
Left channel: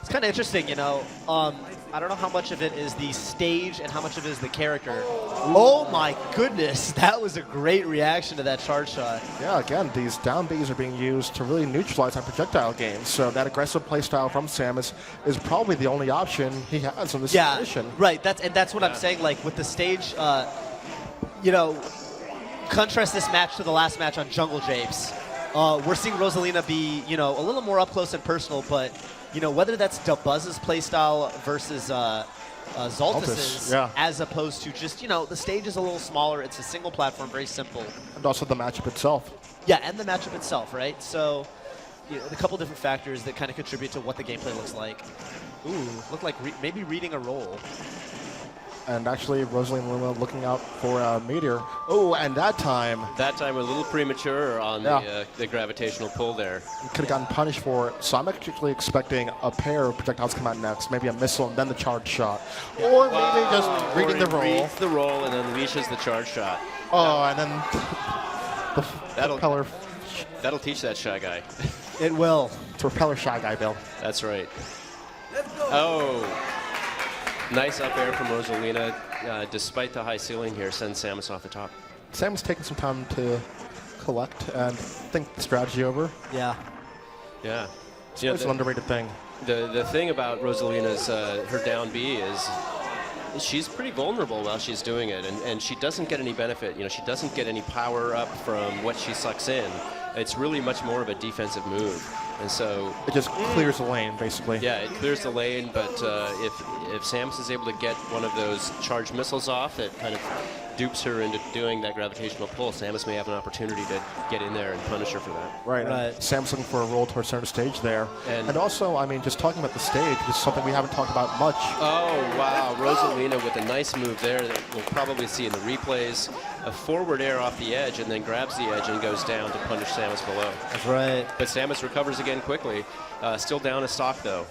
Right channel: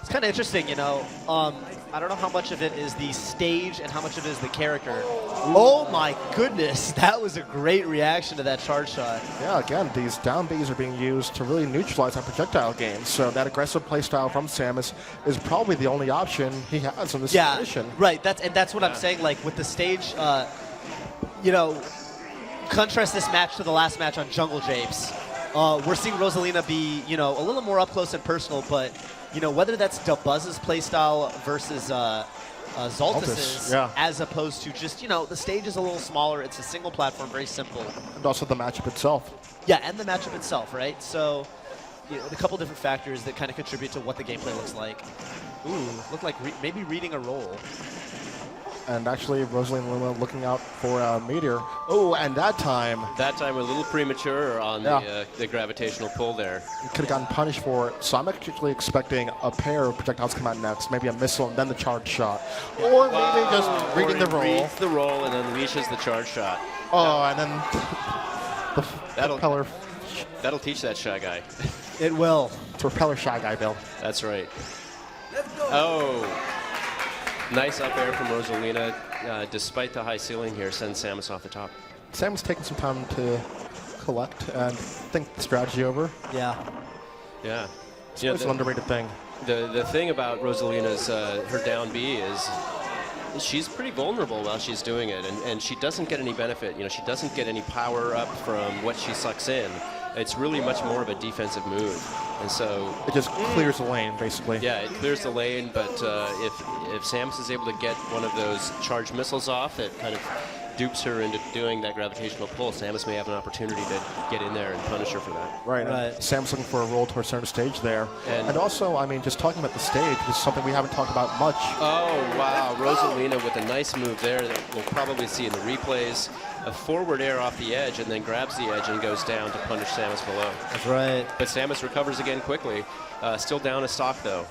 It's kind of interesting, you know. I don't know how much of it is the stage and how much of it is the character. Oh my goodness, that was a great reaction to that charge shot. Yeah, again, these down Bs are being used to really neutralize that projectile game. So that aggressive playstyle from Samus is probably the only option he has in this situation. Right. That's what I'm saying. Like with the stage, you know, contrast this match to the last match on Jungle Japes. We're seeing Rosalina be, you know, a little more up close and personal, but you know, whether that's Buzz's playstyle versus Zaltis's, as opposed to just, you know, the stage is a little smaller. It's a single platform, very simple. And also the matchup itself. Yeah, and the matchup itself, right? So, you know, a couple different factors that kind of contribute to what the gameplay looks like. Ooh, look like maybe reading a roll. And actually, Rosalina Luma looking out for a meteor. Oh, and that time a little premature on the gravitational pull there. Could have gotten punished for it. So I'm actually expecting a pair of projectiles come out next. Maybe a missile and then the charge shot. Or maybe just reading the roll. Reads the roll and then leashes the charge shot. Oh, and then the propeller. That'll teach that Shy Guy. It will. It's a propeller Shy Guy, Bill. That's right. Oh. Nice up air from Rosalina, despite the high ceiling here, sends Samus off the top. Samus taking some time to collect and think the strategy over. Yeah. Yeah. It's an underrated thing. The thing about Rosalina's, her down B is she's pretty vulnerable while she's doing it, and she doesn't get any benefit. You know, she doesn't get any power up from what she sucks in. It's really much more of a defensive move. And so it just clears the lane, basically. Yeah, it clears the lane, but if Samus is able to get one of those charged missiles off, it kind of dupes her into doing that gravitational pull. Samus may have an opportunity to get in there and punish her for that. Right. Samus looking for a roll towards center stage there. And also, I mean, just talking about the stage, this is something we haven't talked about much. Oh, wow. Rosalina with a nice move there that we'll probably see in the replays. A forward air off the edge and then grabs the edge and goes down to punish Samus below. That's right. But Samus recovers again quickly. Still down a stock, though.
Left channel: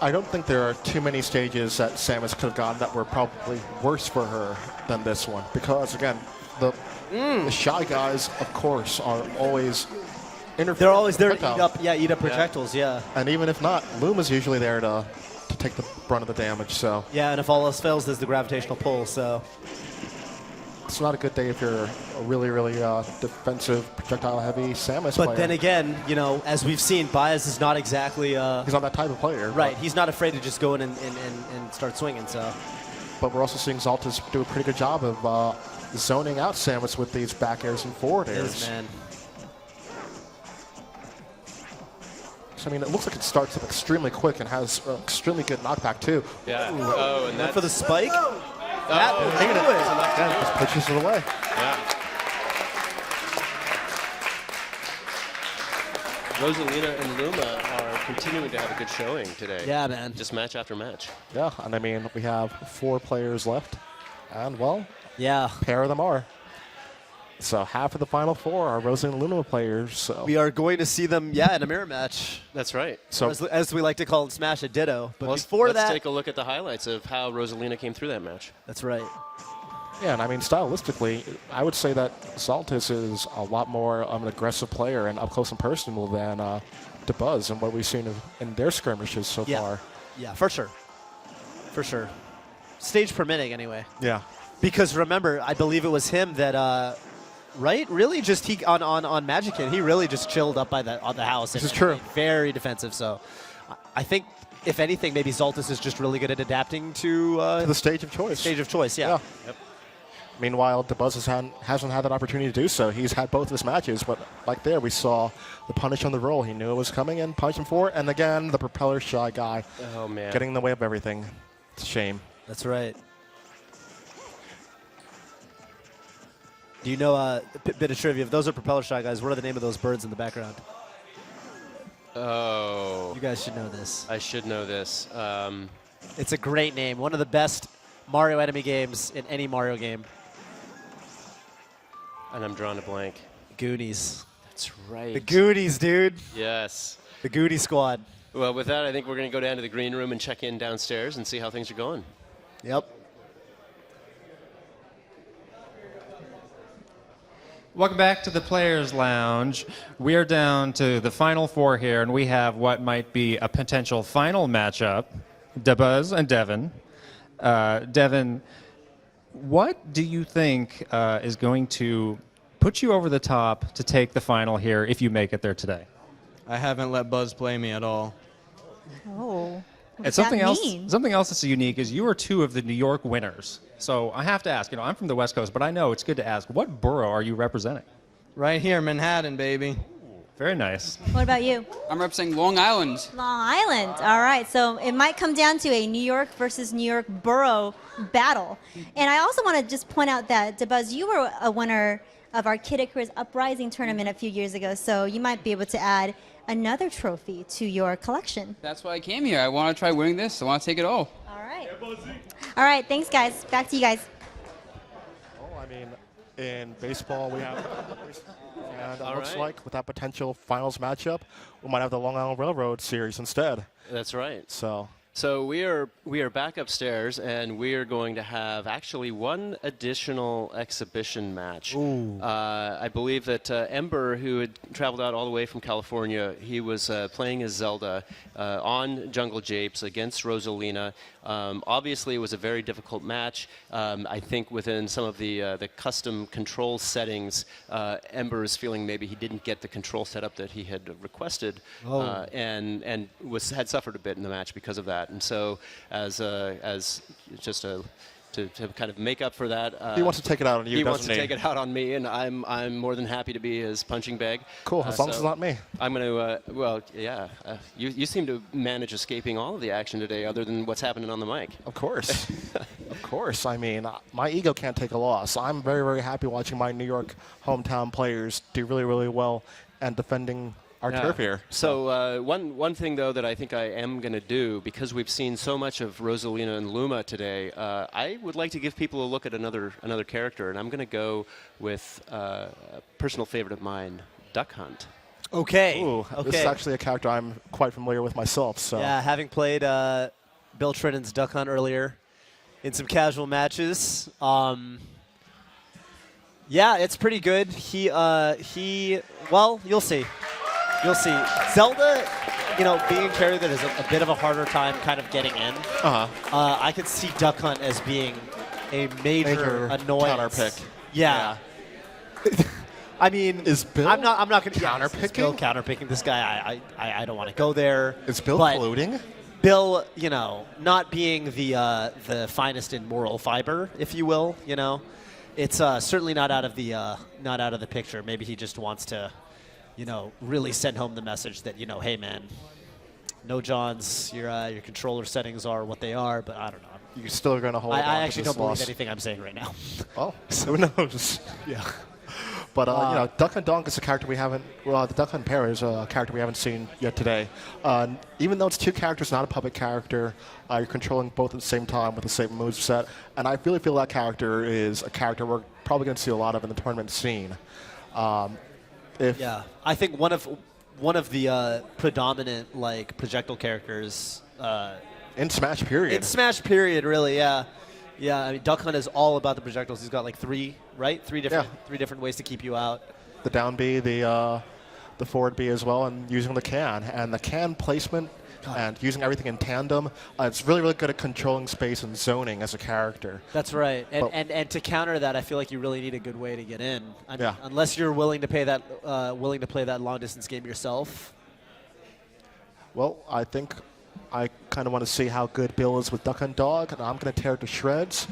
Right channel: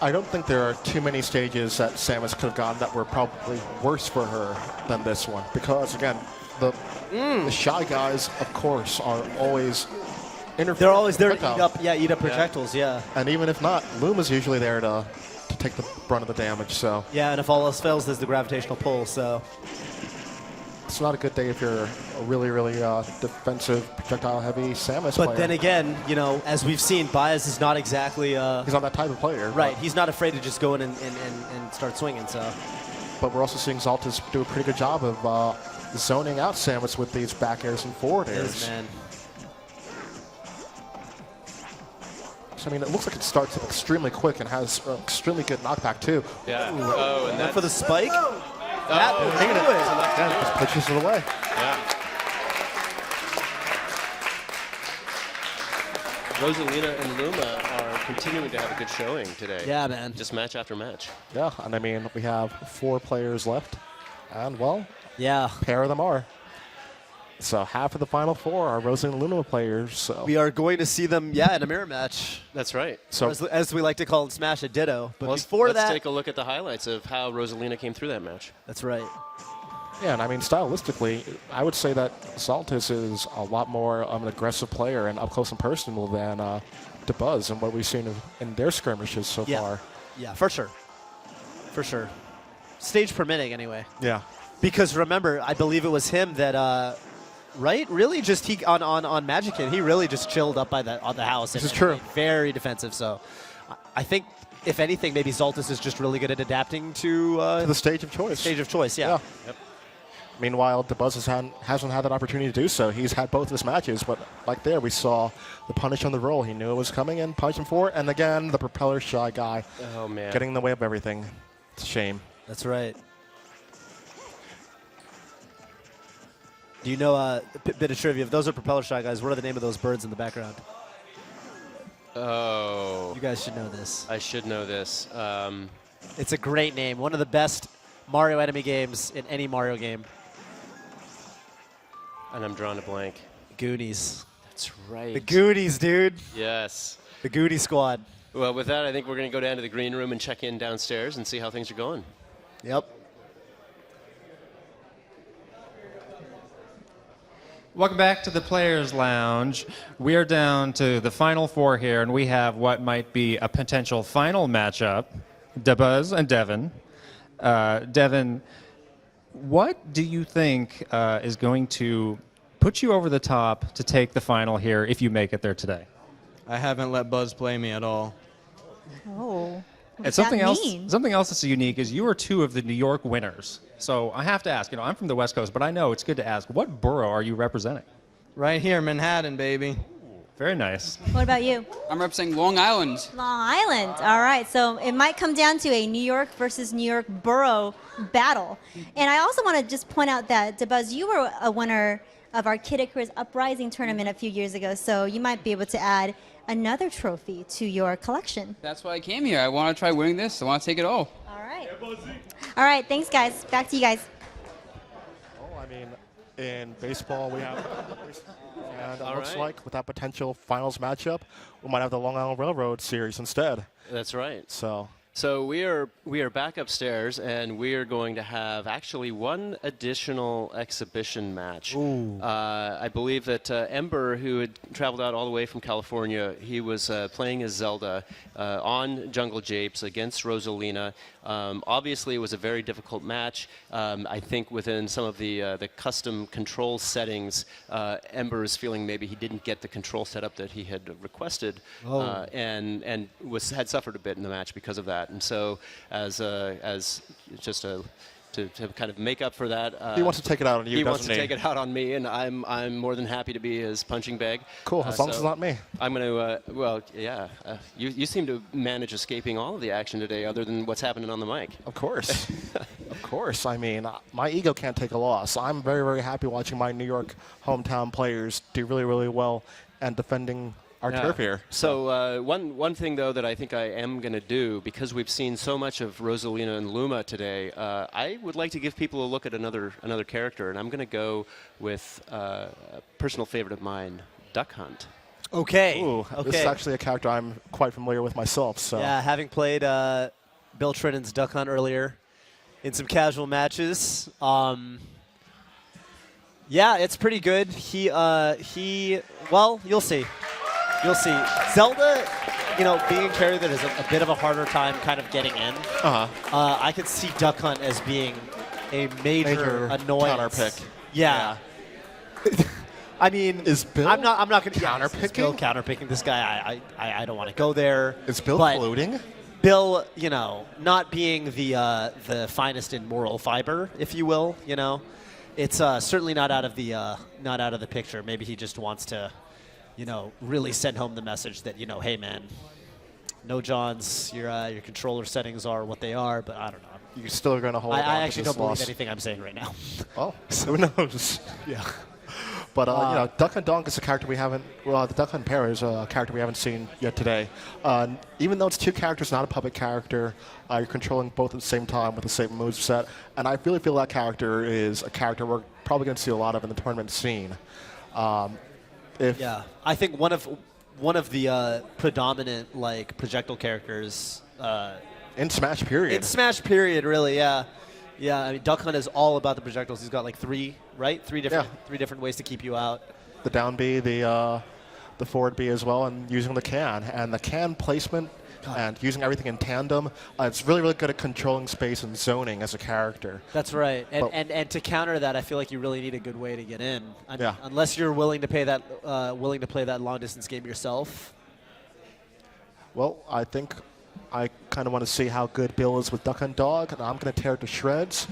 I don't think there are too many stages that Samus could have gone that were probably worse for her than this one. Because, again, the Shy Guys, of course, are always interfering. They're always there to eat up projectiles, yeah. And even if not, Luma's usually there to take the brunt of the damage, so. Yeah, and if all else fails, there's the gravitational pull, so. It's not a good day if you're a really, really defensive, projectile-heavy Samus player. But then again, you know, as we've seen, Baez is not exactly... he's not that type of player. Right, he's not afraid to just go in and start swinging, so... But we're also seeing Zaltis do a pretty good job of zoning out Samus with these back airs and forward airs. Man. So, I mean, it looks like it starts up extremely quick and has extremely good knockback, too. Yeah. Ooh. Oh, and that for the spike? Just pushes it away. Yeah. Rosalina and Luma are continuing to have a good showing today. Yeah, man. Just match after match. Yeah, and I mean, we have 4 players left, and, well, Yeah. pair of them are. So half of the final 4 are Rosa and Luna players. So We are going to see them, in a mirror match. That's right. So As we like to call it, Smash a Ditto. But let's before let's that, take a look at the highlights of how Rosalina came through that match. that's right. yeah, and I mean, stylistically, I would say that Saltis is a lot more of an aggressive player and up close and personal than DeBuzz and what we've seen in their skirmishes so far. Yeah, for sure. For sure. Stage permitting, anyway. Yeah. Because remember, I believe it was him that, right? Really, just he on Magic Kid, he really just chilled up on the house. This is true. Very defensive. So, I think if anything, maybe Zaltis is just really good at adapting to The stage of choice. stage of choice. Yeah. Yep. Meanwhile, DeBuzz hasn't had that opportunity to do so. He's had both his matches, but like there, we saw the punish on the roll. He knew it was coming and punished him for it. And again, the propeller shy guy Oh, man. getting in the way of everything. It's a shame. That's right. Do you know a bit of trivia? If those are propeller shy guys, what are the name of those birds in the background? Oh. You guys should know this. I should know this. It's a great name. One of the best Mario enemy games in any Mario game. And I'm drawing a blank. Goonies. That's right. The Goonies, dude. Yes. The Goody Squad. Well, with that, I think we're going to go down to the green room and check in downstairs and see how things are going. Yep. Welcome back to the Players Lounge. We are down to the final 4 here, and we have what might be a potential final matchup, DeBuzz and Devin. Devin, what do you think is going to put you over the top to take the final here if you make it there today? I haven't let Buzz play me at all. Oh. And something else that's unique is you are 2 of the New York winners. So I have to ask, I'm from the West Coast, but I know it's good to ask, what borough are you representing? Right here, Manhattan, baby. Very nice. What about you? I'm representing Long Island. Long Island. All right. So it might come down to a New York versus New York borough battle. And I also want to just point out that, DeBuzz, you were a winner of our Kid Icarus Uprising tournament a few years ago, so you might be able to add another trophy to your collection. That's why I came here. I want to try winning this. I want to take it all. All right. All right. Thanks, guys. Back to you guys. Oh, I mean, in baseball, we have... And it looks like with that potential finals matchup, we might have the Long Island Railroad series instead. That's right. So we are back upstairs, and we are going to have actually one additional exhibition match. I believe that Ember, who had traveled out all the way from California, he was playing as Zelda on Jungle Japes against Rosalina. Obviously, it was a very difficult match. I think within some of the custom control settings, Ember is feeling maybe he didn't get the control setup that he had requested, and had suffered a bit in the match because of that. And so, as just to kind of make up for that, he wants to take it out on you. He wants to take it out on me, and I'm more than happy to be his punching bag. Cool, as long as it's not me. I'm going to. You seem to manage escaping all of the action today, other than what's happening on the mic. Of course. Of course. I mean, my ego can't take a loss. I'm very, very happy watching my New York hometown players do really, really well and defending our turf here. So one thing, though, that I think I am going to do, because we've seen so much of Rosalina and Luma today, I would like to give people a look at another character, and I'm going to go with a personal favorite of mine, Duck Hunt. Okay. Ooh, this is actually a character I'm quite familiar with myself. So yeah, having played Bill Trinen's Duck Hunt earlier in some casual matches. Yeah, it's pretty good. Well, you'll see. You'll see. Zelda, being a character that is a bit of a harder time kind of getting in. I could see Duck Hunt as being a major annoyance. Counterpick. Yeah. I mean, is Bill? I'm not going to counterpicking. Bill counterpicking this guy. I don't want to go there. Is Bill floating? Bill, not being the finest in moral fiber, if you will, it's certainly not out of the picture. Maybe he just wants to, really send home the message that, hey man, no Johns, your controller settings are what they are, but I don't know. You're still going to hold on I to actually this don't believe loss. anything I'm saying right now. Oh, who knows? Yeah. But Duck Hunt Dog is a character we haven't. Well, the Duck Hunt pair is a character we haven't seen yet today. Even though it's two characters, not a public character, you're controlling both at the same time with the same moveset, and I really feel that character is a character we're probably going to see a lot of in the tournament scene. I think one of the predominant like projectile characters in Smash period. In Smash period, really, yeah. Yeah, I mean, Duck Hunt is all about the projectiles. He's got like three different ways to keep you out. The down B, the forward B as well, and using the can. And the can placement and using everything in tandem, it's really, really good at controlling space and zoning as a character. That's right. And to counter that, I feel like you really need a good way to get in. I mean, unless you're willing to play that long distance game yourself. Well, I think I kind of want to see how good Bill is with Duck Hunt Dog, and I'm going to tear it to shreds.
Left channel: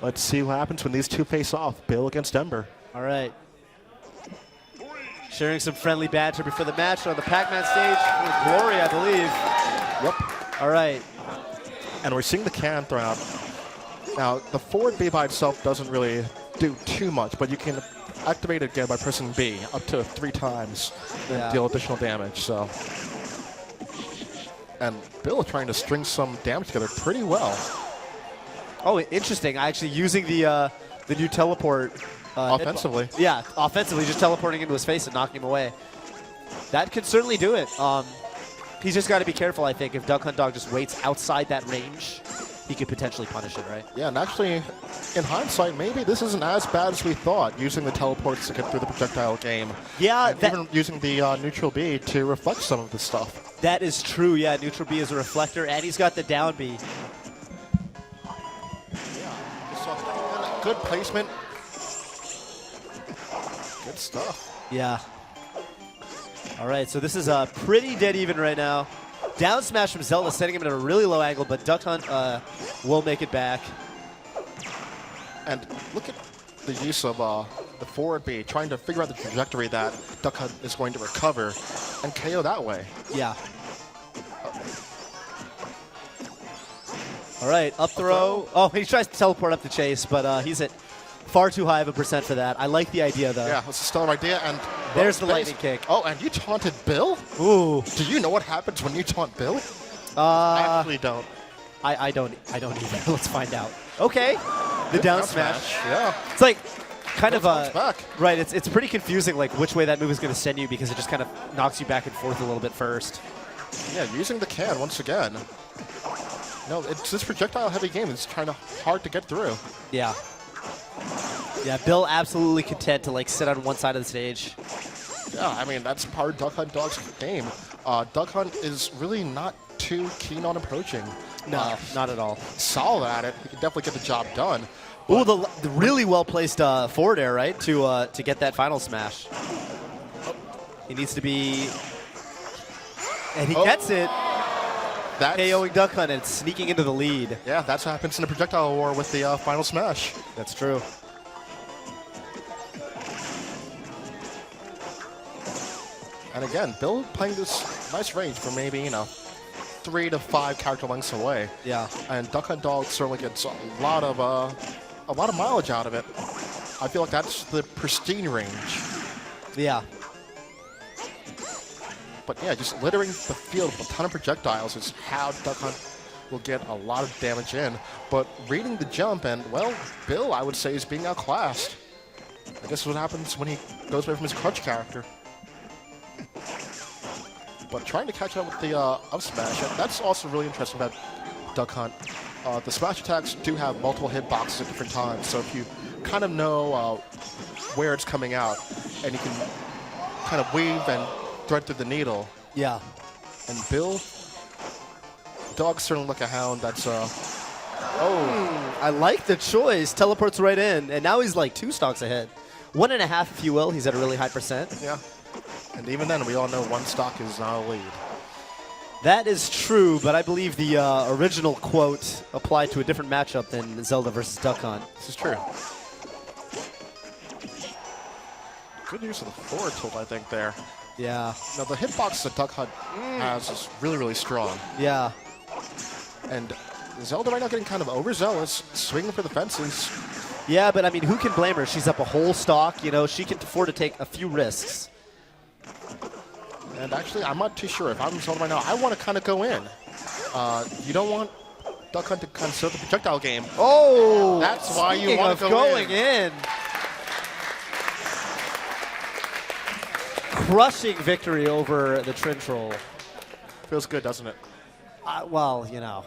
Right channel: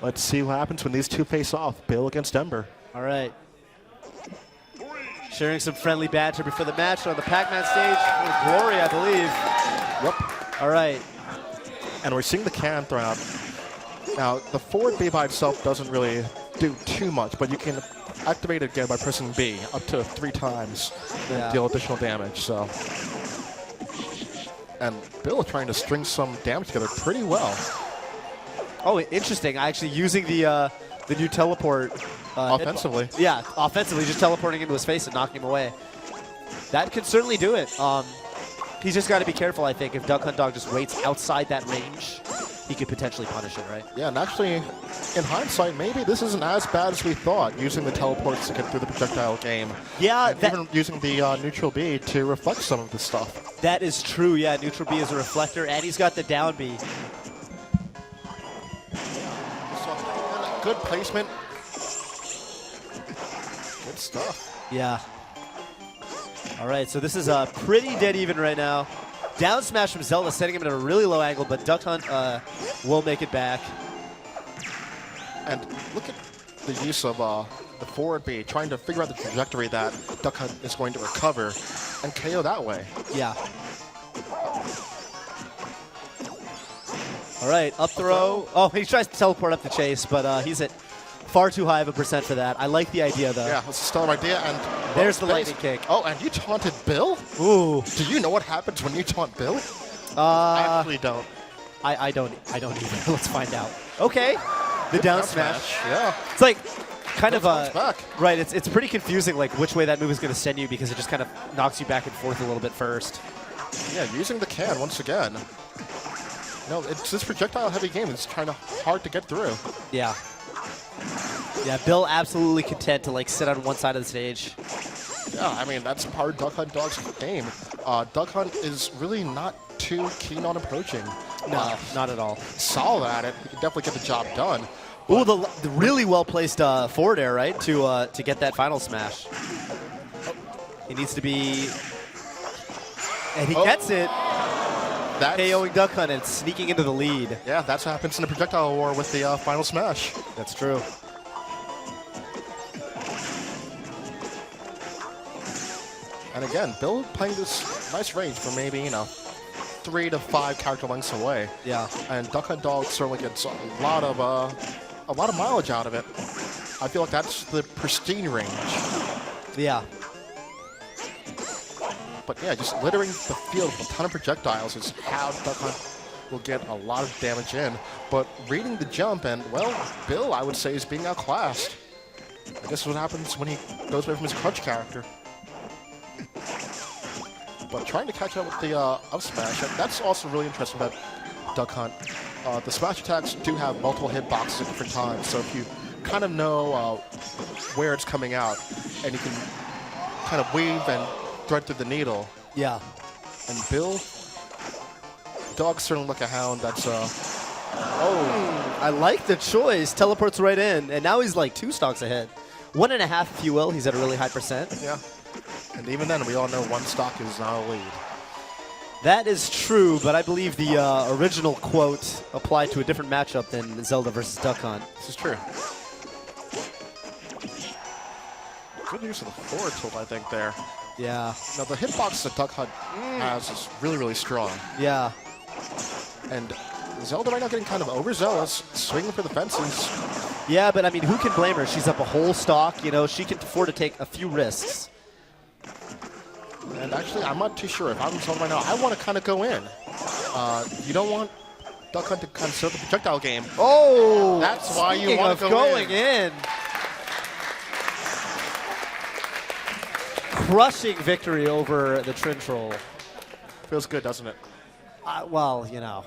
Let's see what happens when these two face off. Bill against Ember. All right. Sharing some friendly banter before the match on the Pac-Man stage. Glory, I believe. Yep. All right. And we're seeing the can throw out. Now, the forward B by itself doesn't really do too much, but you can activate it again by pressing B up to 3 times and deal additional damage. So. And Bill is trying to string some damage together pretty well. Oh, interesting. Actually using the new teleport. Offensively. Offensively, just teleporting into his face and knocking him away. That could certainly do it. He's just got to be careful, I think. If Duck Hunt Dog just waits outside that range, he could potentially punish it, right? Yeah, and actually, in hindsight, maybe this isn't as bad as we thought, using the teleports to get through the projectile game. Yeah, and even using the neutral B to reflect some of this stuff. That is true, yeah. Neutral B is a reflector, and he's got the down B. So, good placement. Good stuff. Yeah. All right, so this is pretty dead even right now. Down smash from Zelda, setting him at a really low angle, but Duck Hunt will make it back. And look at the use of the forward B, trying to figure out the trajectory that Duck Hunt is going to recover and KO that way. Yeah. All right, up throw. Oh, he tries to teleport up the chase, but he's at far too high of a percent for that. I like the idea, though. Yeah, it's a stellar idea. And there's the lightning kick. Oh, and you taunted Bill? Ooh. Do you know what happens when you taunt Bill? I actually don't. I don't either. Let's find out. Okay. The down smash. Yeah. It's like kind of back. Right. It's pretty confusing, like which way that move is going to send you, because it just kind of knocks you back and forth a little bit first. Yeah, using the can once again. No, it's this projectile heavy game. It's kind of hard to get through. Yeah. Yeah, Bill absolutely content to like sit on one side of the stage. Yeah, I mean, that's part of Duck Hunt Dog's game. Duck Hunt is really not too keen on approaching. No, not at all. Solid at it. He can definitely get the job done. Ooh, the really well-placed forward air, right, to get that final smash. He needs to be... And he gets it. That's KOing Duck Hunt and sneaking into the lead. Yeah, that's what happens in the projectile war with the final smash. That's true. And again, Bill playing this nice range for maybe, 3 to 5 character lengths away. Yeah. And Duck Hunt Dog certainly gets a lot of mileage out of it. I feel like that's the pristine range. Yeah. But yeah, just littering the field with a ton of projectiles is how Duck Hunt will get a lot of damage in. But reading the jump, and, well, Bill, I would say, is being outclassed. I guess what happens when he goes away from his crutch character. But trying to catch up with the up smash, that's also really interesting about Duck Hunt. The smash attacks do have multiple hitboxes at different times, so if you kind of know where it's coming out, and you can kind of weave and thread through the needle. Yeah. And Bill, Dog certainly look a hound. That's I like the choice. Teleports right in, and now he's like 2 stocks ahead. 1.5, if you will. He's at a really high percent. Yeah. And even then, we all know 1 stock is not a lead. That is true, but I believe the original quote applied to a different matchup than Zelda versus Duck Hunt. This is true. Good use of the forward tilt, I think, there. Yeah. Now, the hitbox that Duck Hunt has is really, really strong. Yeah. And Zelda right now getting kind of overzealous, swinging for the fences. Yeah, but I mean, who can blame her? She's up a whole stock. You know, she can afford to take a few risks. And actually, I'm not too sure. If I'm someone right now, I want to kind of go in. You don't want Duck Hunt to kind of serve the projectile game. Oh, that's why you want to go going in. Crushing victory over the TrinTroll. Feels good, doesn't it? Well, you know.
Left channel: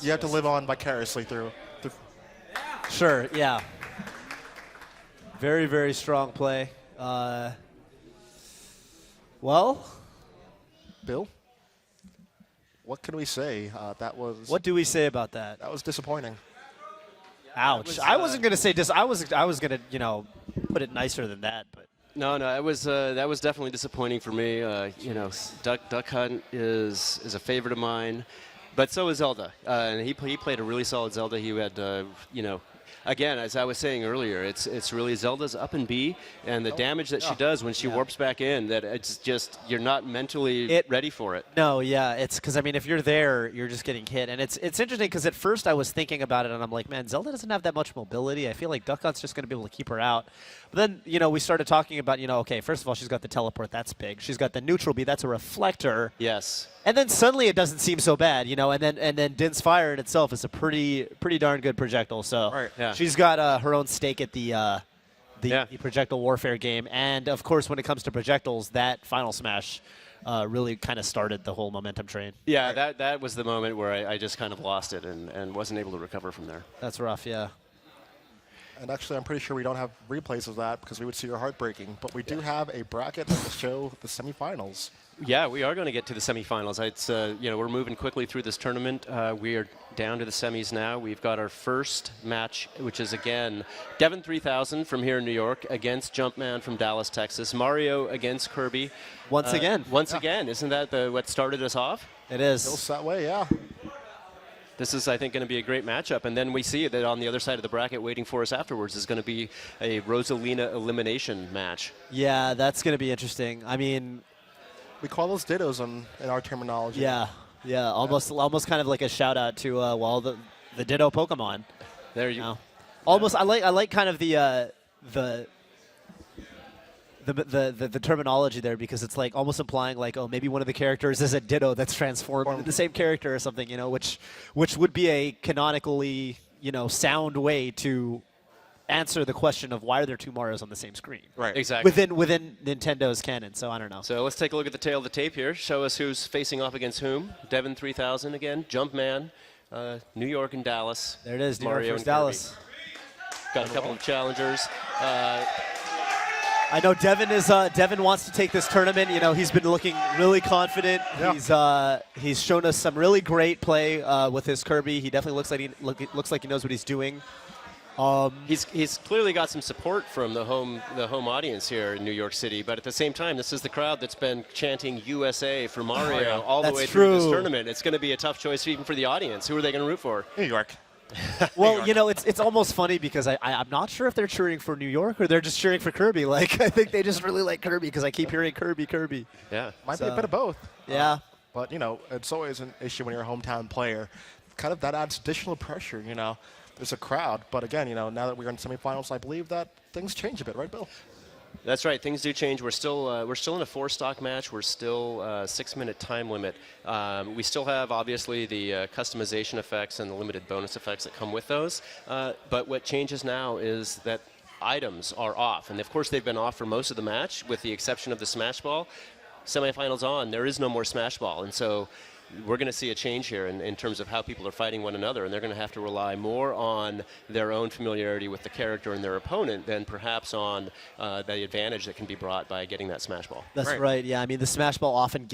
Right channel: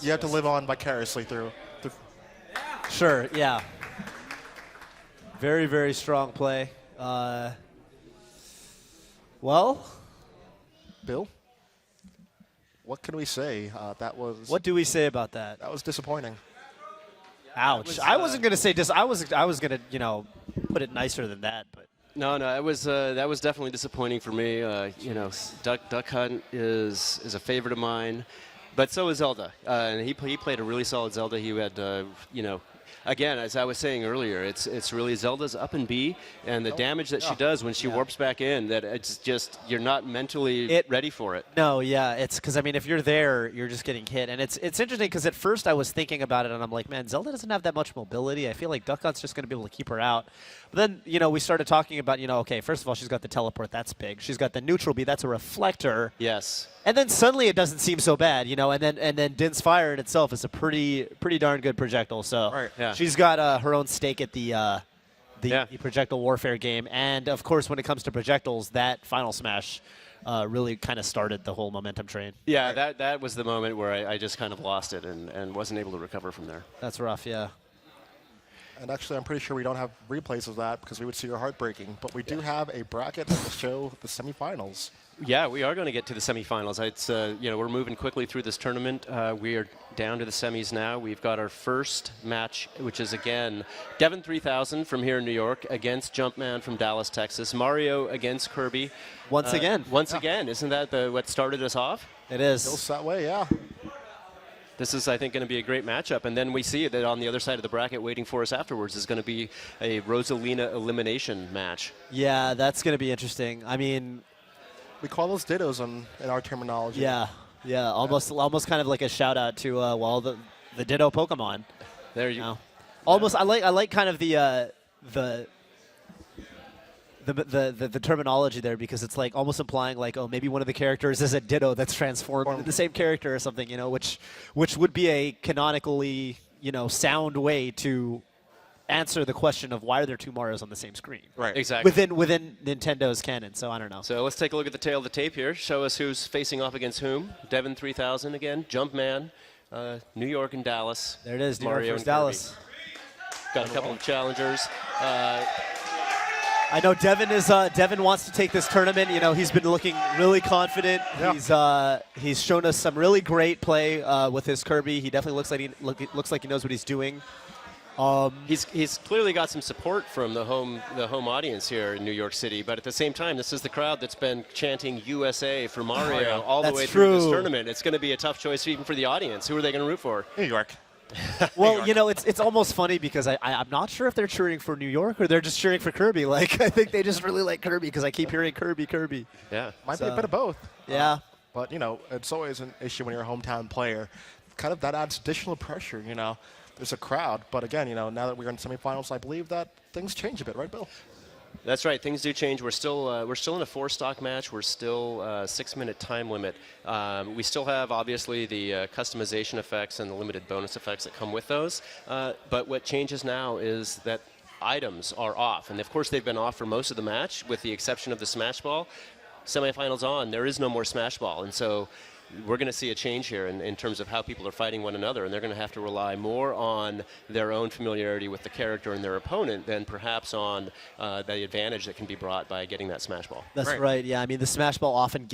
You have to live on vicariously through. Sure, yeah. Very, very strong play. Well, Bill, what can we say? That was. What do we say about that? That was disappointing. Ouch! I wasn't gonna say I was gonna put it nicer than that, but. No, that was definitely disappointing for me. Duck Hunt is a favorite of mine, but so is Zelda. And he played a really solid Zelda. He had again, as I was saying earlier, it's really Zelda's up and B, and the damage that she does when she warps back in, that it's just you're not mentally ready for it. No, yeah, it's because I mean, if you're there, you're just getting hit, and it's interesting because at first I was thinking about it, and I'm like, man, Zelda doesn't have that much mobility. I feel like Duck Hunt's just going to be able to keep her out. But then we started talking about okay, first of all, she's got the teleport, that's big. She's got the neutral B, that's a reflector. Yes. And then suddenly it doesn't seem so bad, and then Din's Fire in itself is a pretty darn good projectile. So she's got her own stake at the projectile warfare game, and of course when it comes to projectiles, that final smash really kind of started the whole momentum train. Yeah, that was the moment where I just kind of lost it and wasn't able to recover from there. That's rough, yeah. And actually, I'm pretty sure we don't have replays of that because we would see her heartbreaking. But we do have a bracket that will show the semifinals. Yeah, we are going to get to the semifinals. It's we're moving quickly through this tournament. We are down to the semis now. We've got our first match, which is again Devin 3000 from here in New York against Jumpman from Dallas, Texas. Mario against Kirby. Once again. Isn't that what started us off? It is. Feels that way, yeah. This is, I think, going to be a great matchup. And then we see that on the other side of the bracket waiting for us afterwards is going to be a Rosalina elimination match. Yeah, that's going to be interesting. I mean, we call those dittos in our terminology. Yeah, almost kind of like a shout out to the ditto Pokemon. There you go. Almost, I like kind of the terminology there, because it's like almost implying like, oh, maybe one of the characters is a ditto that's transformed into the same character or something, which would be a canonically sound way to answer the question of why are there two Marios on the same screen. Right, exactly. Within Nintendo's canon, so I don't know. So let's take a look at the tail of the tape here. Show us who's facing off against whom. Devin 3000 again, Jumpman, New York and Dallas. There it is, New York versus Dallas. Got a couple of challengers. I know Devin wants to take this tournament. He's been looking really confident. Yeah. He's shown us some really great play with his Kirby. He definitely looks like he knows what he's doing. He's clearly got some support from the home audience here in New York City, but at the same time, this is the crowd that's been chanting USA for Mario all the way through this tournament. It's going to be a tough choice even for the audience. Who are they going to root for? New York. Well, it's almost funny because I'm not sure if they're cheering for New York or they're just cheering for Kirby. Like, I think they just really like Kirby because I keep hearing Kirby. Yeah. Might be a bit of both. Yeah. But, it's always an issue when you're a hometown player. Kind of that adds additional pressure, There's a crowd. But again, now that we're in semifinals, I believe that things change a bit, right, Bill? That's right. Things do change. We're still in a 4-stock match. We're still 6-minute time limit. We still have obviously the customization effects and the limited bonus effects that come with those. But what changes now is that items are off, and of course they've been off for most of the match, with the exception of the Smash Ball. Semifinals on, there is no more Smash Ball, and so we're going to see a change here in terms of how people are fighting one another, and they're going to have to rely more on their own familiarity with the character and their opponent than perhaps on the advantage that can be brought by getting that Smash Ball. That's right. Yeah, I mean, the Smash Ball often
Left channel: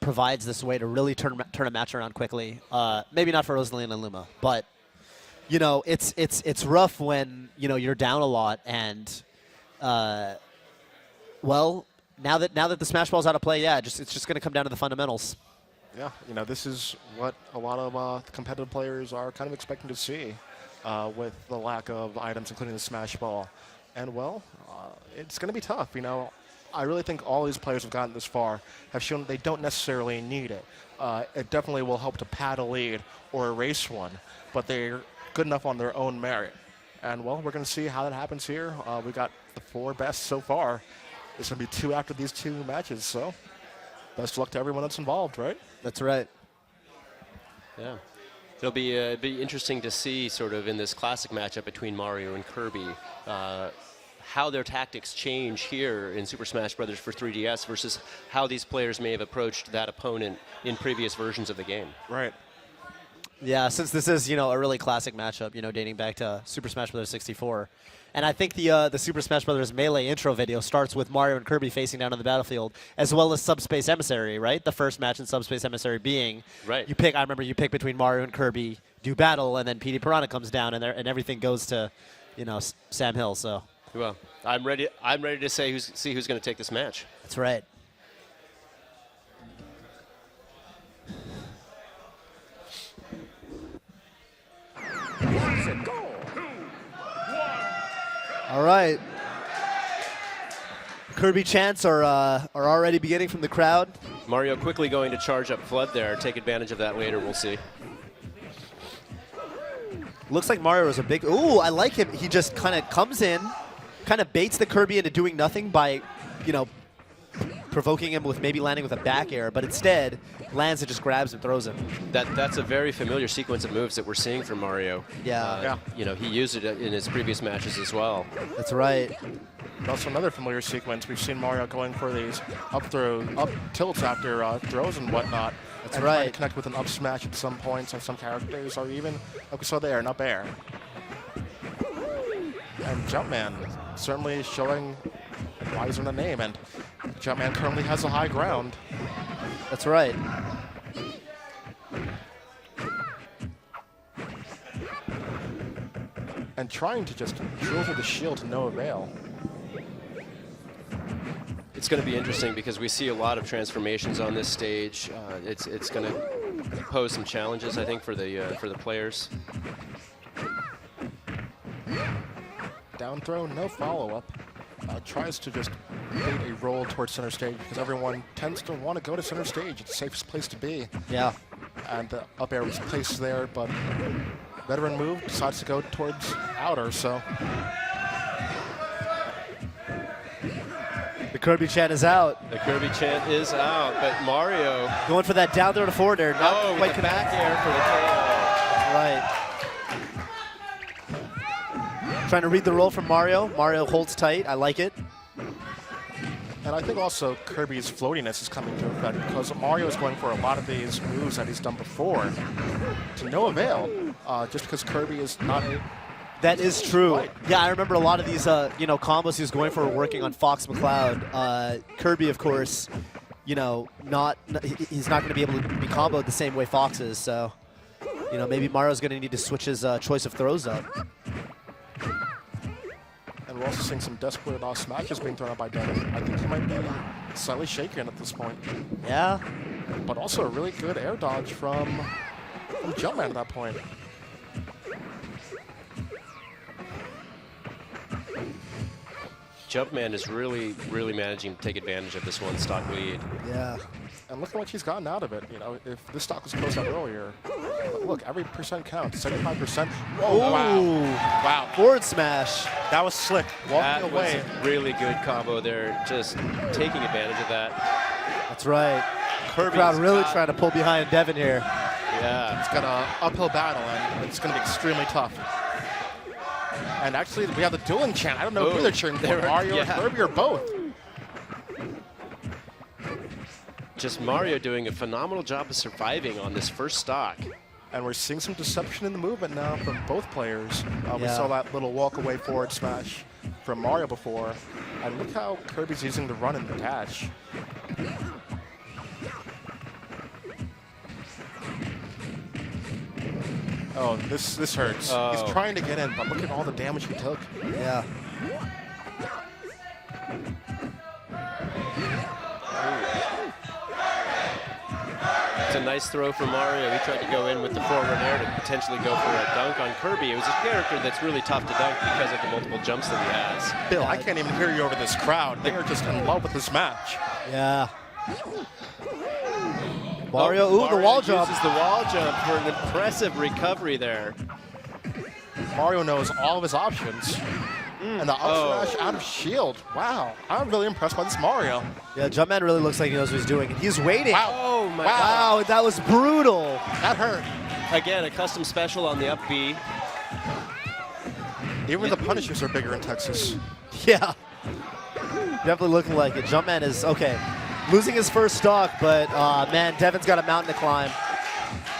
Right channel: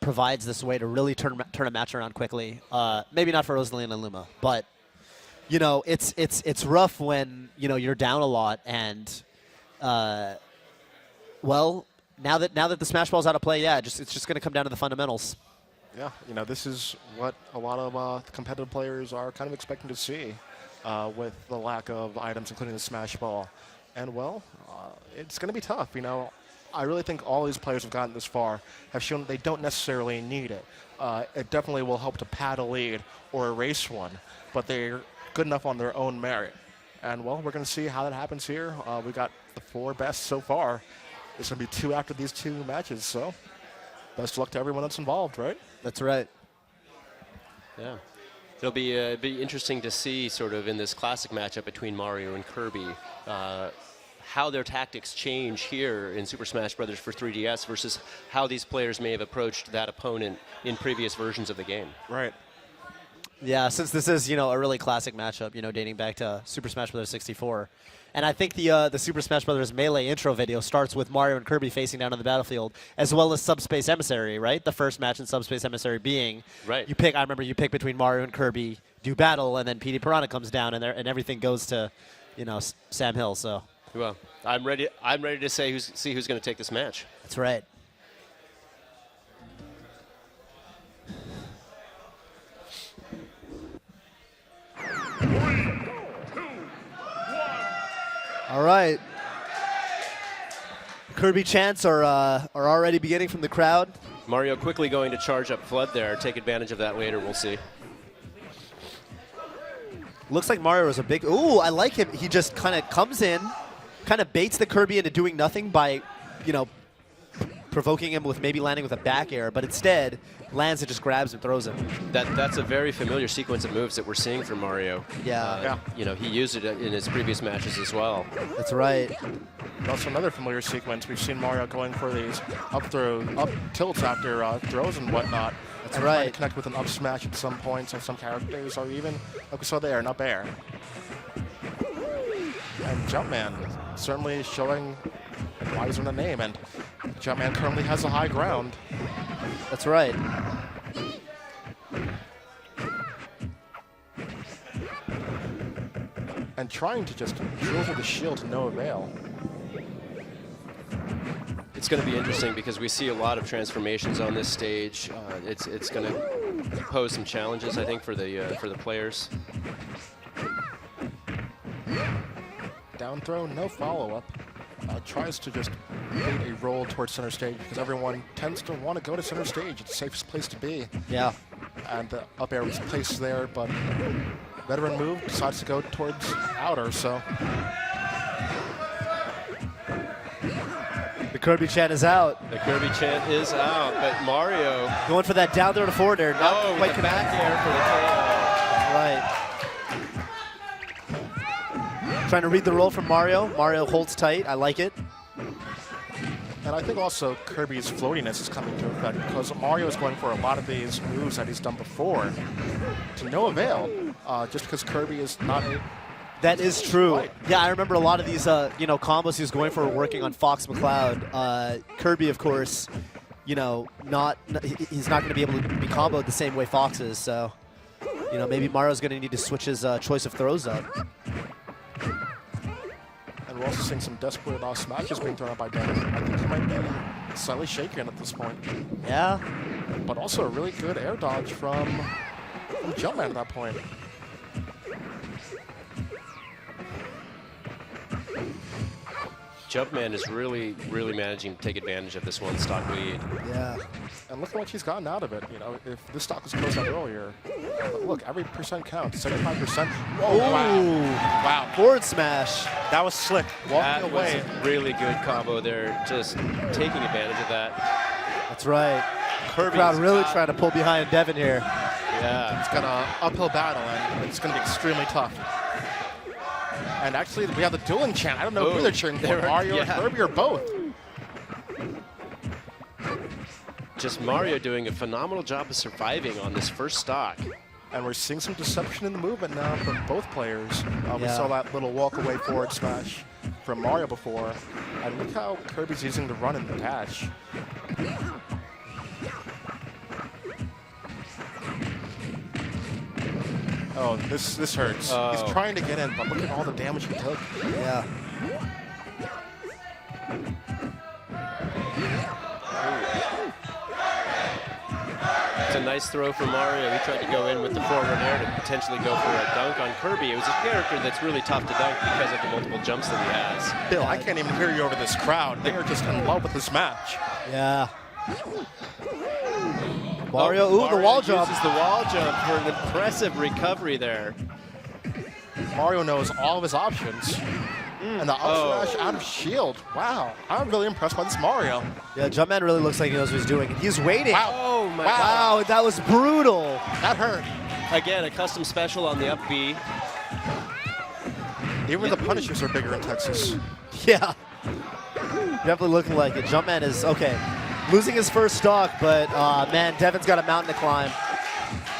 provides this way to really turn a match around quickly. Maybe not for Rosalina and Luma, but it's rough when you're down a lot, and now that the Smash Ball's out of play, it's just going to come down to the fundamentals. Yeah, this is what a lot of competitive players are kind of expecting to see with the lack of items, including the Smash Ball. And, it's going to be tough. I really think all these players have gotten this far have shown that they don't necessarily need it. It definitely will help to pad a lead or erase one, but they're good enough on their own merit. And, well, we're going to see how that happens here. We got the 4 best so far. There's going to be 2 after these 2 matches, so best of luck to everyone that's involved, right? That's right. Yeah. It'll be interesting to see sort of in this classic matchup between Mario and Kirby how their tactics change here in Super Smash Bros. For 3DS versus how these players may have approached that opponent in previous versions of the game. Right. Yeah, since this is, a really classic matchup, dating back to Super Smash Bros. 64. And I think the Super Smash Bros. Melee intro video starts with Mario and Kirby facing down on the battlefield, as well as Subspace Emissary, right? The first match in Subspace Emissary being, right. I remember you pick between Mario and Kirby, do battle, and then PD Piranha comes down, and everything goes to, Sam Hill, so. Well, I'm ready to see who's going to take this match. That's right. All right. Kirby chants are already beginning from the crowd. Mario quickly going to charge up Flood there. Take advantage of that later. We'll see. Looks like Mario is a big... Ooh, I like him. He just kind of comes in, kind of baits the Kirby into doing nothing by, provoking him with maybe landing with a back air, but instead lands and just grabs and throws him. That's a very familiar sequence of moves that we're seeing from Mario. Yeah. He used it in his previous matches as well. That's right. Also another familiar sequence. We've seen Mario going for these up tilts after throws and whatnot. That's and right. Trying to connect with an up smash at some points, and some characters are even like we saw there, an up air. And Jumpman certainly showing why he's in the name, and Jumpman currently has a high ground. That's right. And trying to just drill through the shield to no avail. It's going to be interesting because we see a lot of transformations on this stage. It's going to pose some challenges, I think, for the players. Down throw, no follow-up. Tries to just bait a roll towards center stage because everyone tends to want to go to center stage. It's the safest place to be. Yeah. And the up air was placed there, but veteran move decides to go towards outer, so... The Kirby chant is out. The Kirby chant is out, but Mario... Going for that down throw to forward air. Not quite the back air for the KO. Right. Trying to read the roll from Mario. Mario holds tight. I like it. And I think also Kirby's floatiness is coming to effect because Mario is going for a lot of these moves that he's done before to no avail, just because Kirby is not a... That is true. Right. Yeah, I remember a lot of these, combos he was going for working on Fox McCloud. Kirby, of course, he's not going to be able to be comboed the same way Fox is. So, maybe Mario's going to need to switch his choice of throws up. And we're also seeing some desperate smashes being thrown out by Dan. I think he might be slightly shaken at this point. Yeah. But also a really good air dodge from Jumpman at that point. Jumpman is really, really managing to take advantage of this one stock lead. Yeah. And look how much he's gotten out of it. If this stock was closed out earlier, look, every percent counts. 75%. Oh, wow. Forward smash. That was slick. That was a really good combo there. Just taking advantage of that. That's right. Kirby crowd really trying to pull behind Devin here. Yeah. It's got an uphill battle, and it's going to be extremely tough. And actually, we have the dueling chant. I don't know who they're cheering for, Mario or Kirby or both. Just Mario doing a phenomenal job of surviving on this first stock. And we're seeing some deception in the movement now from both players. We saw that little walk-away forward smash from Mario before. And look how Kirby's using the run and the dash. Oh, this hurts. He's trying to get in, but look at all the damage he took. Yeah. It's a nice throw from Mario. He tried to go in with the forward air to potentially go for a dunk on Kirby. It was a character that's really tough to dunk because of the multiple jumps that he has. Bill, I can't even hear you over this crowd. They are just in love with this match. Yeah. Mario, the wall jump. Uses the wall jump for an impressive recovery there. Mario knows all of his options. And the up smash out of shield. Wow. I'm really impressed by this Mario. Yeah, Jumpman really looks like he knows what he's doing. He's waiting. Wow. Oh my God. Wow, that was brutal. That hurt. Again, a custom special on the up B. Even the punishers are bigger in Texas. Yeah. Definitely looking like it. Jumpman is, okay, losing his first stock, but, man, Devin's got a mountain to climb.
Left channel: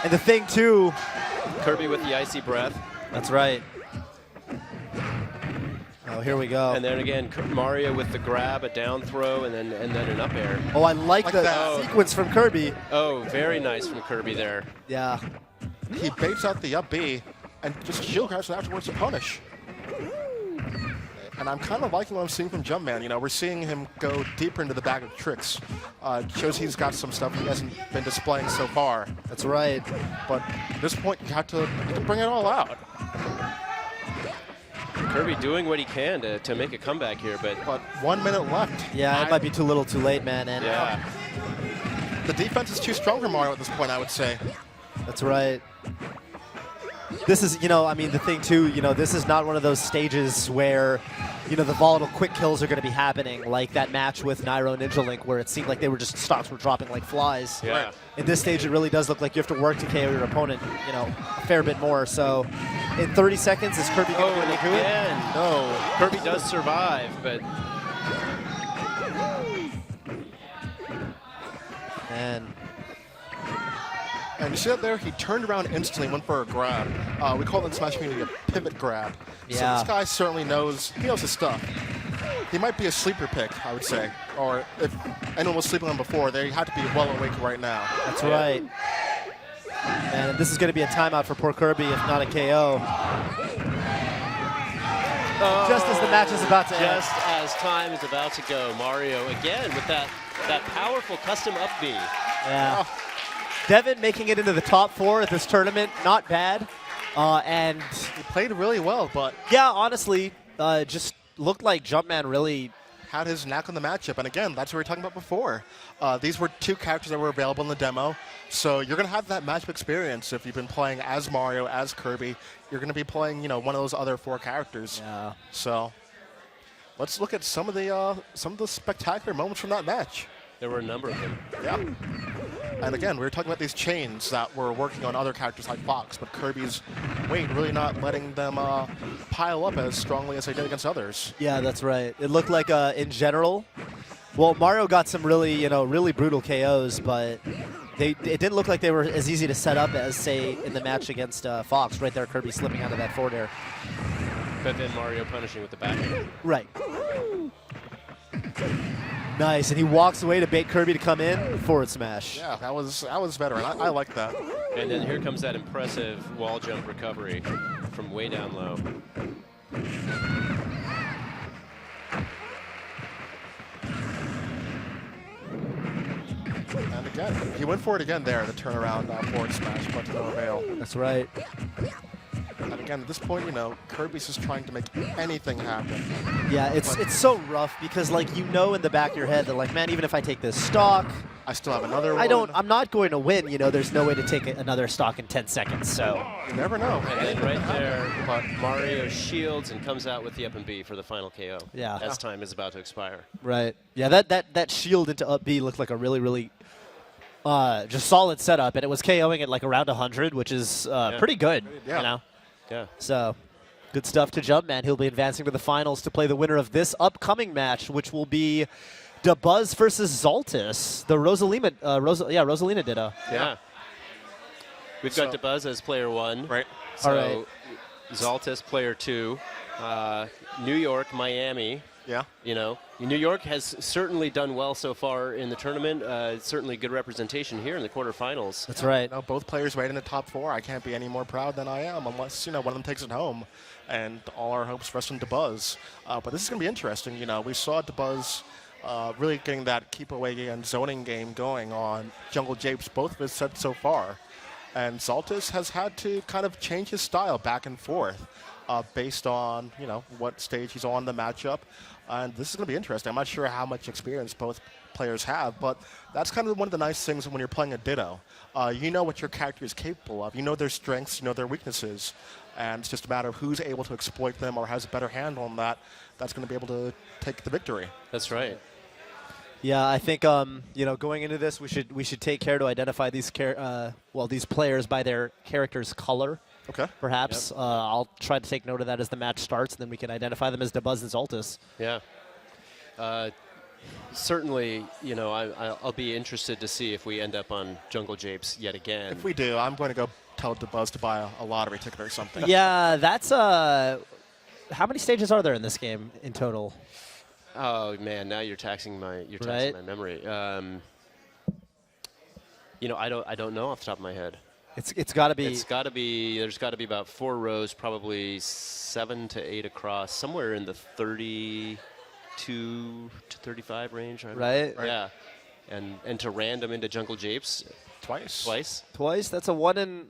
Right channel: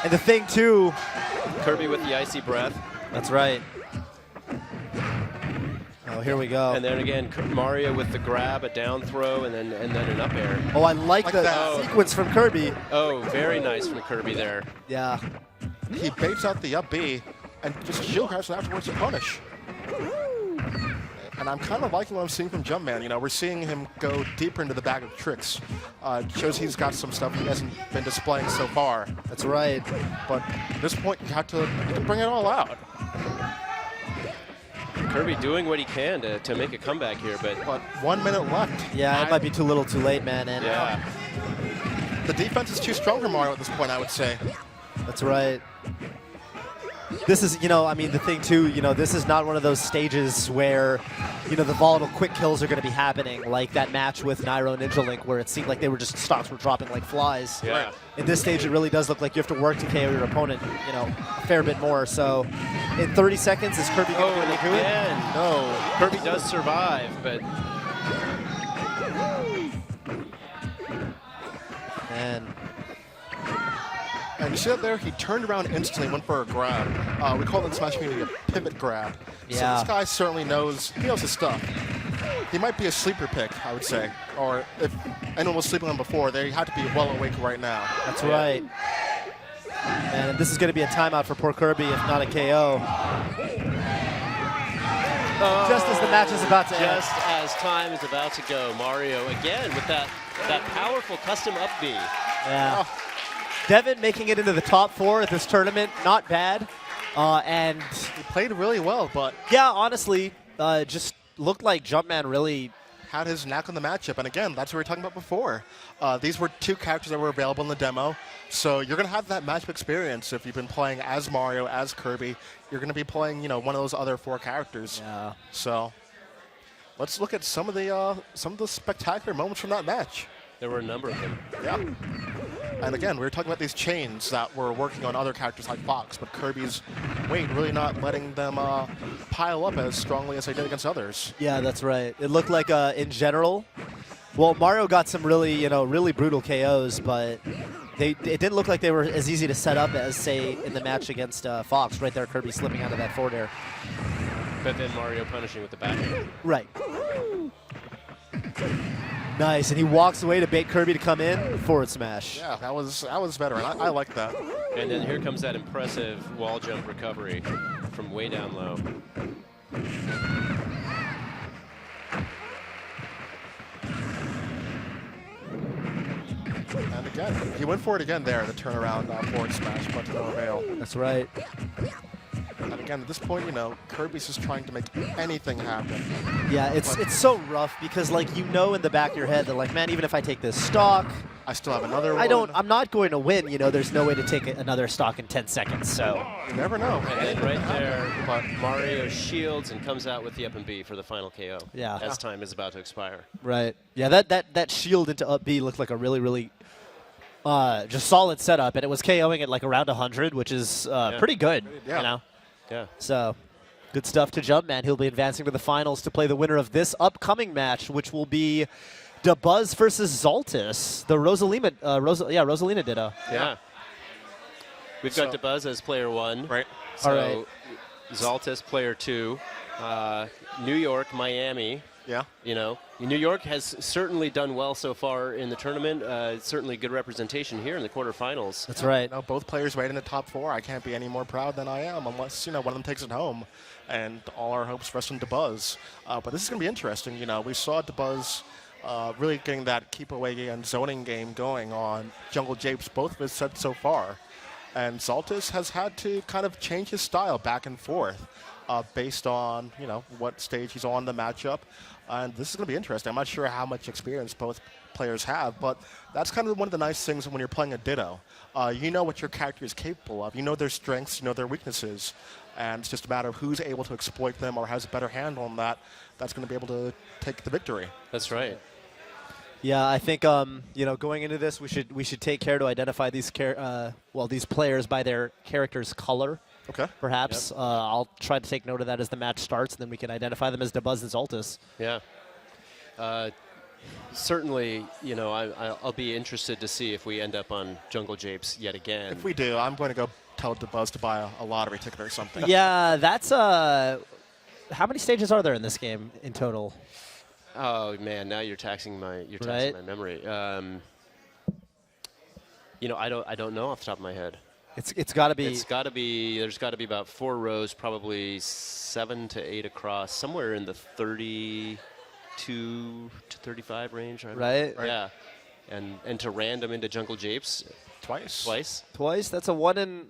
And the thing, too. Kirby with the icy breath. That's right. Oh, here we go. And then again, Mario with the grab, a down throw, and then an up air. Oh, I like the sequence from Kirby. Oh, very nice from Kirby there. Yeah. He baits out the up B and just shield grabs it afterwards to punish. And I'm kind of liking what I'm seeing from Jumpman. You know, we're seeing him go deeper into the bag of tricks. Shows he's got some stuff he hasn't been displaying so far. That's right. But at this point, you can bring it all out. Kirby doing what he can to make a comeback here, but 1 minute left. Yeah, it might be too little too late, man. And yeah. The defense is too strong for Mario at this point, I would say. That's right. This is, I mean, the thing too, this is not one of those stages where, the volatile quick kills are going to be happening, like that match with Nairo and Ninja Link, where it seemed like stocks were dropping like flies. Yeah. In this stage, it really does look like you have to work to KO your opponent, a fair bit more. So, in 30 seconds, is Kirby going to be able to do it? No, Kirby does survive, but... And you see that there, he turned around instantly, went for a grab. We call it in Smash Community a pivot grab. Yeah. So this guy certainly knows his stuff. He might be a sleeper pick, I would say. Or if anyone was sleeping on before, they had to be well awake right now. That's right. And this is going to be a timeout for poor Kirby, if not a KO. Just as the match is about to end. Just as time is about to go, Mario again with that powerful custom up B. Yeah. Oh. Devin making it into the top 4 at this tournament, not bad. And he played really well, but yeah, honestly, just looked like Jumpman really had his knack on the matchup. And again, that's what we were talking about before. These were 2 characters that were available in the demo, so you're going to have that matchup experience. If you've been playing as Mario, as Kirby, you're going to be playing, one of those other 4 characters. Yeah. So let's look at some of the spectacular moments from that match. There were a number of them. Yeah. And again, we were talking about these chains that were working on other characters like Fox, but Kirby's weight really not letting them pile up as strongly as they did against others. Yeah, that's right. It looked like, in general, well, Mario got some really, really brutal KOs, but it didn't look like they were as easy to set up as, say, in the match against Fox. Right there, Kirby slipping out of that forward air. But then Mario punishing with the back. Right. Nice, and he walks away to bait Kirby to come in, forward smash. Yeah, that was better. I like that. And then here comes that impressive wall jump recovery from way down low. And again, he went for it again there, the turnaround forward smash, but to no avail. That's right. And again, at this point, Kirby's just trying to make anything happen. Yeah, it's so rough because, in the back of your head that, man, even if I take this stock, I still have another one. I'm not going to win. There's no way to take another stock in 10 seconds. So you never know. And then right there, Mario shields and comes out with the up and B for the final KO. Yeah. As time is about to expire. Right. Yeah, that shield into up B looked like a really, really just solid setup, and it was KOing at around 100, which is pretty good. Yeah. Yeah. So, good stuff to Jumpman. He'll be advancing to the finals to play the winner of this upcoming match, which will be DeBuzz versus Zaltis. The Rosalina Ditto. Yeah. We've got DeBuzz as player 1. Right. So, all right. Zaltis player 2. New York, Miami. Yeah. New York has certainly done well so far in the tournament. Certainly good representation here in the quarterfinals. That's right. Both players made in the top 4. I can't be any more proud than I am unless, one of them takes it home. And all our hopes rest on DeBuzz. But this is going to be interesting. We saw DeBuzz really getting that keep away and zoning game going on Jungle Japes, both of his sets so far. And Zaltis has had to kind of change his style back and forth based on, what stage he's on the matchup. And this is going to be interesting. I'm not sure how much experience both players have, but that's kind of one of the nice things when you're playing a Ditto. You know what your character is capable of. You know their strengths, you know their weaknesses. And it's just a matter of who's able to exploit them or has a better handle on that. That's going to be able to take the victory. That's right. Yeah, I think going into this, we should take care to identify these these players by their character's color. Okay. Perhaps I'll try to take note of that as the match starts, and then we can identify them as Dabuz and Zoltis. Yeah. Certainly, I'll be interested to see if we end up on Jungle Japes yet again. If we do, I'm going to go tell Dabuz to buy a lottery ticket or something. Yeah, that's how many stages are there in this game in total? Oh man, now you're taxing my memory. I don't know off the top of my head. It's got to be. It's got to be. There's got to be about 4 rows, probably 7 to 8 across, somewhere in the 32 to 35 range. Right. Yeah. And to random into Jungle Japes twice. That's a one in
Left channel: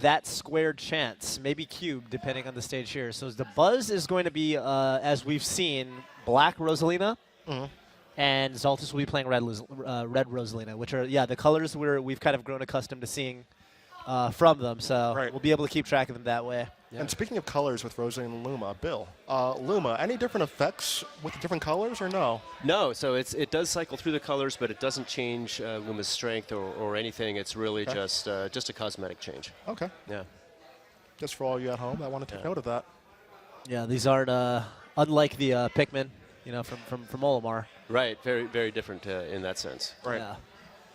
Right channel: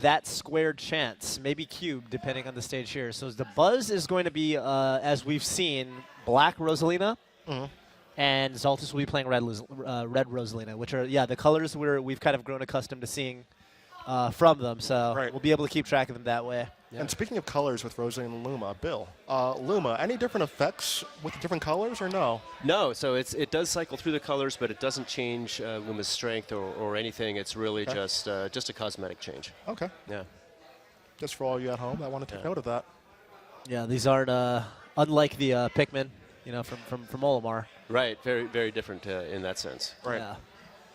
that squared chance, maybe cubed, depending on the stage here. So the buzz is going to be, as we've seen, Black Rosalina, and Zoltis will be playing Red Rosalina, which are the colors we've kind of grown accustomed to seeing from them. So we'll be able to keep track of them that way. Yeah. And speaking of colors with Rosalina and Luma, Bill, Luma, any different effects with the different colors or no? No, so it does cycle through the colors, but it doesn't change Luma's strength or anything. It's really just a cosmetic change. Okay. Yeah. Just for all you at home, I want to take note of that. Yeah, these aren't unlike the Pikmin, from Olimar. Right, very very different in that sense. Right. Yeah.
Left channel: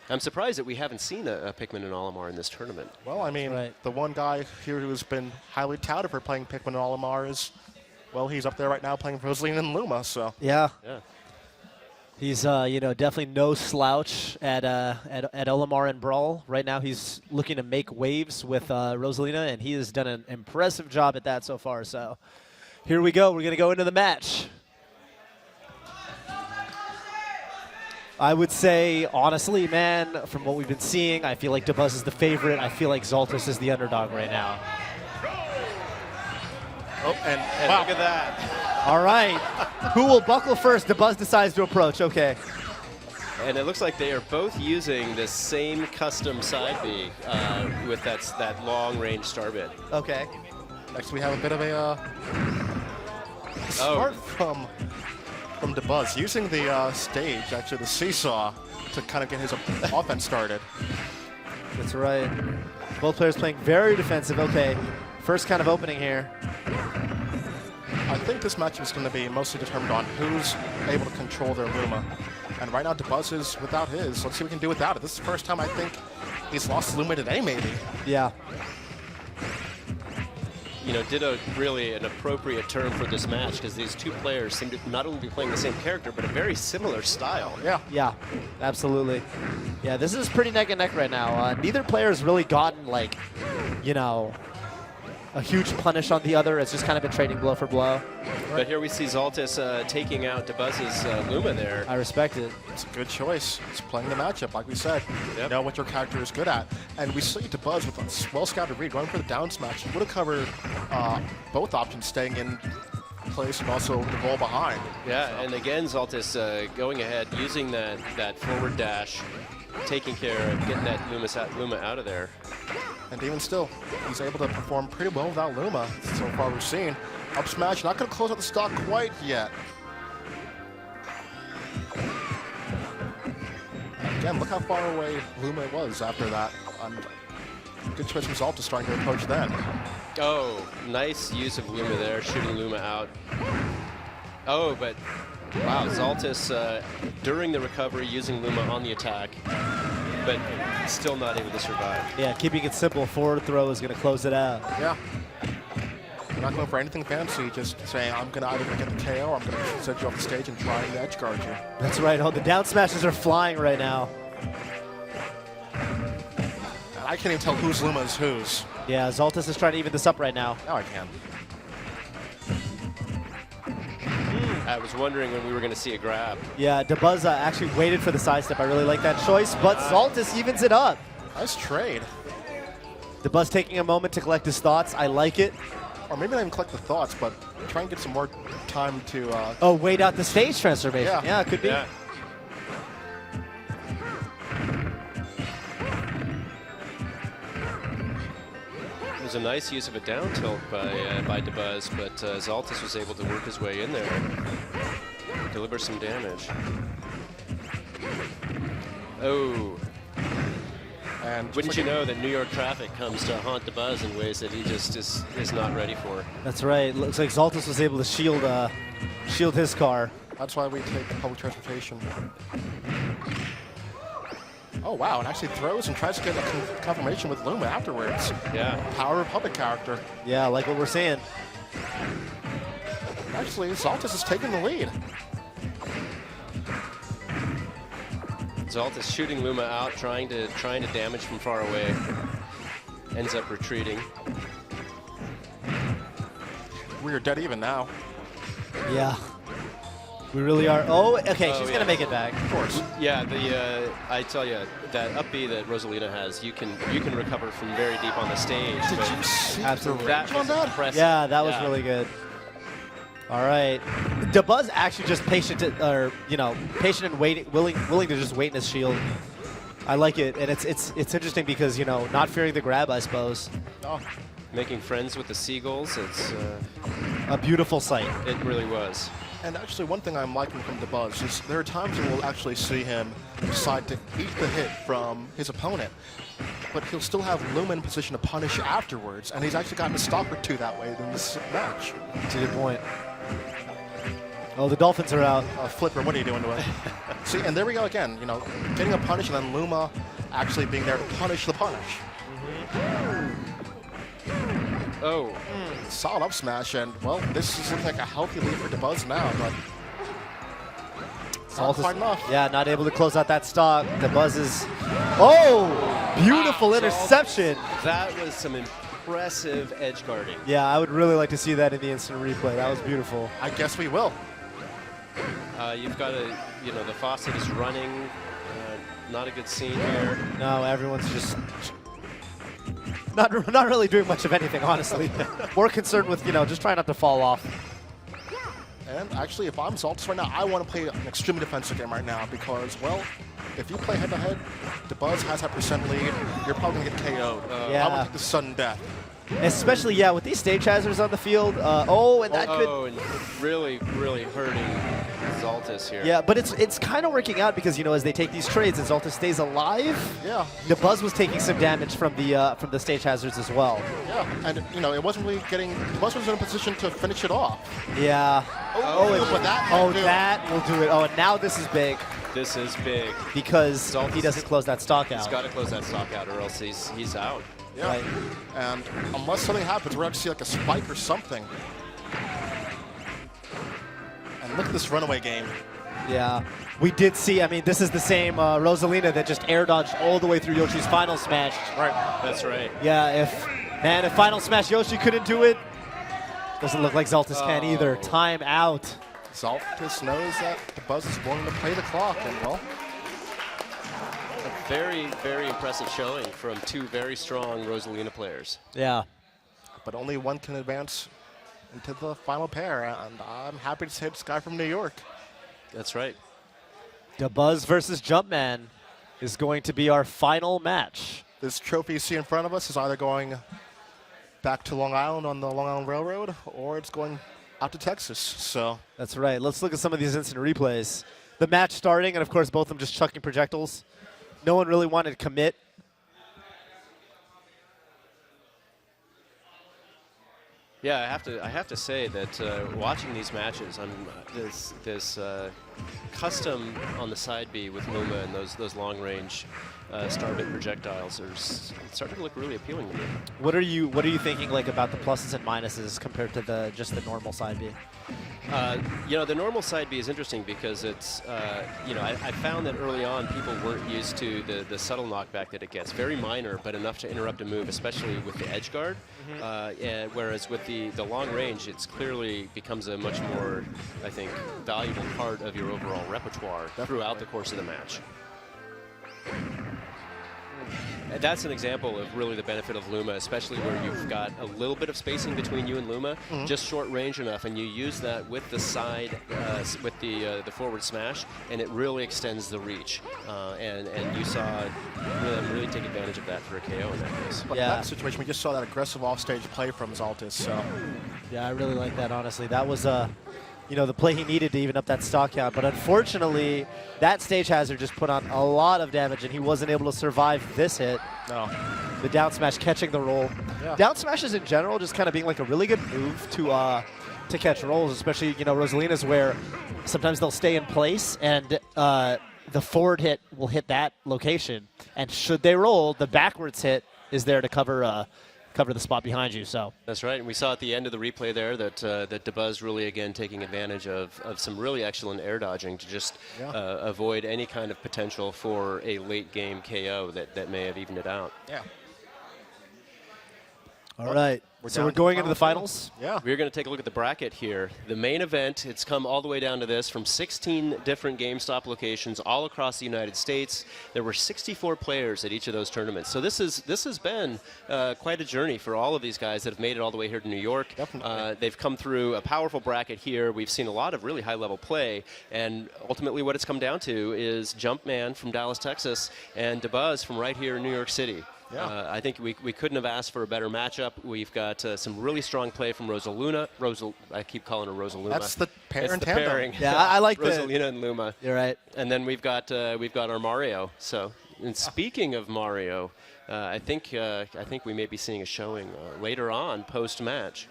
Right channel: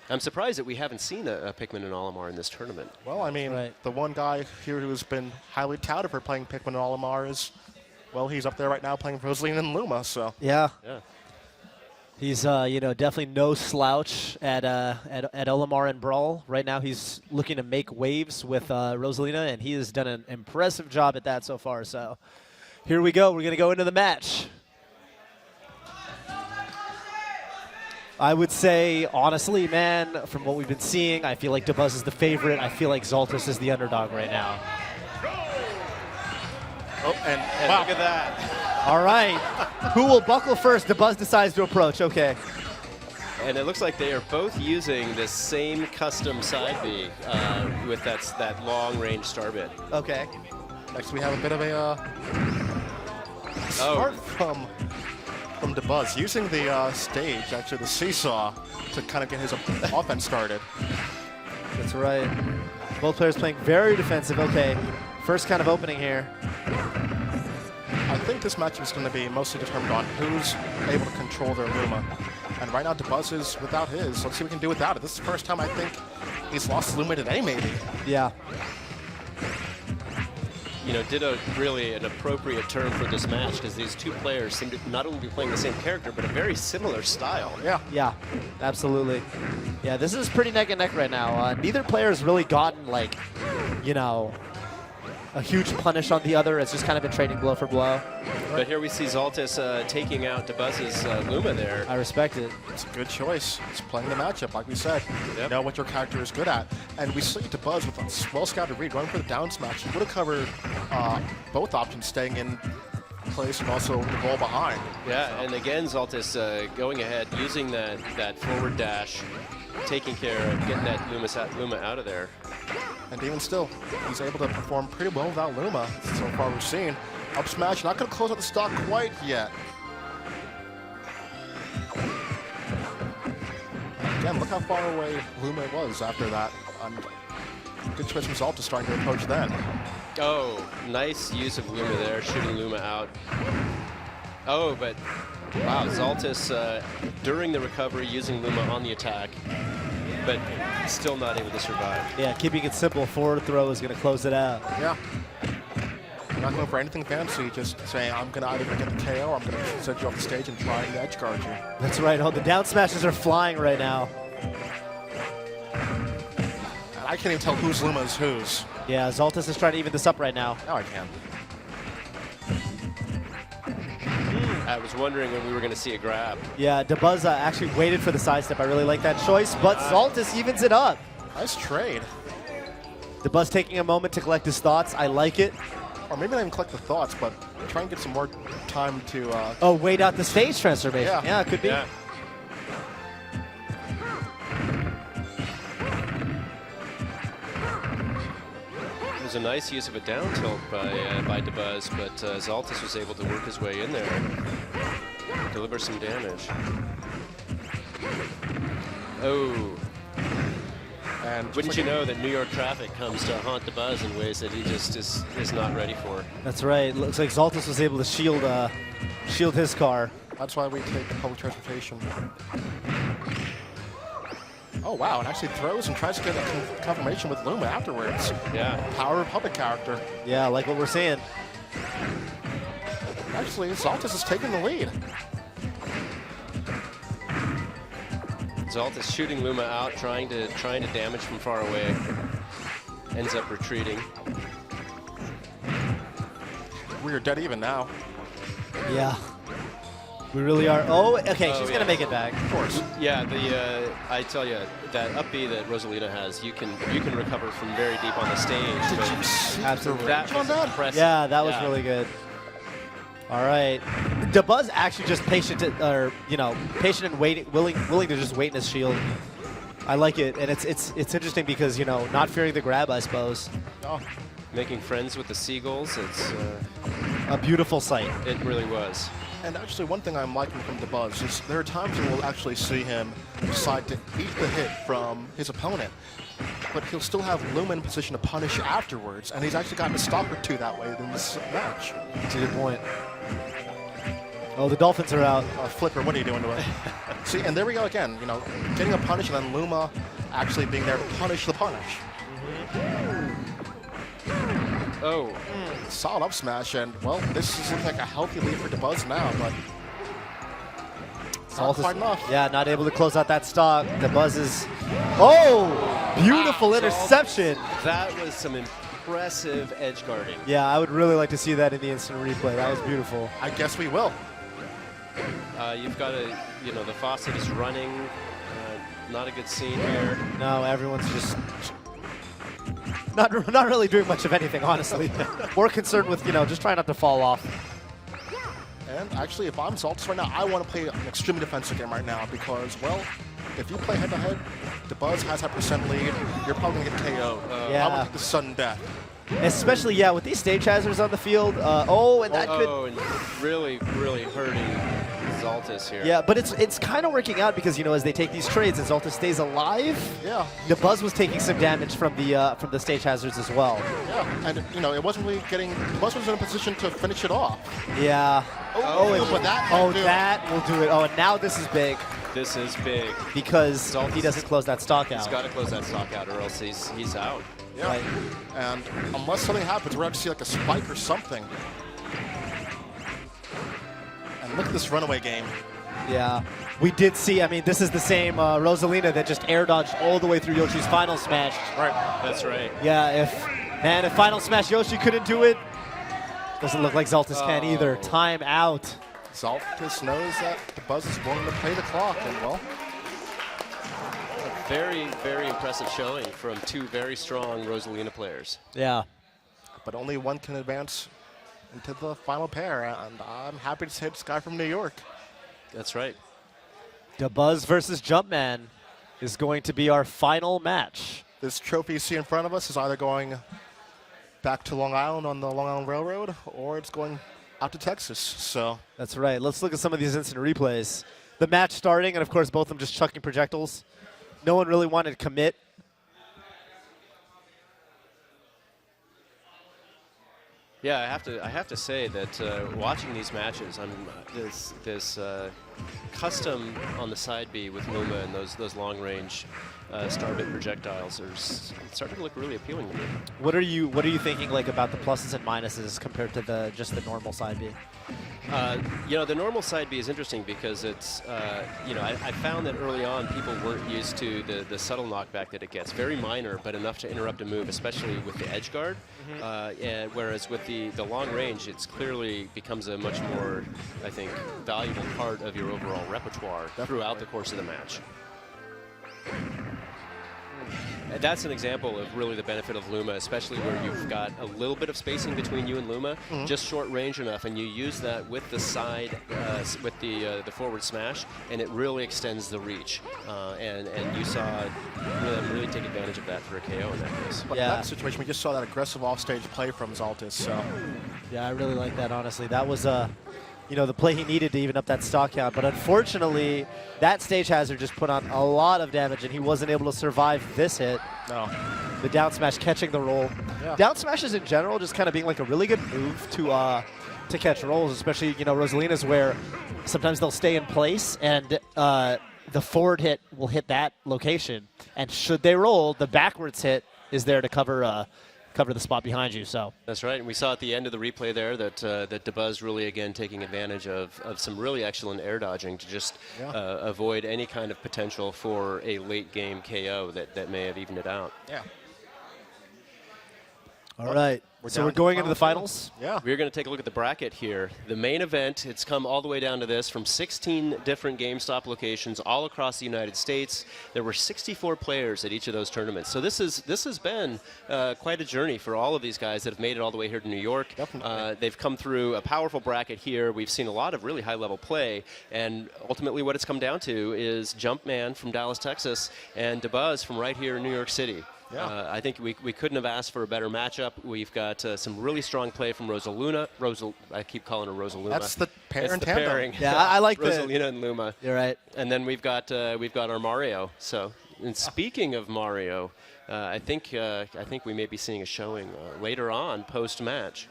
I'm surprised that we haven't seen a Pikmin and Olimar in this tournament. Well, I mean, the one guy here who's been highly touted for playing Pikmin and Olimar is, he's up there right now playing Rosalina and Luma, so. Yeah. He's, definitely no slouch at Olimar and Brawl. Right now he's looking to make waves with Rosalina, and he has done an impressive job at that so far. So here we go. We're going to go into the match. I would say, honestly, man, from what we've been seeing, I feel like Dabuz is the favorite. I feel like Zoltis is the underdog right now. Oh, and look at that. All right. Who will buckle first? Dabuz decides to approach. Okay. And it looks like they are both using the same custom side B with that long-range star bit. Okay. Next we have a bit of a start from Dabuz, using the stage, actually the seesaw, to kind of get his offense started. That's right. Both players playing very defensive. Okay, first kind of opening here. I think this match is going to be mostly determined on who's able to control their Luma. And right now Dabuz is without his. Let's see what we can do without it. This is the first time I think he's lost Luma today, maybe. Yeah. Did a really an appropriate term for this match, because these two players seem to not only be playing the same character, but a very similar style. Yeah, absolutely. Yeah, this is pretty neck and neck right now. Neither player has really gotten, a huge punish on the other. It's just kind of been trading blow for blow. But here we see Zoltis taking out Dabuz's Luma there. I respect it. It's a good choice. It's playing the matchup, like we said. You know what your character is good at. And we see Dabuz with a well-scouted read, going for the down smash. He would have covered both options, staying in place and also the ball behind. Yeah, and again, Zoltis going ahead, using that forward dash, taking care of getting that Luma out of there. And even still, he's able to perform pretty well without Luma, so far we've seen. Up smash, not going to close out the stock quite yet. Again, look how far away Luma was after that. Good choice from Zoltis trying to approach then. Oh, nice use of Luma there, shooting Luma out. Oh, but wow, Zoltis during the recovery using Luma on the attack, but still not able to survive. Yeah, keeping it simple. Forward throw is going to close it out. Yeah. Not going for anything fancy, just saying, I'm going to either get the KO or I'm going to set you off the stage and try and edge guard you. That's right. Oh, the down smashes are flying right now. I can't even tell whose Luma is whose. Yeah, Zoltis is trying to even this up right now. Now I can. I was wondering when we were going to see a grab. Yeah, Dabuz actually waited for the sidestep. I really like that choice, but Zoltis evens it up. Nice trade. Dabuz taking a moment to collect his thoughts. I like it. Or maybe not even collect the thoughts, but try and get some more time to... wait out the stage transformation. Yeah, it could be. Yeah. was a nice use of a down tilt by DeBuzz, but Zaltis was able to work his way in there and deliver some damage. Oh. And wouldn't you know that New York traffic comes to haunt DeBuzz in ways that he just is not ready for. That's right. Looks like Zaltis was able to shield his car. That's why we take public transportation. Oh, wow, and actually throws and tries to get a confirmation with Luma afterwards. Yeah. Power Republic character. Yeah, like what we're saying. Actually, Zaltis is taking the lead. Zaltis shooting Luma out, trying to damage from far away. Ends up retreating. We are dead even now. Yeah. We really are. Oh, okay, she's gonna make it back. Of course. Yeah, I tell you, that up B that Rosalina has, you can recover from very deep on the stage. Did you see Absolutely. That was impressive. Yeah, that was really good. All right, DeBuzz actually just patient and waiting, willing to just wait in his shield. I like it, and it's interesting because not fearing the grab, I suppose. Oh. Making friends with the seagulls, it's a beautiful sight. It really was. And actually, one thing I'm liking from DeBuzz is there are times when we'll actually see him decide to eat the hit from his opponent, but he'll still have Luma in position to punish afterwards, and he's actually gotten a stop or two that way in this match. That's a good point. Oh, the Dolphins are out. Flipper, what are you doing to it? See, and there we go again. Getting a punish and then Luma actually being there to punish the punish. Oh. Solid up smash, and, well, this is like a healthy lead for DeBuzz now, but not quite enough. Yeah, not able to close out that stock. DeBuzz is... Oh! Beautiful interception! That was some impressive edge guarding. Yeah, I would really like to see that in the instant replay. That was beautiful. I guess we will. You've got the faucet is running. Not a good scene here. No, everyone's just... Not really doing much of anything, honestly. More concerned with, just trying not to fall off. And actually, if I'm Zaltis right now, I want to play an extremely defensive game right now because, well, if you play head-to-head, DeBuzz has that percent lead, you're probably going to get KO'd. Yeah. I would take the sudden death. Especially, yeah, with these stage hazards on the field. And really, really hurting Zaltis here. Yeah, but it's kind of working out because as they take these trades, and Zaltis stays alive. Yeah. DeBuzz was taking some damage from the stage hazards as well. Yeah, and it wasn't really DeBuzz was in a position to finish it off. Yeah. That will do it. Oh, and now this is big. This is big because he doesn't close that stock out. He's got to close that stock out, or else he's out. Yeah, right. And unless something happens, we're going to see like a spike or something. And look at this runaway game. Yeah, we did see, this is the same Rosalina that just air dodged all the way through Yoshi's final smash. Right. That's right. Yeah, if final smash Yoshi couldn't do it, doesn't look like Zaltis can either. Time out. Zaltis knows that DeBuzz is willing to play the clock, and well... Very, very impressive showing from two very strong Rosalina players. Yeah. But only one can advance into the final pair, and I'm happy to say it's guy from New York. That's right. DeBuzz versus Jumpman is going to be our final match. This trophy you see in front of us is either going back to Long Island on the Long Island Railroad, or it's going out to Texas. So that's right. Let's look at some of these instant replays. The match starting, and of course both of them just chucking projectiles. No one really wanted to commit. Yeah, I have to say that watching these matches, this custom on the side B with Luma and those long range starbit projectiles are starting to look really appealing to me. What are you thinking about the pluses and minuses compared to just the normal side B? The normal side B is interesting because it's I found that early on people weren't used to the subtle knockback that it gets. Very minor, but enough to interrupt a move, especially with the edge guard. And whereas with the long range, it's clearly becomes a much more, I think, valuable part of your overall repertoire throughout the course of the match. that's an example of really the benefit of Luma, especially where you've got a little bit of spacing between you and Luma, just short range enough, and you use that with the side, with the forward smash, and it really extends the reach. And you saw really take advantage of that for a KO in that case. But in that situation, we just saw that aggressive offstage play from Zaltis. So Yeah, I really like that, honestly. That was the play he needed to even up that stock count. But unfortunately, that stage hazard just put on a lot of damage, and he wasn't able to survive this hit. No. The down smash catching the roll. Yeah. Down smashes in general just kind of being like a really good move to catch rolls, especially, Rosalina's, where sometimes they'll stay in place and the forward hit will hit that location. And should they roll, the backwards hit is there to cover the spot behind you. So that's right, and we saw at the end of the replay there that Dabuz really again taking advantage of some really excellent air dodging to just avoid any kind of potential for a late game KO that may have evened it out. Yeah. All right. So we're going into the finals? Yeah. We're going to take a look at the bracket here. The main event, it's come all the way down to this from 16 different GameStop locations all across the United States. There were 64 players at each of those tournaments. So this has been quite a journey for all of these guys that have made it all the way here to New York. They've come through a powerful bracket here. We've seen a lot of really high-level play. And ultimately what it's come down to is Jumpman from Dallas, Texas, and Dabuz from right here in New York City. Yeah. I think we couldn't have asked for a better matchup. We've got some really strong play from Rosaluna. I keep calling her Rosaluna. That's the pair it's and the tandem. pairing. Yeah, I like Rosalina and Luma. You're right. And then we've got our Mario. So, and speaking of Mario, I think we may be seeing a showing later on post match.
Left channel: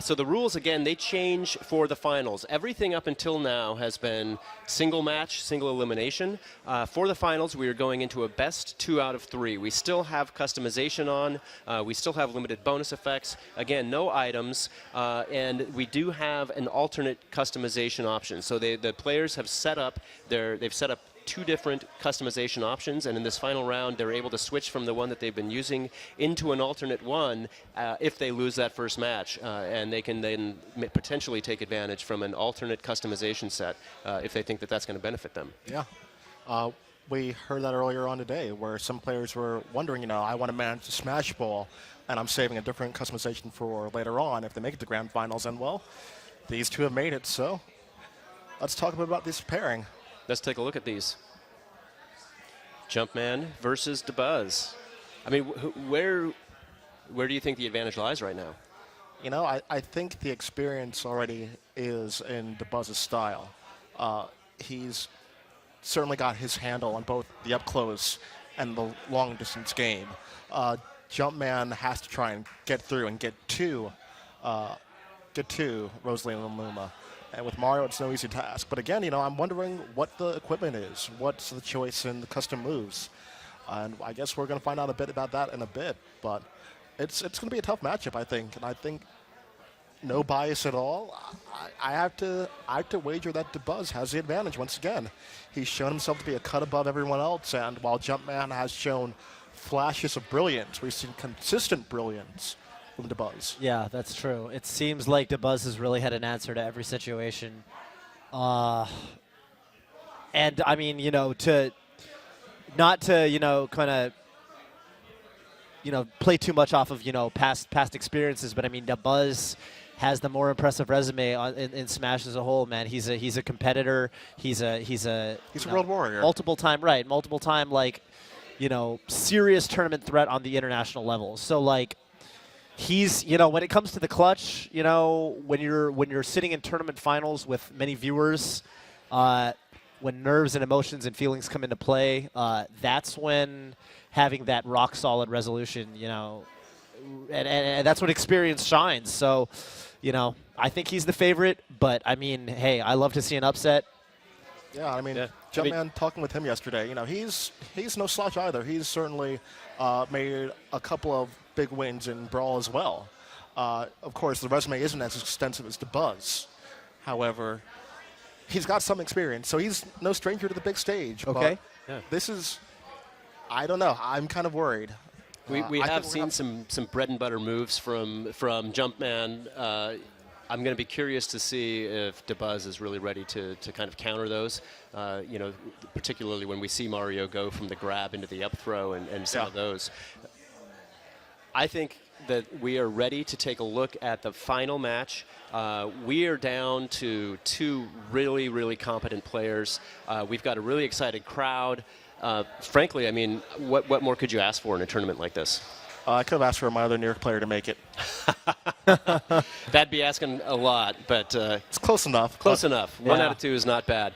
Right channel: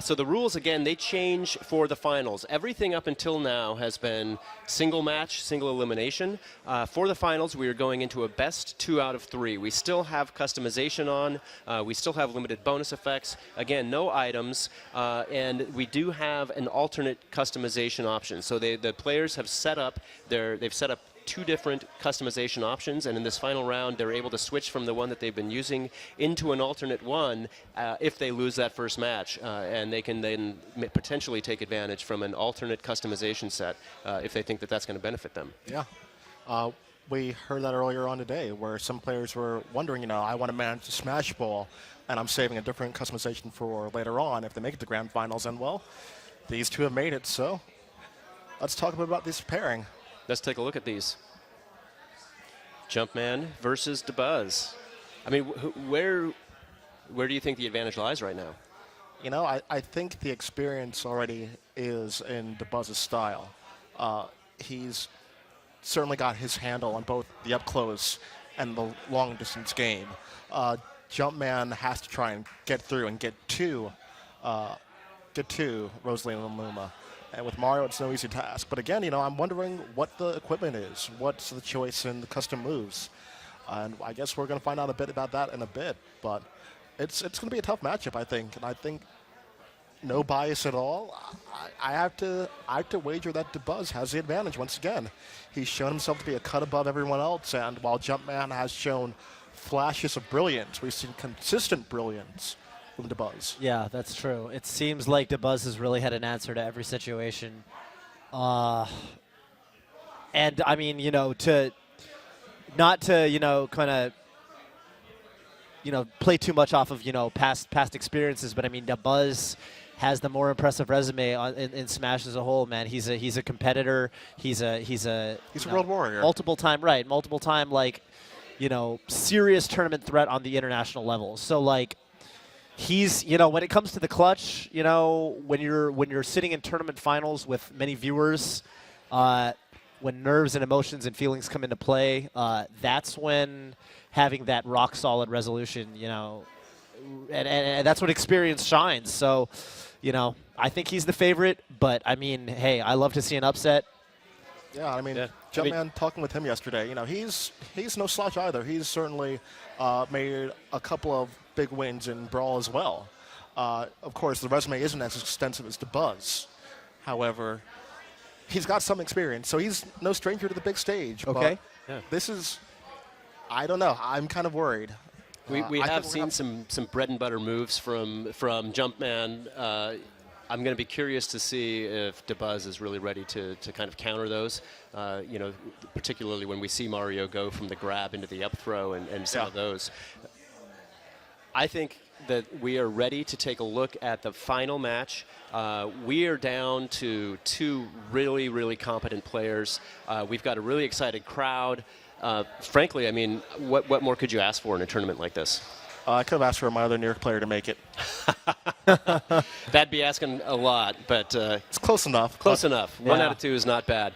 So the rules, again, they change for the finals. Everything up until now has been single match, single elimination. For the finals, we are going into a best 2 out of 3. We still have customization on. We still have limited bonus effects. Again, no items. And we do have an alternate customization option. So the players have they've set up 2 different customization options, and in this final round they're able to switch from the one that they've been using into an alternate one if they lose that first match, and they can then potentially take advantage from an alternate customization set if they think that that's going to benefit them. Yeah. We heard that earlier on today where some players were wondering, I want to manage the Smash Ball and I'm saving a different customization for later on if they make it to Grand Finals, and well, these 2 have made it, so let's talk a bit about this pairing. Let's take a look at these. Jumpman versus Dabuz. I mean, where do you think the advantage lies right now? I think the experience already is in Dabuz's style. He's certainly got his handle on both the up-close and the long-distance game. Jumpman has to try and get through and get to Rosalina and Luma. And with Mario, it's no easy task. But again, I'm wondering what the equipment is. What's the choice in the custom moves? And I guess we're going to find out a bit about that in a bit. But it's going to be a tough matchup, I think. And I think no bias at all. I have to wager that Dabuz has the advantage once again. He's shown himself to be a cut above everyone else. And while Jumpman has shown flashes of brilliance, we've seen consistent brilliance from Dabuz. Yeah, that's true. It seems like Dabuz has really had an answer to every situation. And I mean, not to kind of play too much off of past experiences, but I mean Dabuz has the more impressive resume in Smash as a whole. Man, he's a competitor. He's a world warrior. Multiple time serious tournament threat on the international level. So he's, when it comes to the clutch, when you're sitting in tournament finals with many viewers, when nerves and emotions and feelings come into play, that's when having that rock solid resolution, and that's when experience shines. So, I think he's the favorite, but I mean, hey, I love to see an upset. Yeah, I mean, Jumpman, talking with him yesterday, he's no slouch either. He's certainly made a couple of big wins in Brawl as well. Of course, the resume isn't as extensive as Dabuz. However, he's got some experience, so he's no stranger to the big stage. Okay. But this is, I don't know. I'm kind of worried. We have seen some bread and butter moves from Jumpman. I'm going to be curious to see if DeBuzz is really ready to kind of counter those, particularly when we see Mario go from the grab into the up throw and some of those. I think that we are ready to take a look at the final match. We are down to 2 really, really competent players. We've got a really excited crowd. Frankly, I mean, what more could you ask for in a tournament like this? I could have asked for my other New York player to make it. That'd be asking a lot, but it's close enough. Close enough. 1 out of 2 is not bad.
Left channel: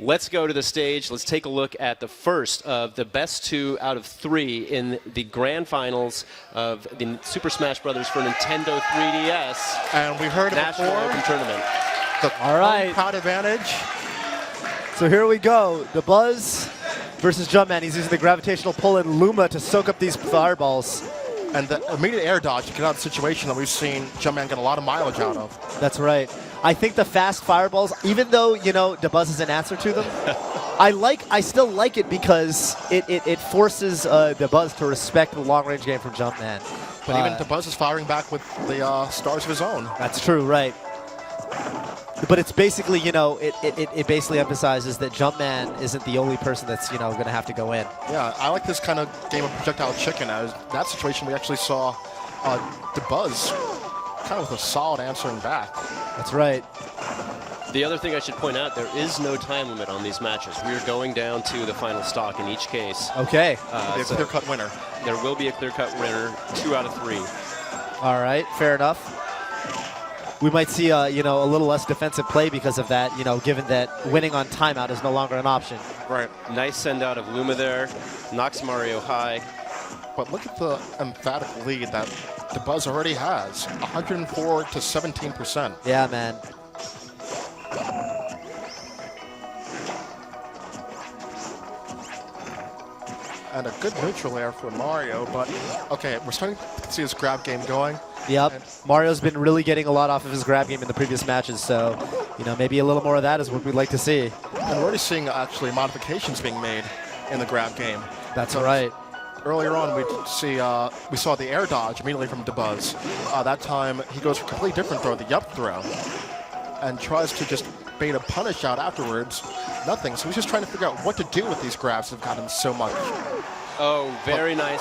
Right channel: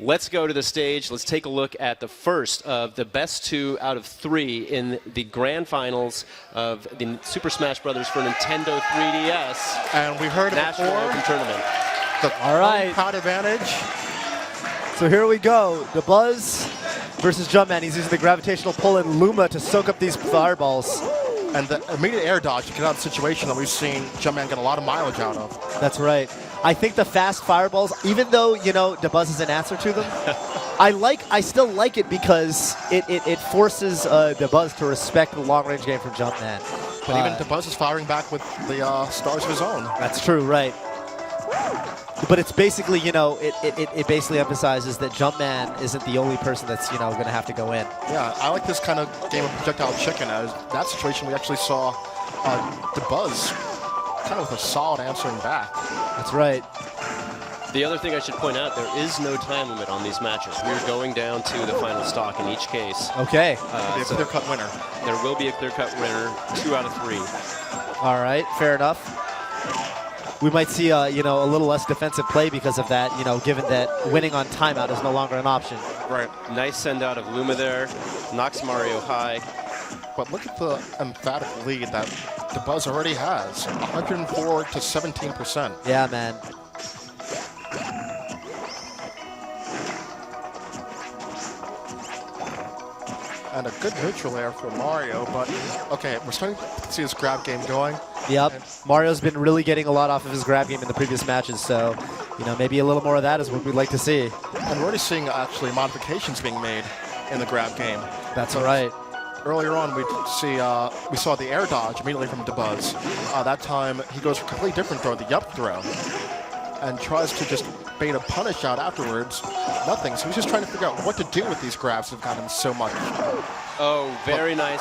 Let's go to the stage. Let's take a look at the first of the best 2 out of 3 in the grand finals of the Super Smash Bros. For Nintendo 3DS. And we heard it National before. Open Tournament. All right. Crowd advantage. So here we go. DeBuzz versus Jumpman. He's using the gravitational pull in Luma to soak up these fireballs. And the immediate air dodge to get out of the situation that we've seen Jumpman get a lot of mileage out of. That's right. I think the fast fireballs, even though, DeBuzz is an answer to them, I still like it because it forces DeBuzz to respect the long-range game from Jumpman. But even DeBuzz is firing back with the stars of his own. That's true, right. But it's basically, it basically emphasizes that Jumpman isn't the only person that's, going to have to go in. Yeah, I like this kind of game of projectile chicken. As that situation, we actually saw DeBuzz kind of with a solid answering back. That's right. The other thing I should point out, there is no time limit on these matches. We are going down to the final stock in each case. Okay. A clear-cut winner. There will be a clear-cut winner, 2 out of 3. All right, fair enough. We might see, a little less defensive play because of that, given that winning on timeout is no longer an option. Right. Nice send out of Luma there. Knocks Mario high. But look at the emphatic lead that DeBuzz already has. 104 to 17%. Yeah, man. And a good neutral air for Mario, but okay, we're starting to see his grab game going. Yep. Mario's been really getting a lot off of his grab game in the previous matches, so, maybe a little more of that is what we'd like to see. And we're already seeing, actually, modifications being made in the grab game. That's right. Earlier on, we saw the air dodge immediately from DeBuzz. That time, he goes for a completely different throw, the up throw, and tries to just bait a punish out afterwards. Nothing. So he's just trying to figure out what to do with these grabs that have gotten so much. Oh, very nice.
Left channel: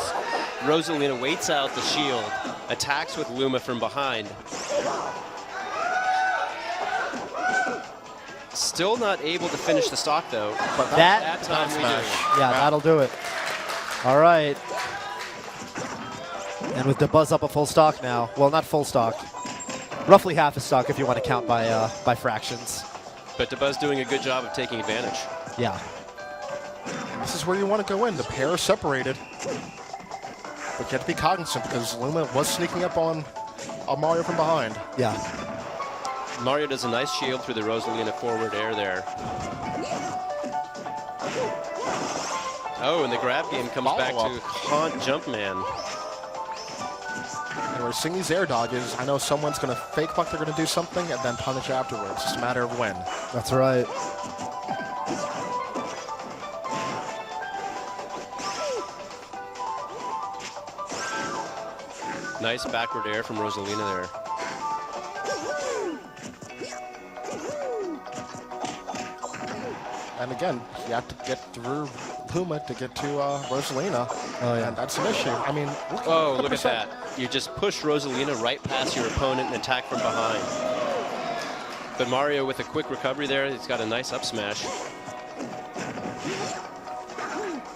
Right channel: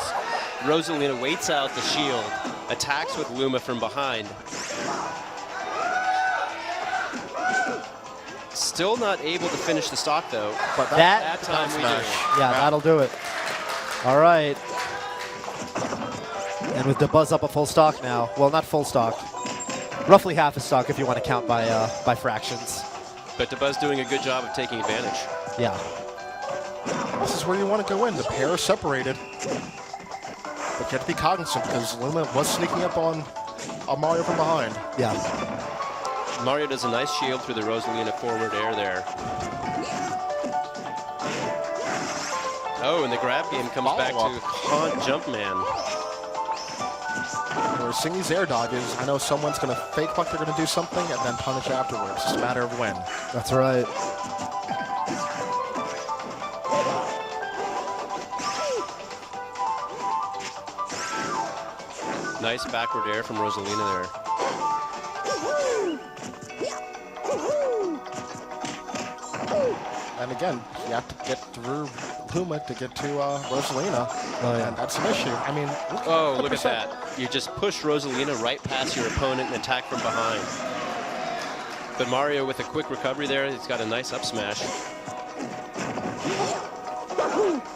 Rosalina waits out the shield, attacks with Luma from behind. Still not able to finish the stock, though. But that time we do. Yeah, that'll do it. All right. And with DeBuzz up at full stock now. Well, not full stock. Roughly half a stock if you want to count by fractions. But DeBuzz doing a good job of taking advantage. Yeah. This is where you want to go in. The pair are separated. But you have to be cognizant because Luma was sneaking up on Mario from behind. Yeah. Mario does a nice shield through the Rosalina forward air there. Oh, and the grab game comes back to haunt Jumpman. And we're seeing these air dodges. I know someone's going to fake like they're going to do something and then punish afterwards. It's just a matter of when. That's right. Nice backward air from Rosalina there. And again, you have to get through Luma to get to Rosalina. Oh, yeah. And that's an issue. I mean, oh, look at that. You just push Rosalina right past your opponent and attack from behind. But Mario with a quick recovery there, he's got a nice up smash.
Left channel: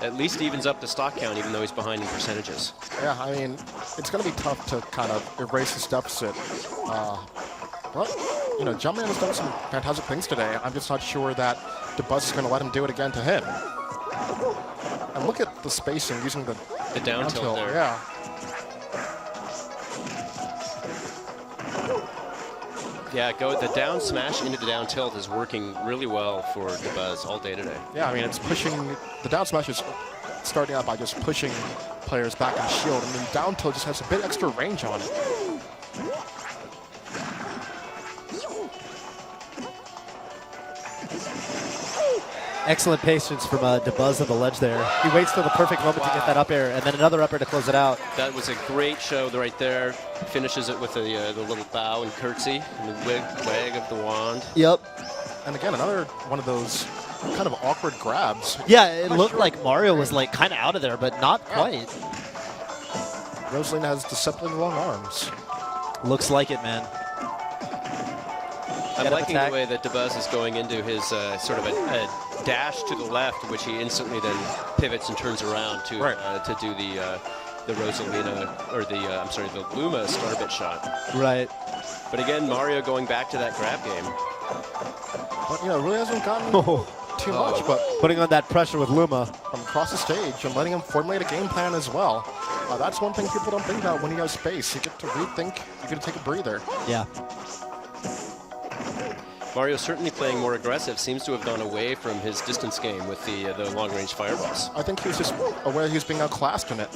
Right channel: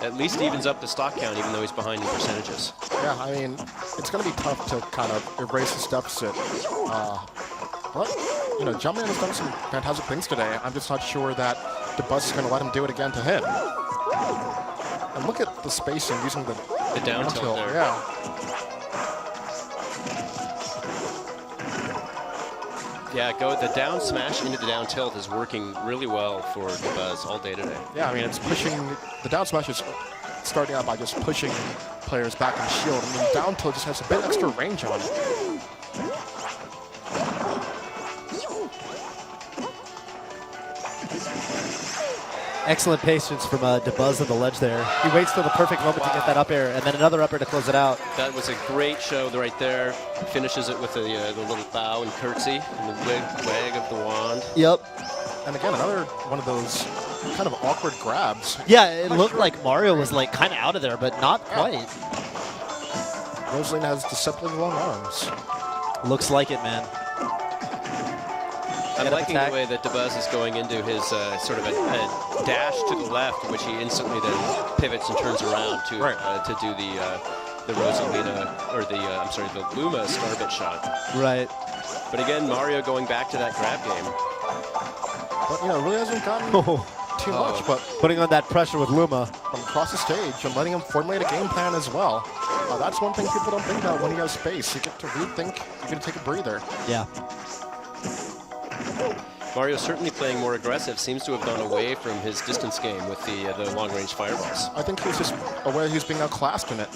At least evens up the stock count even though he's behind in percentages. Yeah, I mean, it's going to be tough to kind of erase this deficit. But, Jumpman has done some fantastic things today. I'm just not sure that DeBuzz is going to let him do it again to hit. And look at the spacing using the down tilt there. Yeah. Yeah, the down smash into the down tilt is working really well for DeBuzz all day today. Yeah, I mean, it's pushing, the down smash is starting out by just pushing players back in shield. I mean, down tilt just has a bit extra range on it. Excellent patience from DeBuzz on the ledge there. He waits for the perfect moment to get that up air, and then another up air to close it out. That was a great show right there. Finishes it with the little bow and curtsy and the wag of the wand. Yep. And again, another one of those kind of awkward grabs. Yeah, it looked like Mario was like kind of out of there, but not quite. Rosalina has deceptively long arms. Looks like it, man. I'm liking the way that DeBuzz is going into his sort of a dash to the left, which he instantly then pivots and turns around to do the Rosalina, or the Luma starbit shot. Right. But again, Mario going back to that grab game. But, really hasn't gotten too much, but putting on that pressure with Luma from across the stage and letting him formulate a game plan as well. That's one thing people don't think about when you have space. You get to rethink, you get to take a breather. Yeah. Mario certainly playing more aggressive, seems to have gone away from his distance game with the long-range fireballs. I think he was just aware he was being outclassed in it.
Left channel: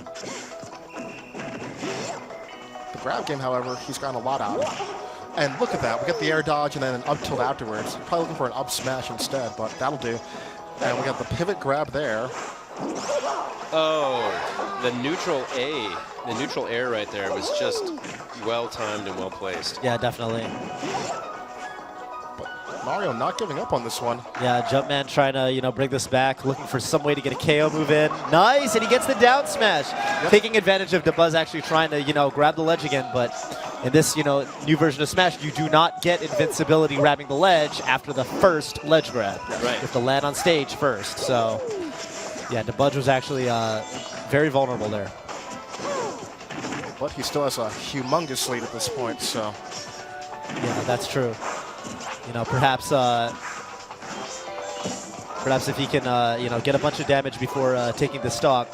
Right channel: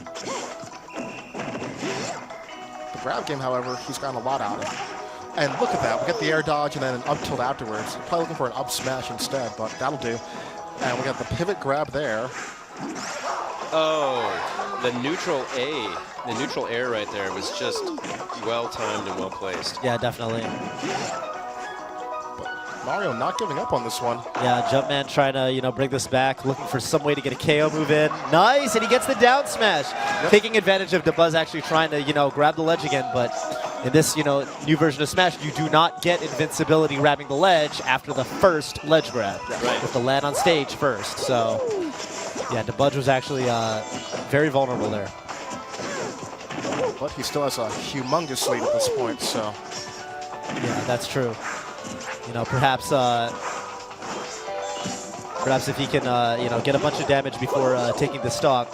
The grab game, however, he's gotten a lot out of. And look at that, we get the air dodge and then an up tilt afterwards. Probably looking for an up smash instead, but that'll do. And we got the pivot grab there. Oh, the neutral air right there was just well-timed and well-placed. Yeah, definitely. Mario not giving up on this one. Yeah, Jumpman trying to, bring this back, looking for some way to get a KO move in. Nice, and he gets the down smash. Yep. Taking advantage of DeBuzz actually trying to, grab the ledge again, but in this, new version of Smash, you do not get invincibility grabbing the ledge after the first ledge grab. Right. You have to land on stage first, so yeah, DeBuzz was actually very vulnerable there. But he still has a humongous lead at this point, so. Yeah, that's true. Perhaps if he can, get a bunch of damage before taking the stock.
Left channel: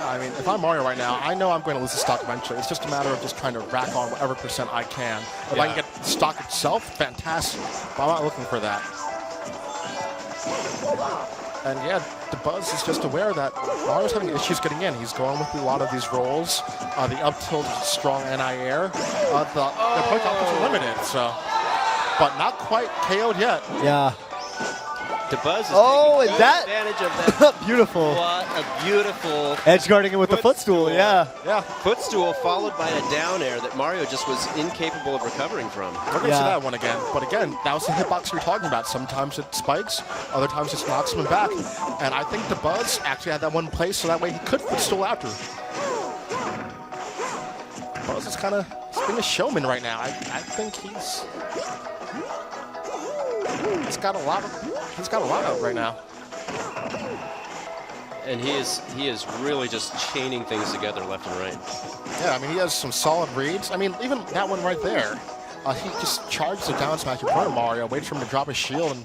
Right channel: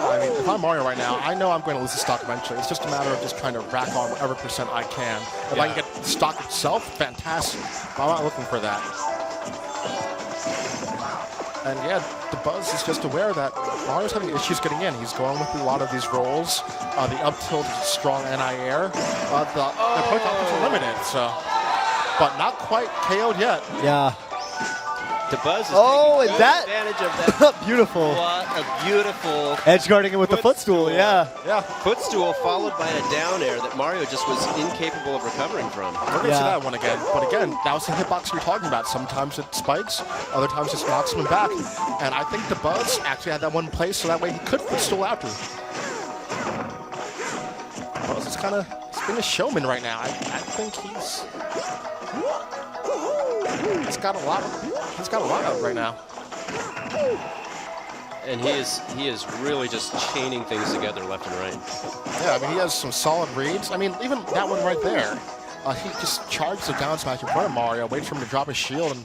I mean, if I'm Mario right now, I know I'm going to lose the stock eventually. It's just a matter of just trying to rack on whatever percent I can. If I can get the stock itself, fantastic. But I'm not looking for that. And yeah, DeBuzz is just aware that Mario's having issues getting in. He's going with a lot of these rolls. The up tilt, strong anti-air. The quick up is limited, so. But not quite KO'd yet. Yeah. DeBuzz is taking good advantage of that. Beautiful. What a beautiful edge guarding it with the footstool. Yeah. Footstool followed by a down air that Mario just was incapable of recovering from. We're going to see that one again. But again, that was the hitbox we were talking about. Sometimes it spikes, other times it knocks him back. And I think DeBuzz actually had that one in place so that way he could footstool after. DeBuzz is kind of being a showman right now. I think he's got a lot. He's got a lot out right now. And he is really just chaining things together left and right. Yeah, I mean, he has some solid reads. I mean, even that one right there, he just charges the down smash in front of Mario, waits for him to drop his shield, and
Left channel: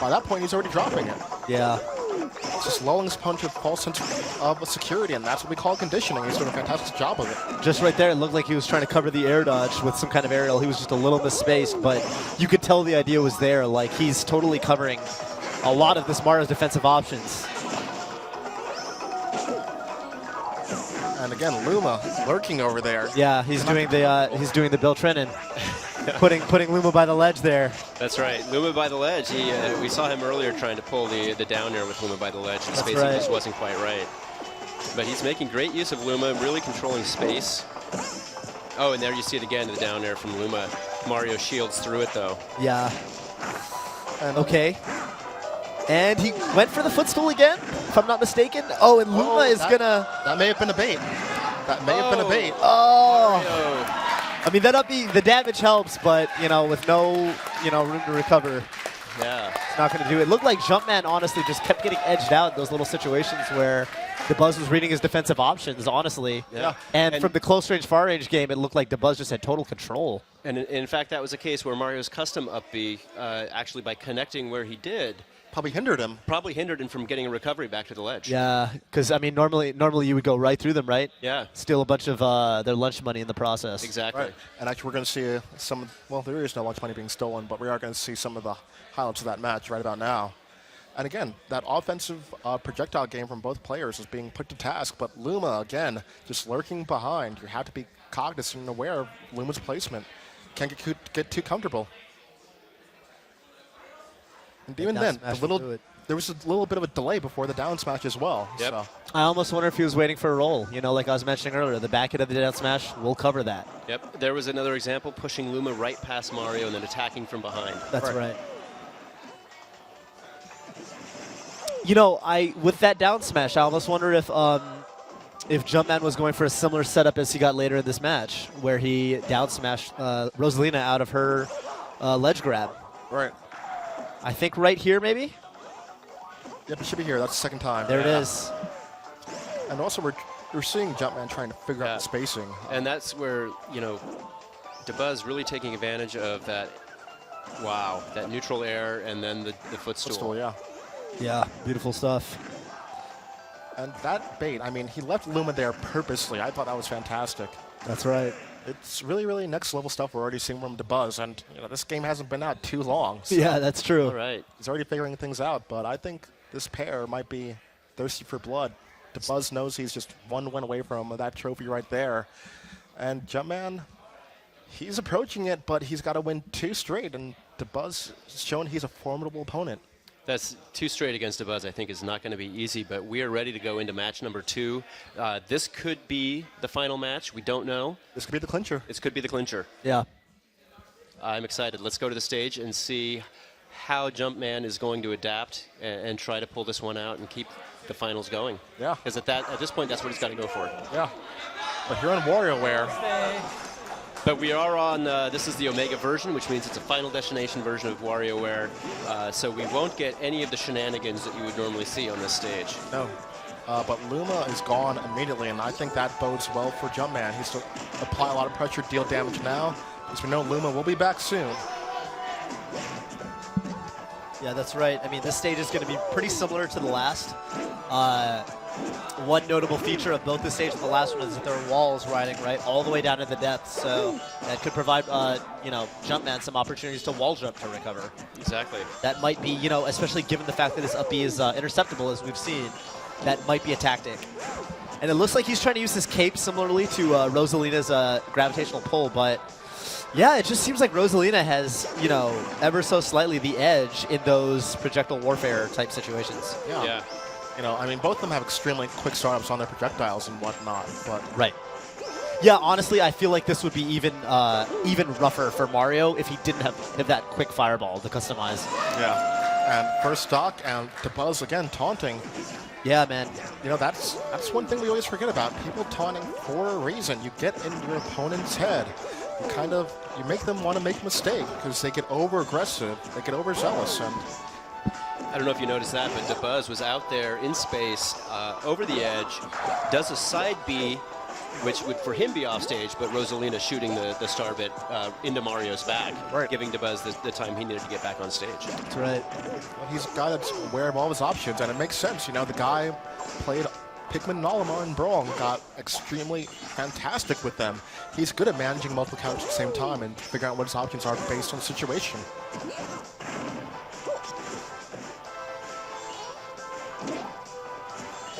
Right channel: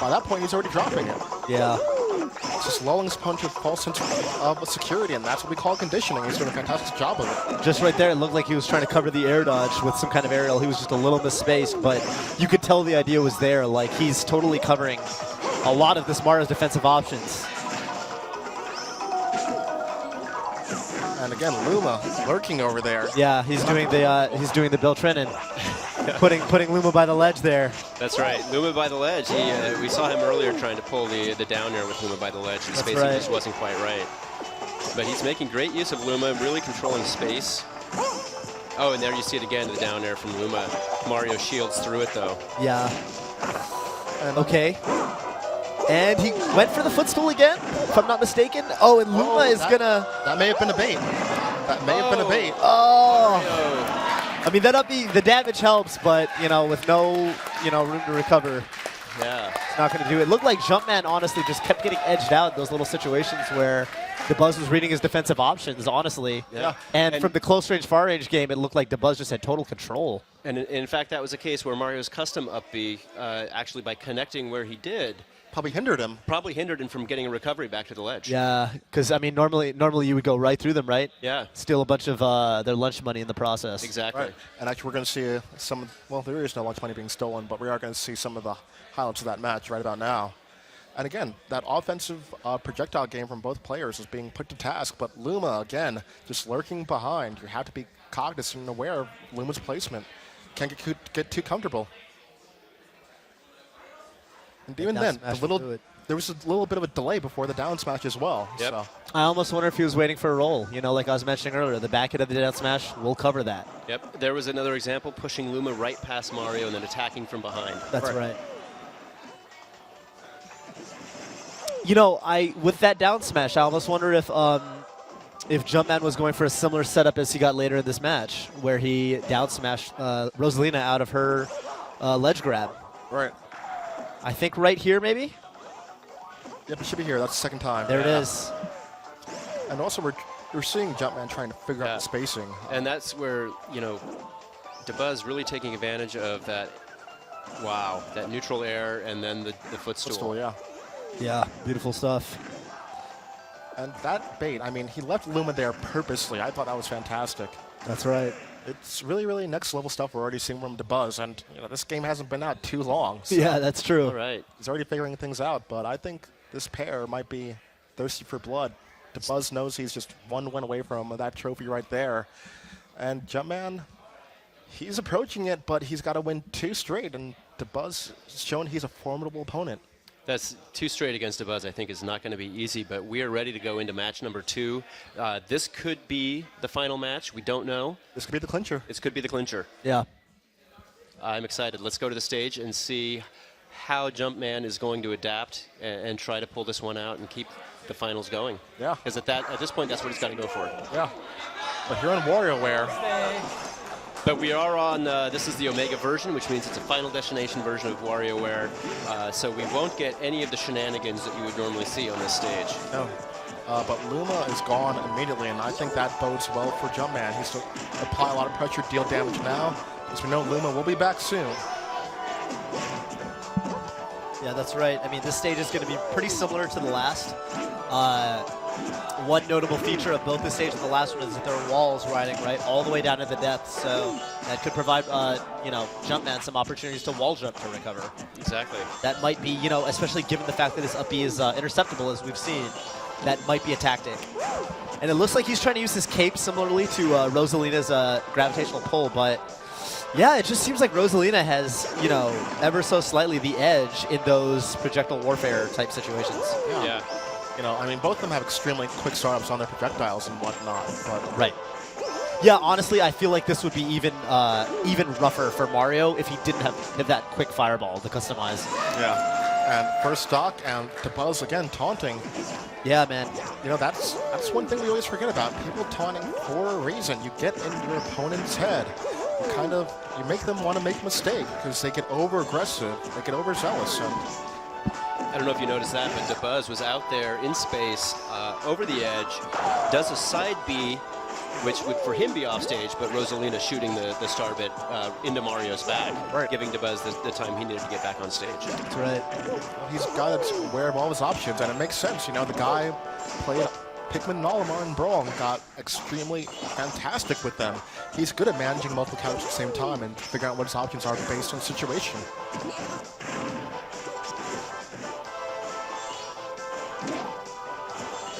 by that point, he's already dropping it. Yeah. It's just lulling his punch with false sense of security, and that's what we call conditioning. He's doing a fantastic job of it. Just right there, it looked like he was trying to cover the air dodge with some kind of aerial. He was just a little misspaced, but you could tell the idea was there. Like, he's totally covering a lot of this Mario's defensive options. And again, Luma lurking over there. Yeah, he's doing the Bill Trinen, putting Luma by the ledge there. That's right, Luma by the ledge. We saw him earlier trying to pull the down air with Luma by the ledge. His spacing just wasn't quite right. But he's making great use of Luma, really controlling space. Oh, and there you see it again, the down air from Luma. Mario shields through it though. Yeah. Okay. And he went for the footstool again, if I'm not mistaken. Oh, and Luma is gonna... That may have been a bait. That may have been a bait. Oh. I mean, the damage helps, but, with no, room to recover. Yeah. It's not going to do it. It looked like Jumpman, honestly, just kept getting edged out in those little situations where DeBuzz was reading his defensive options, honestly. Yeah. And from the close-range, far-range game, it looked like DeBuzz just had total control. And in fact, that was a case where Mario's custom up B, actually by connecting where he did, probably hindered him from getting a recovery back to the ledge. Yeah, because, I mean, normally you would go right through them, right? Yeah. Steal a bunch of their lunch money in the process. Exactly. Right. And actually, we're going to see there is no lunch money being stolen, but we are going to see some of the highlights of that match right about now. And again, that offensive projectile game from both players is being put to task, but Luma, again, just lurking behind. You have to be cognizant and aware of Luma's placement. Can't get too comfortable. And even then, there was a little bit of a delay before the down smash as well. Yep. So. I almost wonder if he was waiting for a roll. You know, like I was mentioning earlier, the back hit of the down smash, we'll cover that. Yep. There was another example, pushing Luma right past Mario and then attacking from behind. That's right. You know, with that down smash, I almost wonder if Jumpman was going for a similar setup as he got later in this match, where he down smashed Rosalina out of her ledge grab. Right. I think right here, maybe? Yep, it should be here. That's the second time. There it is. And also, we're seeing Jumpman trying to figure out the spacing. And that's where, you know, DeBuzz really taking advantage of that, that neutral air and then the footstool. Footstool, yeah. Yeah, beautiful stuff. And that bait, I mean, he left Luma there purposely. I thought that was fantastic. That's right. It's really, really next level stuff we're already seeing from DeBuzz, and you know, this game hasn't been out too long. So yeah, that's true. All right. He's already figuring things out, but I think this pair might be thirsty for blood. DeBuzz knows he's just one win away from that trophy right there. And Jumpman, he's approaching it, but he's got to win 2 straight, and DeBuzz has shown he's a formidable opponent. That's 2 straight against DeBuzz, I think, is not going to be easy, but we are ready to go into match number 2. This could be the final match. We don't know. This could be the clincher. This could be the clincher. Yeah. I'm excited. Let's go to the stage and see how Jumpman is going to adapt and try to pull this one out and keep the finals going. Yeah. Because at this point, that's what he's got to go for. Yeah. But here on WarioWare. But we are on, this is the Omega version, which means it's a Final Destination version of WarioWare, so we won't get any of the shenanigans that you would normally see on this stage. No. But Luma is gone immediately, and I think that bodes well for Jumpman. He's to apply a lot of pressure, deal damage now, because we know Luma will be back soon. Yeah, that's right. I mean, this stage is going to be pretty similar to the last. One notable feature of both the stage and the last one is that there are walls riding right all the way down to the depths, so that could provide, Jumpman some opportunities to wall jump to recover. Exactly. That might be, especially given the fact that his up B is interceptable, as we've seen, that might be a tactic. And it looks like he's trying to use his cape similarly to Rosalina's gravitational pull, but yeah, it just seems like Rosalina has, ever so slightly the edge in those projectile warfare type situations. Yeah. I mean, both of them have extremely quick startups on their projectiles and whatnot. But right. Yeah, honestly, I feel like this would be even rougher for Mario if he didn't have that quick fireball to customize. Yeah. And first stock, and DeBuzz again taunting. Yeah, man. That's one thing we always forget about. People taunting for a reason. You get in your opponent's head. You make them want to make a mistake because they get over-aggressive, they get overzealous. And I don't know if you noticed that, but DeBuzz was out there in space, over the edge, does a side B, which would for him be off stage, but Rosalina shooting the star bit into Mario's back, giving DeBuzz the time he needed to get back on stage. That's right. Well, he's a guy that's aware of all his options, and it makes sense. The guy played Pikmin and Olimar and Brawl and got extremely fantastic with them. He's good at managing multiple characters at the same time and figuring out what his options are based on the situation.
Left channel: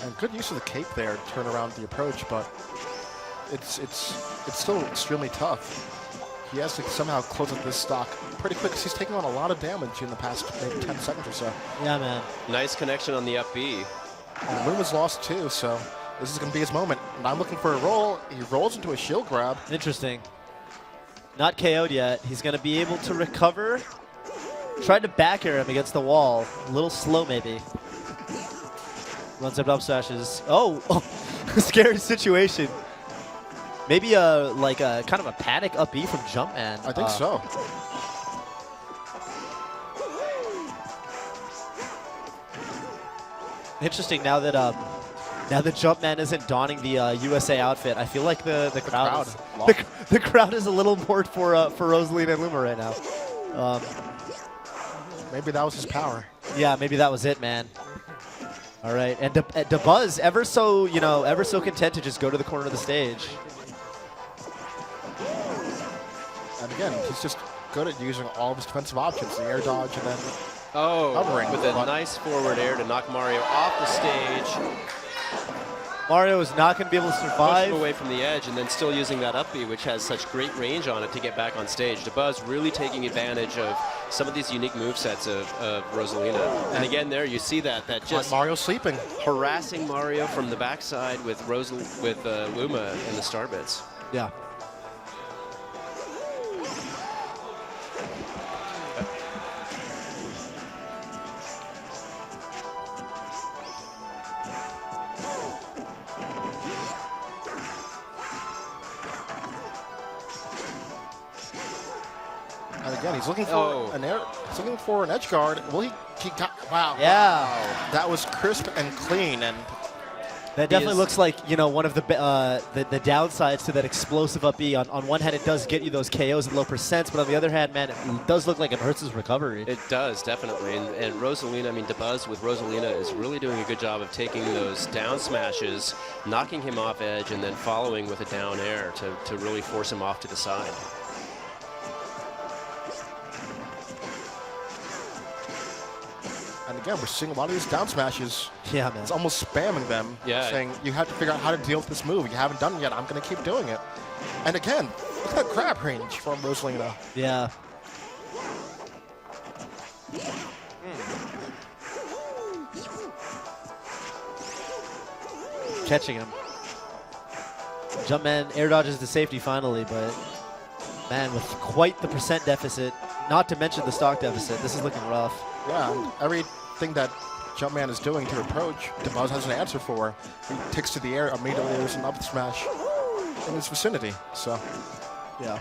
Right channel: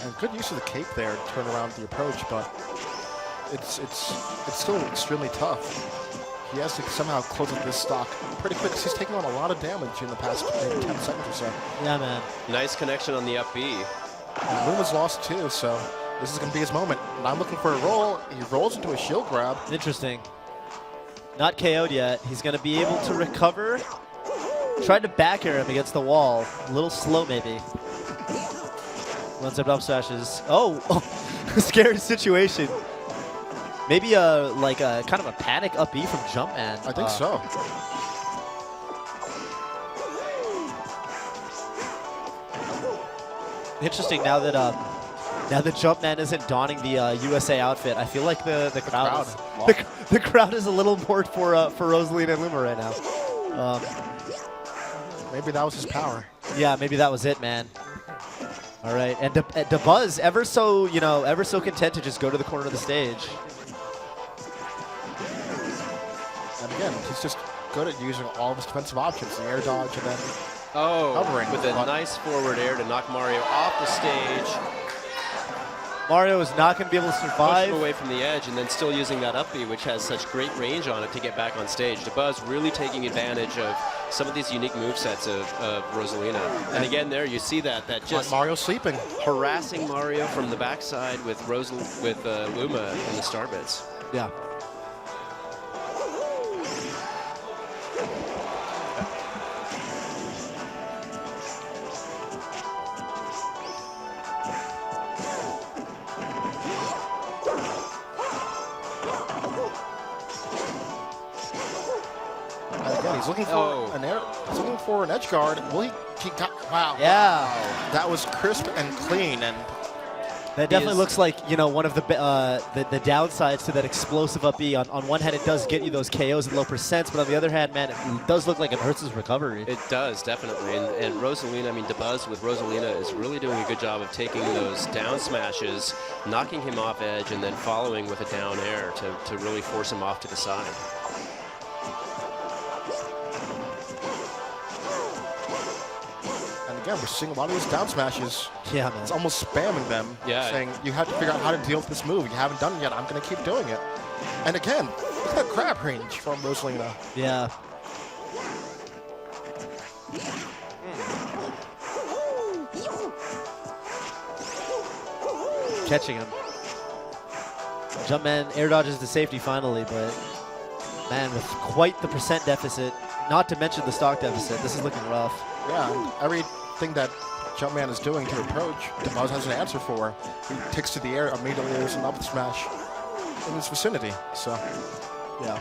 And good use of the cape there to turn around the approach, but it's still extremely tough. He has to somehow close up this stock pretty quick because he's taking on a lot of damage in the past maybe 10 seconds or so. Yeah, man. Nice connection on the up B. And Luma's lost too, so this is going to be his moment. And I'm looking for a roll. He rolls into a shield grab. Interesting. Not KO'd yet. He's going to be able to recover. Tried to back air him against the wall. A little slow, maybe. One-step up smashes. Oh, scary situation. Maybe kind of a panic up B from Jumpman. I think so. Interesting. Now that Jumpman isn't donning the USA outfit, I feel like the crowd is a little more for Rosalina and Luma right now. Maybe that was his power. Yeah, maybe that was it, man. All right, and DeBuzz ever so content to just go to the corner of the stage. And again, he's just good at using all of his defensive options, the air dodge and then hovering. With a nice forward air to knock Mario off the stage. Mario is not going to be able to Push survive. him away from the edge and then still using that up B, which has such great range on it to get back on stage. DeBuzz really taking advantage of some of these unique movesets of Rosalina. And again, there you see that just Mario sleeping, harassing Mario from the backside with Luma in the star bits. Yeah. Again, he's looking for an air. He's looking for an edge guard. Well, he got. Wow. Yeah. That was crisp and clean, and That definitely looks like, you know, one of the downsides to that explosive up B. On one hand, it does get you those KOs at low percents, but on the other hand, man, it does look like it hurts his recovery. It does, definitely. And Rosalina, I mean, DeBuzz with Rosalina is really doing a good job of taking those down smashes, knocking him off edge, and then following with a down air to really force him off to the side. And again, we're seeing a lot of these down smashes. Yeah, man. It's almost spamming them, saying, you have to figure out how to deal with this move. You haven't done it yet. I'm going to keep doing it. And again, look at that grab range from Rosalina. Yeah. Catching him. Jumpman air dodges to safety finally, but man, with quite the percent deficit, not to mention the stock deficit, this is looking rough. Yeah, everything that Jumpman is doing to approach, DeBuzz has an answer for. He takes to the air, immediately there's an up smash in his vicinity. So, yeah.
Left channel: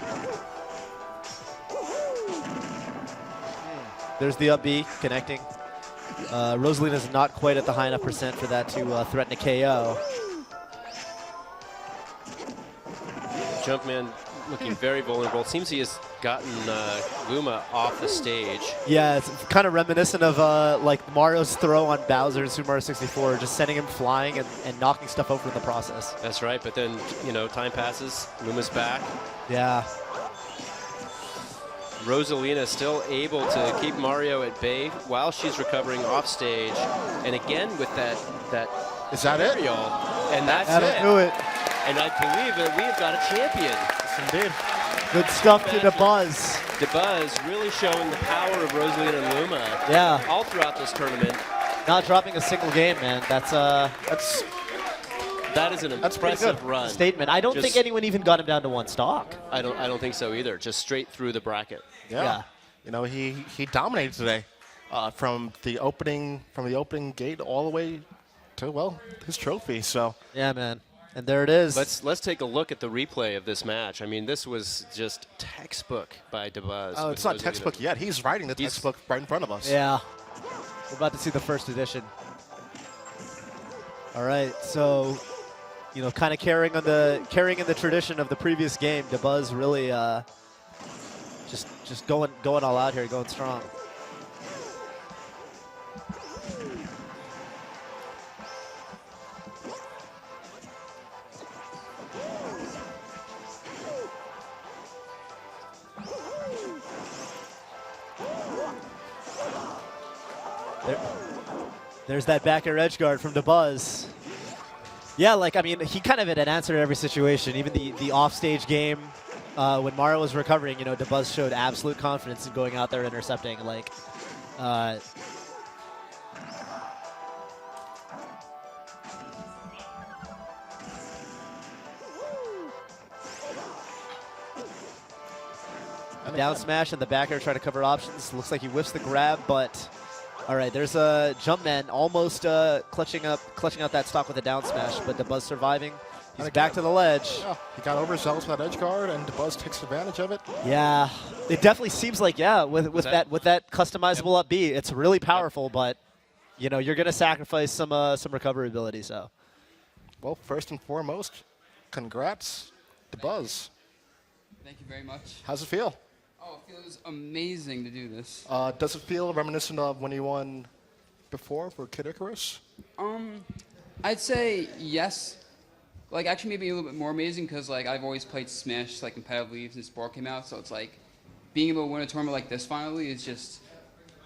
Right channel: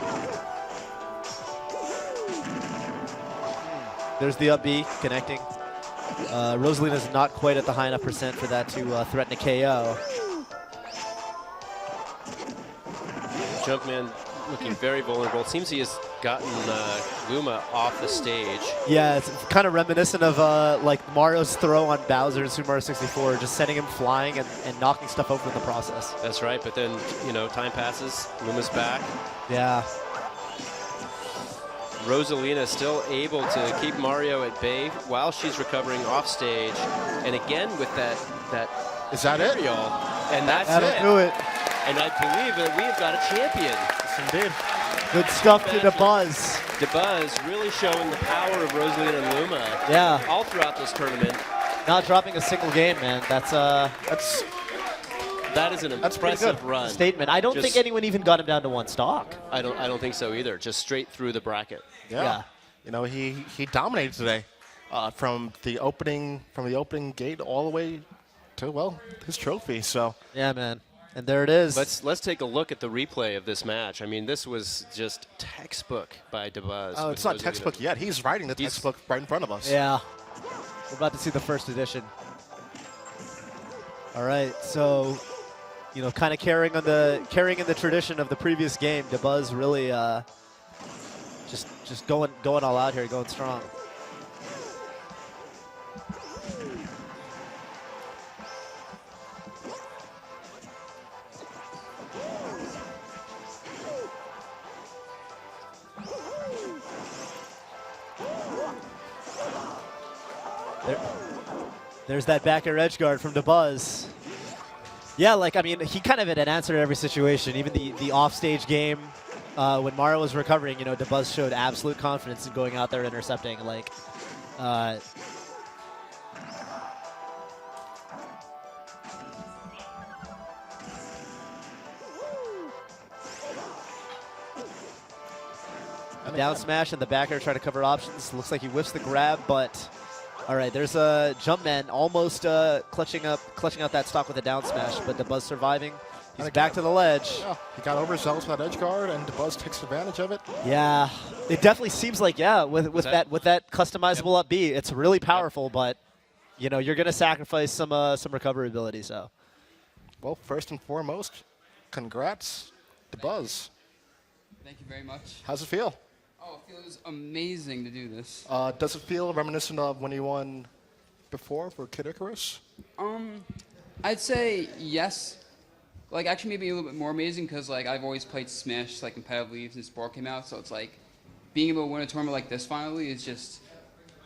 There's the up B connecting. Rosalina's not quite at the high enough percent for that to threaten a KO. Jumpman looking very vulnerable. It seems he has gotten Luma off the stage. Yeah, it's kind of reminiscent of like Mario's throw on Bowser in Super Mario 64, just sending him flying and knocking stuff over in the process. That's right, but then, you know, time passes, Luma's back. Yeah. Rosalina still able to keep Mario at bay while she's recovering off stage. And again with that is that it? And that's That'll do it. And I believe that we have got a champion. Yes, indeed. Good stuff to DeBuzz. DeBuzz really showing the power of Rosalina and Luma. Yeah. All throughout this tournament. Not dropping a single game, man. That is an impressive run. Statement. I don't think anyone even got him down to one stock. I don't think so either. Just straight through the bracket. Yeah. You know, he dominated today from the opening gate all the way to, well, his trophy. So yeah, man. And there it is. Let's take a look at the replay of this match. I mean, this was just textbook by DeBuzz. Oh, it's not textbook yet. He's writing the textbook right in front of us. Yeah. We're about to see the first edition. All right, so you know, kind of carrying in the tradition of the previous game, DeBuzz really just going all out here, going strong. There's that back air edge guard from DeBuzz. Yeah, like, I mean, he kind of had an answer to every situation. Even the offstage game, when Mario was recovering, you know, DeBuzz showed absolute confidence in going out there intercepting. Like, down smash and the back air try to cover options. Looks like he whiffs the grab, but all right, there's a Jumpman almost clutching out that stock with a down smash, but DeBuzz surviving. He's back to the ledge. Yeah, he got overzealous with that edge guard, and DeBuzz takes advantage of it. Yeah, it definitely seems like with that customizable up B, it's really powerful, but you know you're gonna sacrifice some recovery ability. So, well, first and foremost, congrats, DeBuzz. Thank you very much. How's it feel? Oh, it feels amazing to do this. Does it feel reminiscent of when you won before for Kid Icarus? I'd say yes. Like, actually, maybe a little bit more amazing because, like, I've always played Smash, like, competitively since Sport came out. So it's like being able to win a tournament like this finally is just,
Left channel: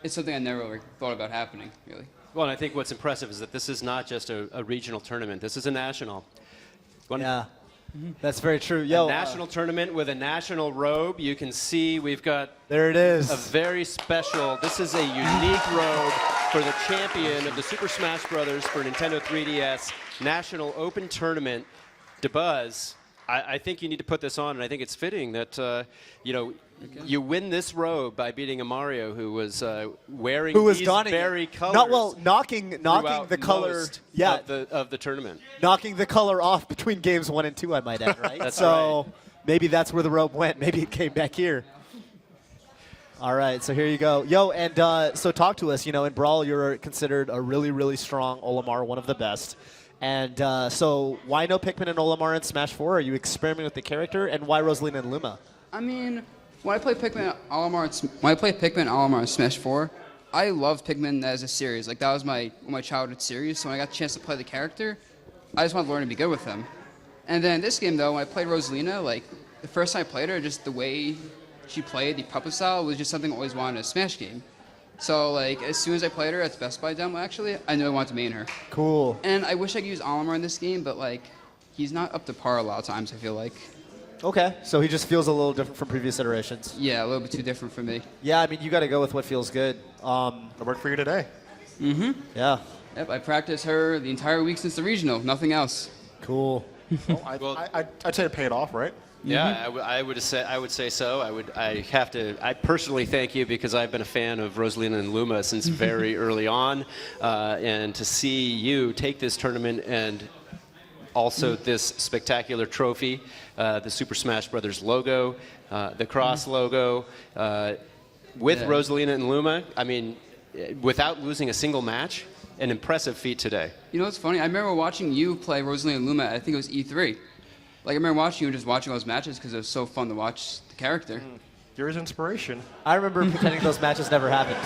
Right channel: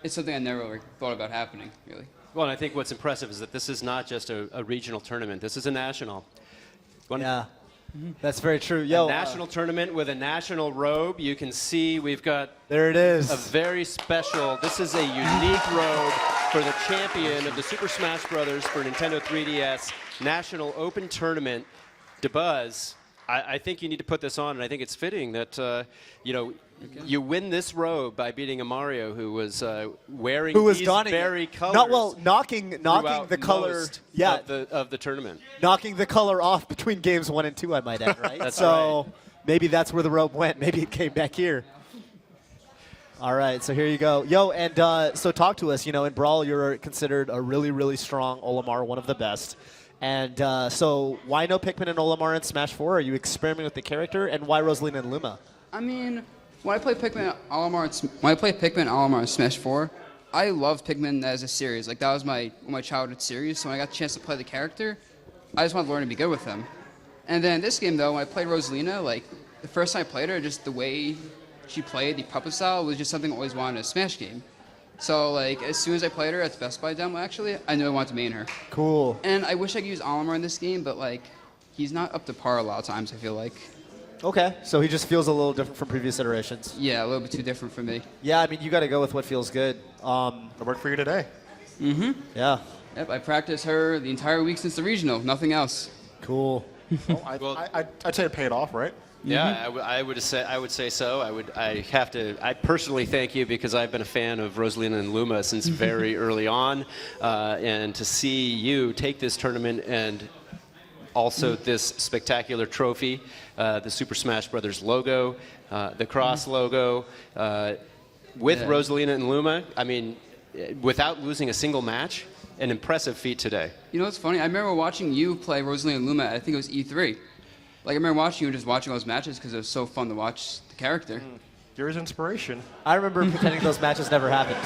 it's something I never really thought about happening, really. Well, and I think what's impressive is that this is not just a regional tournament. This is a national. Yeah, that's very true. Yo, a national tournament with a national robe. You can see we've got there it is. A very special. This is a unique robe for the champion of the Super Smash Brothers for Nintendo 3DS National Open Tournament. DeBuzz, I think you need to put this on, and I think it's fitting that you win this robe by beating a Mario who was wearing these very colors. Knocking the color, of the tournament. Knocking the color off between games 1 and 2, I might add, right? That's so right. Maybe that's where the robe went. Maybe it came back here. All right, so here you go. Yo, and so talk to us. In Brawl, you're considered a really, really strong Olimar, one of the best. And so why no Pikmin and Olimar in Smash 4? Are you experimenting with the character? And why Rosalina and Luma? I mean, when I play Pikmin Olimar in Smash 4, I love Pikmin as a series. Like, that was my childhood series. So when I got a chance to play the character, I just wanted to learn to be good with them. And then in this game, though, when I played Rosalina, like, the first time I played her, just the way she played, the puppet style, was just something I always wanted in a Smash game. So, like, as soon as I played her at the Best Buy demo, actually, I knew I wanted to main her. Cool. And I wish I could use Olimar in this game, but, like, he's not up to par a lot of times, I feel like. Okay, so he just feels a little different from previous iterations. Yeah, a little bit too different for me. Yeah, I mean, you got to go with what feels good. It worked for you today. Mm-hmm. Yeah. Yep, I practiced her the entire week since the regional, nothing else. Cool. I'd say it paid off, right? Yeah, I would say so. I personally thank you because I've been a fan of Rosalina and Luma since very early on, and to see you take this tournament and also this spectacular trophy, the Super Smash Brothers logo, the Cross logo, with Rosalina and Luma. I mean, without losing a single match, an impressive feat today. You know what's funny? I remember watching you play Rosalina and Luma. I think it was E3. Like, I remember watching you and just watching those matches because it was so fun to watch the character. You're his inspiration. I remember pretending those matches never happened.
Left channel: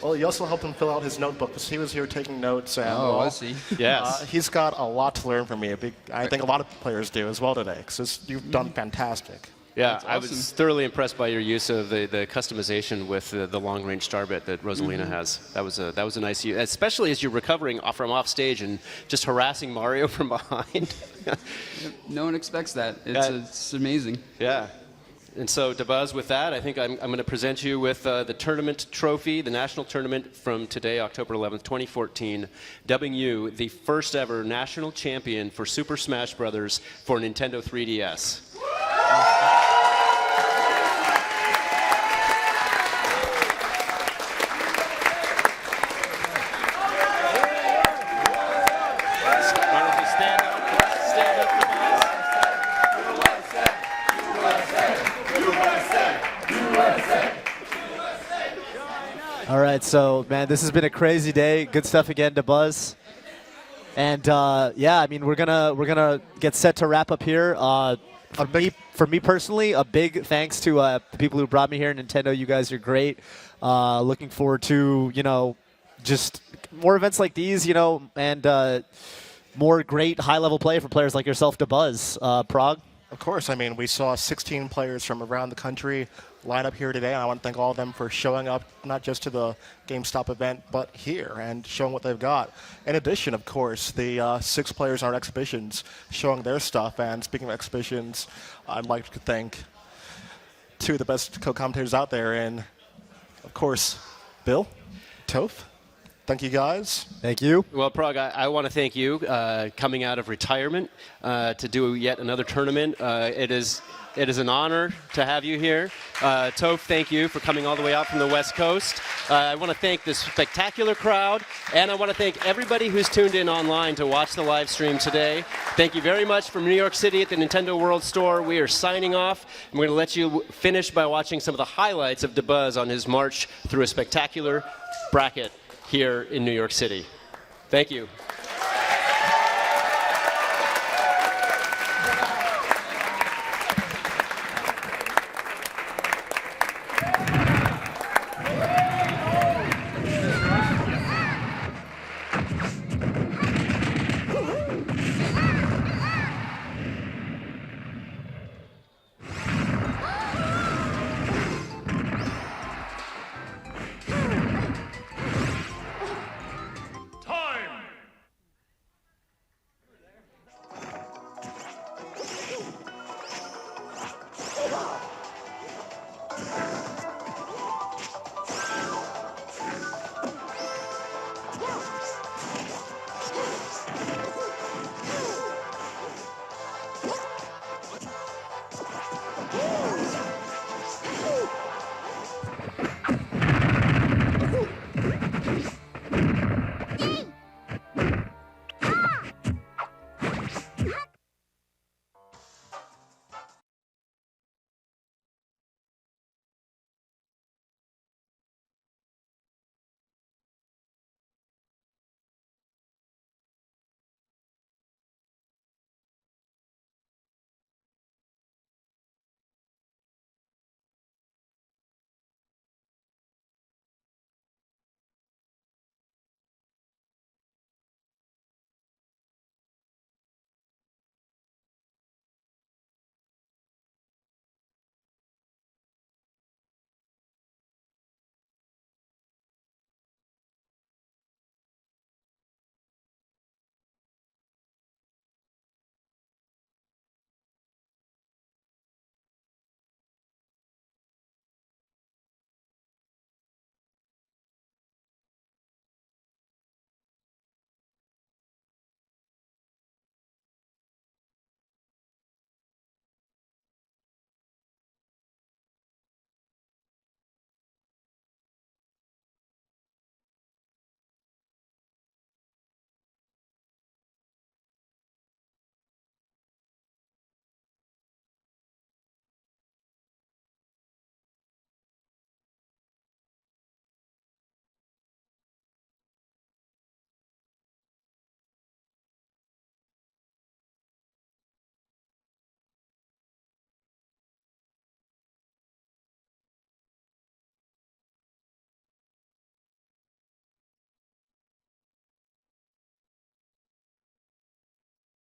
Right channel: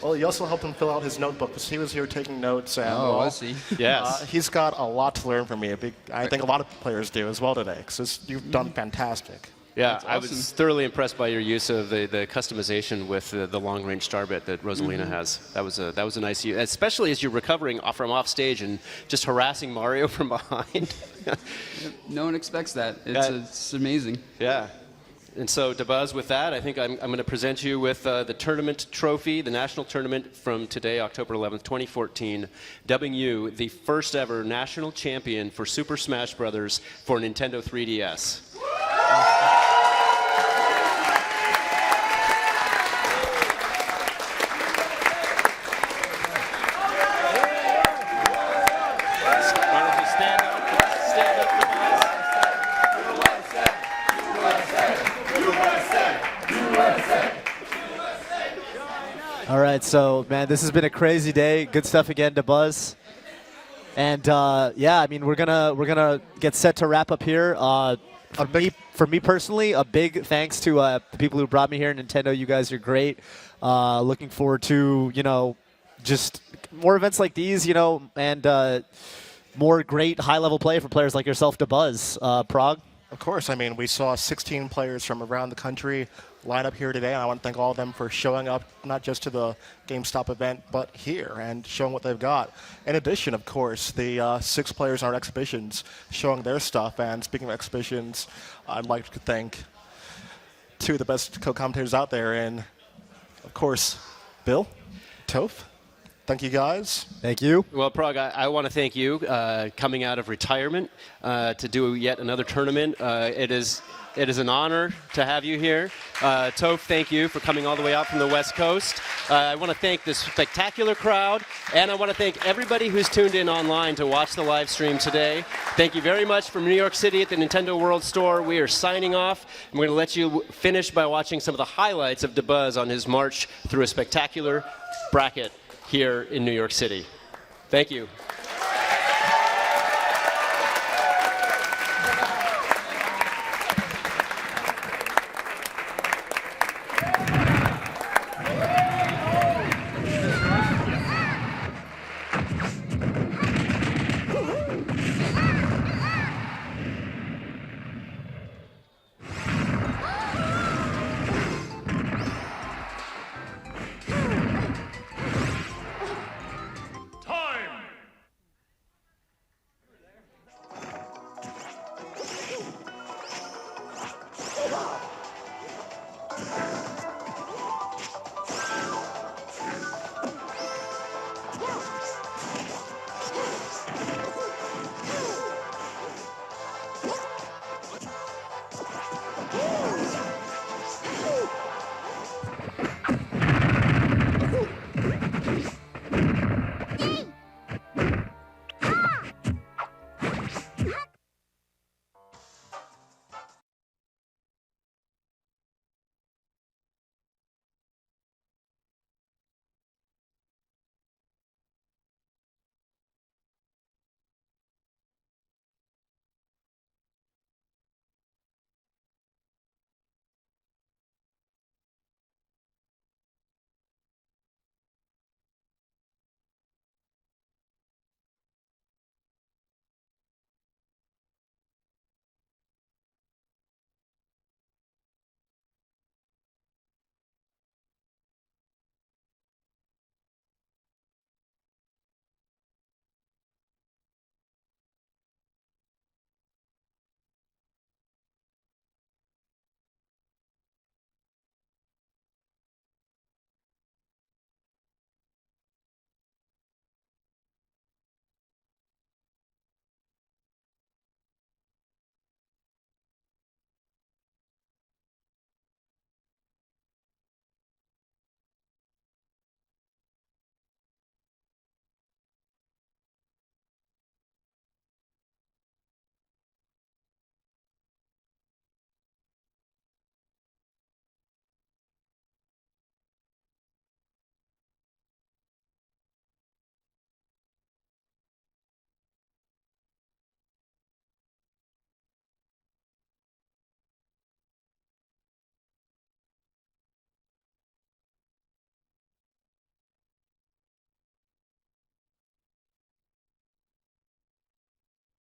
Well, you also helped him fill out his notebook because he was here taking notes. And, was he? Yes. He's got a lot to learn from me. I think a lot of players do as well today because you've done fantastic. Yeah, Awesome. I was thoroughly impressed by your use of the customization with the long-range star bit that Rosalina has. That was a nice use, especially as you're recovering from off stage and just harassing Mario from behind. No one expects that. It's amazing. Yeah. And so, DeBuzz, with that, I think I'm going to present you with the tournament trophy, the national tournament from today, October 11th, 2014, dubbing you the first ever national champion for Super Smash Brothers for Nintendo 3DS. All right, so, man, this has been a crazy day. Good stuff again to Buzz. And, yeah, I mean, we're gonna get set to wrap up here. For me personally, a big thanks to the people who brought me here. Nintendo, you guys are great. Looking forward to, just more events like these, and more great high-level play for players like yourself to Buzz. Prog? Of course. I mean, we saw 16 players from around the country line up here today. And I want to thank all of them for showing up, not just to the GameStop event, but here and showing what they've got. In addition, of course, the 6 players in our exhibitions showing their stuff. And speaking of exhibitions, I'd like to thank 2 of the best co-commentators out there. And, of course, Bill, Toph. Thank you, guys. Thank you. Well, Prog, I want to thank you coming out of retirement to do yet another tournament. It is an honor to have you here. Toph, thank you for coming all the way out from the West Coast. I want to thank this spectacular crowd, and I want to thank everybody who's tuned in online to watch the live stream today. Thank you very much from New York City at the Nintendo World Store. We are signing off, and we're going to let you finish by watching some of the highlights of DeBuzz on his march through a spectacular bracket here in New York City. Thank you.